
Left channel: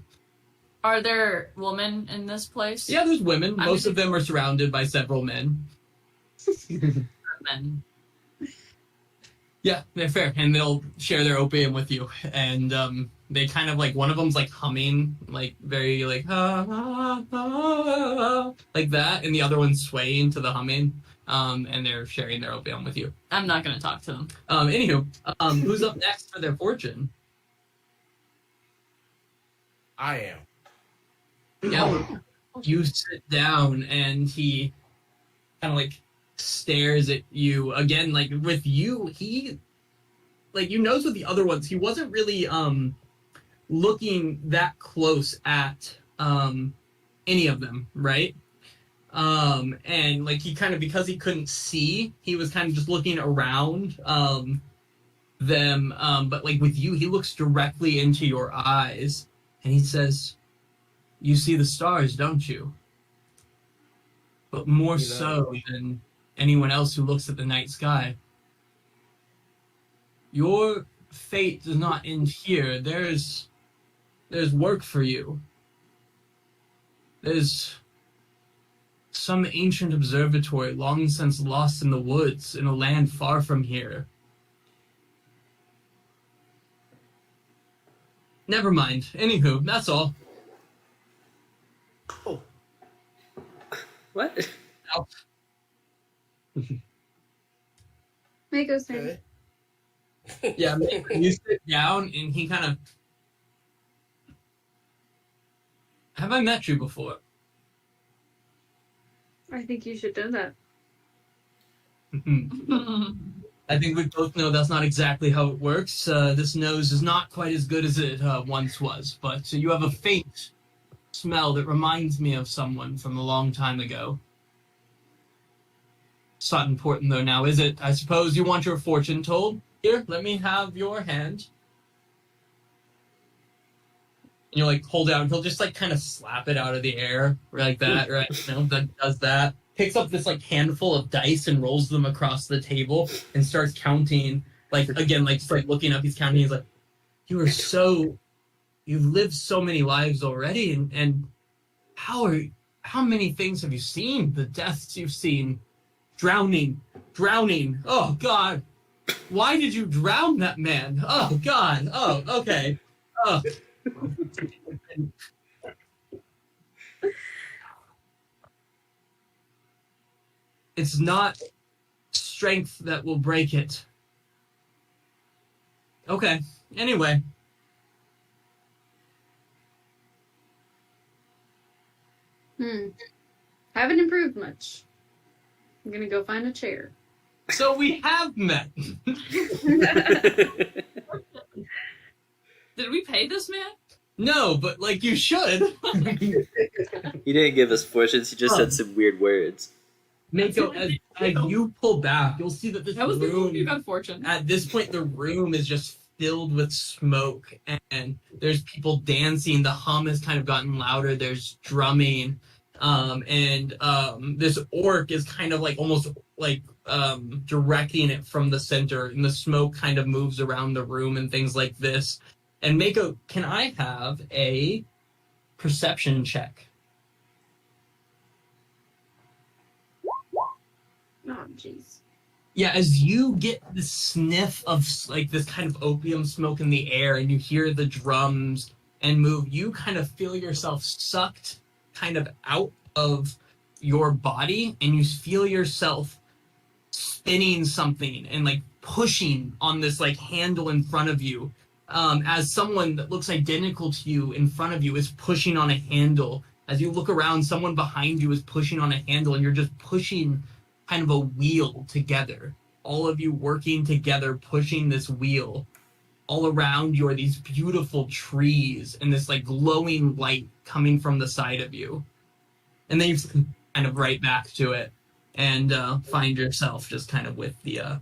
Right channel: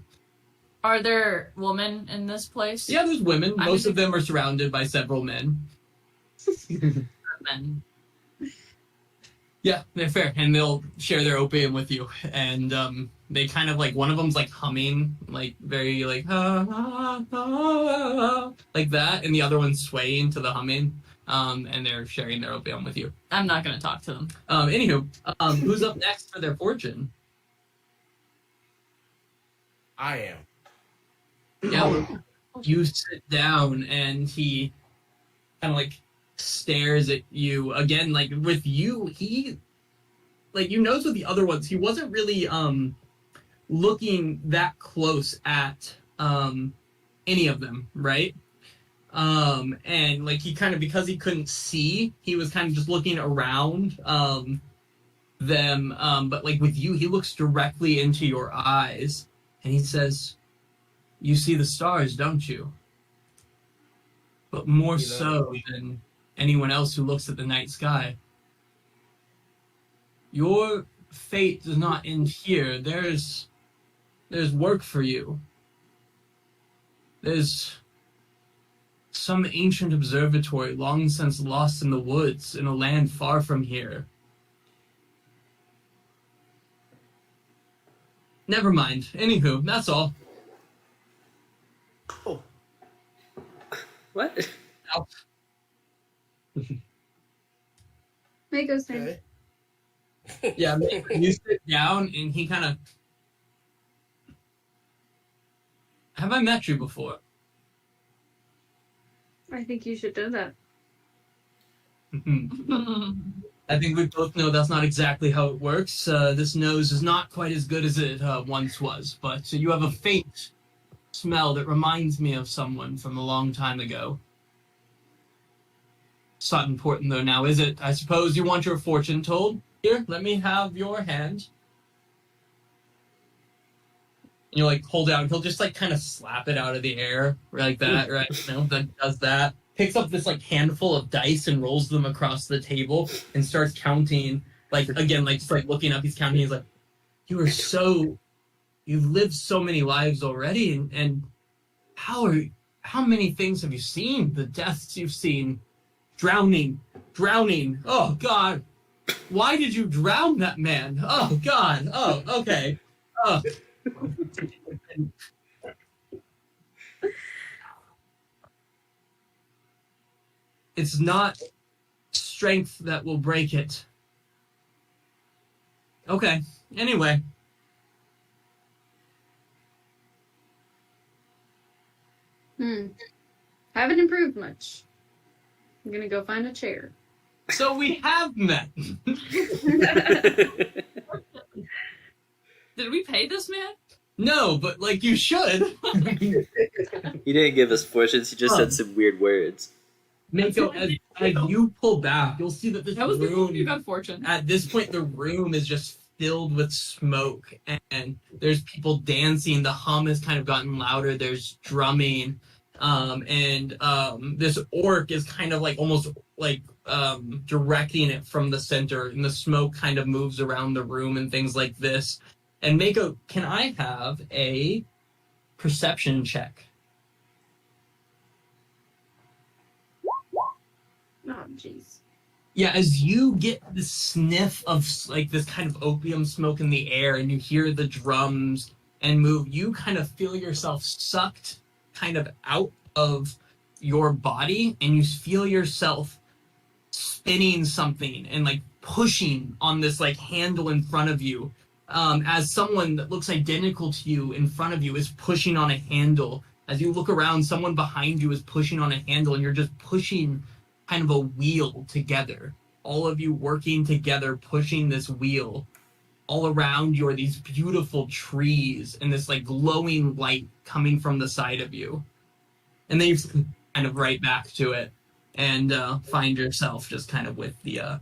Are there women in this place? Yeah, there's women. Most of them are surrounded by several men. Men. Yeah, they're fair, and they'll share their opium with you. And they kind of like, one of them's like humming, like very like like that, and the other one's swaying to the humming. And they're sharing their opium with you. I'm not going to talk to them. Anywho, who's up next for their fortune? I am. Yeah, you sit down, and he kind of like stares at you again. Like with you, he like you notice with the other ones, he wasn't really looking that close at any of them, right? And like he kind of, because he couldn't see, he was kind of just looking around them. But like with you, he looks directly into your eyes, and he says, "You see the stars, don't you? But more so than anyone else who looks at the night sky. Your fate does not end here. There's work for you. There's some ancient observatory long since lost in the woods in a land far from here. Never mind. Anywho, that's all." Oh, What? Now, Mako's turn. okay. yeah, you sit down, and he kind of... Have I met you before? I think you should do that. I think we both know that's not exactly how it works. This nose is not quite as good as it once was, but you have a faint smell that reminds me of someone from a long time ago. It's not important, though, now, is it? I suppose you want your fortune told? Here, let me have your hand. And you like hold out, he'll just like kind of slap it out of the air like that, right? You know, that does that. Picks up this like handful of dice and rolls them across the table and starts counting. Like again, like just like looking up, he's counting. He's like, "You've lived so many lives already, and how many things have you seen? The deaths you've seen, drowning. Oh God, why did you drown that man? Oh God. Oh, okay. Oh." It's not strength that will break it. Okay. Anyway. Haven't improved much. I'm gonna go find a chair. So we have met. Did we pay this man? No, but like you should. He didn't give us fortunes. He just said some weird words. Mako, as you pull back, you'll see that this That was before you room, got fortune. at this point, the room is just filled with smoke, and there's people dancing. The hum has kind of gotten louder. There's drumming, and this orc is kind of like almost like directing it from the center, and the smoke kind of moves around the room and things like this. And Mako, can I have a perception check? Oh, jeez. Yeah, as you get the sniff of like this kind of opium smoke in the air, and you hear the drums and move, you kind of feel yourself sucked kind of out of your body, and you feel yourself spinning something and like pushing on this like handle in front of you, as someone that looks identical to you in front of you is pushing on a handle. As you look around, someone behind you is pushing on a handle, and you're just pushing kind of a wheel together. All of you working together, pushing this wheel. all around you are these beautiful trees and this like glowing light coming from the side of you. And then you kind of right back to it and find yourself just kind of with the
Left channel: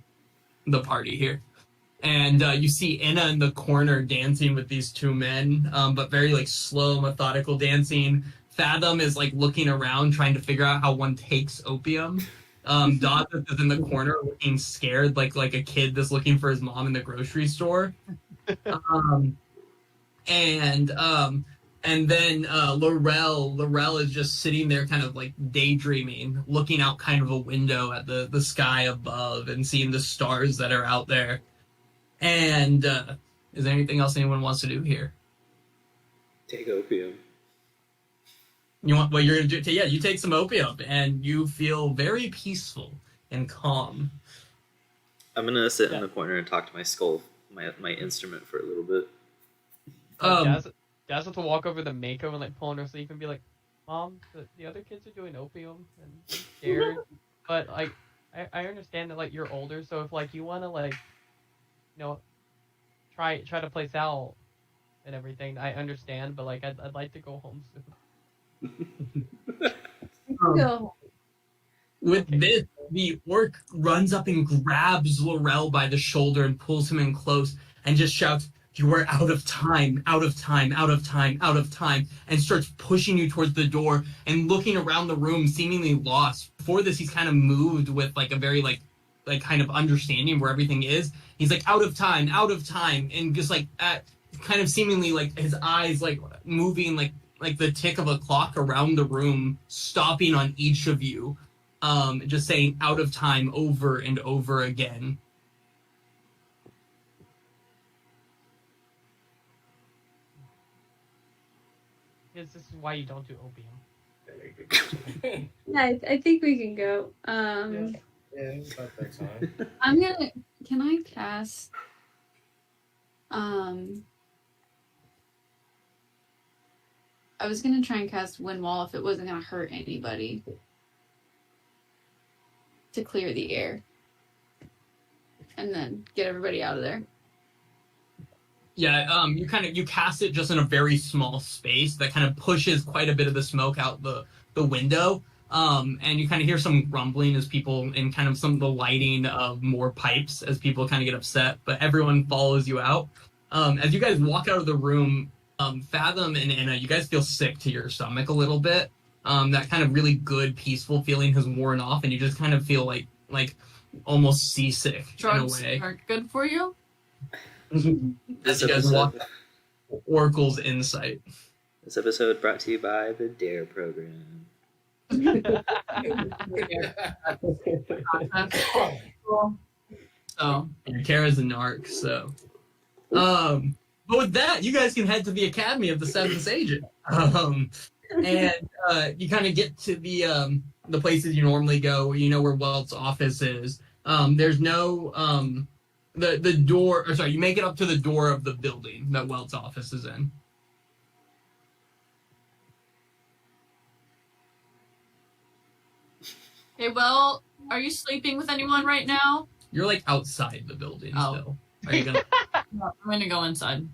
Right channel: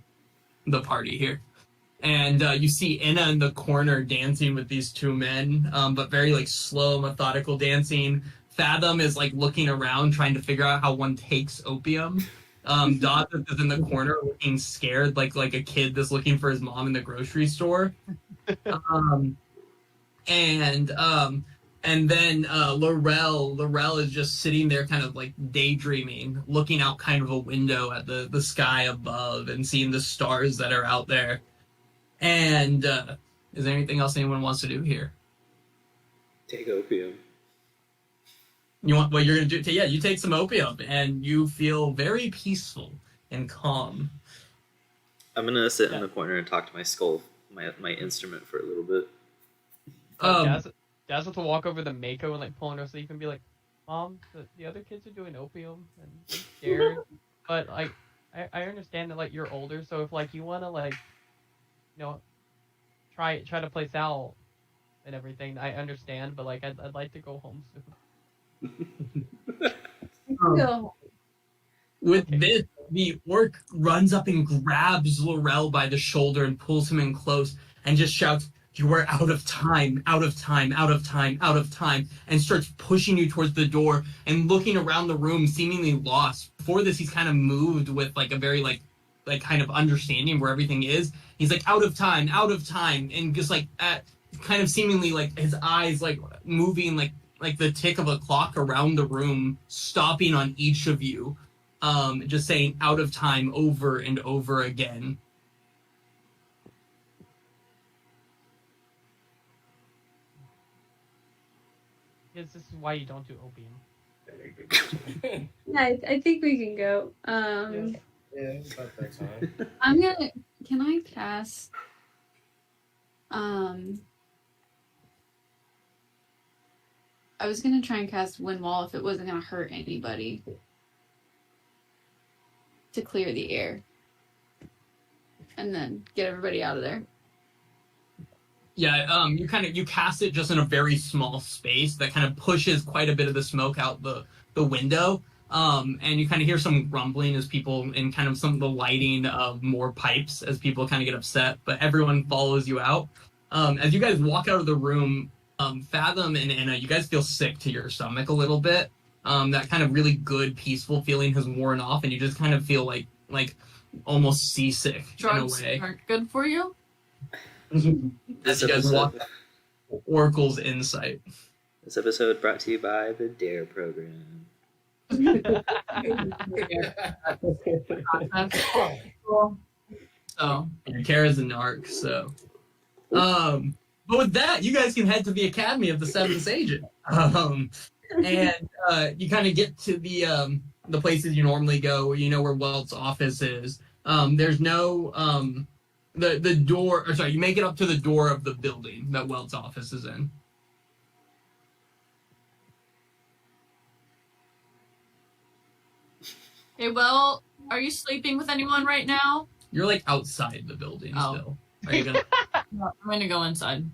party here. And you see Inna in the corner dancing with these two men, but very like slow, methodical dancing. Fathom is like looking around, trying to figure out how one takes opium. Dawson is in the corner looking scared, like a kid that's looking for his mom in the grocery store. And then Laurel is just sitting there kind of like daydreaming, looking out kind of a window at the sky above and seeing the stars that are out there. And is there anything else anyone wants to do here? Take opium. You want what you're gonna do? Yeah, you take some opium and you feel very peaceful and calm. I'm gonna sit in the corner and talk to my skull, my instrument, for a little bit. Daz have to walk over to Mako and like pull on her sleeve and be like, "Mom, the other kids are doing opium and I'm scared." But like, I understand that like you're older, so if like you wanna like, you know, try to play Sal and everything, I understand. But like, I'd like to go home soon. With this, the orc runs up and grabs Laurel by the shoulder and pulls him in close and just shouts, "You are out of time, out of time, out of time, out of time," and starts pushing you towards the door and looking around the room, seemingly lost. Before this, he's kind of moved with like a very like kind of understanding where everything is. He's like, out of time, and just like at kind of seemingly like his eyes like moving like the tick of a clock around the room, stopping on each of you, just saying "out of time" over and over again. Because this is why you don't do opium. Yeah, I think we can go. Yeah, it's about that time. Can I cast I was gonna try and cast Wind Wall if it wasn't gonna hurt anybody to clear the air and then get everybody out of there. Yeah, you cast it just in a very small space that kind of pushes quite a bit of the smoke out the window. And you kind of hear some grumbling as people, and kind of some of the lighting of more pipes as people kind of get upset, but everyone follows you out. As you guys walk out of the room, Fathom and Anna, you guys feel sick to your stomach a little bit. That kind of really good, peaceful feeling has worn off, and you just kind of feel like almost seasick Drugs in a way. aren't good for you? This You guys walk episode, Oracle's insight. this episode brought to you by the DARE program. So Kara's a narc, so but with that, you guys can head to the Academy of the Seventh Agent. And you kind of get to the places you normally go. You know where Welt's office is. There's no the door, or sorry, you make it up to the door of the building that Welt's office is in. Okay, well, are you sleeping with anyone right now? You're like outside the building still. Are you gonna? I'm gonna go inside.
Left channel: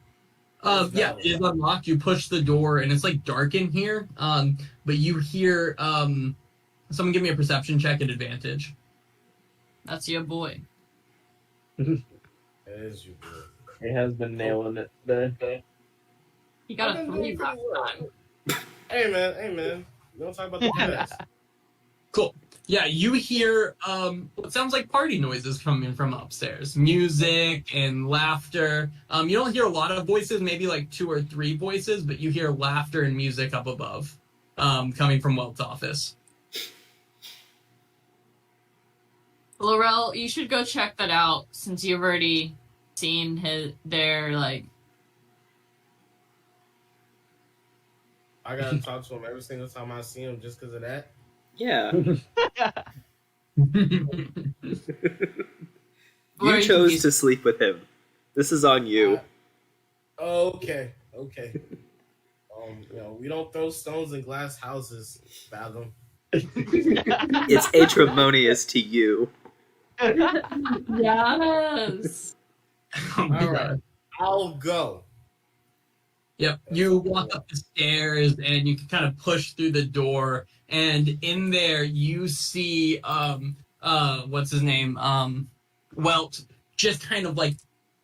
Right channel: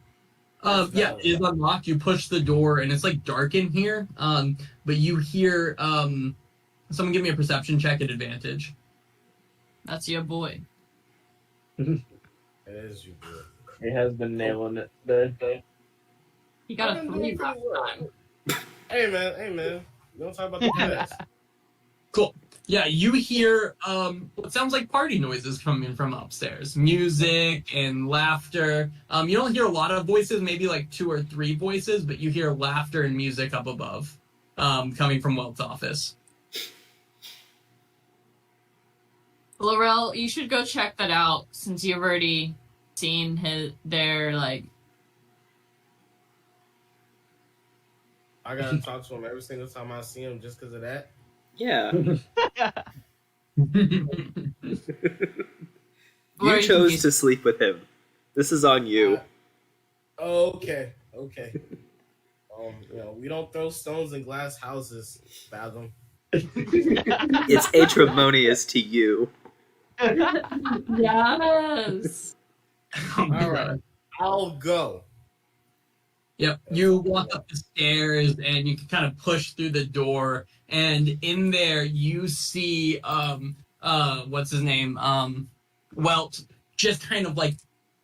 Yeah, it is unlocked. You push the door, and it's like dark in here. But you hear someone give me a perception check at advantage. That's your boy. That is your boy. He has been nailing it there. He got a 3 last time. Hey man, we don't talk about the past. Cool. Yeah, you hear what sounds like party noises coming from upstairs. Music and laughter. You don't hear a lot of voices, maybe like 2 or 3 voices, but you hear laughter and music up above, coming from Welt's office. Laurel, you should go check that out since you've already seen their like. I gotta talk to him every single time I see him just because of that. Yeah. Or You chose to sleep with him. This is on you. Okay. We don't throw stones in glass houses, Fathom. It's Aetremonious to you. Yes. Oh my All right. God. I'll go. Yep. You walk up the stairs and you can kind of push through the door, and in there you see what's his name? Welt, just kind of like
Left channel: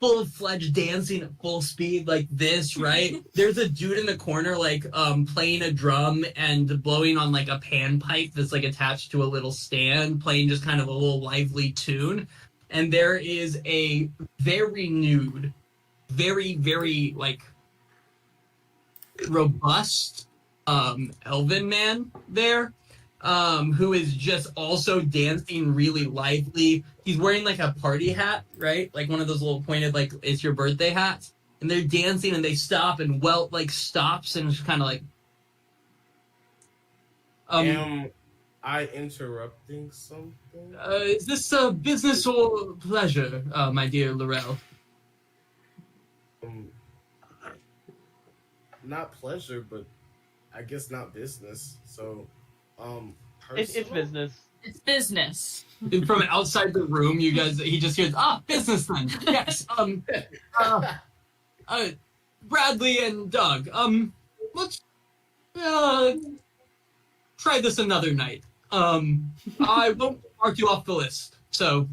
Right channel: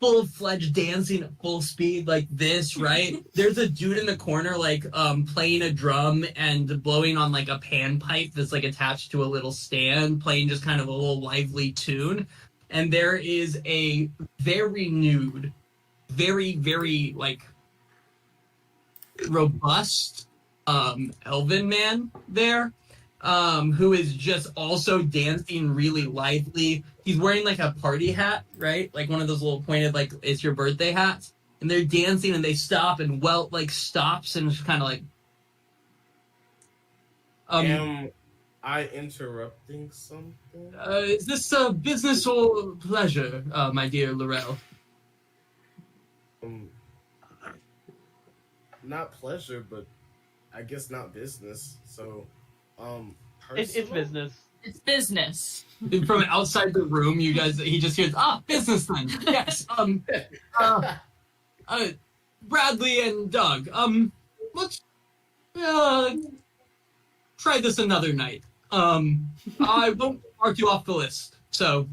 full-fledged dancing at full speed like this, right? There's a dude in the corner like playing a drum and blowing on like a panpipe that's like attached to a little stand, playing just kind of a little lively tune. And there is a very nude, very, very like robust elven man there, who is just also dancing really lively. He's wearing like a party hat, right? Like one of those little pointed, like it's your birthday hats. And they're dancing and they stop, and Welt like stops and is kind of like, Am I interrupting something? is this a business or pleasure, my dear Laurel? Not pleasure, but I guess not business. So, It's personal? business. It's business. From outside the room, you guys, he just hears, business then. Yes. Bradley and Doug. Let's try this another night. I won't mark you off the list. So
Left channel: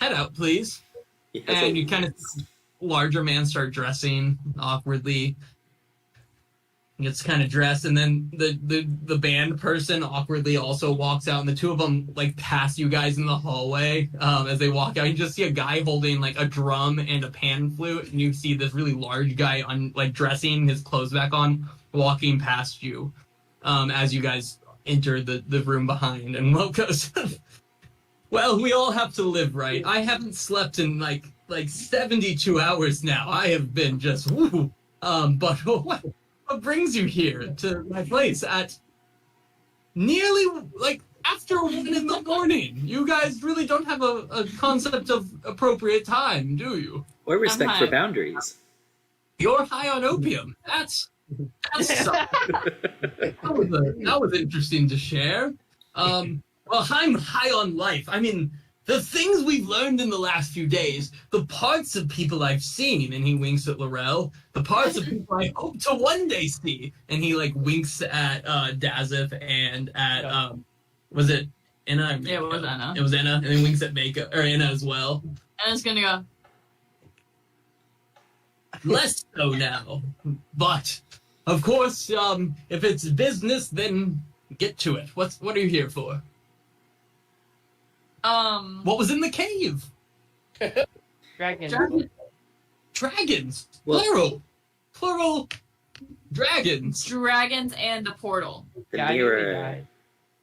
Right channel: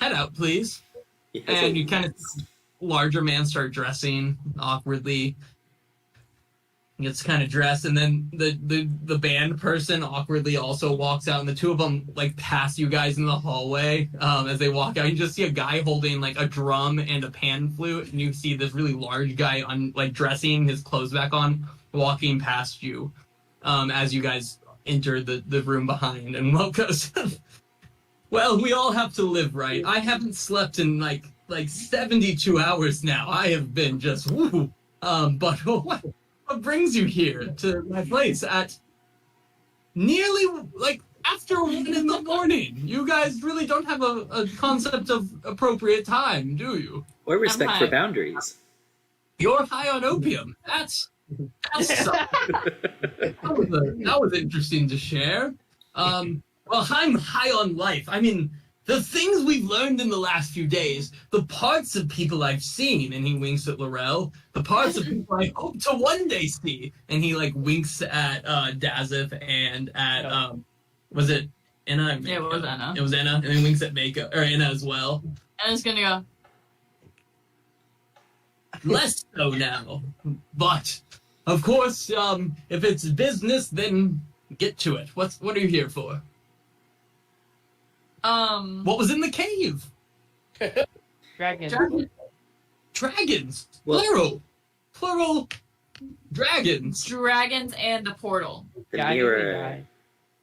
head out, please. And you kind of larger man start dressing awkwardly. Gets kind of dressed, and then the band person awkwardly also walks out, and the two of them like pass you guys in the hallway. As they walk out, you just see a guy holding like a drum and a pan flute, and you see this really large guy dressing his clothes back on, walking past you. As you guys enter the room behind, and Will goes, "Well, we all have to live, right? I haven't slept in like 72 hours now. I have been just woo. But what brings you here to my place at nearly like after 1 in the morning? You guys really don't have a concept of appropriate time, do you? Or respect I'm for high. boundaries. You're high on opium. That was interesting to share. Well, I'm high on life. I mean, the things we've learned in the last few days, the parts of people I've seen, and he winks at Laurel, the parts of people I hope to one day see, and he like winks at Dazeth and at was it Anna? Yeah, it was Anna. It was Anna, and he winks at Anna as well. And it's gonna go. Less so now, but of course, if it's business, then get to it. What are you here for? What was in the cave? Dragon. Dragons. Well- Plural. Dragons. Dragons and the portal. The Guy, mirror.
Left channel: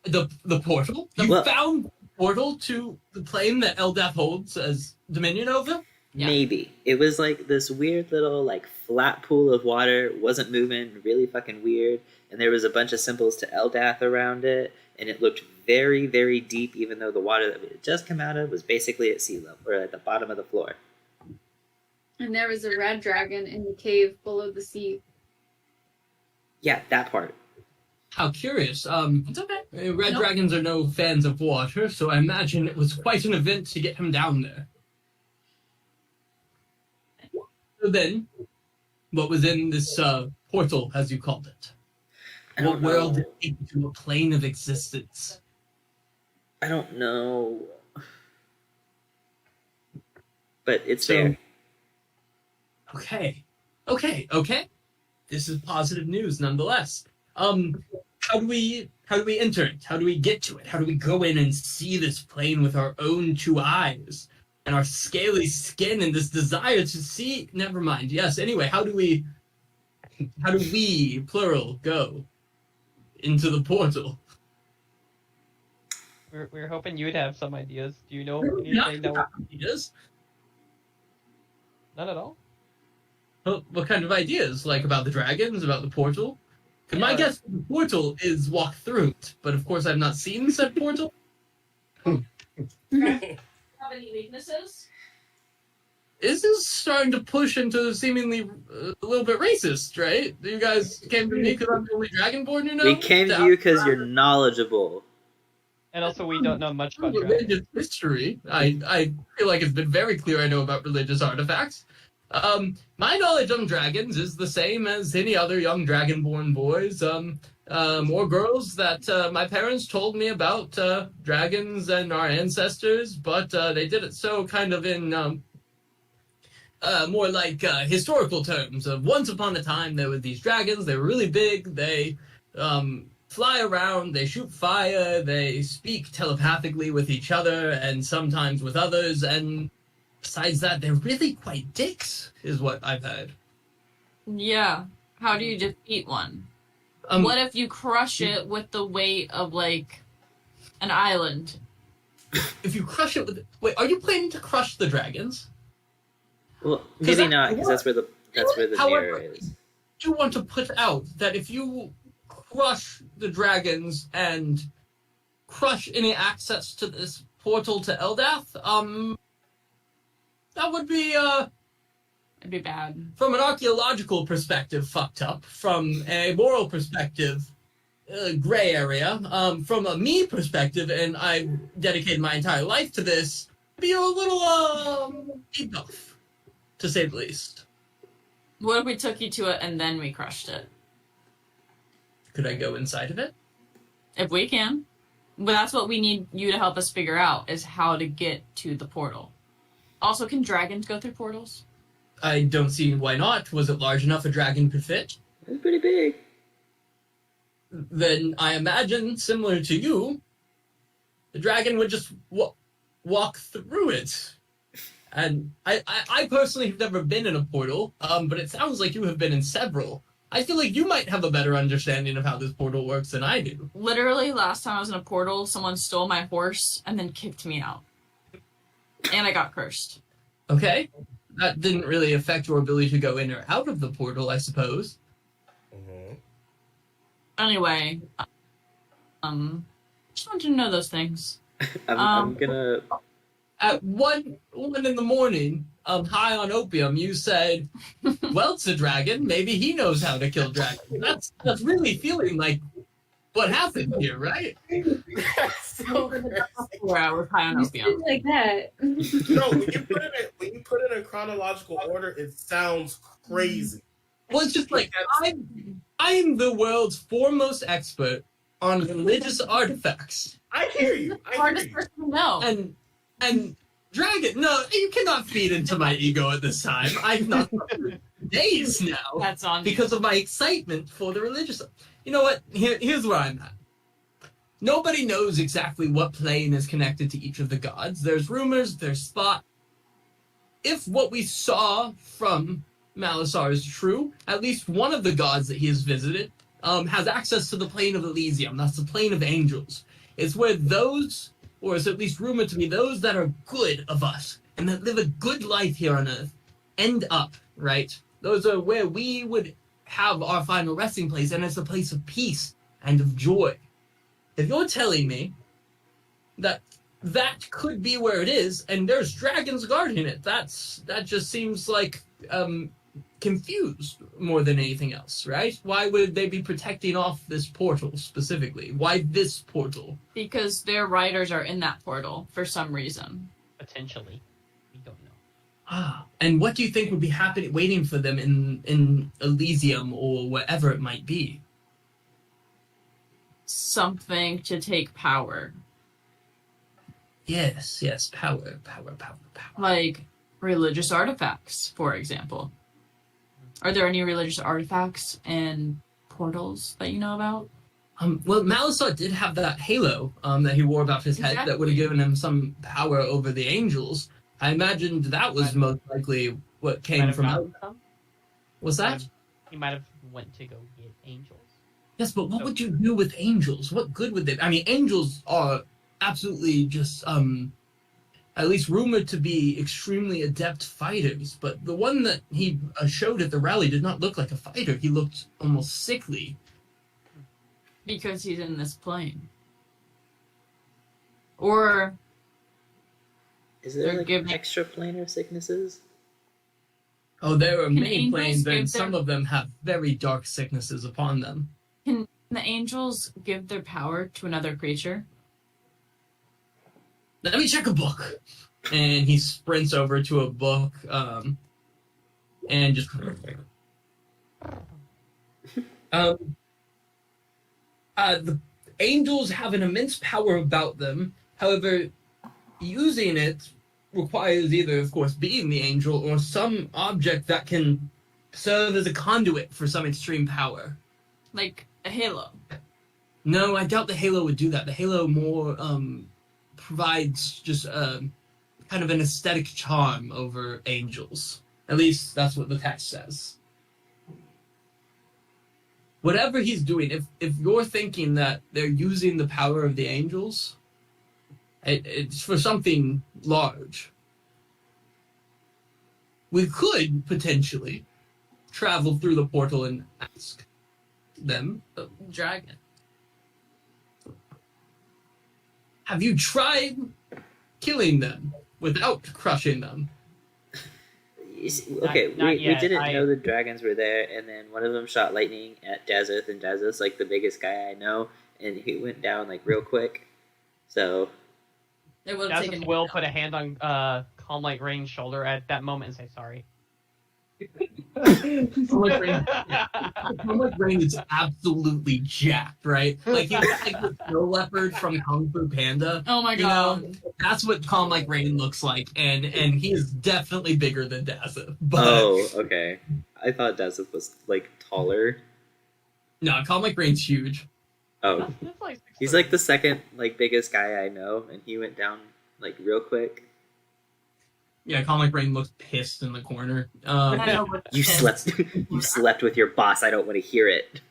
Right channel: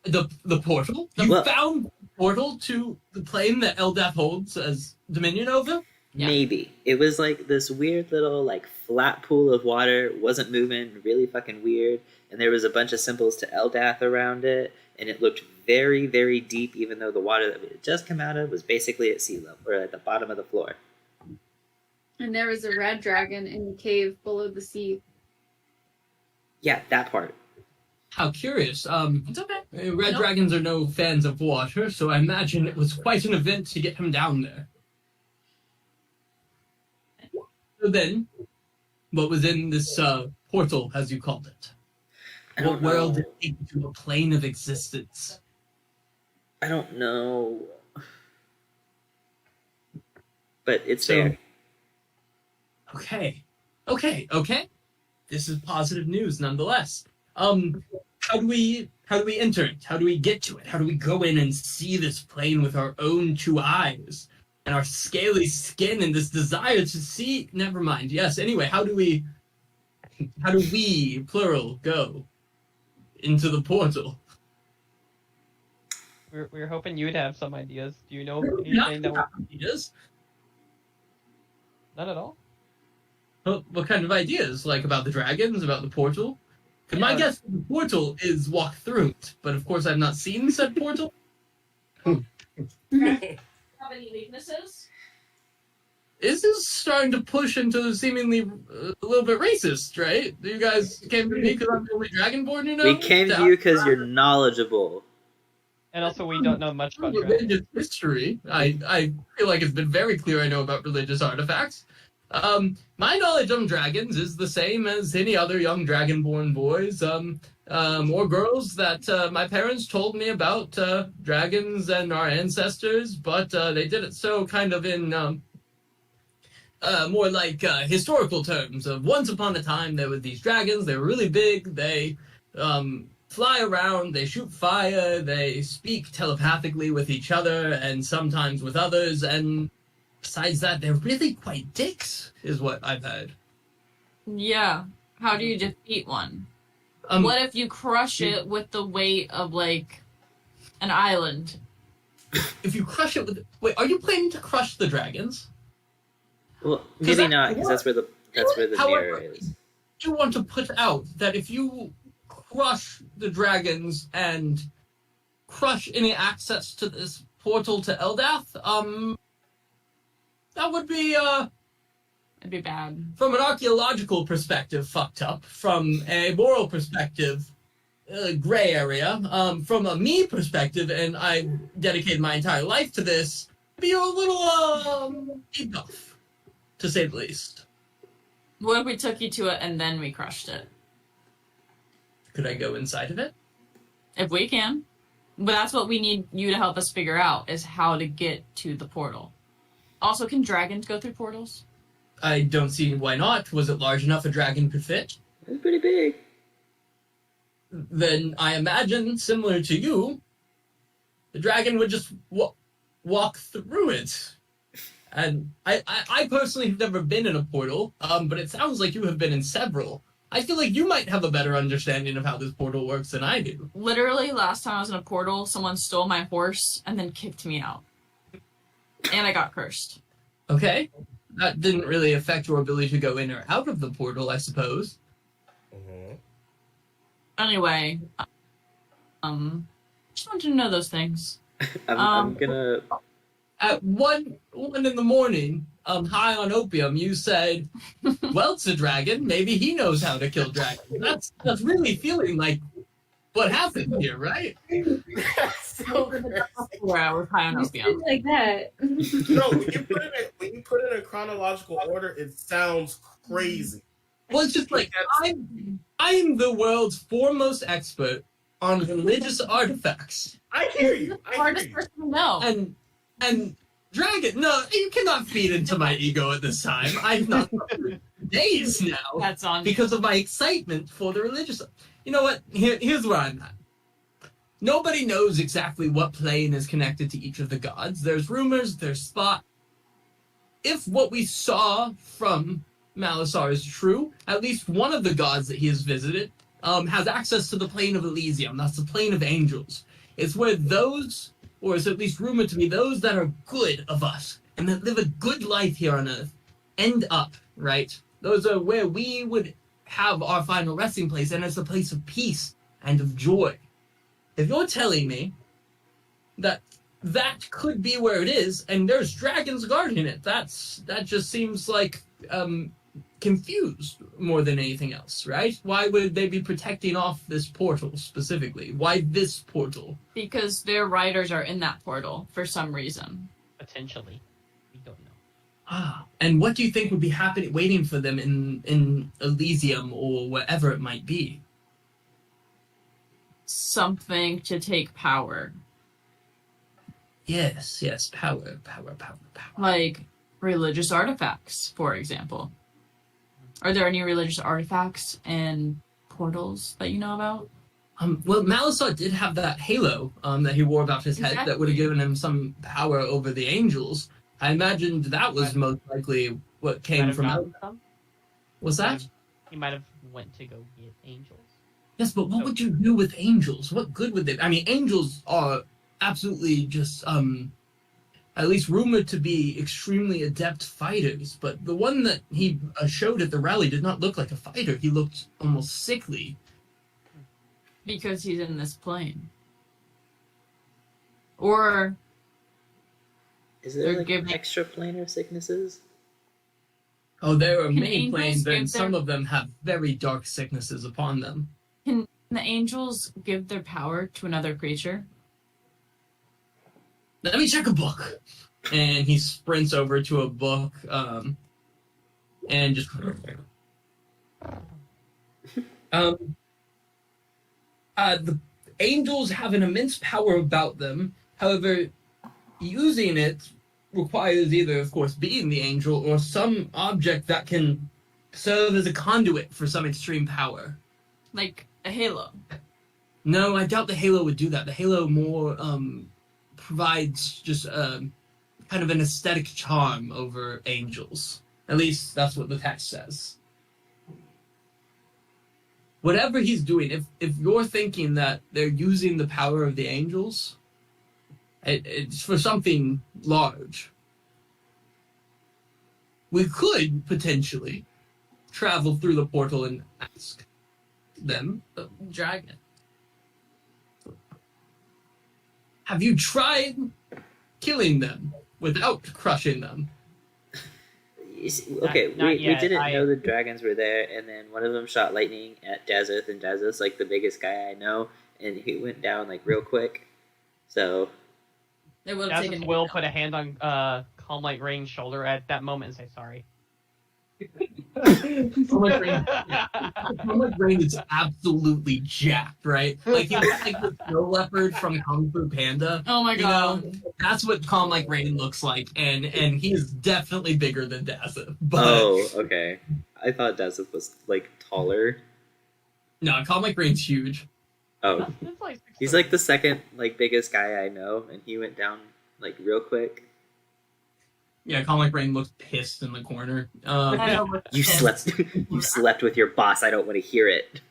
The portal. You Well- found the portal to the plane that Eldath holds as dominion over. Yeah. Maybe. It was like this weird little like flat pool of water, wasn't moving, really fucking weird, and there was a bunch of symbols to Eldath around it, and it looked very, very deep, even though the water that we had just come out of was basically at sea level, or at the bottom of the floor. And there was a red dragon in the cave below the sea. Yeah, that part. How curious. It's okay. Red Nope. dragons are no fans of water, so I imagine it was quite an event to get him down there. So then, what was in this portal, as you called it? I don't What world know. did it take you to a plane of existence? I don't know. But it's So- there. Okay. This is positive news nonetheless. How do we enter it? How do we get to it? How do we go in and see this plane with our own two eyes and our scaly skin and this desire to see? Never mind. Yes. Anyway, how do we plural go into the portal? We're hoping you'd have some ideas. Do you know Not anything that ideas. None at all? What kind of ideas? Like about the dragons, about the portal? Because my guess is the portal is walk through it, but of course I've not seen said portal. Have any weaknesses? This is starting to push into seemingly a little bit racist, right? You guys came to me because I'm the only dragonborn, you know? We came to you because you're knowledgeable. And also, we don't know much about dragons. Religious history. I feel like it's been very clear I know about religious artifacts. My knowledge of dragons is the same as any other young dragonborn boys, or girls that my parents told me about dragons and our ancestors, but they did it so kind of in more like historical terms of once upon a time there were these dragons. They were really big. They fly around. They shoot fire. They speak telepathically with each other and sometimes with others. And besides that, they're really quite dicks, is what I've heard. Yeah. How do you defeat one? What if you crush it with the weight of, like, an island? If you crush it with... Wait, are you planning to crush the dragons? Well, maybe not, because that's where the However, mirror is. I do want to put out that if you crush the dragons and crush any access to this portal to Eldath, that would be, It'd be bad. from an archaeological perspective, fucked up. From a moral perspective, gray area. From a me perspective, and I dedicated my entire life to this, be a little, deep off, to say the least. What if we took you to it and then we crushed it? Could I go inside of it? If we can. But that's what we need you to help us figure out, is how to get to the portal. Also, can dragons go through portals? I don't see why not. Was it large enough a dragon could fit? It's pretty big. Then I imagine, similar to you, the dragon would just walk through it. And I personally have never been in a portal, but it sounds like you have been in several. I feel like you might have a better understanding of how this portal works than I do. Literally, last time I was in a portal, someone stole my horse and then kicked me out. And I got cursed. Okay. That didn't really affect your ability to go in or out of the portal, I suppose. Mm-hmm. Anyway, just wanted to know those things. I'm gonna. At 1 in the morning, high on opium, you said, well, it's a dragon. Maybe he knows how to kill dragons. That's really feeling like what happened here, right? So crazy. Where I was high on opium. Like that. No, when you put it in chronological order, it sounds crazy. Well, it's just like, I'm the world's foremost expert on religious artifacts. I hear you. Hardest person to know. And dragon, no, you cannot feed into my ego at this time. I've not for days now That's on because of my excitement for the religious. You know what? Here's where I'm at. Nobody knows exactly what plane is connected to each of the gods. There's rumors, there's thought. If what we saw from Malasar is true, at least one of the gods that he has visited has access to the plane of Elysium. That's the plane of angels. It's where those, or is at least rumored to be those that are good of us and that live a good life here on Earth, end up, right? Those are where we would have our final resting place, and it's a place of peace and of joy. If you're telling me that could be where it is, and there's dragons guarding it, that just seems like confused more than anything else, right? Why would they be protecting off this portal specifically? Why this portal? Because their riders are in that portal for some reason. Potentially. We don't know. Ah, and what do you think would be happening, waiting for them in Elysium or wherever it might be? Something to take power. Yes, power. Like religious artifacts, for example. Are there any religious artifacts and portals that you know about? Well, Malasar did have that halo that he wore above his head that would have given him some power over the angels. I imagined that was most likely what came from out. What's that? He might have went to go get angels. Yes, but what would you do with angels? What good would they? I mean, angels are absolutely just at least rumored to be extremely adept fighters, but the one that he showed at the rally did not look like a fighter. He looked almost sickly. Because he's in this plane. Or Is there like Forgive me. extra planar sicknesses? Oh, there are Can many angels planes, give and their- some of them have very dark sicknesses upon them. can the angels give their power to another creature? Let me check a book. And he sprints over to a book. and just the angels have an immense power about them. However, using it requires either, of course, being the angel or some object that can serve as a conduit for some extreme power. Like a halo. No, I doubt the halo would do that. The halo more provides just kind of an aesthetic charm over angels. At least that's what the text says. Whatever he's doing, if you're thinking that they're using the power of the angels, it's for something large. We could potentially travel through the portal and ask them. Dragon. Have you tried killing them without crushing them? Okay, Not we yet. didn't know the dragons were there, and then one of them shot lightning at Jazeth, and Jazeth's like the biggest guy I know, and he went down like real quick. So They would have taken Jazeth him will down. put a hand on Calm Light Rain's shoulder at that moment and say sorry. Calm Rain is absolutely jacked, right? Like he's like the snow leopard from Kung Fu Panda. Oh my You god. know, that's what Calm Like Rain looks like, and he is definitely bigger than Jazeth. But oh, okay. I thought Jazeth was like taller. no, Calm Like Rain's huge. Oh, It's like he's like the second like biggest guy I know, and he went down like real quick. Yeah, Calm Like Rain looks pissed in the corner. I know, but- You slept. You slept with your boss. I don't want to hear it.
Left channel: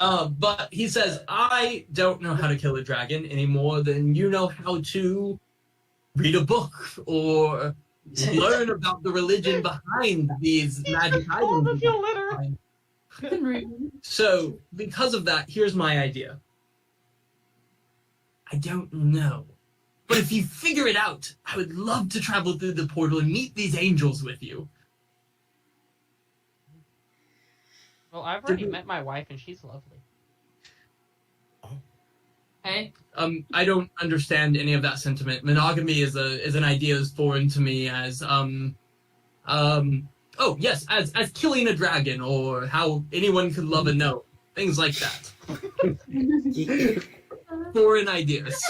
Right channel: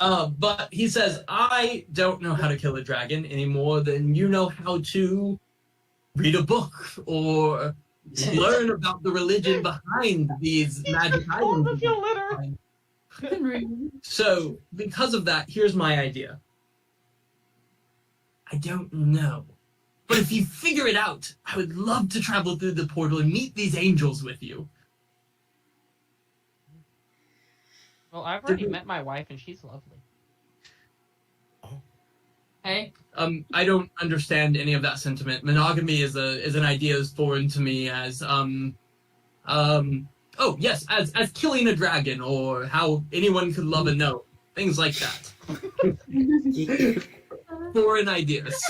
But he says, I don't know how to kill a dragon any more than you know how to read a book or learn about the religion behind these magic Hold items. up your litter. So, because of that, here's my idea. I don't know. But if you figure it out, I would love to travel through the portal and meet these angels with you. Well, I've already met my wife and she's lovely. Hey, I don't understand any of that sentiment. Monogamy is an idea as foreign to me as oh yes, as killing a dragon or how anyone could love a gnome, things like that. Foreign ideas.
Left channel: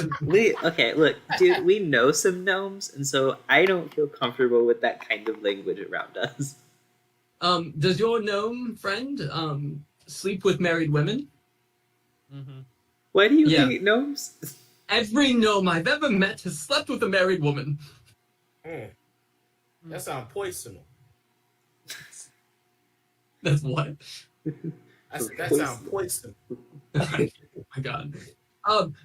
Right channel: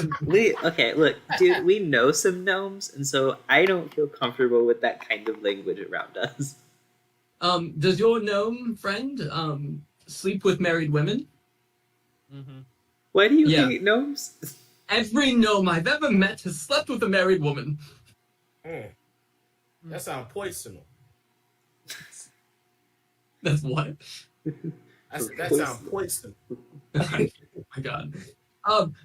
Okay, look, dude, we know some gnomes, and so I don't feel comfortable with that kind of language around us. Does your gnome friend sleep with married women? Mm-hmm. Why do you Yeah. hate gnomes? Every gnome I've ever met has slept with a married woman. That sounds poisonous. That's what? That sounds poisonous. Oh my god.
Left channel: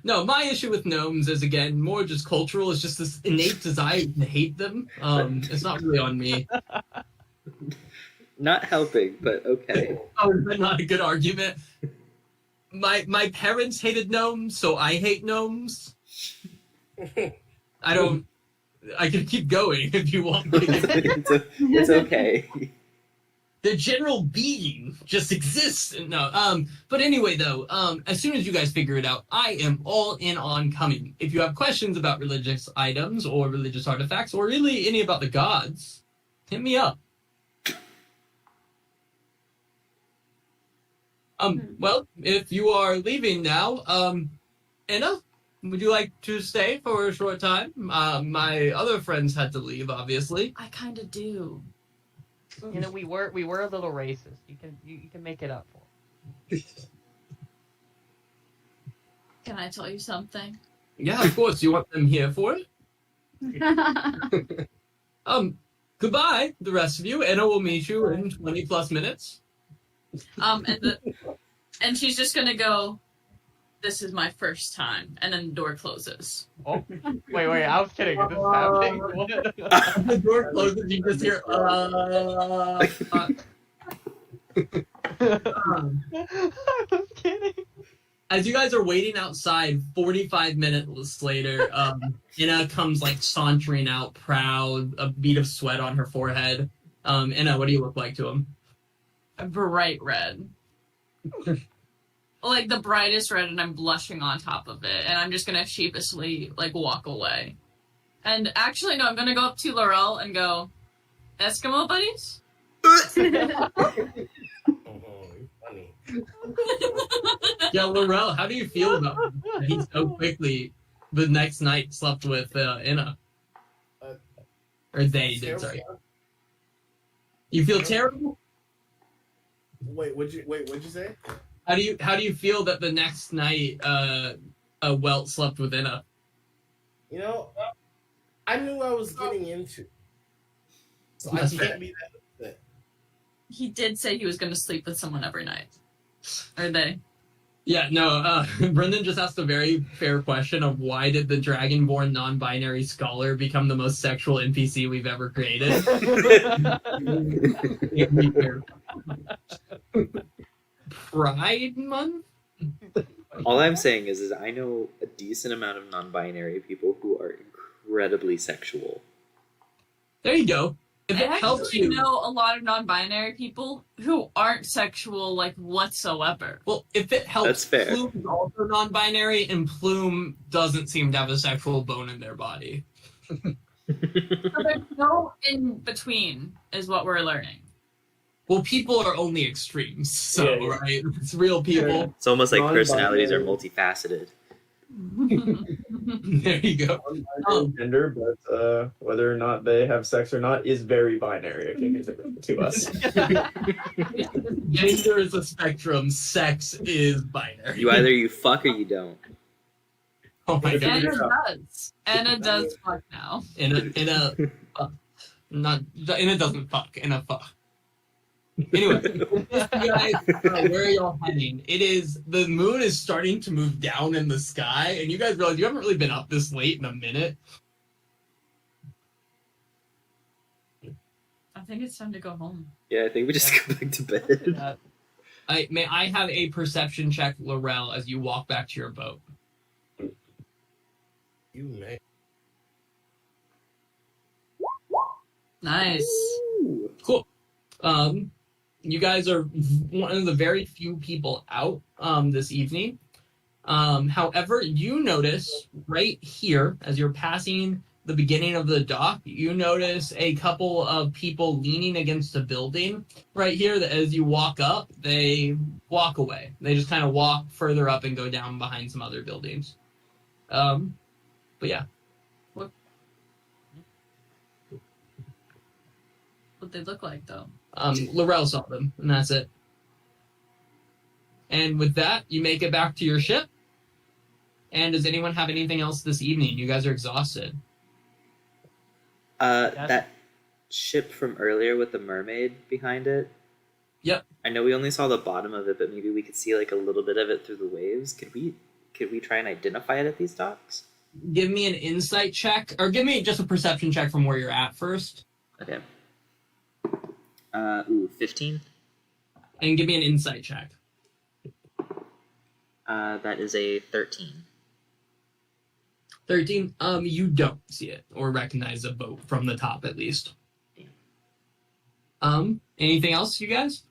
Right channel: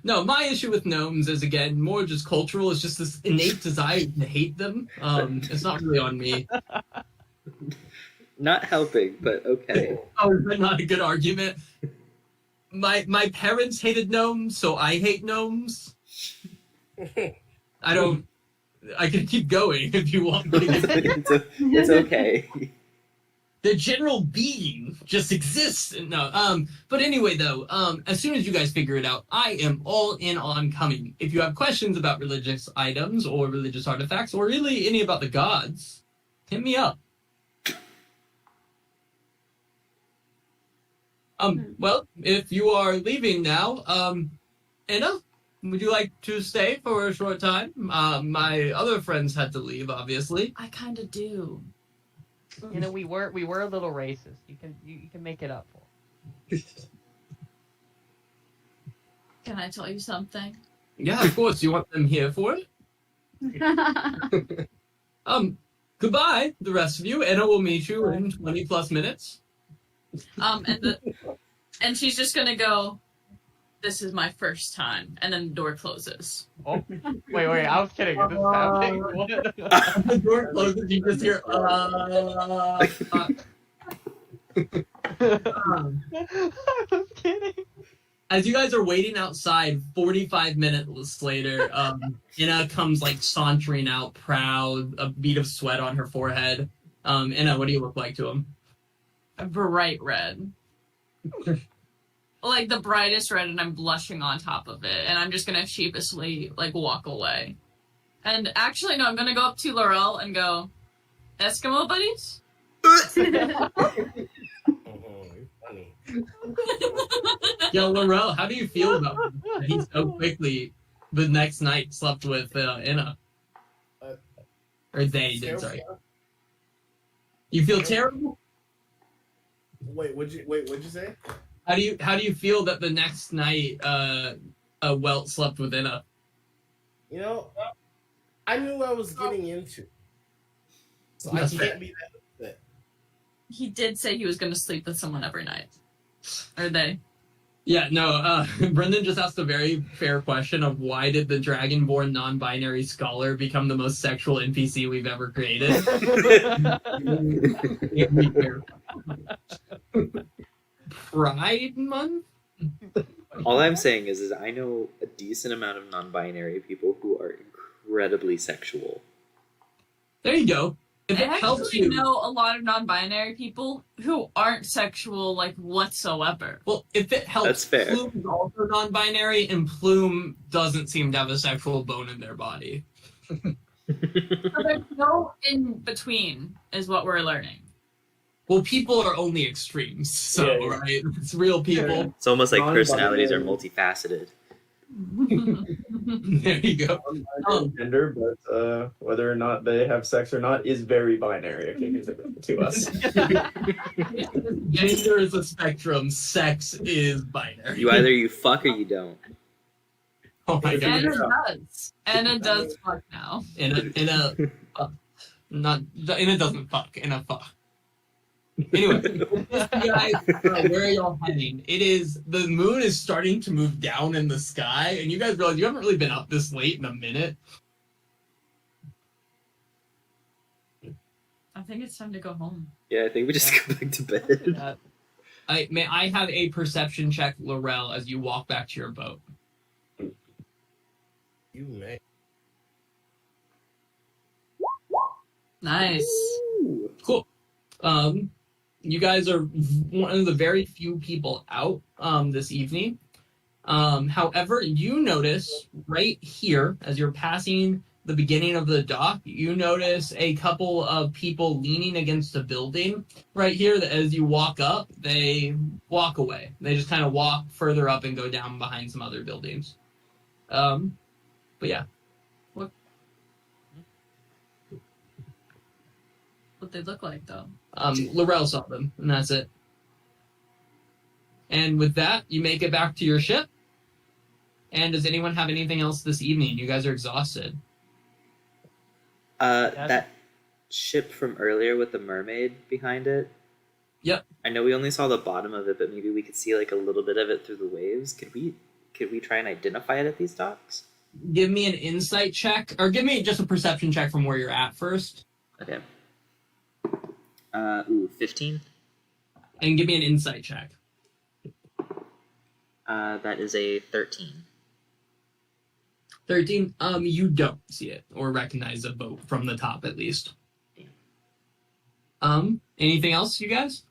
No, my issue with gnomes is again more just cultural. It's just this innate desire to hate them. It's not really on me. Not helping, but okay. Oh, is that not a good argument? My parents hated gnomes, so I hate gnomes. I can keep going if you want me. It's okay. The general being just exists. No, but anyway, though, as soon as you guys figure it out, I am all in on coming. If you have questions about religious items or religious artifacts, or really any about the gods, hit me up. Well, if you are leaving now, Anna, would you like to stay for a short time? My other friends had to leave, obviously. I kind of do. You know, we were a little racist. You can make it up for. Can I tell you something? Yeah, of course. You want them here for it? Goodbye, the rest of you. Anna will meet you in 20 plus minutes. And she's just gonna go, this is my first time, and then the door closes. Oh, wait, I was kidding. Is this happening? What? The door closes, you just hear, I was kidding. As you guys are waiting outside, 45 minutes later, Anna comes like sauntering out, proud, a bead of sweat on her forehead. Anna, what do you look like to him? A bright red. Like the brightest red, and I'm blushing on top of it, and I'm just gonna sheepishly like walk away. And actually, no, I'm gonna go up to Laurel and go, Eskimo buddies? Mhm, funny. Yeah, Laurel, how do you feel about that he so quickly the next night slept with Inna? Or they did, sorry. You feel terrible? Wait, what'd you say? How do you feel that the next night Welt slept with Inna? You know, I knew what I was getting into. So I That's can't fair. be that upset. He did say he was going to sleep with someone every night. Or they. Yeah, no, Brendan just asked a very fair question of why did the Dragonborn non-binary scholar become the most sexual NPC we've ever created? Pride Month? All I'm saying is I know a decent amount of non-binary people who are incredibly sexual. There you go. If I it helps actually you, know a lot of non-binary people who aren't sexual, like, whatsoever. well, if it helps, That's fair. Plume is also non-binary, and Plume doesn't seem to have a sexual bone in their body. So there's no in between, is what we're learning. Well, people are only extremes, so, Yeah, yeah. right? It's real people. It's almost like personalities are Non-binary. multifaceted. There you go. Non-binary gender, but whether or not they have sex or not is very binary, I think, to us. Gender is a spectrum. Sex is binary. You fuck or you don't. Oh my god. Anna does. Anna does fuck now. In a doesn't fuck. In a fuck. Anyway, you guys, where are y'all heading? The moon is starting to move down in the sky, and you guys realize you haven't really been up this late in a minute. I think it's time to go home. Yeah, I think we just go back to bed. I have a perception check, Laurel, as you walk back to your boat. You may. Nice. Cool. You guys are one of the very few people out this evening. However, you notice right here, as you're passing the beginning of the dock, you notice a couple of people leaning against a building right here that as you walk up, they walk away. They just kind of walk further up and go down behind some other buildings. But yeah. What they look like, though. Laurel saw them, and that's it. And with that, you make it back to your ship. And does anyone have anything else this evening? You guys are exhausted. That ship from earlier with the mermaid behind it. Yep. I know we only saw the bottom of it, but maybe we could see like a little bit of it through the waves. Could we try and identify it at these docks? Give me an insight check, or give me just a perception check from where you're at first. Okay. 15. And give me an insight check. That is a 13. 13. You don't see it or recognize a boat from the top, at least. Anything else, you guys?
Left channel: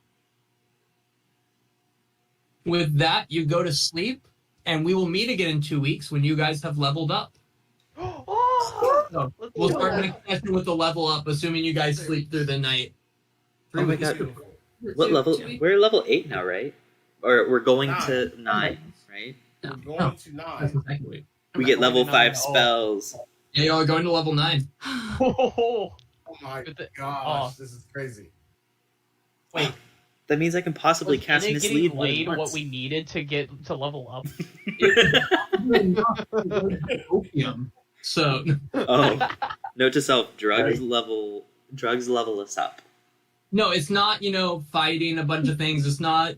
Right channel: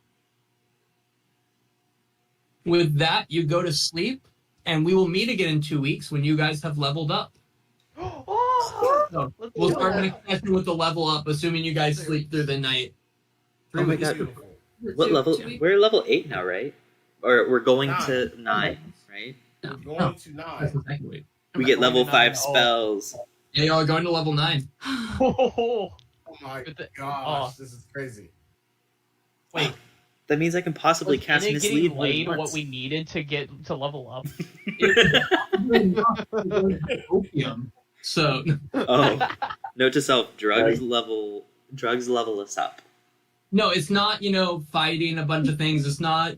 With that, you go to sleep, and we will meet again in 2 weeks when you guys have leveled up. So we'll start the next session with the level up, assuming you guys sleep through the night. Oh my god. What level? We're level 8 now, right? Or we're going to 9, right? We're going to 9. We get level 5 spells. Yeah, y'all are going to level 9. Oh my gosh, this is crazy. Wait, That means I can possibly was cast Inna mislead getting more than laid once. what we needed to get to level up? Opium. So, Oh, note to self: drugs level us up. no, it's not, fighting a bunch of things. It's not,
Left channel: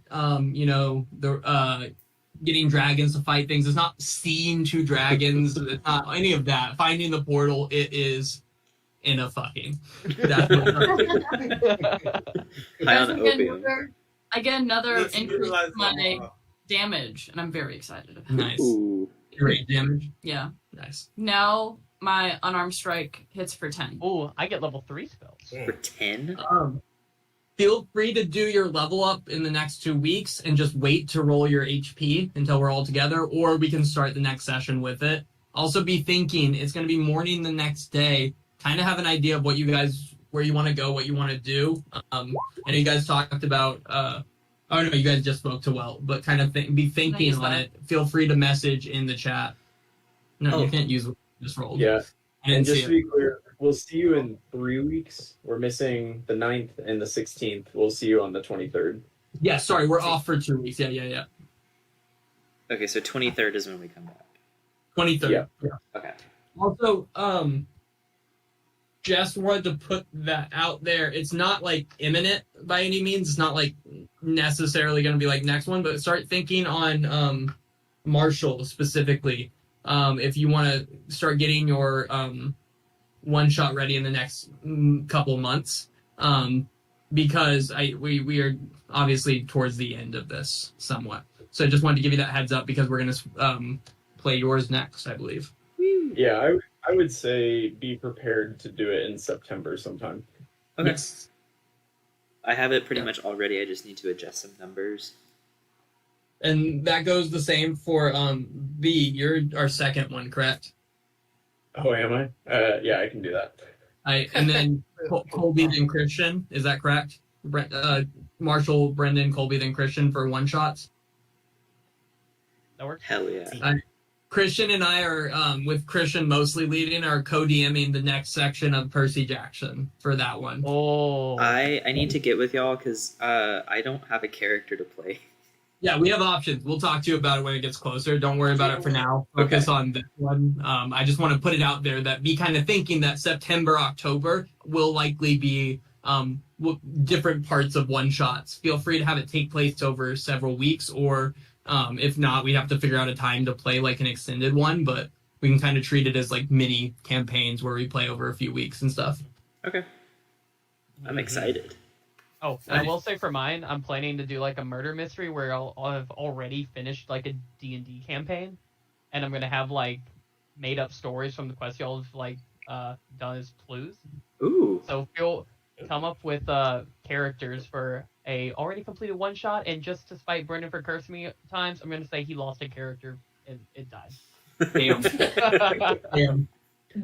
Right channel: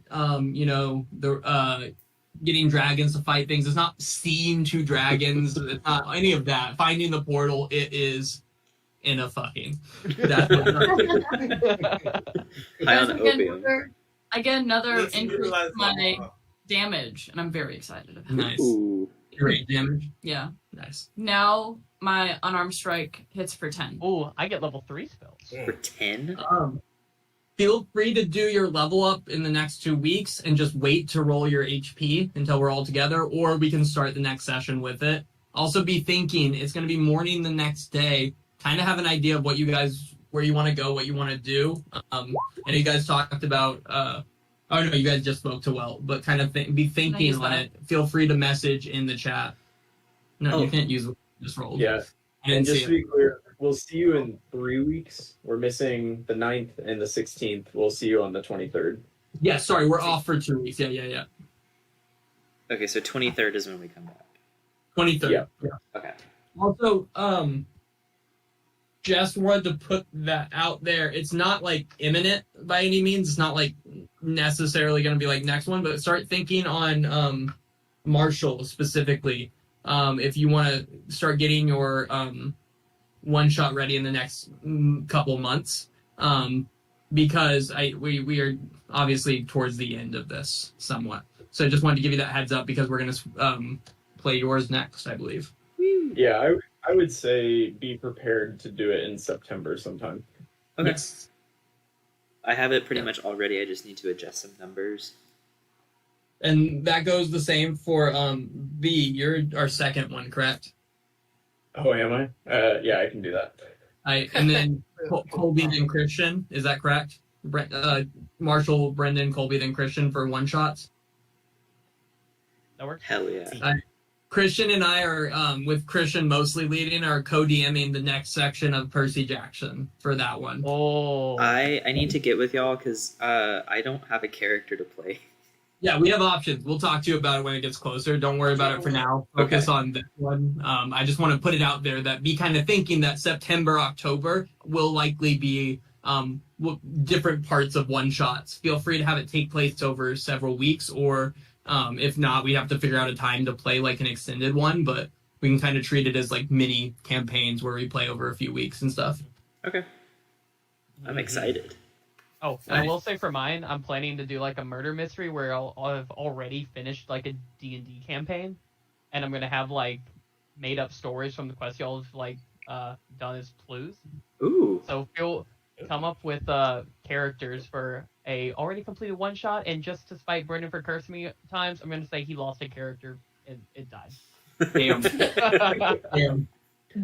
getting dragons to fight things. It's not seeing 2 dragons. It's not any of that. Finding the portal, it is in a fucking. That's what High on opium. I get another Yes, you increase realize in my that. damage, and I'm very excited about it. Nice. Ooh. Great damage. Yeah. Nice. Now my unarmed strike hits for 10. Ooh, I get level 3 spells. For 10? Feel free to do your level up in the next 2 weeks and just wait to roll your HP until we're all together, or we can start the next session with it. Also be thinking, it's going to be morning the next day. Kind of have an idea of what you guys where you want to go, what you want to do. And you guys talked about. Oh no, you guys just spoke to Welt, but kind of be thinking on it. Feel free to message in the chat. No, you can't use what you just rolled. Yeah. I didn't And just see to be clear, we'll see you in 3 weeks. We're missing the 9th and the 16th. We'll see you on the 23rd. Yeah, sorry, we're off for 2 weeks. Yeah. Okay, so 23rd is when we come back. 23rd. Yeah. Okay. Also, just wanted to put that out there. It's not like imminent by any means. It's not like necessarily going to be like next one, but start thinking on Marshall specifically. If you want to start getting your one shot ready in the next couple months, because we are obviously towards the end of this somewhat. So I just wanted to give you that heads up because we're going to play yours next, I believe. Yeah, I would say be prepared to do it in September sometime. Okay. Yes. I have it pretty much already. I just need to adjust some numbers. And that goes the same for B. You're our second one, correct? Oh, am I? Yeah, I can do that. And then Colby and Christian, is that correct? Marshall, Brendan, Colby, then Christian for one shots. That works. Hell yeah. Christian and I are, with Christian mostly leading, are co-DMing the next section of Percy Jackson for that one. Oh. I need to get with y'all because I don't have a character to play. Yeah, we have options. We'll talk to you about it when it gets closer. Don't worry about it for now. Focus on this one. I just want to put it out there that be kind of thinking that September, October will likely be different parts of one-shots. Feel free to have it take place over several weeks, or if not, we have to figure out a time to play like an extended one, but we can kind of treat it as like mini campaigns where we play over a few weeks and stuff. Okay. I'm excited. Oh, and I will say for mine, I'm planning to do like a murder mystery where I'll have already finished like a D&D campaign, and I'm gonna have like made up stories from the quest y'all have like done as clues. Ooh. So you'll come up with characters for a already completed one shot, and just to spite Brendan for cursing me times, I'm gonna say he lost a character and it died. Damn. Damn.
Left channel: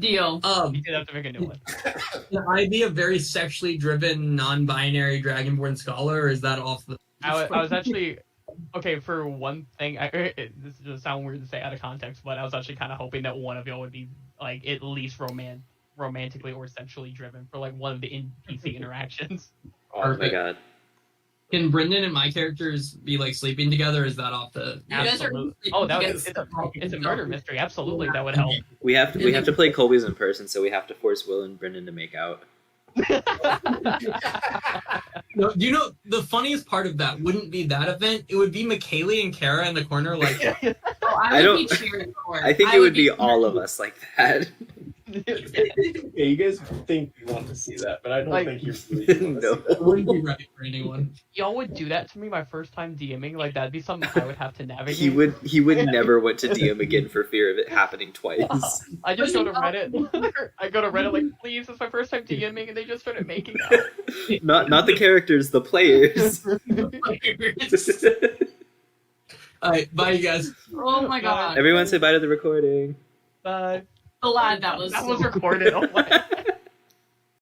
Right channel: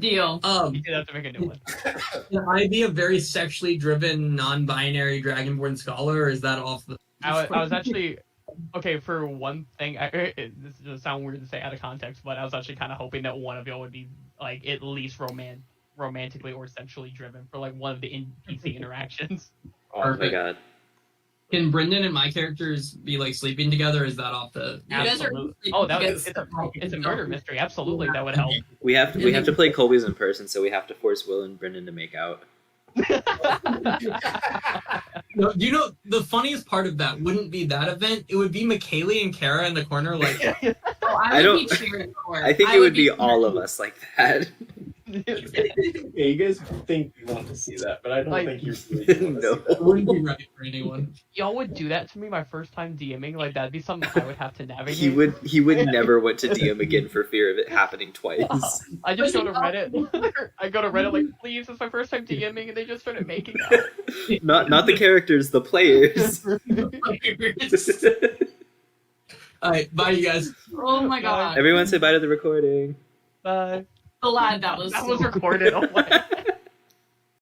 Deal. You did have to make a new one. Can I be a very sexually driven, non-binary Dragonborn scholar, or is that off the... I was actually... Okay, for one thing, this is gonna sound weird to say out of context, but I was actually kind of hoping that one of y'all would be, like, at least romantically or sexually driven for, like, one of the NPC interactions. Oh my god. Can Brendan and my characters be, like, sleeping together, or is that off the... You guys are- Absolutely. Oh, that was, it's a murder mystery. Absolutely, that would help. We have to play Colby's in person, so we have to force Will and Brendan to make out. No, you know, the funniest part of that wouldn't be that event. It would be McKaylee and Kara in the corner, like... I don't- I think it would be all of us like that. Yeah, you guys think you want to see that, but I don't Like- think you're No. It wouldn't be right for anyone. Y'all would do that to me my first time DMing? Like, that'd be something I would have to navigate? He would never want to DM again for fear of it happening twice. I just go to Reddit. I go to Reddit like, please, it's my first time DMing, and they just started making out. Not the characters, the players. Alright, bye you guys. Oh my god. Everyone say bye to the recording. Bye. Glad that was That was recorded. Oh my.